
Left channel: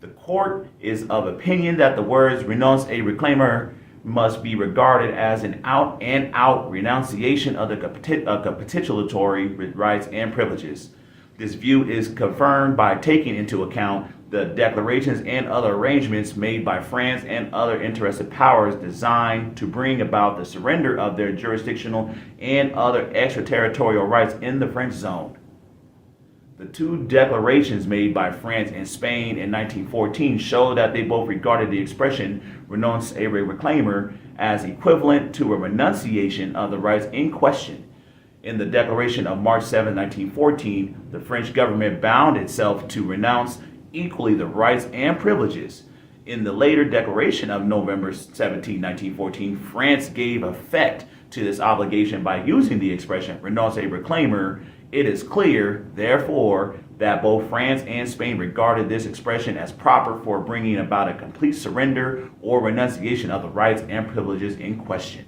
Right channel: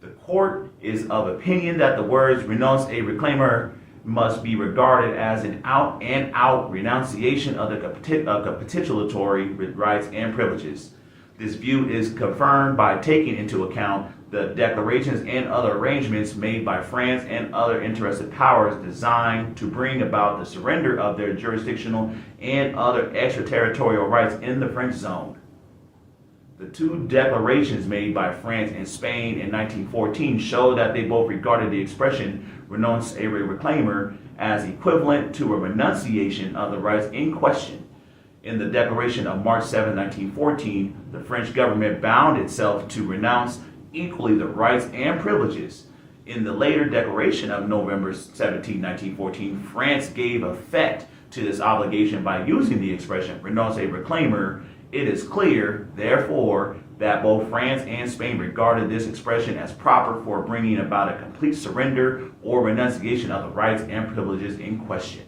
The court is of opinion that the words renounce a reclaimer must be regarded as an out-and-out renunciation of the capitulatory rights and privileges. This view is confirmed by taking into account the declarations and other arrangements made by France and other interested powers designed to bring about the surrender of their jurisdictional and other extraterritorial rights in the French zone. The two declarations made by France and Spain in 1914 show that they both regarded the expression renounce a reclaimer as equivalent to a renunciation of the rights in question. In the Declaration of March 7, 1914, the French government bound itself to renounce equally the rights and privileges. In the later Declaration of November 17, 1914, France gave effect to this obligation by using the expression renounce a reclaimer. It is clear, therefore, that both France and Spain regarded this expression as proper for bringing about a complete surrender or renunciation of the rights and privileges in question.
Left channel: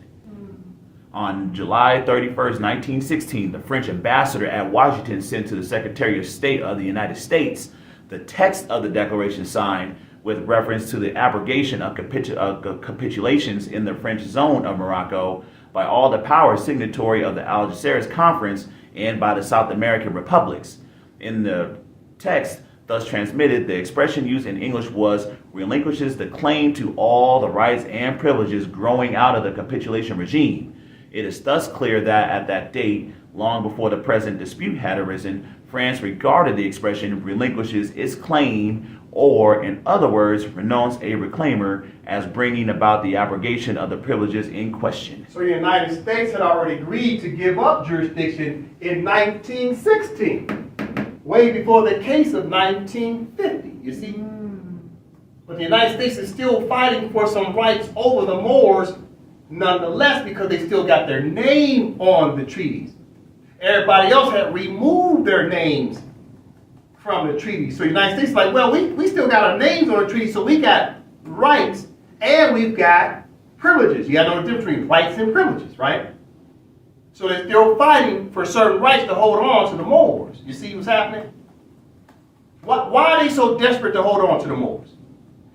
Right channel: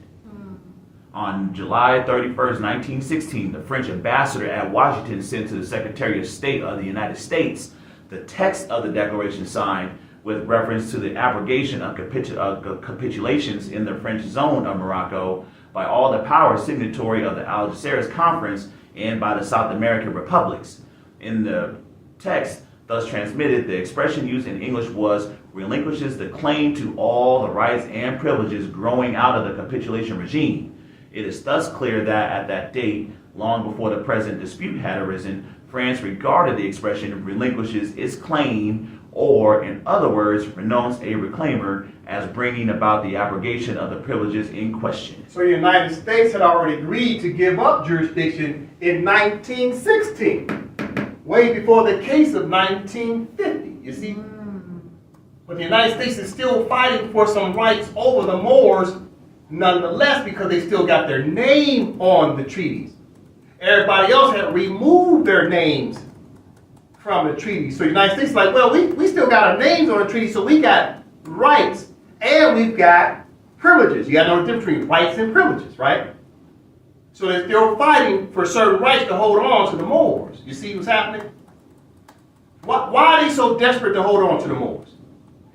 On July 31st, 1916, the French ambassador at Washington sent to the Secretary of State of the United States the text of the declaration signed with reference to the abrogation of capitulations in the French zone of Morocco by all the powers signatory of the Algeciras Conference and by the South American republics. In the text thus transmitted, the expression used in English was relinquishes the claim to all the rights and privileges growing out of the capitulation regime. It is thus clear that at that date, long before the present dispute had arisen, France regarded the expression relinquishes its claim, or in other words, renounce a reclaimer, as bringing about the abrogation of the privileges in question. So the United States had already agreed to give up jurisdiction in 1916, way before the case of 1950, you see? But the United States is still fighting for some rights over the Moors, nonetheless, because they still got their name on the treaties. Everybody else had removed their names from the treaty. So the United States is like, well, we still got our names on the treaty, so we got rights and we've got privileges. You got to know the difference between rights and privileges, right? So they're still fighting for certain rights to hold on to the Moors. You see what's happening? Why are they so desperate to hold on to the Moors?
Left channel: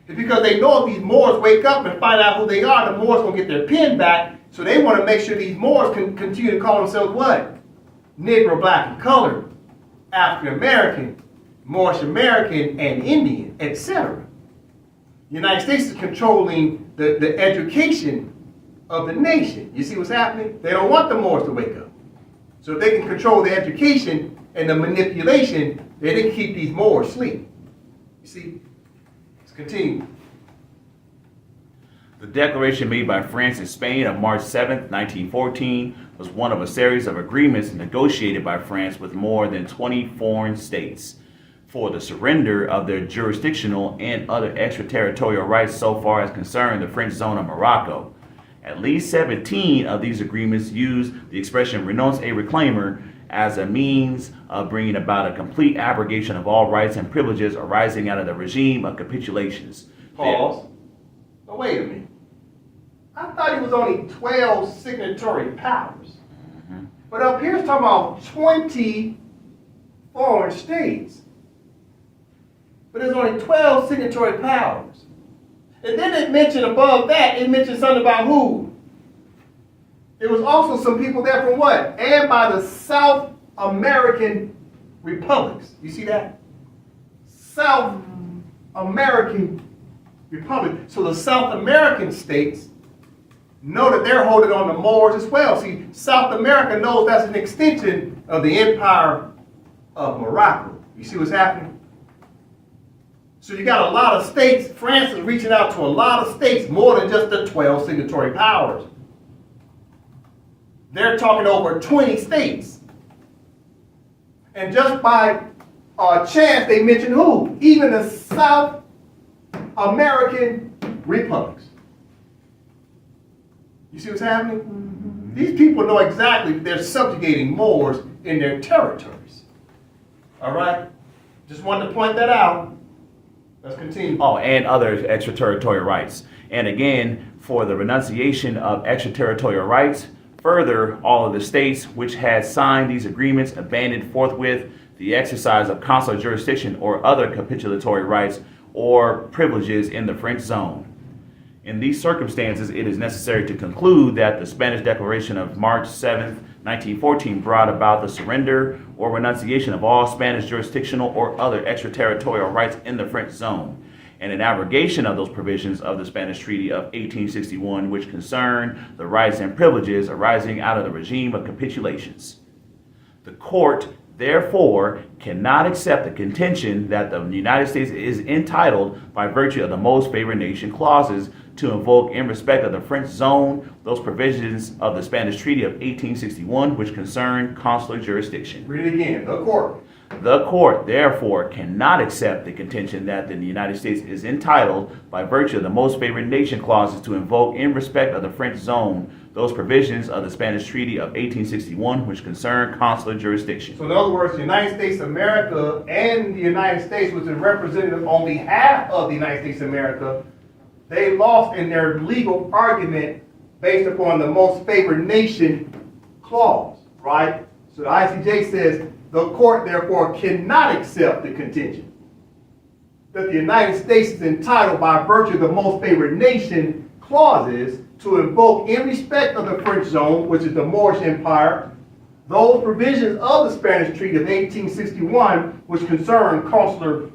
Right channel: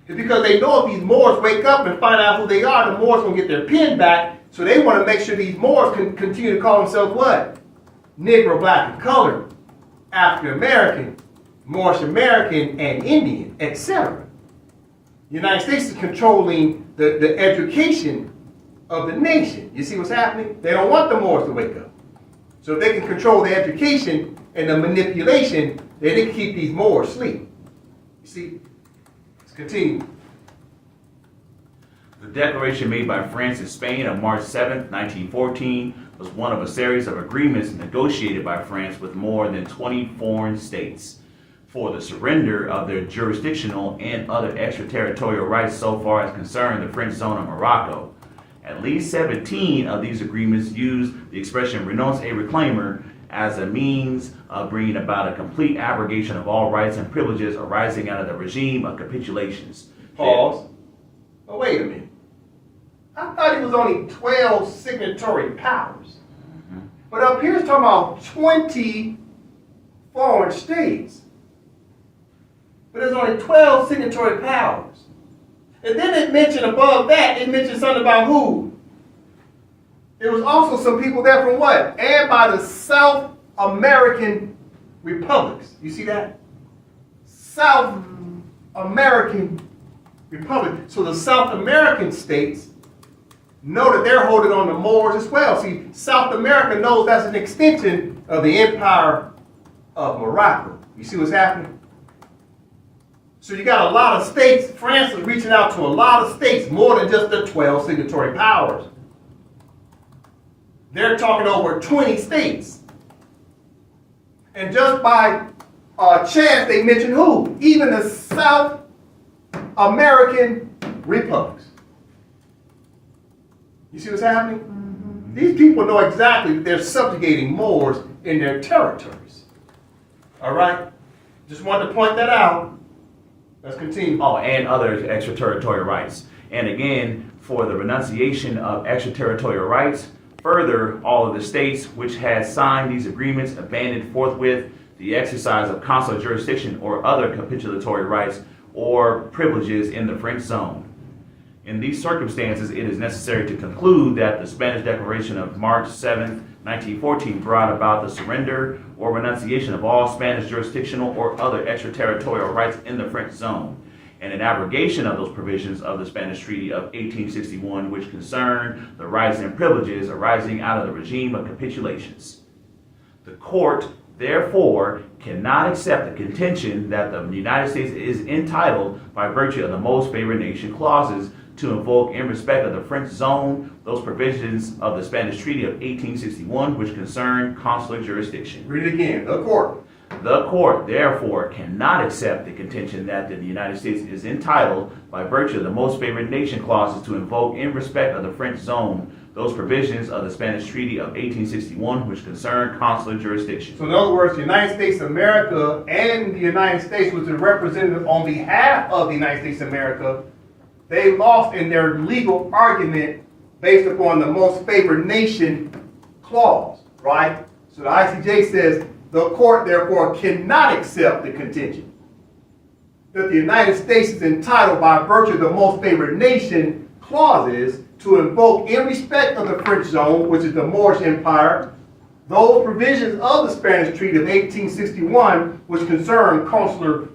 It's because they know if these Moors wake up and find out who they are, the Moors will get their pen back. So they want to make sure these Moors can continue to call themselves what? Negro, black, and colored, African American, Moorish American, and Indian, etc. The United States is controlling the education of the nation. You see what's happening? They don't want the Moors to wake up. So if they can control the education and the manipulation, then they can keep these Moors asleep. You see? Let's continue. The declaration made by France and Spain on March 7, 1914, was one of a series of agreements negotiated by France with more than 20 foreign states for the surrender of their jurisdictional and other extraterritorial rights so far as concerned the French zone of Morocco. At least 17 of these agreements use the expression renonce et reclaimer as a means of bringing about a complete abrogation of all rights and privileges arising out of the regime of capitulations. Pause. Oh, wait a minute. I thought it was only 12 signatory powers. But up here it's talking about 20 foreign states. But there's only 12 signatory powers. And then it mentioned above that, it mentioned something about who? There was also some people there from what? And by the South American republics. You see that? South American republic. So the South American states know that they're holding on to Moors as well. See, South America knows that's an extension of the empire of Morocco. You see what's happening? So you got a lot of states. France is reaching out to a lot of states, more than just the 12 signatory powers. They're talking over 20 states. And just by chance, they mentioned who? Even the South American republics. You see what's happening? Mm-hmm. These people know exactly that they're subjugating Moors in their territories. All right? Just wanted to point that out. Let's continue. Oh, and other extraterritorial rights. And again, for the renunciation of extraterritorial rights, further, all of the states which had signed these agreements abandoned forthwith the exercise of consular jurisdiction or other capitulatory rights or privileges in the French zone. In these circumstances, it is necessary to conclude that the Spanish Declaration of March 7, 1914 brought about the surrender or renunciation of all Spanish jurisdictional or other extraterritorial rights in the French zone, and an abrogation of those provisions of the Spanish Treaty of 1861 which concern the rights and privileges arising out of the regime of capitulations. The court, therefore, cannot accept the contention that the United States is entitled, by virtue of the most favored nation clauses, to invoke in respect of the French zone those provisions of the Spanish Treaty of 1861 which concern consular jurisdiction. Read it again. The court. The court, therefore, cannot accept the contention that the United States is entitled, by virtue of the most favored nation clauses, to invoke in respect of the French zone those provisions of the Spanish Treaty of 1861 which concern consular jurisdiction. So in other words, the United States of America and the United States, which is represented on behalf of the United States of America, they lost in their legal argument based upon the most favored nation clause, right? So the ICJ says the court therefore cannot accept the contention that the United States is entitled by virtue of the most favored nation clauses to invoke in respect of the French zone, which is the Moorish Empire, those provisions of the Spanish Treaty of 1861 which concern consular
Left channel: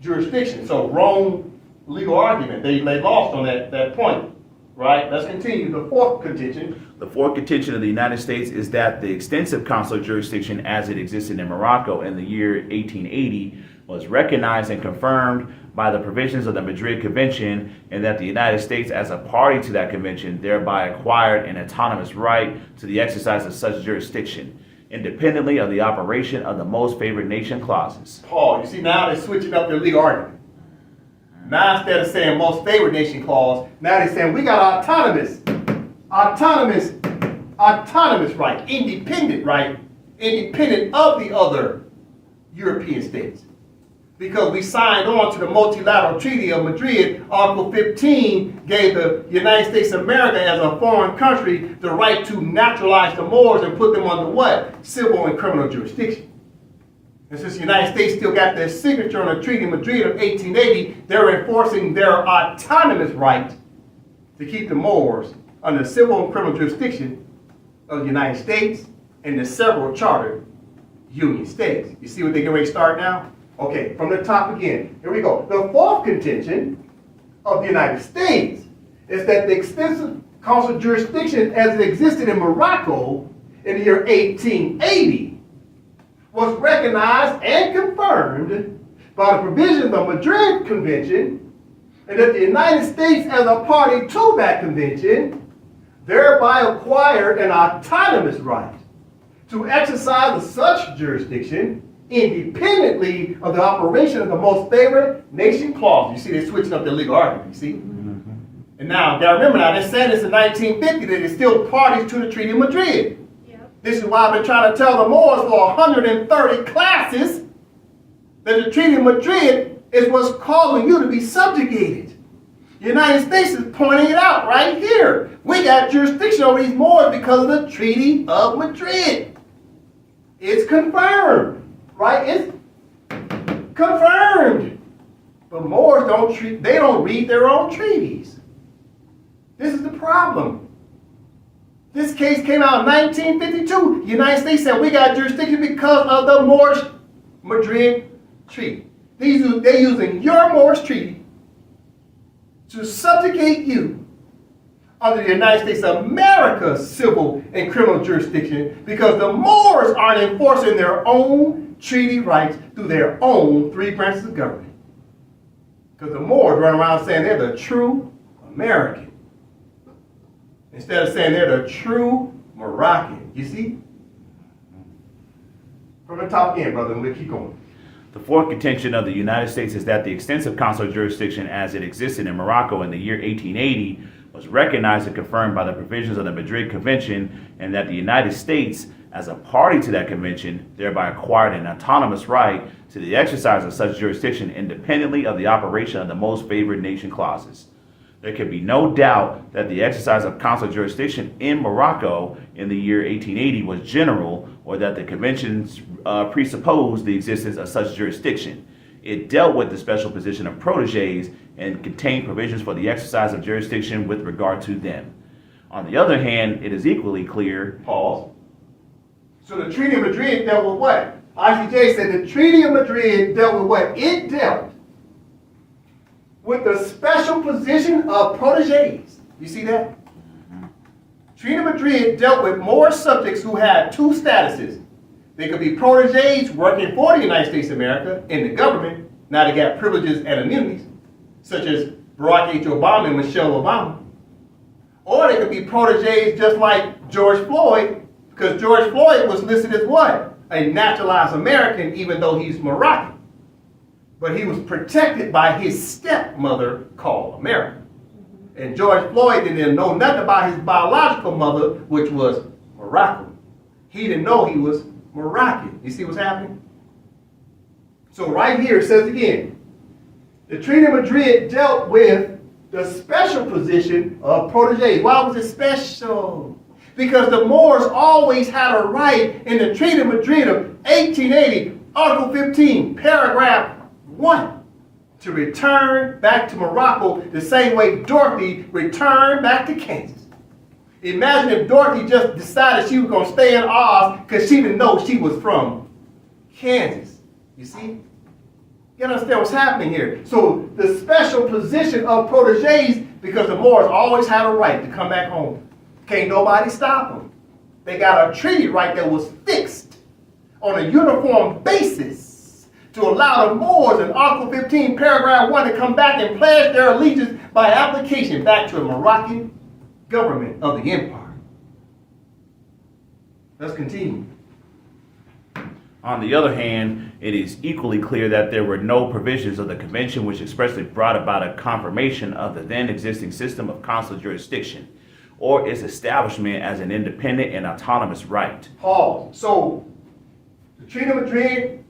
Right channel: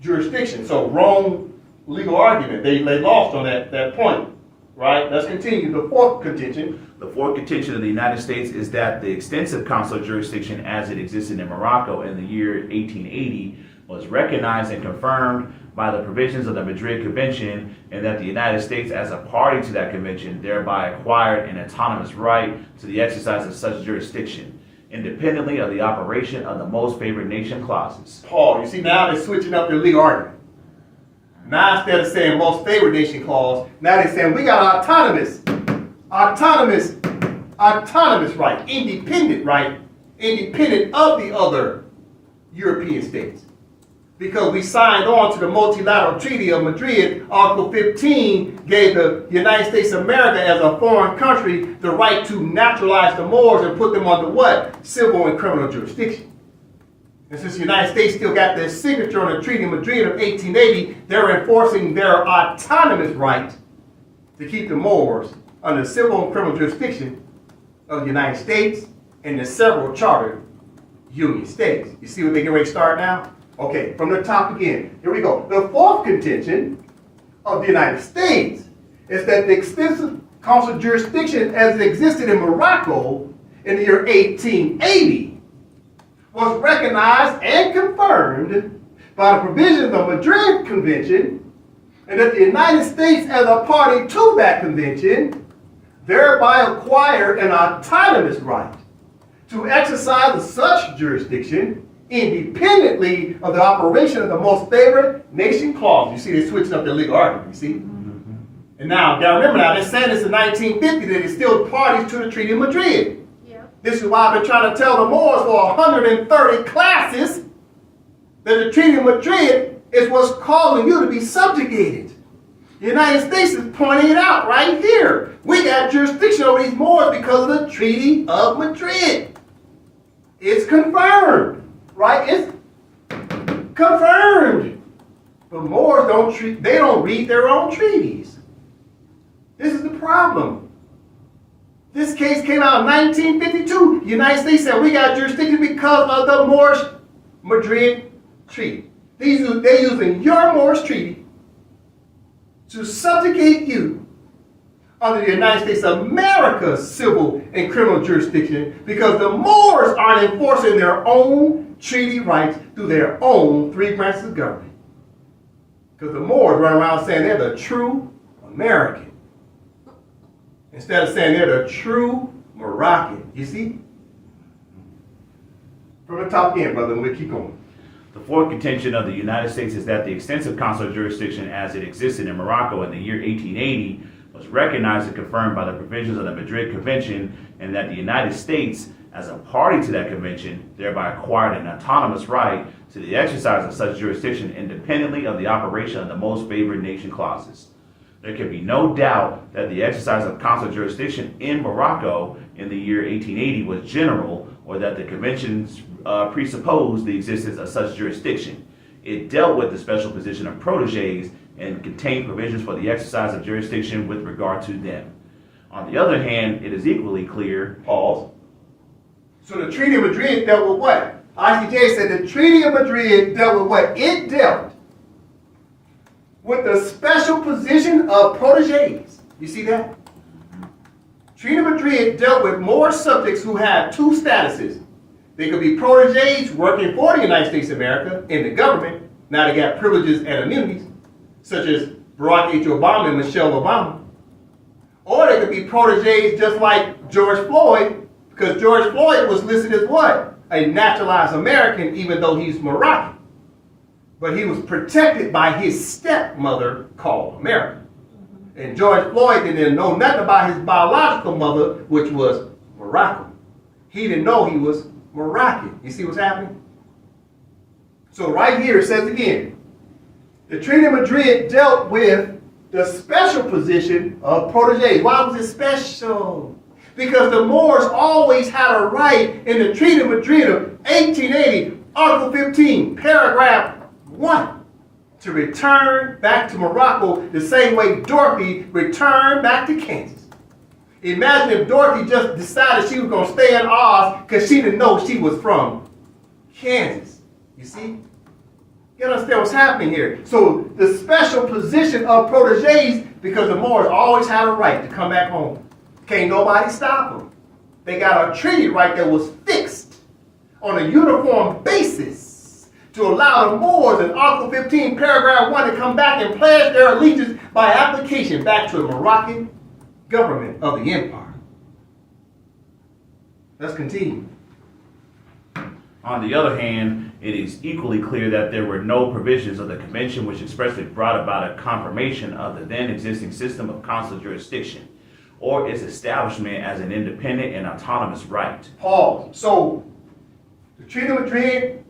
jurisdiction. So Rome legal argument, they lost on that point, right? Let's continue. The fourth contention. The fourth contention of the United States is that the extensive consular jurisdiction as it existed in Morocco in the year 1880 was recognized and confirmed by the provisions of the Madrid Convention, and that the United States, as a party to that convention, thereby acquired an autonomous right to the exercise of such jurisdiction, independently of the operation of the most favored nation clauses. Paul, you see now they're switching up their legal argument. Now instead of saying most favored nation clause, now they're saying we got autonomous right, independent of the other European states. Because we signed on to the multilateral treaty of Madrid, Article 15 gave the United States of America as a foreign country the right to naturalize the Moors and put them under what? Civil and criminal jurisdiction. And since the United States still got their signature on the Treaty of Madrid of 1880, they're enforcing their autonomous right to keep the Moors under civil and criminal jurisdiction of the United States and the several chartered union states. You see what they're getting ready to start now? Okay, from the top again. Here we go. The fourth contention of the United States is that the extensive consular jurisdiction as it existed in Morocco in the year 1880 was recognized and confirmed by the provisions of the Madrid Convention, and that the United States as a party to that convention thereby acquired an autonomous right to exercise such jurisdiction independently of the operation of the most favored nation clause. You see, they're switching up their legal argument, you see? And now, gotta remember now, they're saying this in 1950, that they're still parties to the Treaty of Madrid. Yep. This is why I've been trying to tell the Moors for 130 classes that the Treaty of Madrid is what's causing you to be subjugated. The United States is pointing it out right here. We got jurisdiction over these Moors because of the Treaty of Madrid. It's confirmed. Right? It's confirmed. But Moors they don't read their own treaties. This is the problem. This case came out in 1952. The United States said we got jurisdiction because of the Moorish Madrid Treaty. They're using your Moorish Treaty to subjugate you under the United States of America's civil and criminal jurisdiction because the Moors aren't enforcing their own treaty rights through their own three branches of government. Because the Moors run around saying they're the true American instead of saying they're the true Moroccan. You see? From the top again, brother, and we'll keep going. The fourth contention of the United States is that the extensive consular jurisdiction as it existed in Morocco in the year 1880 was recognized and confirmed by the provisions of the Madrid Convention, and that the United States, as a party to that convention, thereby acquired an autonomous right to the exercise of such jurisdiction independently of the operation of the most favored nation clauses. There can be no doubt that the exercise of consular jurisdiction in Morocco in the year 1880 was general, or that the conventions presupposed the existence of such jurisdiction. It dealt with the special position of protégés and contained provisions for the exercise of jurisdiction with regard to them. On the other hand, it is equally clear, pause. So the Treaty of Madrid dealt with what? ICJ said the Treaty of Madrid dealt with what? It dealt with the special position of protégés. You see that? Treaty of Madrid dealt with more subjects who had two statuses. They could be protégés working for the United States of America in the government. Now they got privileges and immunities, such as Barack H. Obama and Michelle Obama. Or they could be protégés just like George Floyd, because George Floyd was listed as what? A naturalized American, even though he's Moroccan. But he was protected by his stepmother called America. And George Floyd didn't know nothing about his biological mother, which was Moroccan. He didn't know he was Moroccan. You see what's happening? So right here it says again, the Treaty of Madrid dealt with the special position of protégés. Why was it special? Because the Moors always had a right in the Treaty of Madrid of 1880, Article 15, paragraph 1, to return back to Morocco the same way Dorothy returned back to Kansas. Imagine if Dorothy just decided she was going to stay in Oz because she didn't know she was from Kansas. You see? You understand what's happening here? So the special position of protégés, because the Moors always had a right to come back home. Can't nobody stop them. They got a treaty right that was fixed on a uniform basis to allow the Moors in Article 15, paragraph 1 to come back and pledge their allegiance by application back to the Moroccan government of the empire. Let's continue. On the other hand, it is equally clear that there were no provisions of the convention which expressly brought about a confirmation of the then existing system of consular jurisdiction, or its establishment as an independent and autonomous right. Pause. So, the Treaty of Madrid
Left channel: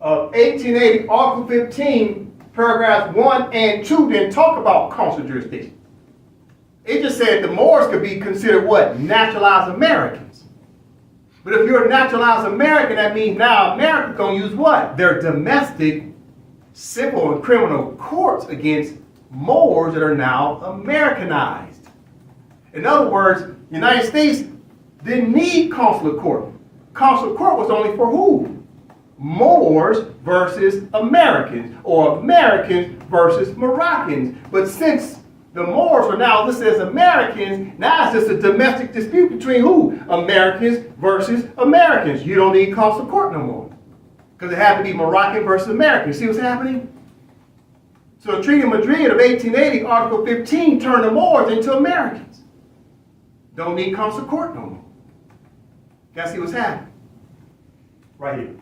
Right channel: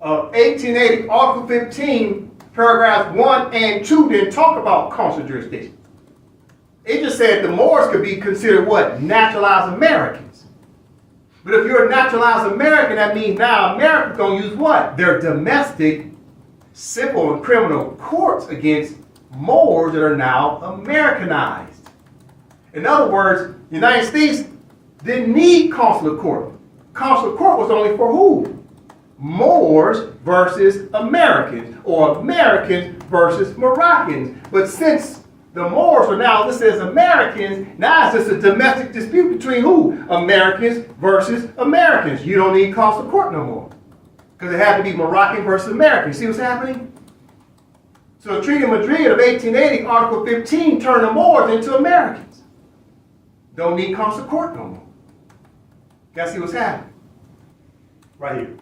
of 1880, Article 15, paragraphs 1 and 2 didn't talk about consular jurisdiction. It just said the Moors could be considered what? Naturalized Americans. But if you're a naturalized American, that means now America's going to use what? Their domestic civil and criminal courts against Moors that are now Americanized. In other words, the United States didn't need consular court. Consular court was only for who? Moors versus Americans, or Americans versus Moroccans. But since the Moors are now listed as Americans, now it's just a domestic dispute between who? Americans versus Americans. You don't need consular court no more, because it had to be Moroccan versus American. See what's happening? So the Treaty of Madrid of 1880, Article 15, turned the Moors into Americans. Don't need consular court no more. Guess see what's happening? Right here.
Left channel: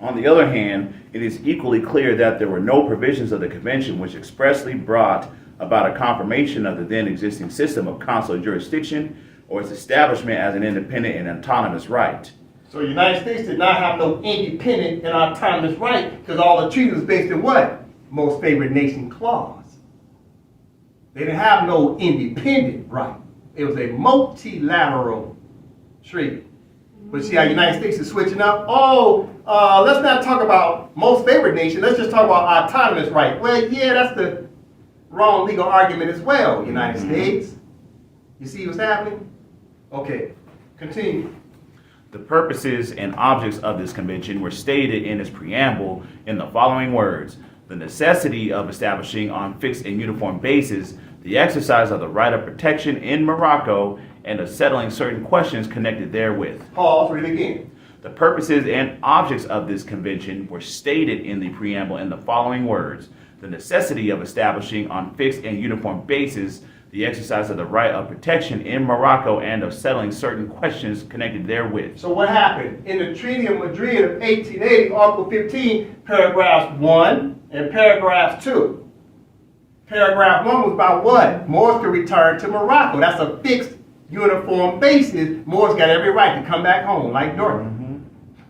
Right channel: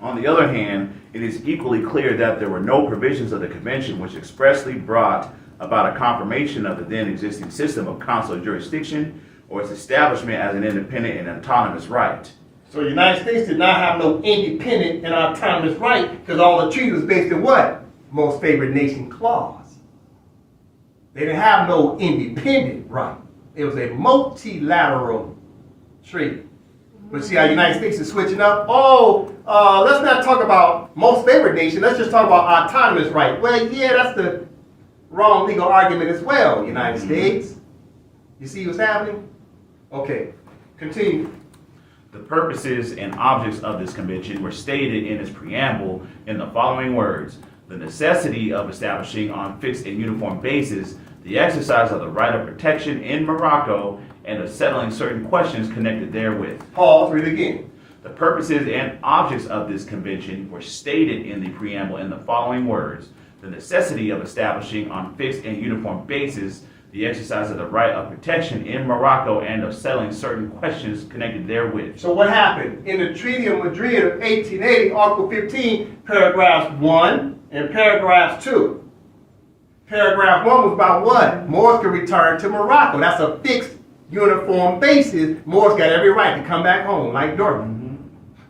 On the other hand, it is equally clear that there were no provisions of the convention which expressly brought about a confirmation of the then existing system of consular jurisdiction or its establishment as an independent and autonomous right. So the United States did not have no independent and autonomous right because all the treaty was based in what? Most favored nation clause. They didn't have no independent right. It was a multilateral treaty. But see how the United States is switching up? Let's not talk about most favored nation. Let's just talk about autonomous right. Well, yeah, that's the wrong legal argument as well, United States. You see what's happening? Okay, continue. The purposes and objects of this convention were stated in its preamble in the following words: the necessity of establishing on fixed and uniform basis the exercise of the right of protection in Morocco and of settling certain questions connected therewith. Pause, read it again. The purposes and objects of this convention were stated in the preamble in the following words: the necessity of establishing on fixed and uniform basis the exercise of the right of protection in Morocco and of settling certain questions connected therewith. So what happened? In the Treaty of Madrid of 1880, Article 15, paragraphs 1 and paragraph 2. Paragraph 1 was about what? Moors could return to Morocco. That's a fixed, uniform basis. Moors got every right to come back home, like Dorothy.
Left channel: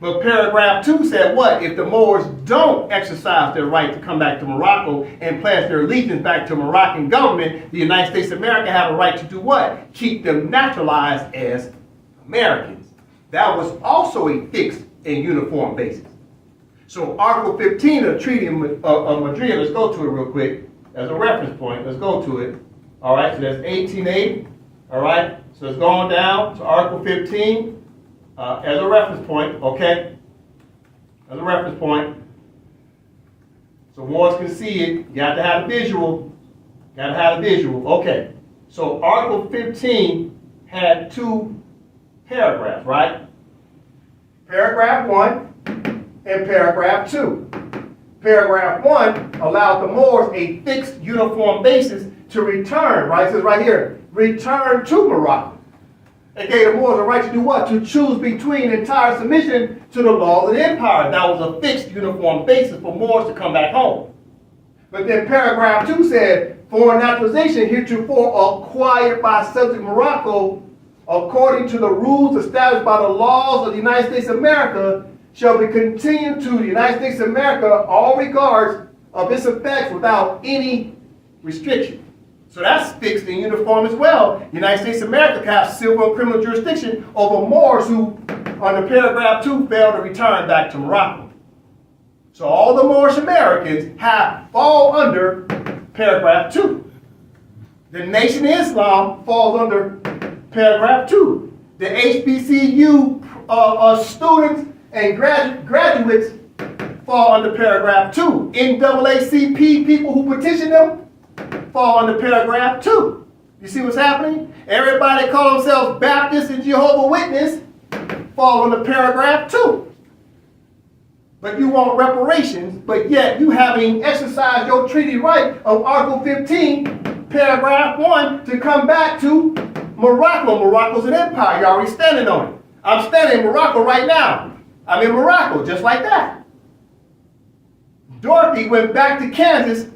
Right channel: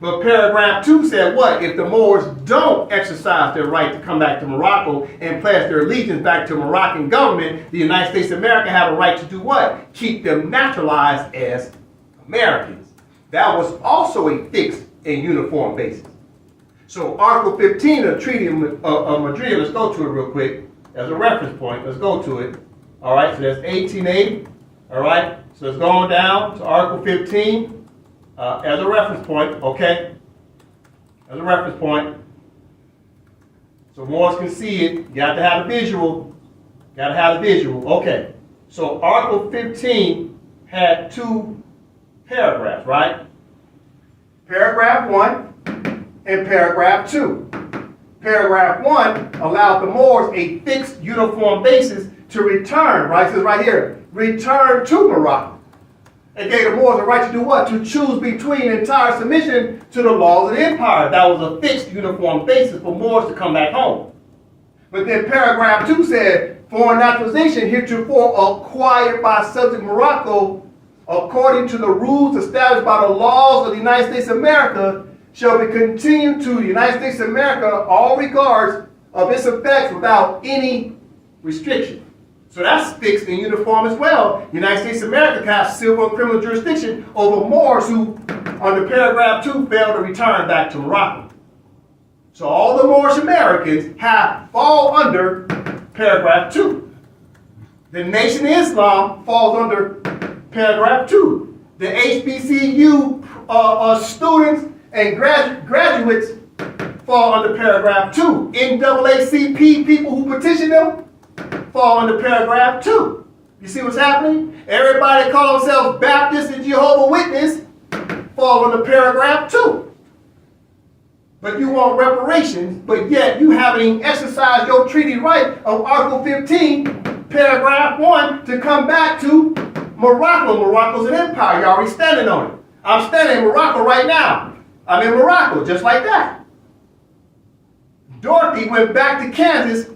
But paragraph 2 said what? If the Moors don't exercise their right to come back to Morocco and pledge their allegiance back to Moroccan government, the United States of America have a right to do what? Keep them naturalized as Americans. That was also a fixed and uniform basis. So Article 15 of the Treaty of Madrid, let's go to it real quick as a reference point. Let's go to it. All right, so that's 1880. All right, so it's going down to Article 15. As a reference point, okay? As a reference point. So Moors can see it. You got to have a visual. Got to have a visual. Okay. So Article 15 had 2 paragraphs, right? Paragraph 1 and paragraph 2. Paragraph 1 allowed the Moors a fixed uniform basis to return, right? It says right here, return to Morocco. It gave the Moors a right to do what? To choose between entire submission to the laws of the empire. That was a fixed uniform basis for Moors to come back home. But then paragraph 2 said, foreign naturalization heretofore acquired by subject Morocco, according to the rules established by the laws of the United States of America, shall be continued to the United States of America all regards of its effects without any restriction. So that's fixed and uniform as well. The United States of America can have civil and criminal jurisdiction over Moors who, under paragraph 2, failed to return back to Morocco. So all the Moorish Americans fall under paragraph 2. The Nation of Islam falls under paragraph 2. The HBCU students and graduates fall under paragraph 2. NAACP people who petition them fall under paragraph 2. You see what's happening? Everybody that call themselves Baptist and Jehovah's Witness fall under paragraph 2. But you want reparations, but yet you haven't even exercised your treaty right of Article 15, paragraph 1, to come back to Morocco. Morocco's an empire. You're already standing on it. I'm standing in Morocco right now. I'm in Morocco, just like that. Dorothy went back to Kansas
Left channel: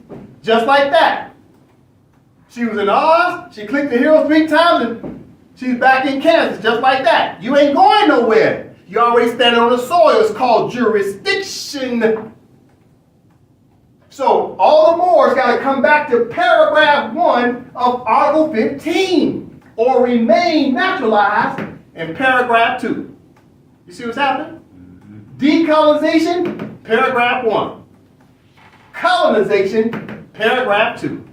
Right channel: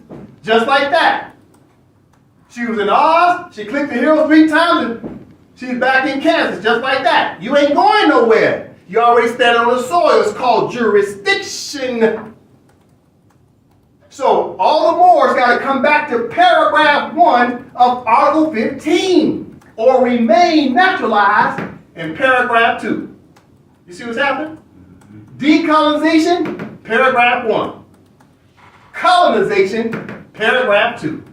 just like that. She was in Oz, she clicked the hero 3 times, and she's back in Kansas, just like that. You ain't going nowhere. You're already standing on the soil. It's called jurisdiction. So all the Moors got to come back to paragraph 1 of Article 15, or remain naturalized in paragraph 2. You see what's happening? Decolonization, paragraph 1. Colonization, paragraph 2.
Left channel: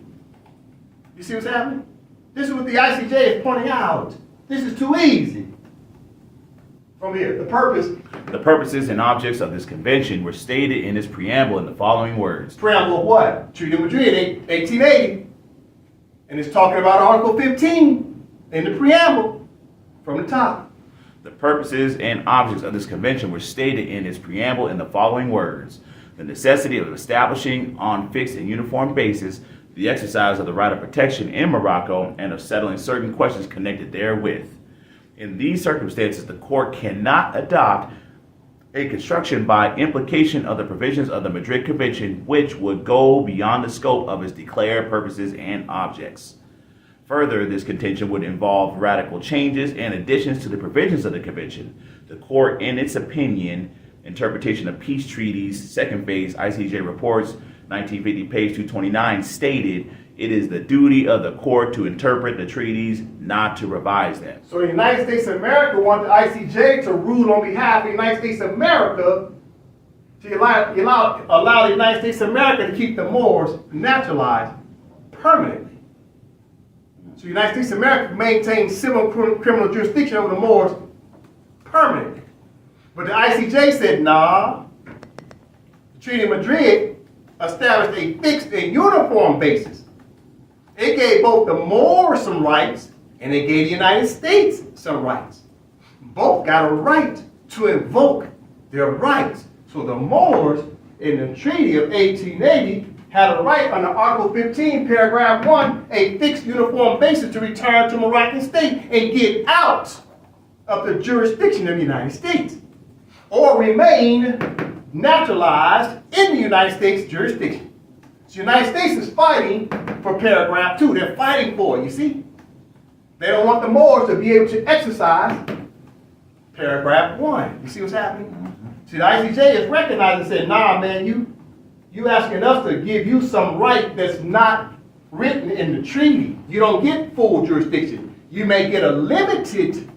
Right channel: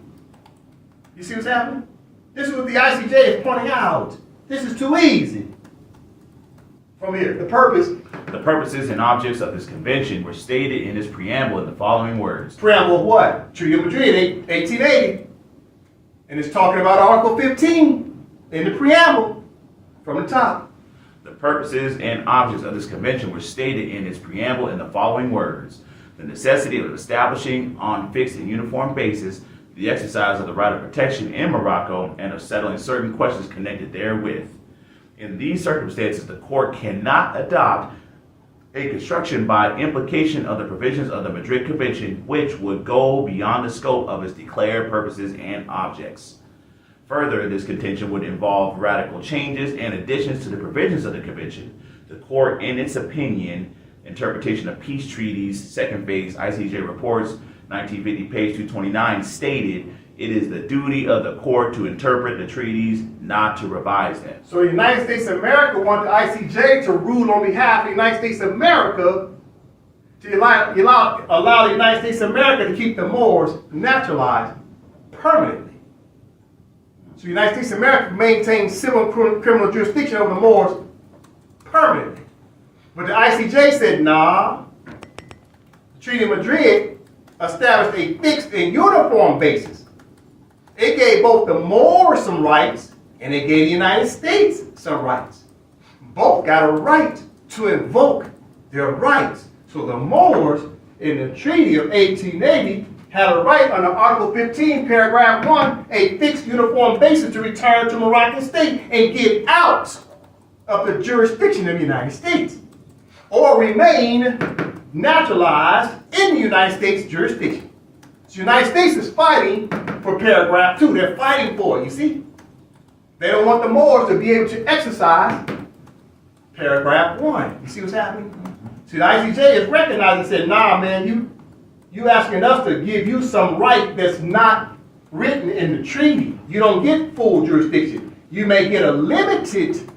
You see what's happening? This is what the ICJ is pointing out. This is too easy. From here, the purposes and objects of this convention were stated in its preamble in the following words. Preamble of what? Treaty of Madrid, 1880. And it's talking about Article 15 in the preamble from the top. The purposes and objects of this convention were stated in its preamble in the following words. the necessity of establishing on fixed and uniform basis the exercise of the right of protection in Morocco and of settling certain questions connected therewith. In these circumstances, the court cannot adopt a construction by implication of the provisions of the Madrid Convention which would go beyond the scope of its declared purposes and objects. Further, this contention would involve radical changes and additions to the provisions of the convention. The court, in its opinion, interpretation of peace treaties, second phase ICJ reports, 1950, page 229, stated, it is the duty of the court to interpret the treaties, not to revise them. So the United States of America want the ICJ to rule on behalf of the United States of America to allow the United States of America to keep the Moors naturalized permanently. So the United States of America maintains civil and criminal jurisdiction over the Moors permanently. But the ICJ said, nah, the Treaty of Madrid established a fixed and uniform basis. It gave both the Moors some rights and it gave the United States some rights. Both got a right to invoke their rights. So the Moors in the Treaty of 1880 had a right under Article 15, paragraph 1, a fixed uniform basis to return to Moroccan state and get out of the jurisdiction of the United States or remain naturalized in the United States jurisdiction. So the United States is fighting for paragraph 2. They're fighting for it, you see. They don't want the Moors to be able to exercise paragraph 1. You see what's happening? See, the ICJ is recognized and said, nah, man, you asking us to give you some right that's not written in the treaty. You don't get full jurisdiction. You may get a limited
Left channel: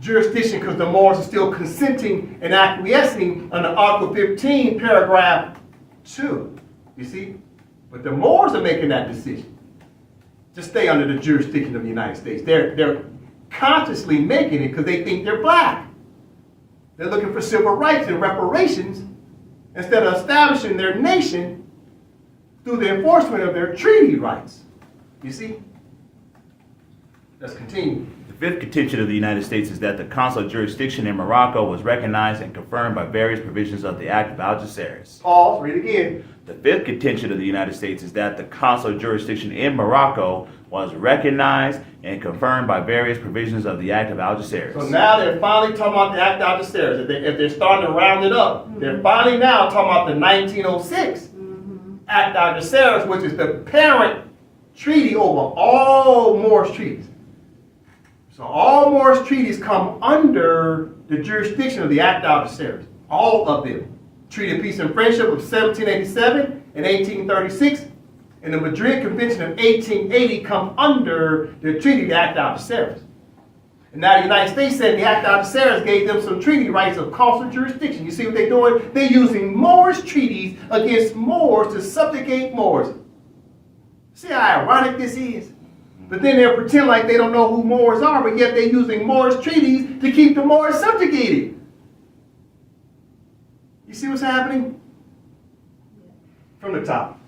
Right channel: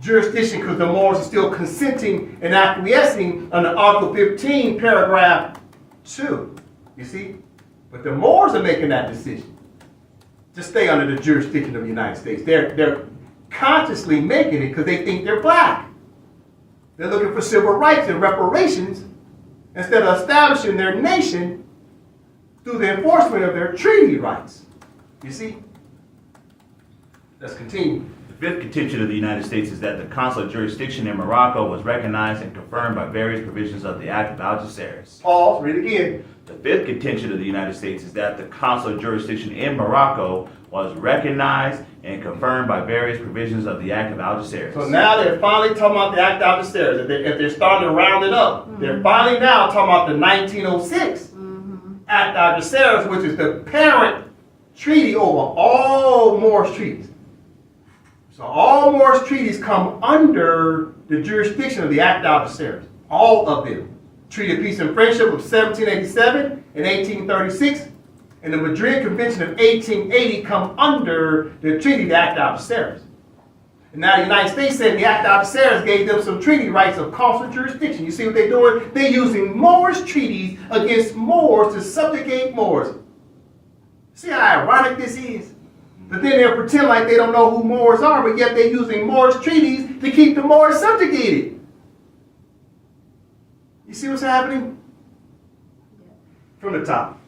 jurisdiction because the Moors are still consenting and acquiescing under Article 15, paragraph 2. You see? But the Moors are making that decision to stay under the jurisdiction of the United States. They're consciously making it because they think they're black. They're looking for civil rights and reparations instead of establishing their nation through the enforcement of their treaty rights. You see? Let's continue. The fifth contention of the United States is that the consular jurisdiction in Morocco was recognized and confirmed by various provisions of the Act of Algeciras. Pause, read again. The fifth contention of the United States is that the consular jurisdiction in Morocco was recognized and confirmed by various provisions of the Act of Algeciras. So now they're finally talking about the Act of Algeciras. If they're starting to round it up, they're finally now talking about the 1906 Act of Algeciras, which is the parent treaty over all Moorish treaties. So all Moorish treaties come under the jurisdiction of the Act of Algeciras. All of them. Treaty of Peace and Friendship of 1787 and 1836, and the Madrid Convention of 1880 come under the Treaty of the Act of Algeciras. And now the United States said the Act of Algeciras gave them some treaty rights of consular jurisdiction. You see what they're doing? They're using Moorish treaties against Moors to subjugate Moors. See how ironic this is? But then they'll pretend like they don't know who Moors are, but yet they're using Moorish treaties to keep the Moors subjugated. You see what's happening? From the top.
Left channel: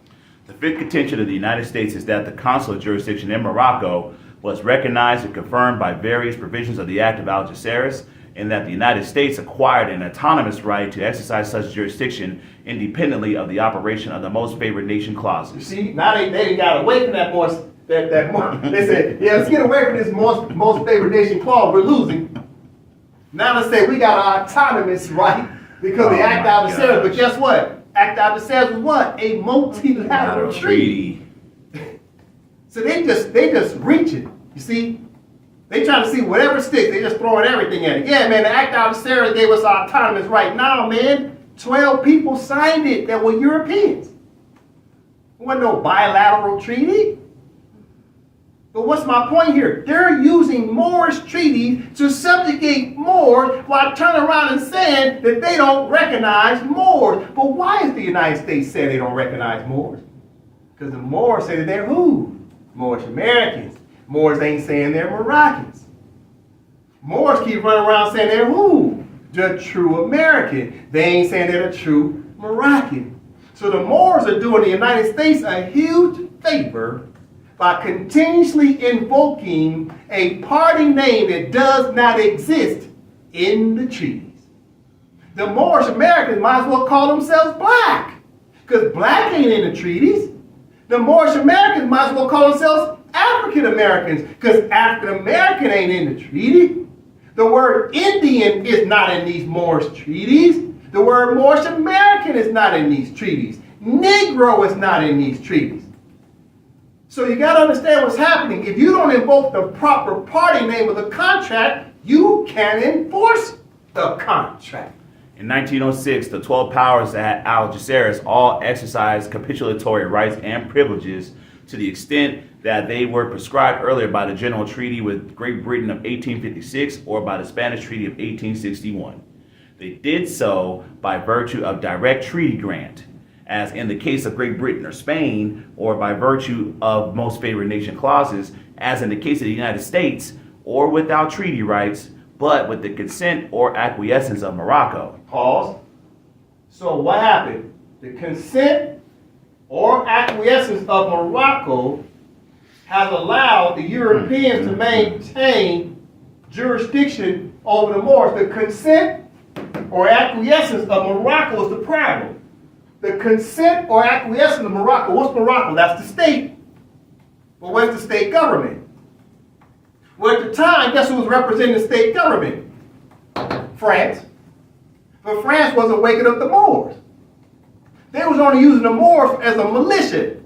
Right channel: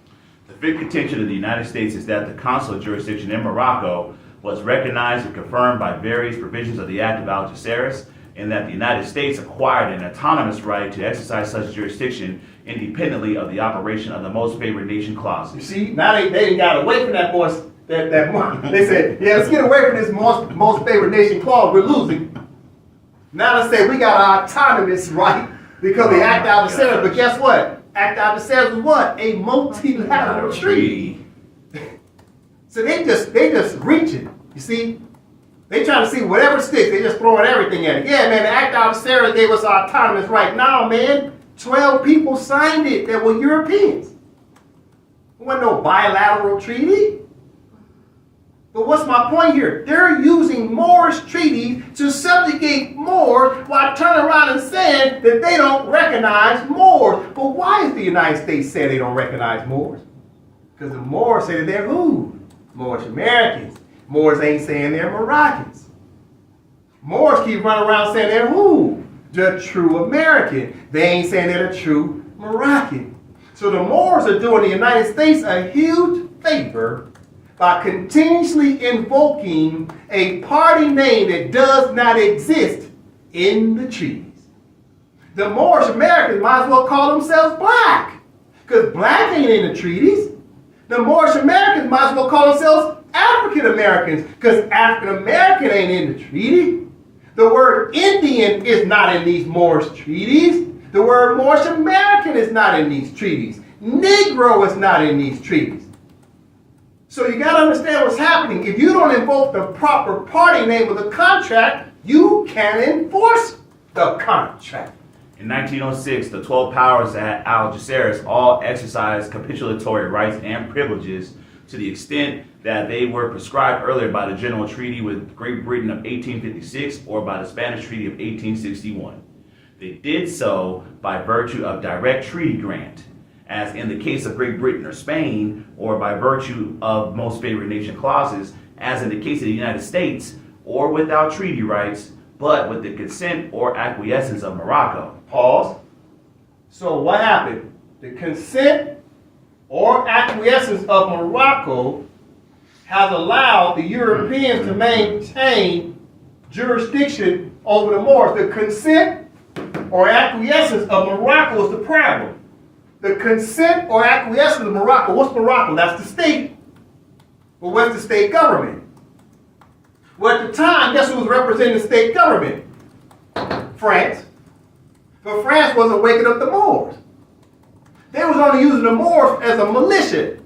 The fifth contention of the United States is that the consular jurisdiction in Morocco was recognized and confirmed by various provisions of the Act of Algeciras, and that the United States acquired an autonomous right to exercise such jurisdiction independently of the operation of the most favored nation clauses. You see, now they got away from that voice. They said, yeah, let's get away from this most favored nation clause. We're losing. Now let's say we got our autonomous right because the Act of Algeciras. But guess what? Act of Algeciras was what? A multilateral treaty. So they just reaching. You see, they trying to see whatever sticks. They just throwing everything at it. Yeah, man. The Act of Algeciras gave us our autonomous right. Now, man, 12 people signed it that were Europeans. There wasn't no bilateral treaty. But what's my point here? They're using Moorish treaties to subjugate Moors while turning around and saying that they don't recognize Moors. But why is the United States saying they don't recognize Moors? Because the Moors say that they're who? Moorish Americans. Moors ain't saying they're Moroccans. Moors keep running around saying they're who? The true American. They ain't saying they're the true Moroccan. So the Moors are doing the United States a huge favor by continuously invoking a party name that does not exist in the treaties. The Moorish Americans might as well call themselves black, because black ain't in the treaties. The Moorish Americans might as well call themselves African Americans, because African American ain't in the treaty. The word Indian is not in these Moorish treaties. The word Moorish American is not in these treaties. Negro is not in these treaties. So you got to understand what's happening. If you don't invoke the proper party name of the contract, you can enforce the contract. In 1906, the 12 powers at Algeciras all exercised capitulatory rights and privileges to the extent that they were prescribed earlier by the General Treaty with Great Britain of 1856 or by the Spanish Treaty of 1861. They did so by virtue of direct treaty grant, as in the case of Great Britain or Spain, or by virtue of most favored nation clauses, as in the case of the United States, or without treaty rights, but with the consent or acquiescence of Morocco. Pause. So what happened? The consent or acquiescence of Morocco has allowed the Europeans to maintain jurisdiction over the Moors. The consent or acquiescence of Morocco is the problem. The consent or acquiescence of Morocco. What's Morocco? That's the state. But what's the state government? Well, at the time, guess who was representing the state government? France. But France wasn't waking up the Moors. They was only using the Moors as a militia.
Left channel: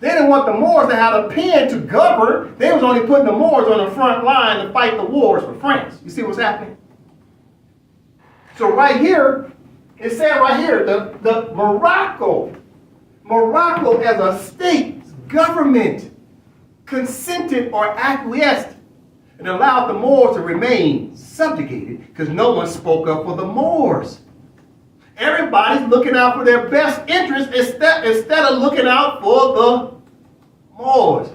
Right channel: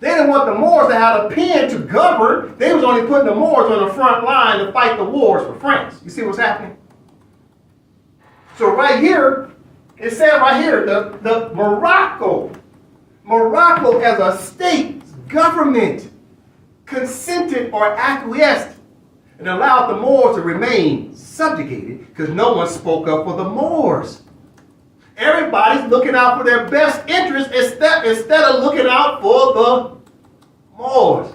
They didn't want the Moors to have a pen to govern. They was only putting the Moors on the front line to fight the wars for France. You see what's happening? So right here, it said right here, the Morocco as a state government consented or acquiesced and allowed the Moors to remain subjugated because no one spoke up for the Moors. Everybody's looking out for their best interest instead of looking out for the Moors.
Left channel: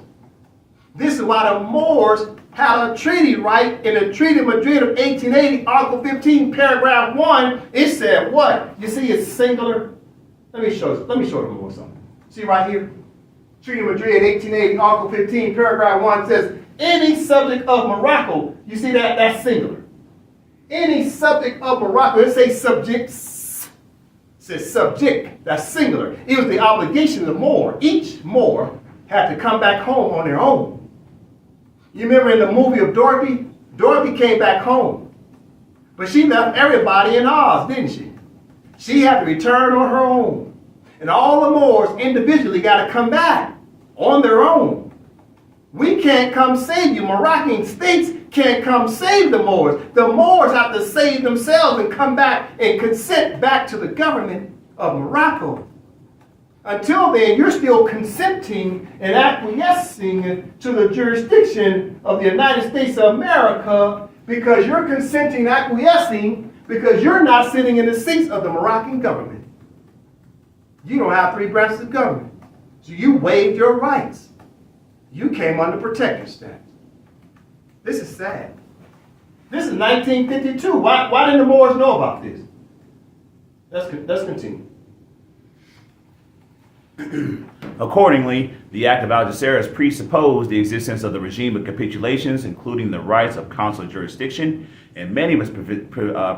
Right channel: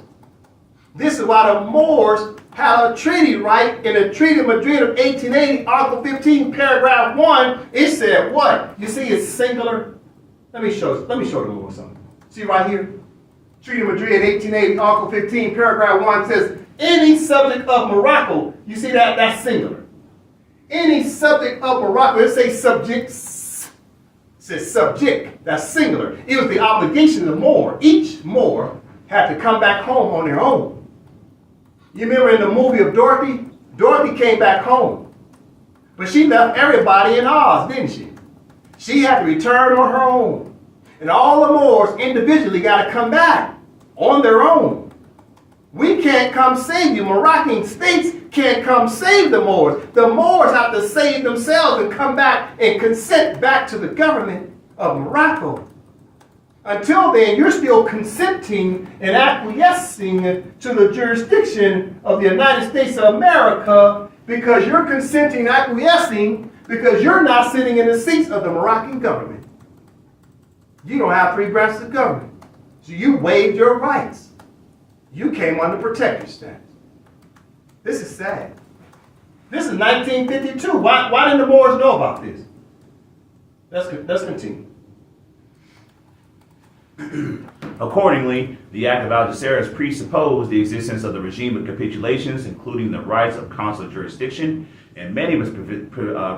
This is why the Moors had a treaty right in the Treaty of Madrid of 1880, Article 15, paragraph 1. It said what? You see it's singular? Let me show you a little something. See right here? Treaty of Madrid 1880, Article 15, paragraph 1 says, any subject of Morocco, you see that? That's singular. Any subject of Morocco, it says subjects, it says subject, that's singular. It was the obligation of the Moor. Each Moor had to come back home on their own. You remember in the movie of Dorothy? Dorothy came back home. But she left everybody in Oz, didn't she? She had to return on her own. And all the Moors individually got to come back on their own. We can't come save you. Moroccan states can't come save the Moors. The Moors have to save themselves and come back and consent back to the government of Morocco. Until then, you're still consenting and acquiescing to the jurisdiction of the United States of America because you're consenting and acquiescing because you're not sitting in the seats of the Moroccan government. You don't have three branches of government. So you waived your rights. You came under protective status. This is sad. This is 1952. Why didn't the Moors know about this? Let's continue. Accordingly, the Act of Algeciras presupposed the existence of the regime of capitulations, including the rights of consular jurisdiction, and many of its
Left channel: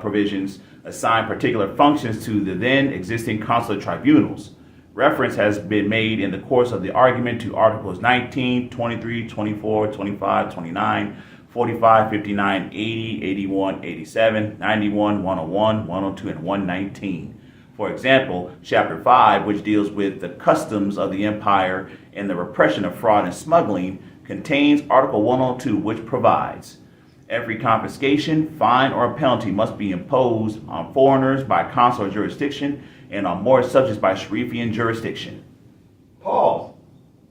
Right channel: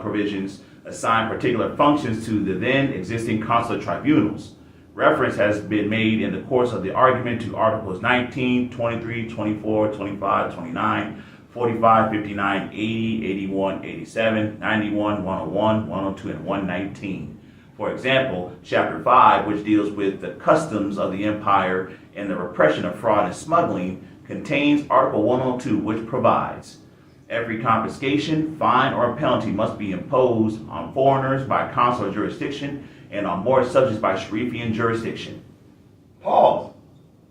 provisions assigned particular functions to the then existing consular tribunals. Reference has been made in the course of the argument to Articles 19, 23, 24, 25, 29, 45, 59, 80, 81, 87, 91, 101, 102, and 119. For example, Chapter 5, which deals with the customs of the empire and the repression of fraud and smuggling, contains Article 102, which provides, every confiscation, fine, or penalty must be imposed on foreigners by consular jurisdiction and on Moorish subjects by Sharifian jurisdiction. Pause.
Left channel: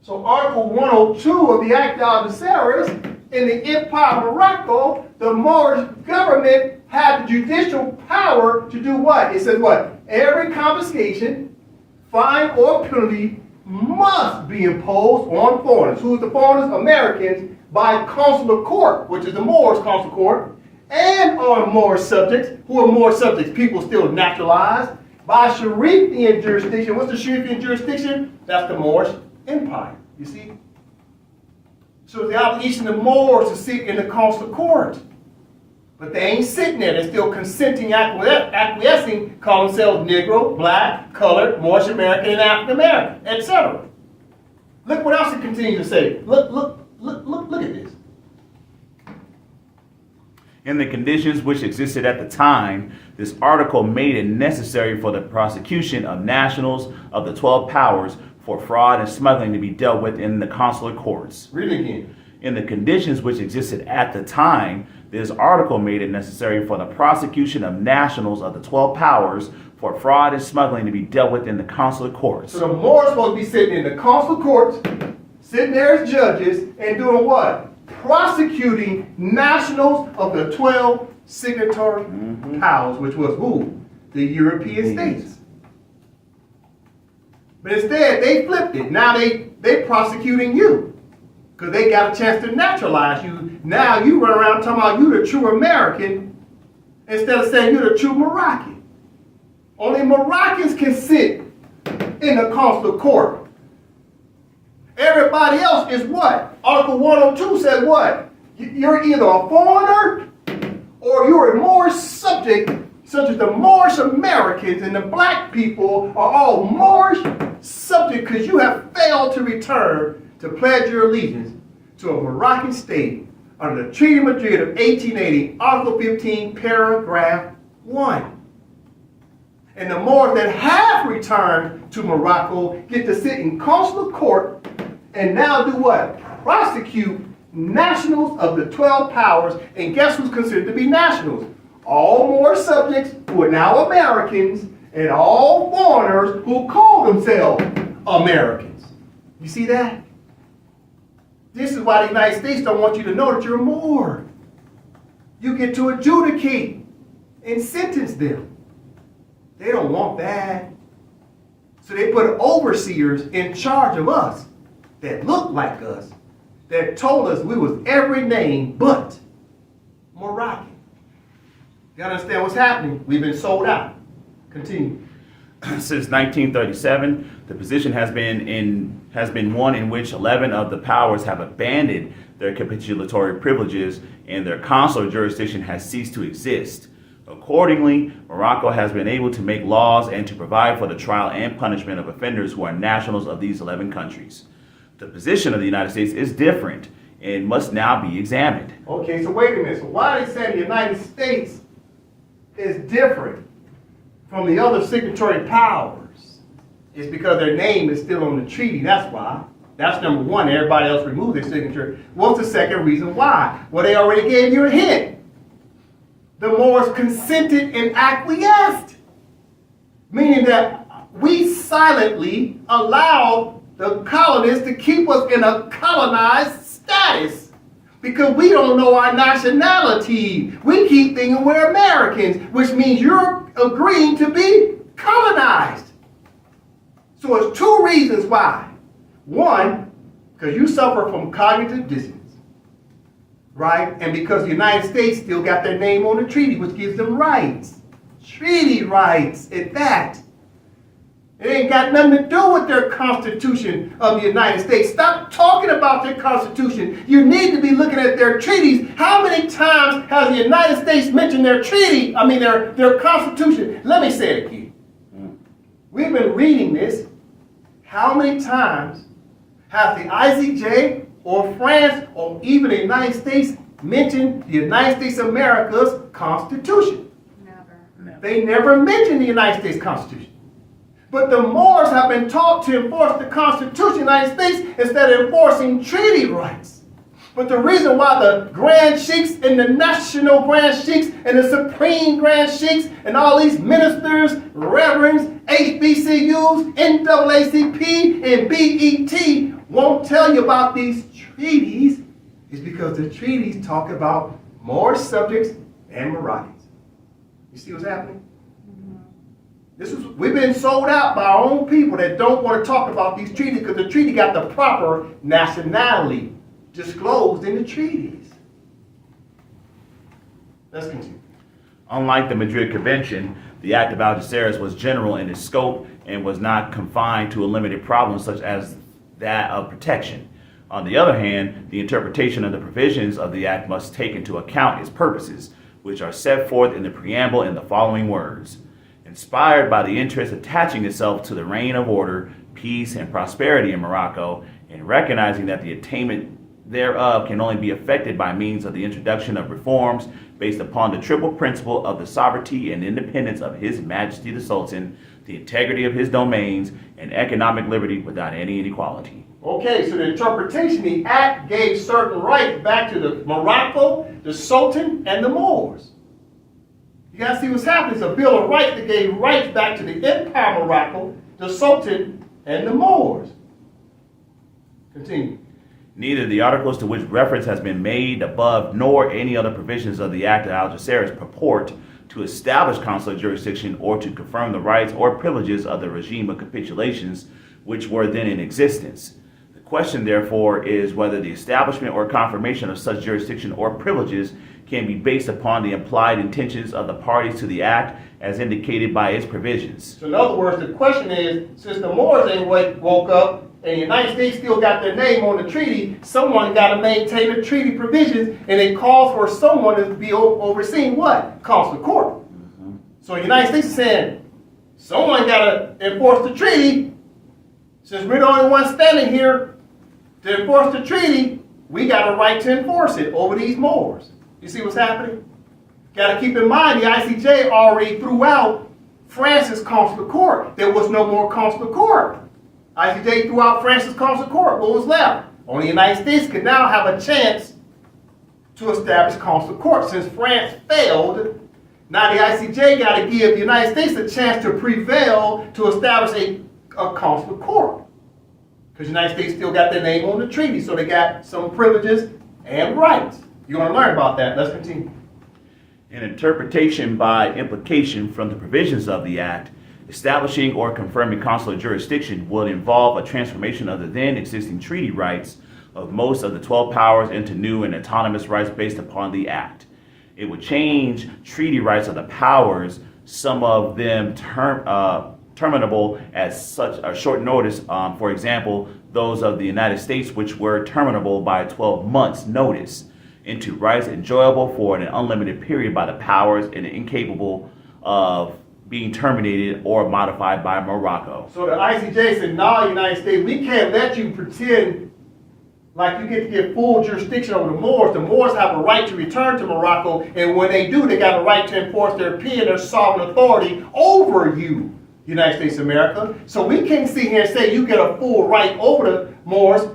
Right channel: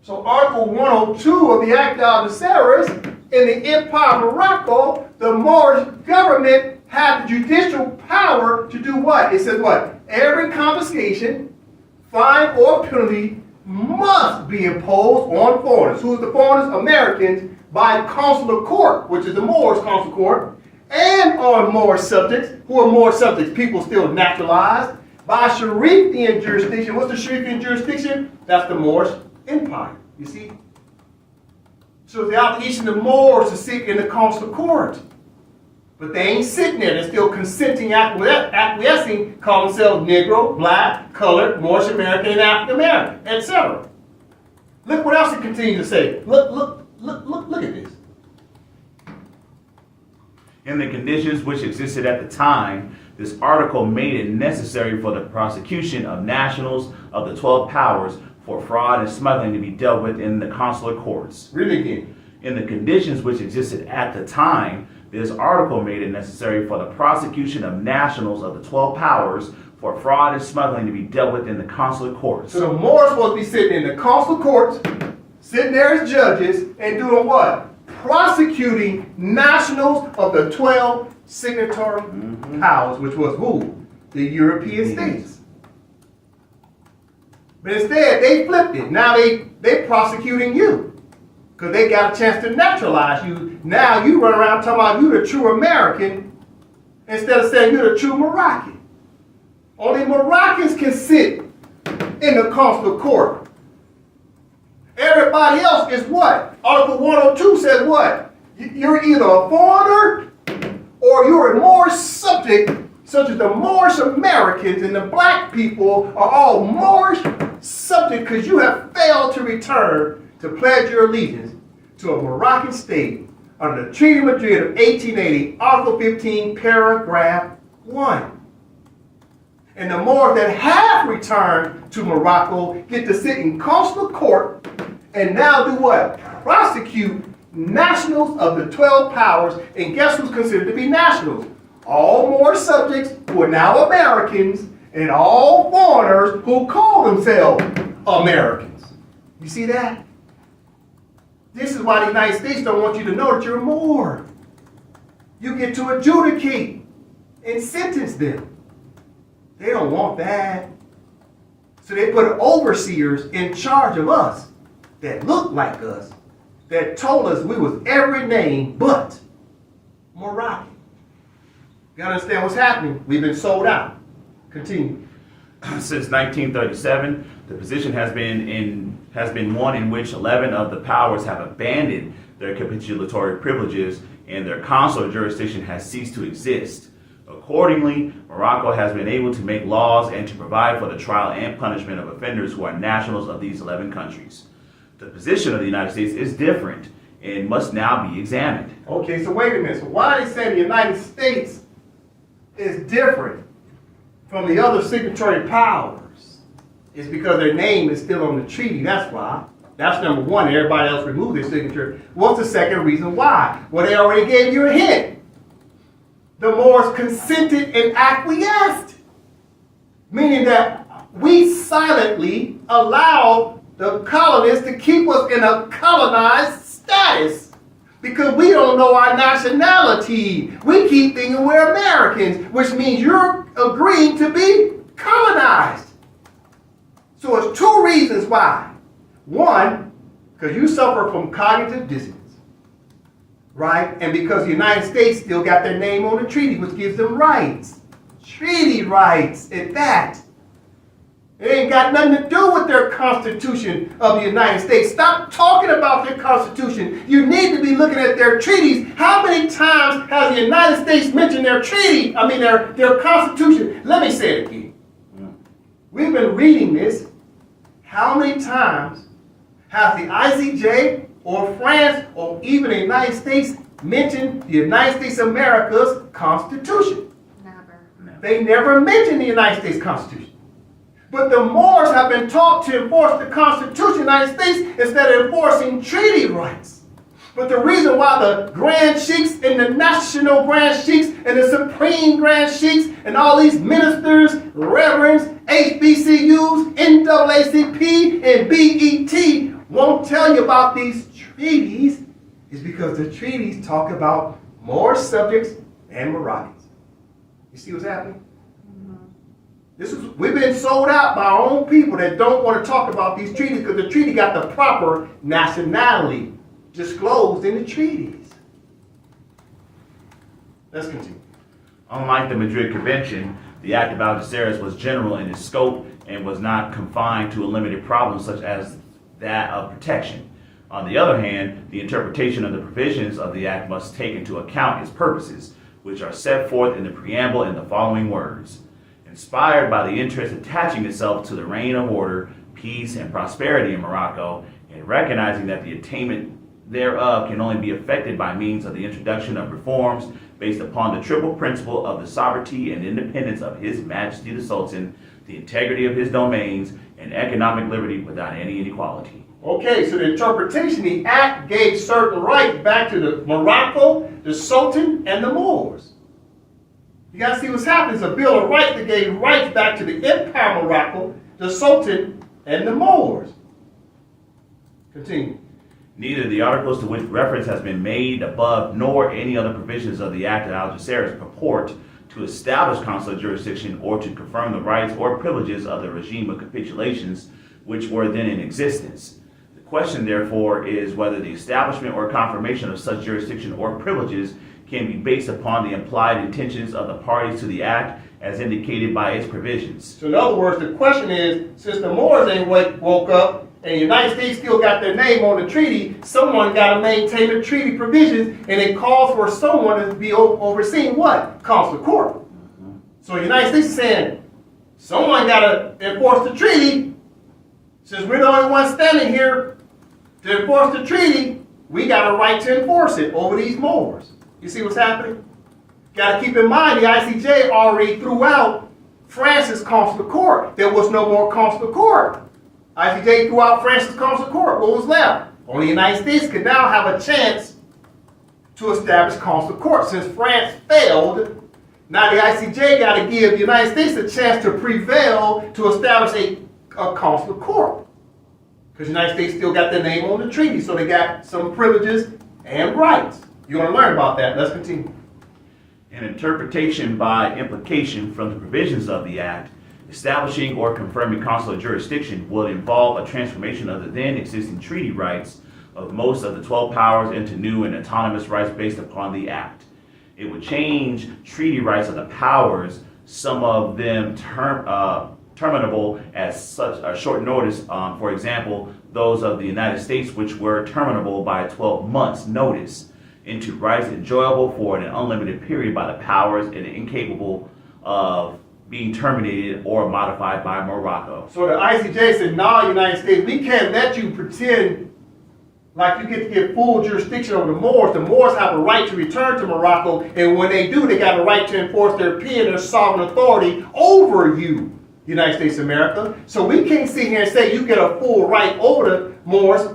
So Article 102 of the Act of Algeciras, in the Empire of Morocco, the Moorish government had the judicial power to do what? It said what? Every confiscation, fine, or penalty must be imposed on foreigners. Who is the foreigners? Americans, by consular court, which is the Moorish consular court, and on Moorish subjects, who are Moorish subjects, people still naturalized, by Sharifian jurisdiction. What's the Sharifian jurisdiction? That's the Moorish Empire, you see? So the obligation of the Moors to sit in the consular court. But they ain't sitting there. They're still consenting, acquiescing, call themselves Negro, Black, Colored, Moorish American, and African American, etc. Look what else it continues to say. Look at this. In the conditions which existed at the time, this article made it necessary for the prosecution of nationals of the 12 powers for fraud and smuggling to be dealt with in the consular courts. Read it again. In the conditions which existed at the time, this article made it necessary for the prosecution of nationals of the 12 powers for fraud and smuggling to be dealt with in the consular courts. So the Moors supposed to be sitting in the consular courts, sitting there as judges, and doing what? Prosecuting nationals of the 12 signatory powers, which was who? The European states. But instead, they flipped it. Now they prosecuting you. Because they got a chance to naturalize you. Now you run around talking about you the true American instead of saying you're the true Moroccan. Only Moroccans can sit in the consular court. Everybody else is what? Article 102 says what? You're either a foreigner or you're a Moorish subject, such as the Moorish Americans and the black people are all Moorish subject because you have failed to return to pledge your allegiance to a Moroccan state under the Treaty of Madrid of 1880, Article 15, Paragraph 1. And the Moors that have returned to Morocco get to sit in consular court and now do what? Prosecute nationals of the 12 powers. And guess who's considered to be nationals? All Moorish subjects who are now Americans and all foreigners who call themselves Americans. You see that? This is why the United States don't want you to know that you're a Moor. You get to adjudicate and sentence them. They don't want that. So they put overseers in charge of us that look like us, that told us we was every name but Moroccan. You gotta understand what's happening. We've been sold out. Continue. Since 1937, the position has been one in which 11 of the powers have abandoned their capitulatory privileges and their consular jurisdiction has ceased to exist. Accordingly, Morocco has been able to make laws and to provide for the trial and punishment of offenders who are nationals of these 11 countries. The position of the United States is different and must now be examined. Okay, so wait a minute. So why are they saying the United States is different from the other signatory powers? It's because their name is still on the treaty. That's why. That's number one. Everybody else removed their signature. What's the second reason why? Well, they already gave you a hint. The Moors consented and acquiesced, meaning that we silently allowed the colonists to keep us in a colonized status because we don't know our nationality. We keep thinking we're Americans, which means you're agreeing to be colonized. So it's two reasons why. One, because you suffer from cognitive dissonance, right? And because the United States still got their name on the treaty, which gives them rights. Treaty rights at that. It ain't got nothing to do with their Constitution of the United States. Stop talking about their Constitution. You need to be looking at their treaties. How many times has the United States mentioned their treaty, their Constitution? Let me say it again. We've been reading this. How many times has the ICJ or France or even the United States mentioned the United States of America's Constitution? Never. They never mentioned the United States Constitution. But the Moors have been taught to enforce the Constitution of the United States instead of enforcing treaty rights. But the reason why the Grand Sheiks and the National Grand Sheiks and the Supreme Grand Sheiks and all these ministers, reverends, HBCUs, NAACP, and BET won't tell you about these treaties is because the treaties talk about Moorish subjects and Moroccans. You see what's happening? We've been sold out by our own people that don't want to talk about these treaties because the treaty got the proper nationality disclosed in the treaties. Let's continue. Unlike the Madrid Convention, the Act of Algeciras was general in its scope and was not confined to a limited problem such as that of protection. On the other hand, the interpretation of the provisions of the Act must take into account its purposes, which are set forth in the preamble in the following words. Inspired by the interest attaching itself to the reign of order, peace, and prosperity in Morocco, and recognizing that the attainment thereof can only be effected by means of the introduction of reforms based upon the triple principle of the sovereignty and independence of His Majesty the Sultan, the integrity of his domains, and economic liberty without any inequality. Okay, so the interpretation, the act gave certain rights back to the Morocco, the Sultan, and the Moors. You guys see what's happening? It's a Bill of Rights that gave rights back to the Empire of Morocco, the Sultan, and the Moors. Continue. Neither the articles to which reference has been made above nor any other provisions of the Act of Algeciras purport to establish consular jurisdiction or to confirm the rights or privileges of the regime of capitulations which were then in existence. The question, therefore, is whether the establishment or confirmation of such jurisdiction or privileges can be based upon the implied intentions of the parties to the Act as indicated by its provisions. So in other words, the question is, since the Moors ain't woke up, and the United States still got their name on the treaty, someone got to maintain the treaty provisions, and it calls for someone to be overseeing what? Consular court. Mm-hmm. So the United States is saying, someone got to enforce the treaty. Since we're the only ones standing here to enforce the treaty, we got a right to enforce it over these Moors. You see what's happening? Got to keep in mind, the ICJ already threw out France's consular court. There was no more consular court. ICJ threw out France's consular court. What was left? Only the United States could now have a chance to establish consular court. Since France failed, now the ICJ got to give the United States a chance to prevail to establish a consular court. Because the United States still got their name on the treaty, so they got some privileges and rights. You want to learn about that? Let's continue. An interpretation by implication from the provisions of the Act establishing or confirming consular jurisdiction will involve a transformation of the then existing treaty rights of most of the 12 powers into new and autonomous rights based upon the Act. It would change treaty rights of the powers, some of them terminable at such a short notice, for example, those of the United States which were terminable by 12 months notice, into rights enjoyable for an unlimited period by the powers and incapable of being terminated or modified by Morocco. So the ICJ said, no, United States, we can't let you pretend like you get to get full jurisdiction over the Moors. The Moors have a right to return to Morocco, and when they do, they got a right to enforce their opinion, their sovereign authority over you, United States of America. So we can't sit here and say you get a full right over the Moors,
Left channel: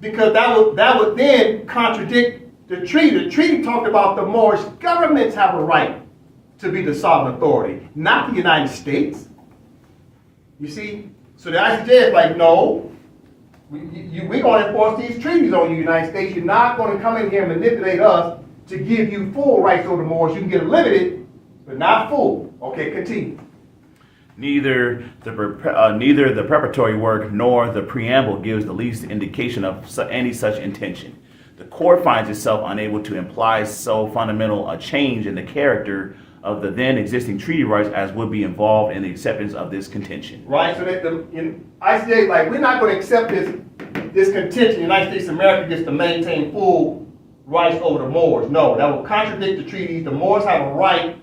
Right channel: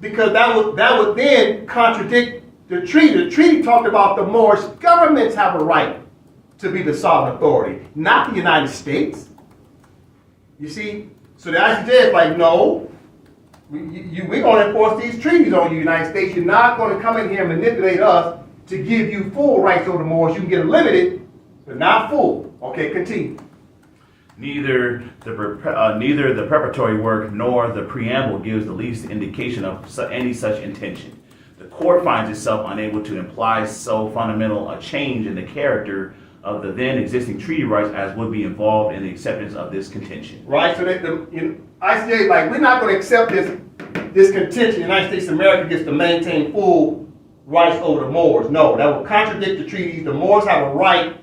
because that would then contradict the treaty. The treaty talked about the Moorish governments have a right to be the sovereign authority, not the United States. You see? So the ICJ is like, no, we're going to enforce these treaties on you, United States. You're not going to come in here and manipulate us to give you full rights over the Moors. You can get limited, but not full. Okay, continue. Neither the preparatory work nor the preamble gives the least indication of any such intention. The court finds itself unable to imply so fundamental a change in the character of the then existing treaty rights as would be involved in the acceptance of this contention. Right, so ICJ is like, we're not going to accept this contention. The United States of America gets to maintain full rights over the Moors. No, that will contradict the treaties. The Moors have a right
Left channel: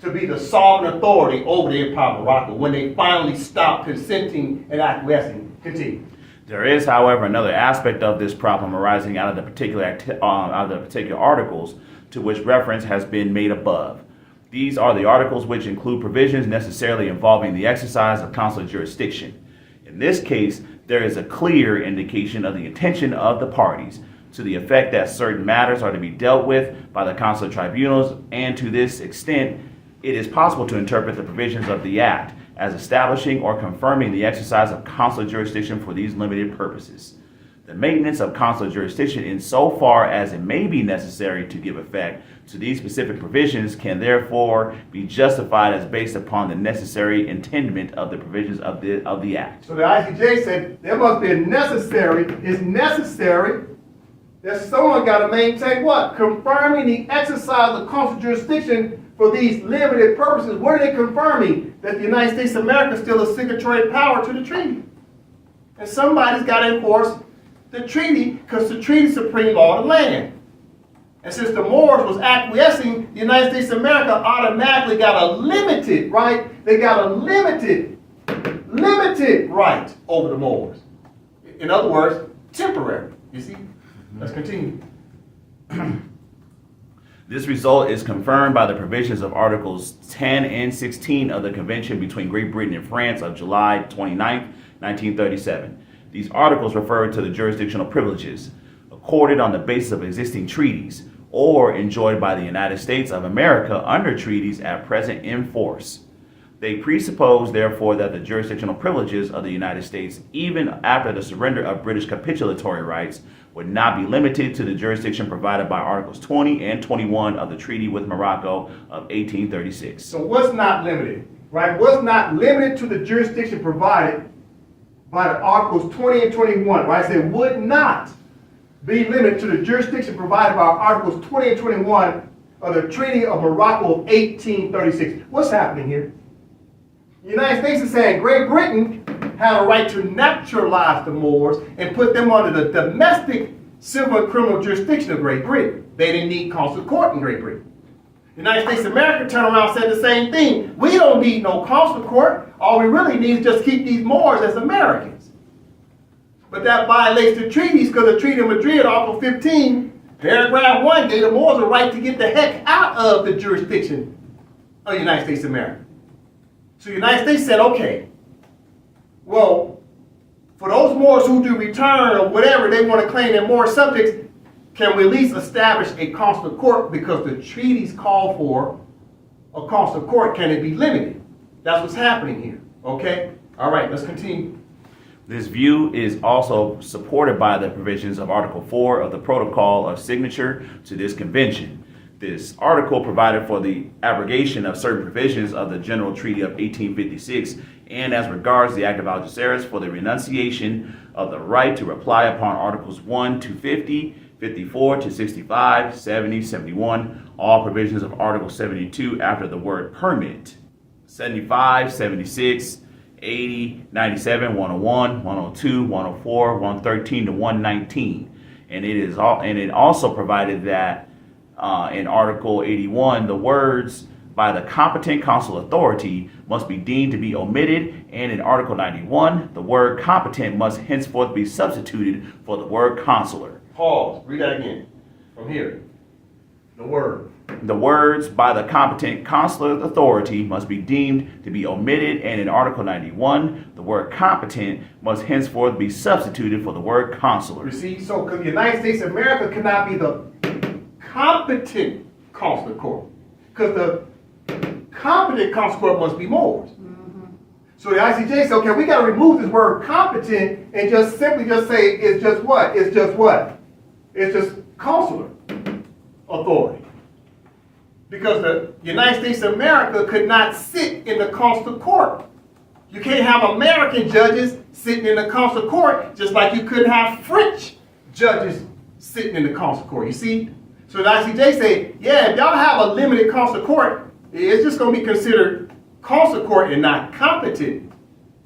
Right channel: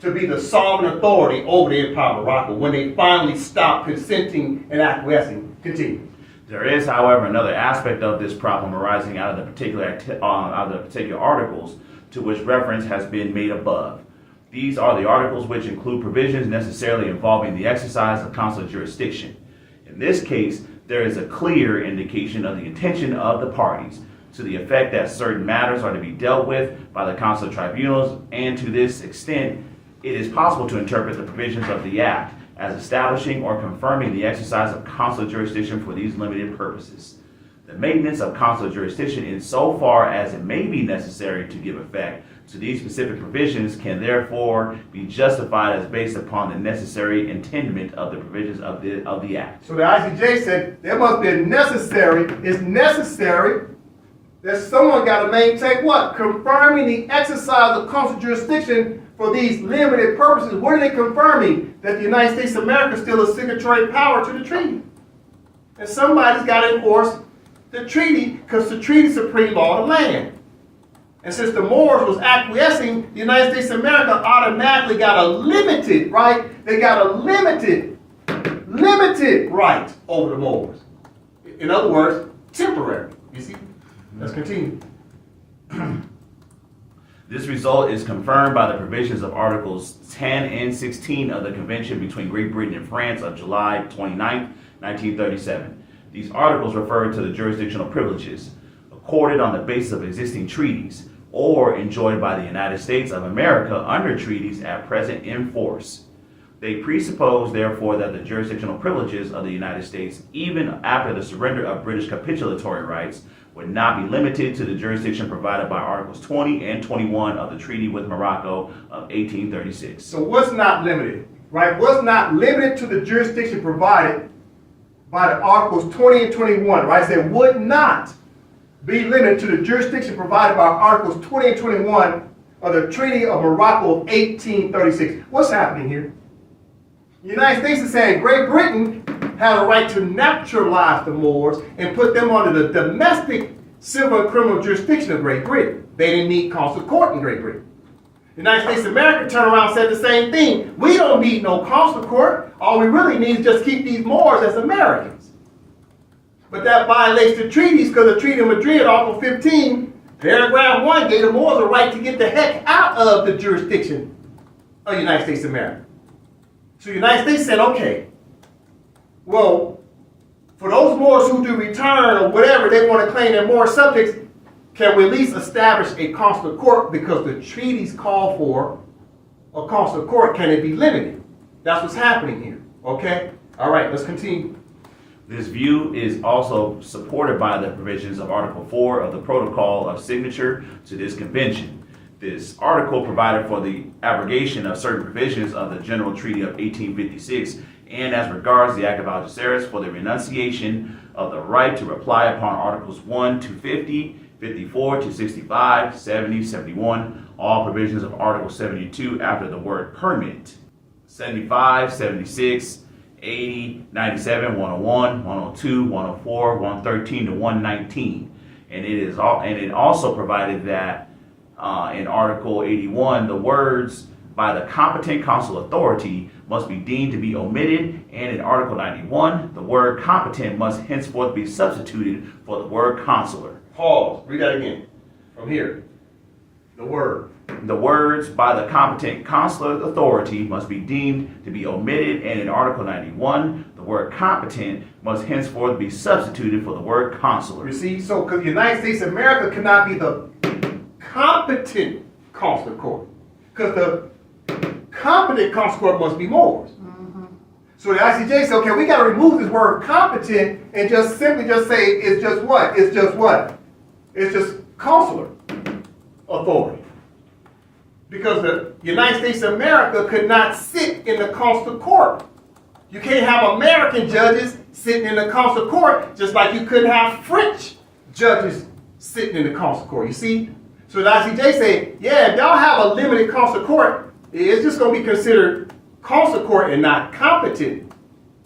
to be the sovereign authority over the Empire of Morocco when they finally stop consenting and acquiescing. Continue. There is, however, another aspect of this problem arising out of the particular articles to which reference has been made above. These are the articles which include provisions necessarily involving the exercise of consular jurisdiction. In this case, there is a clear indication of the intention of the parties to the effect that certain matters are to be dealt with by the consular tribunals, and to this extent, it is possible to interpret the provisions of the Act as establishing or confirming the exercise of consular jurisdiction for these limited purposes. The maintenance of consular jurisdiction, insofar as it may be necessary to give effect to these specific provisions, can therefore be justified as based upon the necessary intendment of the provisions of the Act. So the ICJ said there must be it's necessary that someone got to maintain what? Confirming the exercise of consular jurisdiction for these limited purposes. What are they confirming? That the United States of America is still a signatory power to the treaty. And somebody's got to enforce the treaty, because the treaty is supreme law of the land. And since the Moors was acquiescing, the United States of America automatically got a limited, right? They got a limited right over the Moors. In other words, temporary. You see? Let's continue. This result is confirmed by the provisions of Articles 10 and 16 of the Convention between Great Britain and France of July 29, 1937. These articles refer to the jurisdictional privileges accorded on the basis of existing treaties or enjoyed by the United States of America under treaties at present in force. They presuppose, therefore, that the jurisdictional privileges of the United States, even after the surrender of British capitulatory rights, would not be limited to the jurisdiction provided by Articles 20 and 21 of the Treaty with Morocco of 1836. So what's not limited, right? What's not limited to the jurisdiction provided by the Articles 20 and 21, right? So it would not be limited to the jurisdiction provided by Articles 20 and 21 of the Treaty of Morocco of 1836. What's happening here? The United States is saying Great Britain had a right to naturalize the Moors and put them under the domestic civil and criminal jurisdiction of Great Britain. They didn't need consular court in Great Britain. The United States of America turned around and said the same thing. We don't need no consular court. All we really need is just keep these Moors as Americans. But that violates the treaties because the Treaty of Madrid, Article 15, paragraph 1, gave the Moors a right to get the heck out of the jurisdiction of the United States of America. So the United States said, okay, well, for those Moors who do return or whatever, they want to claim they're Moor subjects, can we at least establish a consular court because the treaties call for a consular court? Can it be limited? That's what's happening here, okay? All right, let's continue. This view is also supported by the provisions of Article 4 of the Protocol of Signature to this convention. This article provided for the abrogation of certain provisions of the General Treaty of 1856 and as regards the Act of Algeciras for the renunciation of the right to reply upon Articles 1 to 50, 54 to 65, 70, 71, all provisions of Article 72 after the word permit, 75, 76, 80, 97, 101, 102, 104, 113 to 119. And it also provided that in Article 81, the words by the competent consular authority must be deemed to be omitted, and in Article 91, the word competent must henceforth be substituted for the word consular. Pause. Read that again. From here. The word. The words by the competent consular authority must be deemed to be omitted, and in Article 91, the word competent must henceforth be substituted for the word consular. You see, so because the United States of America cannot be the competent consular court, because the competent consular court must be Moors. So the ICJ said, okay, we got to remove this word competent and just simply just say it's just what? It's just what? It's just consular authority. Because the United States of America could not sit in the consular court. You can't have American judges sitting in the consular court just like you couldn't have French judges sitting in the consular court. You see? So the ICJ say, yeah, if y'all have a limited consular court, it's just going to be considered consular court and not competent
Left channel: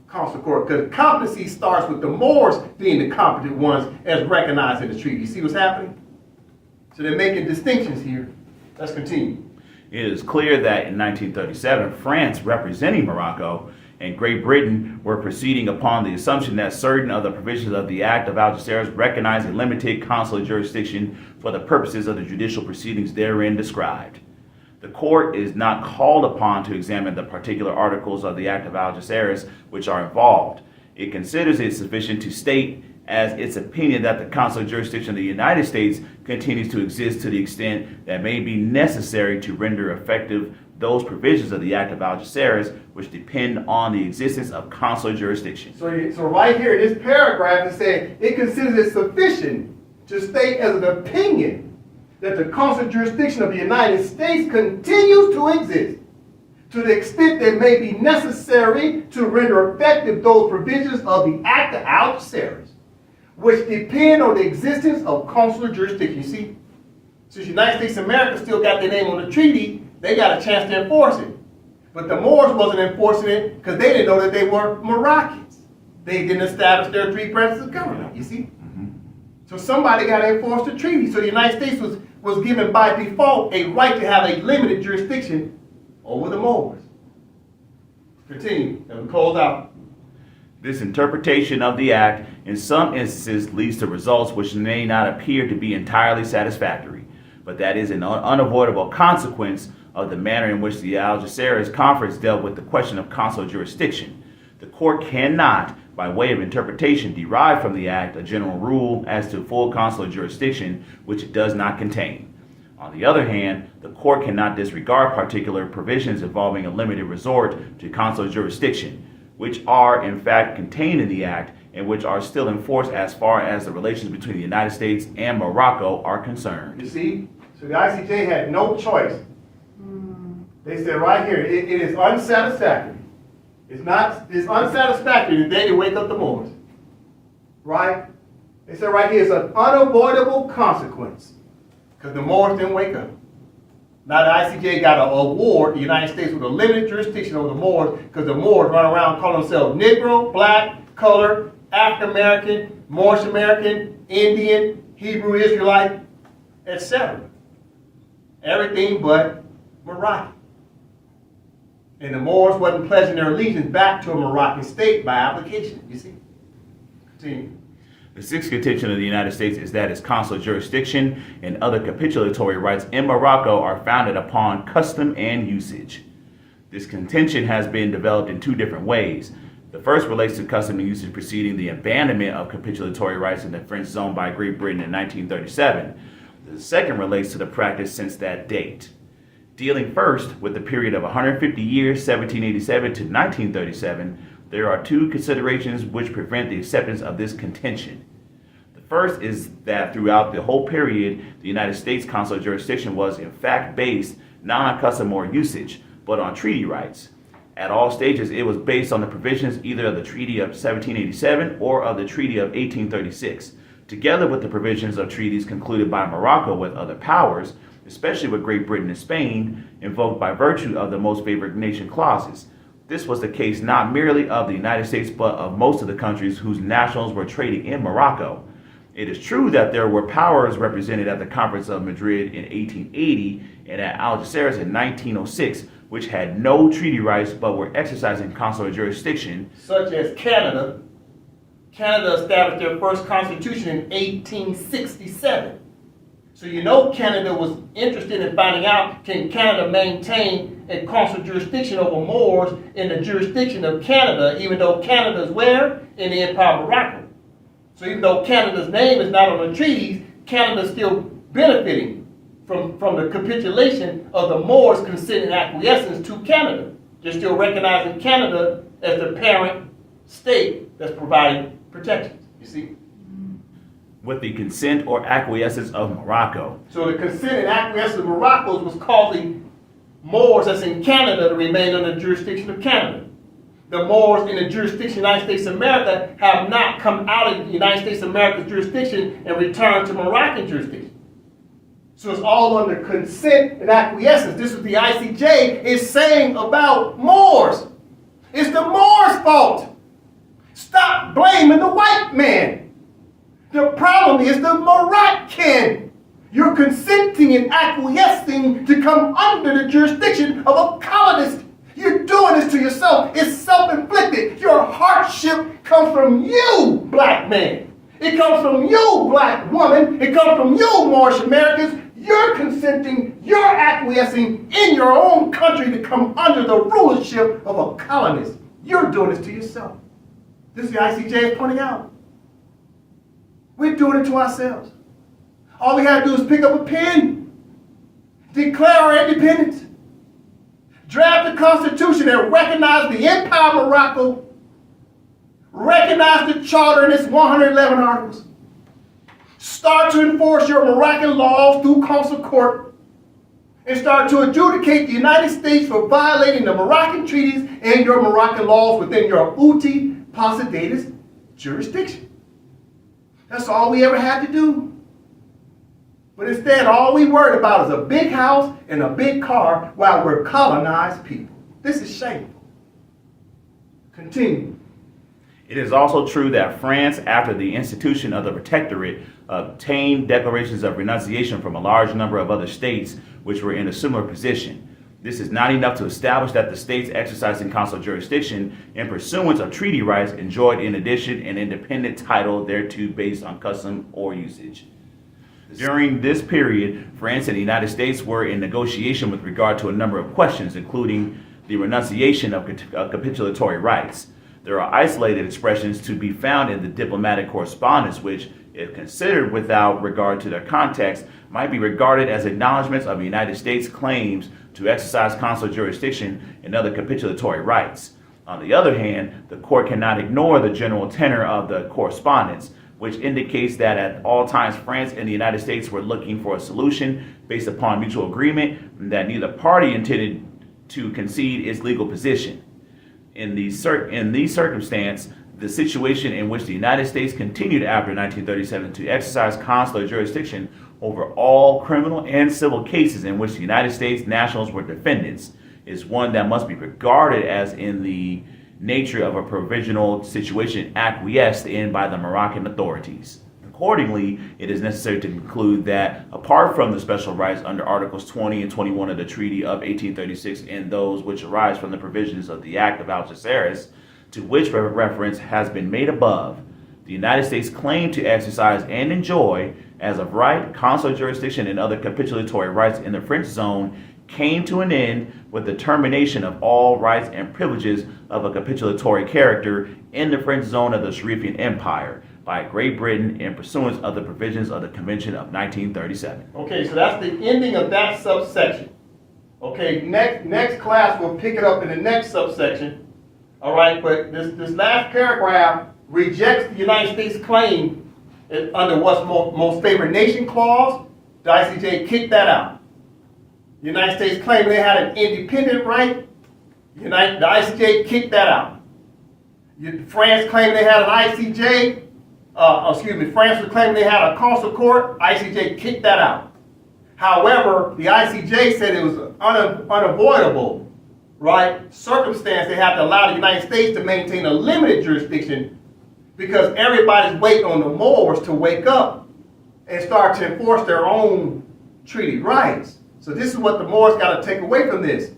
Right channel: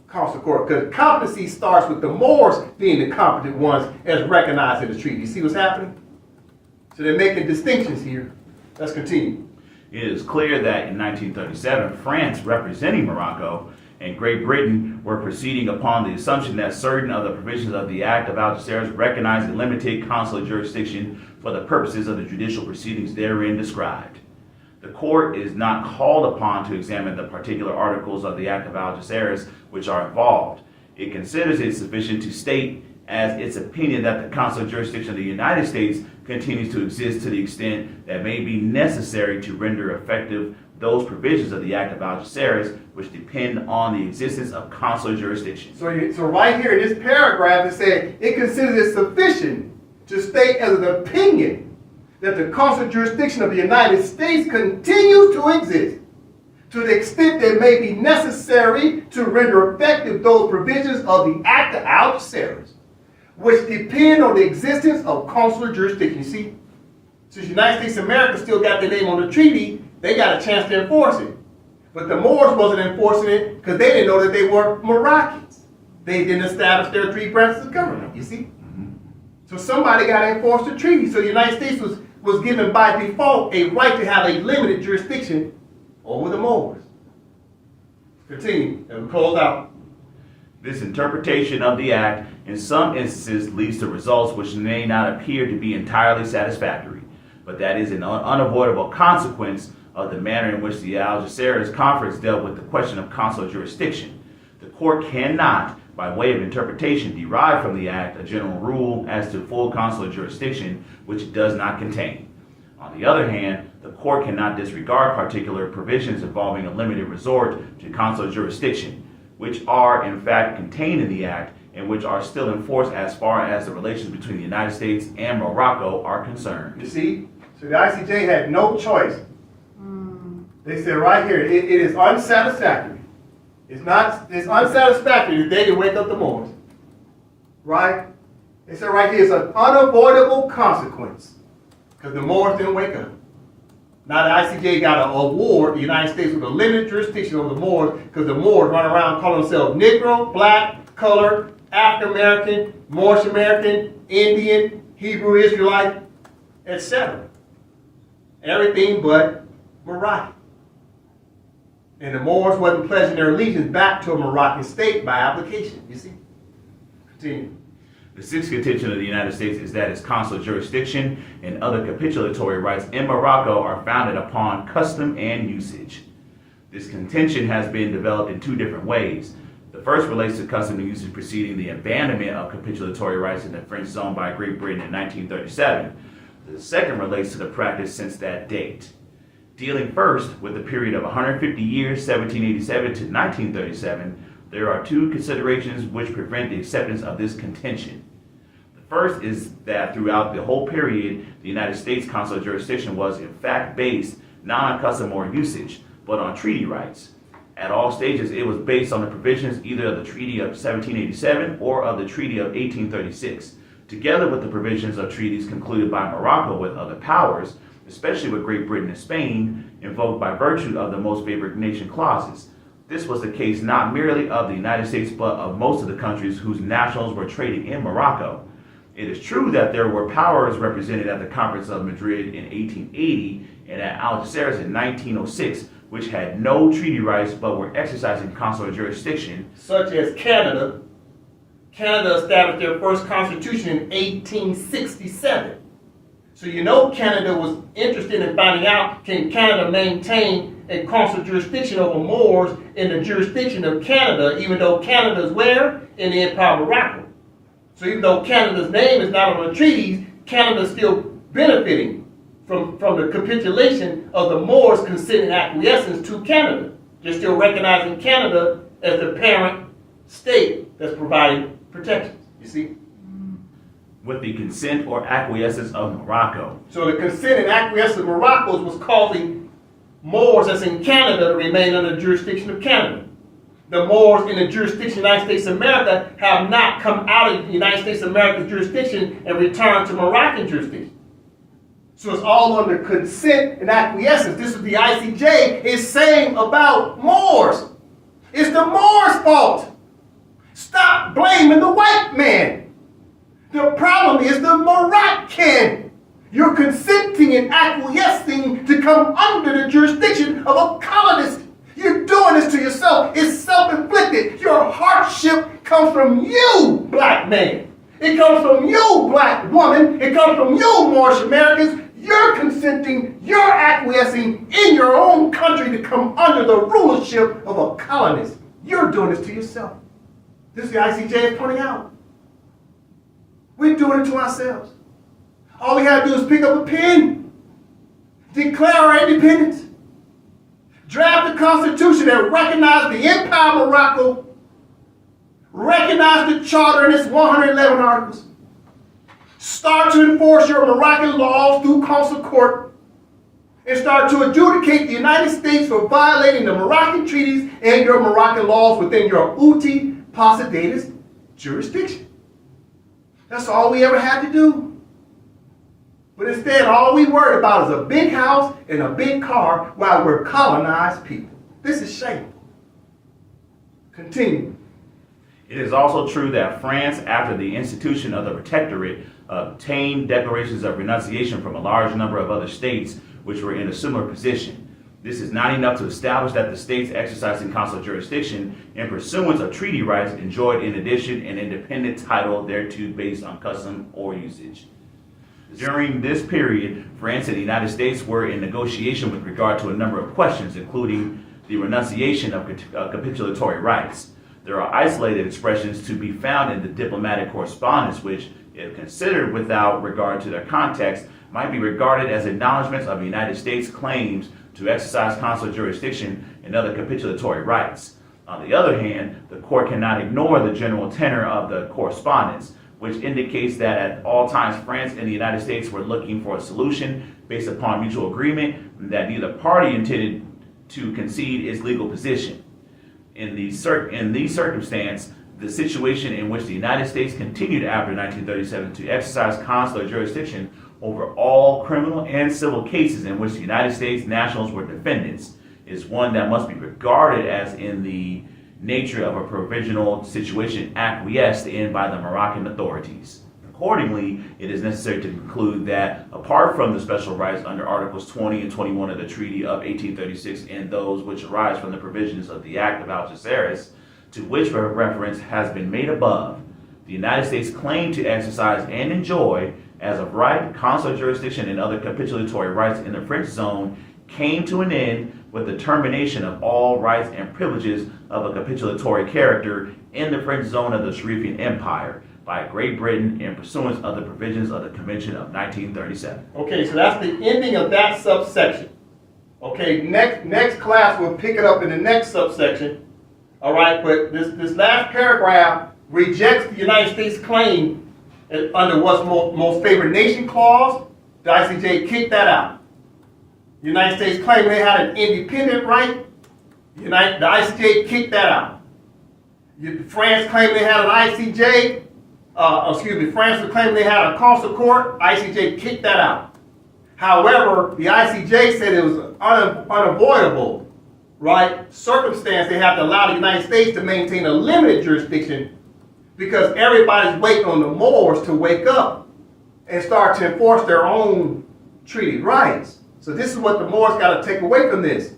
consular court, because competency starts with the Moors being the competent ones as recognized in the treaty. You see what's happening? So they're making distinctions here. Let's continue. It is clear that in 1937, France, representing Morocco, and Great Britain were proceeding upon the assumption that certain of the provisions of the Act of Algeciras recognize a limited consular jurisdiction for the purposes of the judicial proceedings therein described. The court is not called upon to examine the particular articles of the Act of Algeciras which are involved. It considers it sufficient to state as its opinion that the consular jurisdiction of the United States continues to exist to the extent that may be necessary to render effective those provisions of the Act of Algeciras which depend on the existence of consular jurisdiction. So right here in this paragraph it said it considers it sufficient to state as an opinion that the consular jurisdiction of the United States continues to exist to the extent that may be necessary to render effective those provisions of the Act of Algeciras which depend on the existence of consular jurisdiction. You see, since the United States of America still got their name on the treaty, they got a chance to enforce it. But the Moors wasn't enforcing it because they didn't know that they were Moroccans. They didn't establish their three branches of government, you see. So somebody got to enforce the treaty. So the United States was given by default a right to have a limited jurisdiction over the Moors. Continue as we close out. This interpretation of the act in some instances leads to results which may not appear to be entirely satisfactory, but that is an unavoidable consequence of the manner in which the Algeciras Conference dealt with the question of consular jurisdiction. The court cannot, by way of interpretation, derive from the act a general rule as to full consular jurisdiction, which it does not contain. On the other hand, the court cannot disregard particular provisions involving a limited resort to consular jurisdiction, which are in fact contained in the act and which are still in force as far as the relations between the United States and Morocco are concerned. You see, so the ICJ had no choice. They said right here, it is unsatisfactory. It's unsatisfactory that they didn't wake up the Moors. Right? They said right here, it's an unavoidable consequence because the Moors didn't wake up. Now the ICJ got to award the United States with a limited jurisdiction over the Moors because the Moors run around calling themselves Negro, black, colored, African American, Moorish American, Indian, Hebrew Israelite, etc. Everything but Moroccan. And the Moors wasn't pledging their allegiance back to a Moroccan state by application, you see. Continue. The sixth contention of the United States is that its consular jurisdiction and other capitulatory rights in Morocco are founded upon custom and usage. This contention has been developed in two different ways. The first relates to custom and usage preceding the abandonment of capitulatory rights in the French zone by Great Britain in 1937. The second relates to the practice since that date. Dealing first with the period of 150 years, 1787 to 1937, there are two considerations which prevent the acceptance of this contention. The first is that throughout the whole period, the United States consular jurisdiction was in fact based not on custom or usage, but on treaty rights. At all stages, it was based on the provisions either of the Treaty of 1787 or of the Treaty of 1836, together with the provisions of treaties concluded by Morocco with other powers, especially with Great Britain and Spain, invoked by virtue of the most favored nation clauses. This was the case not merely of the United States, but of most of the countries whose nationals were trading in Morocco. It is true that there were powers represented at the Conference of Madrid in 1880 and at Algeciras in 1906, which had no treaty rights but were exercising consular jurisdiction. Such as Canada. Canada established their first constitution in 1867. So you know Canada was interested in finding out, can Canada maintain a consular jurisdiction over Moors in the jurisdiction of Canada, even though Canada is where? In the Empire of Morocco. So even though Canada's name is not on the treaties, Canada is still benefiting from the capitulation of the Moors consenting acquiescence to Canada. They're still recognizing Canada as the parent state that's providing protection, you see? With the consent or acquiescence of Morocco. So the consent and acquiescence of Morocco was causing Moors that's in Canada to remain under the jurisdiction of Canada. The Moors in the jurisdiction of the United States of America have not come out of the United States of America's jurisdiction and returned to Moroccan jurisdiction. So it's all under consent and acquiescence. This is the ICJ is saying about Moors. It's the Moors' fault. Stop blaming the white man. The problem is the Moroccan. You're consenting and acquiescing to come under the jurisdiction of a colonist. You're doing this to yourself. It's self-inflicted. Your hardship comes from you, black man. It comes from you, black woman. It comes from you, Moorish Americans. You're consenting, you're acquiescing in your own country to come under the rulership of a colonist. You're doing this to yourself. This is the ICJ is pointing out. We're doing it to ourselves. All we have to do is pick up a pen, declare our independence, draft a constitution that recognizes the Empire of Morocco, recognize the charter and its 111 articles, start to enforce your Moroccan laws through consular court, and start to adjudicate the United States for violating the Moroccan treaties and your Moroccan laws within your uti possidetis jurisdiction. That's all we ever had to do. But instead, all we worried about is a big house and a big car while we're colonized people. This is shameful. Continue. It is also true that France, after the institution of the protectorate, obtained declarations of renunciation from a large number of other states which were in a similar position. This is not enough to establish that the states exercising consular jurisdiction in pursuance of treaty rights enjoyed in addition an independent title thereto based on custom or usage. During this period, France and the United States were in negotiation with regard to a number of questions, including the renunciation of capitulatory rights. There are isolated expressions to be found in the diplomatic correspondence which, if considered without regard to their context, might be regarded as acknowledgments of the United States' claims to exercise consular jurisdiction and other capitulatory rights. On the other hand, the court cannot ignore the general tenor of the correspondence, which indicates that at all times France and the United States were looking for a solution based upon mutual agreement and that neither party intended to concede its legal position. In these circumstances, the situation in which the United States continued after 1937 to exercise consular jurisdiction over all criminal and civil cases in which the United States nationals were defendants is one that must be regarded as in the nature of a provisional situation acquiesced in by the Moroccan authorities. Accordingly, it is necessary to conclude that, apart from the special rights under Articles 20 and 21 of the Treaty of 1836 and those which arise from the provisions of the Act of Algeciras, to which reference has been made above, the United States claimed to exercise and enjoy, as of right, consular jurisdiction and other capitulatory rights in the French zone came to an end with the termination of all rights and privileges of a capitulatory character in the French zone of the Sharifian Empire by Great Britain in pursuance of the provisions of the Convention of 1937. Okay, so that's the ending of that subsection. Okay, next class we'll pick it up in the next subsection. All right, but this last paragraph rejects the United States claim under what's most favored nation clause. The ICJ kicked that out. The United States claimed they had an independent right. The ICJ kicked that out. France claimed they had an ICJ. France was claiming they had a consular court. ICJ kicked that out. However, the ICJ said it was unavoidable, right, circumstance they have to allow the United States to maintain a limited jurisdiction because everybody's waiting on the Moors to wake up and start to enforce their own treaty rights. So this is what the Moors got to take away from this.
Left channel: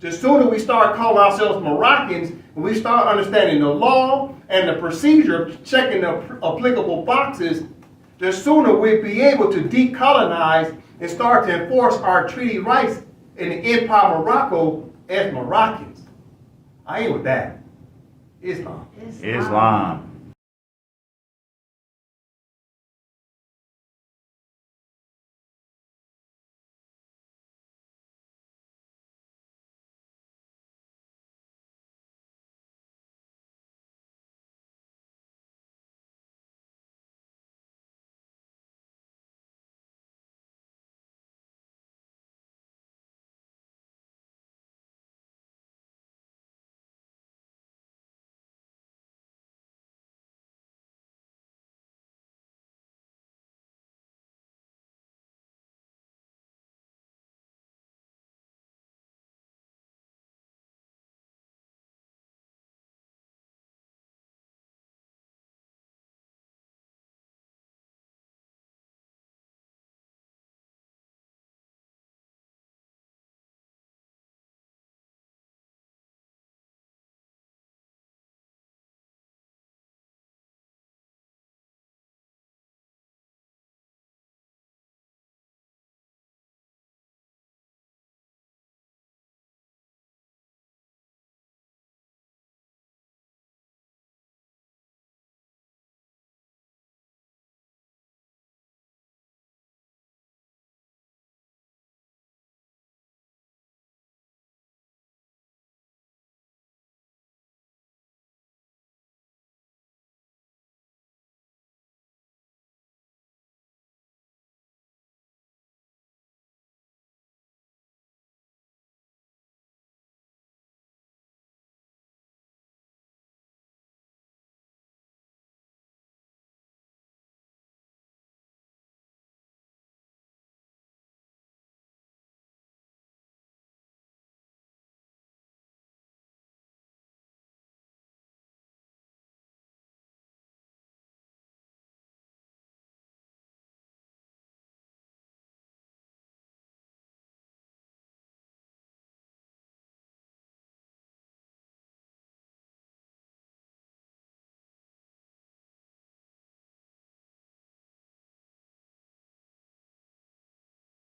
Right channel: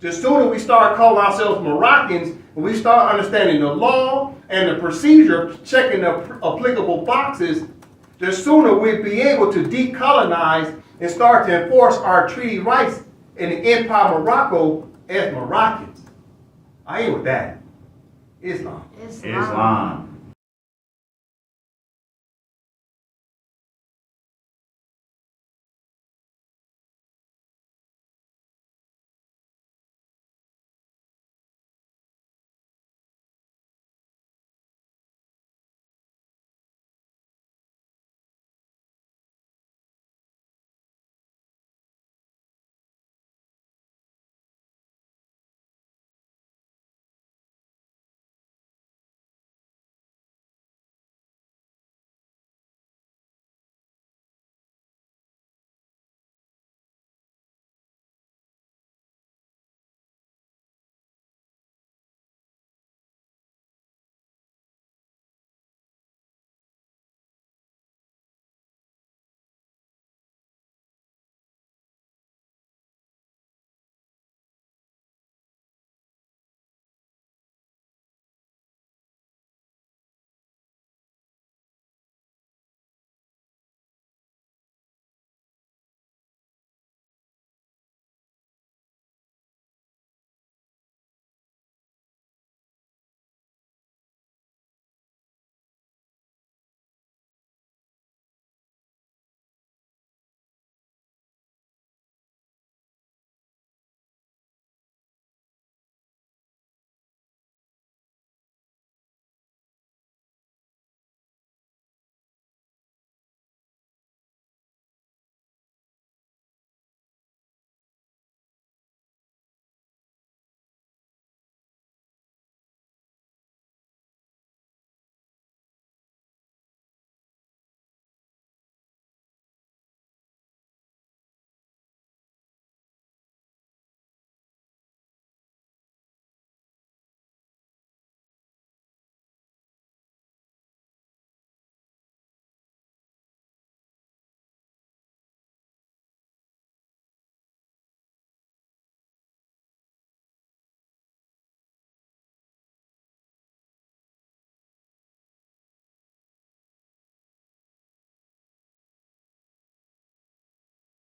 The sooner we start calling ourselves Moroccans and we start understanding the law and the procedure of checking the applicable boxes, the sooner we'll be able to decolonize and start to enforce our treaty rights in the Empire of Morocco as Moroccans. I ain't with that. Islam. Islam.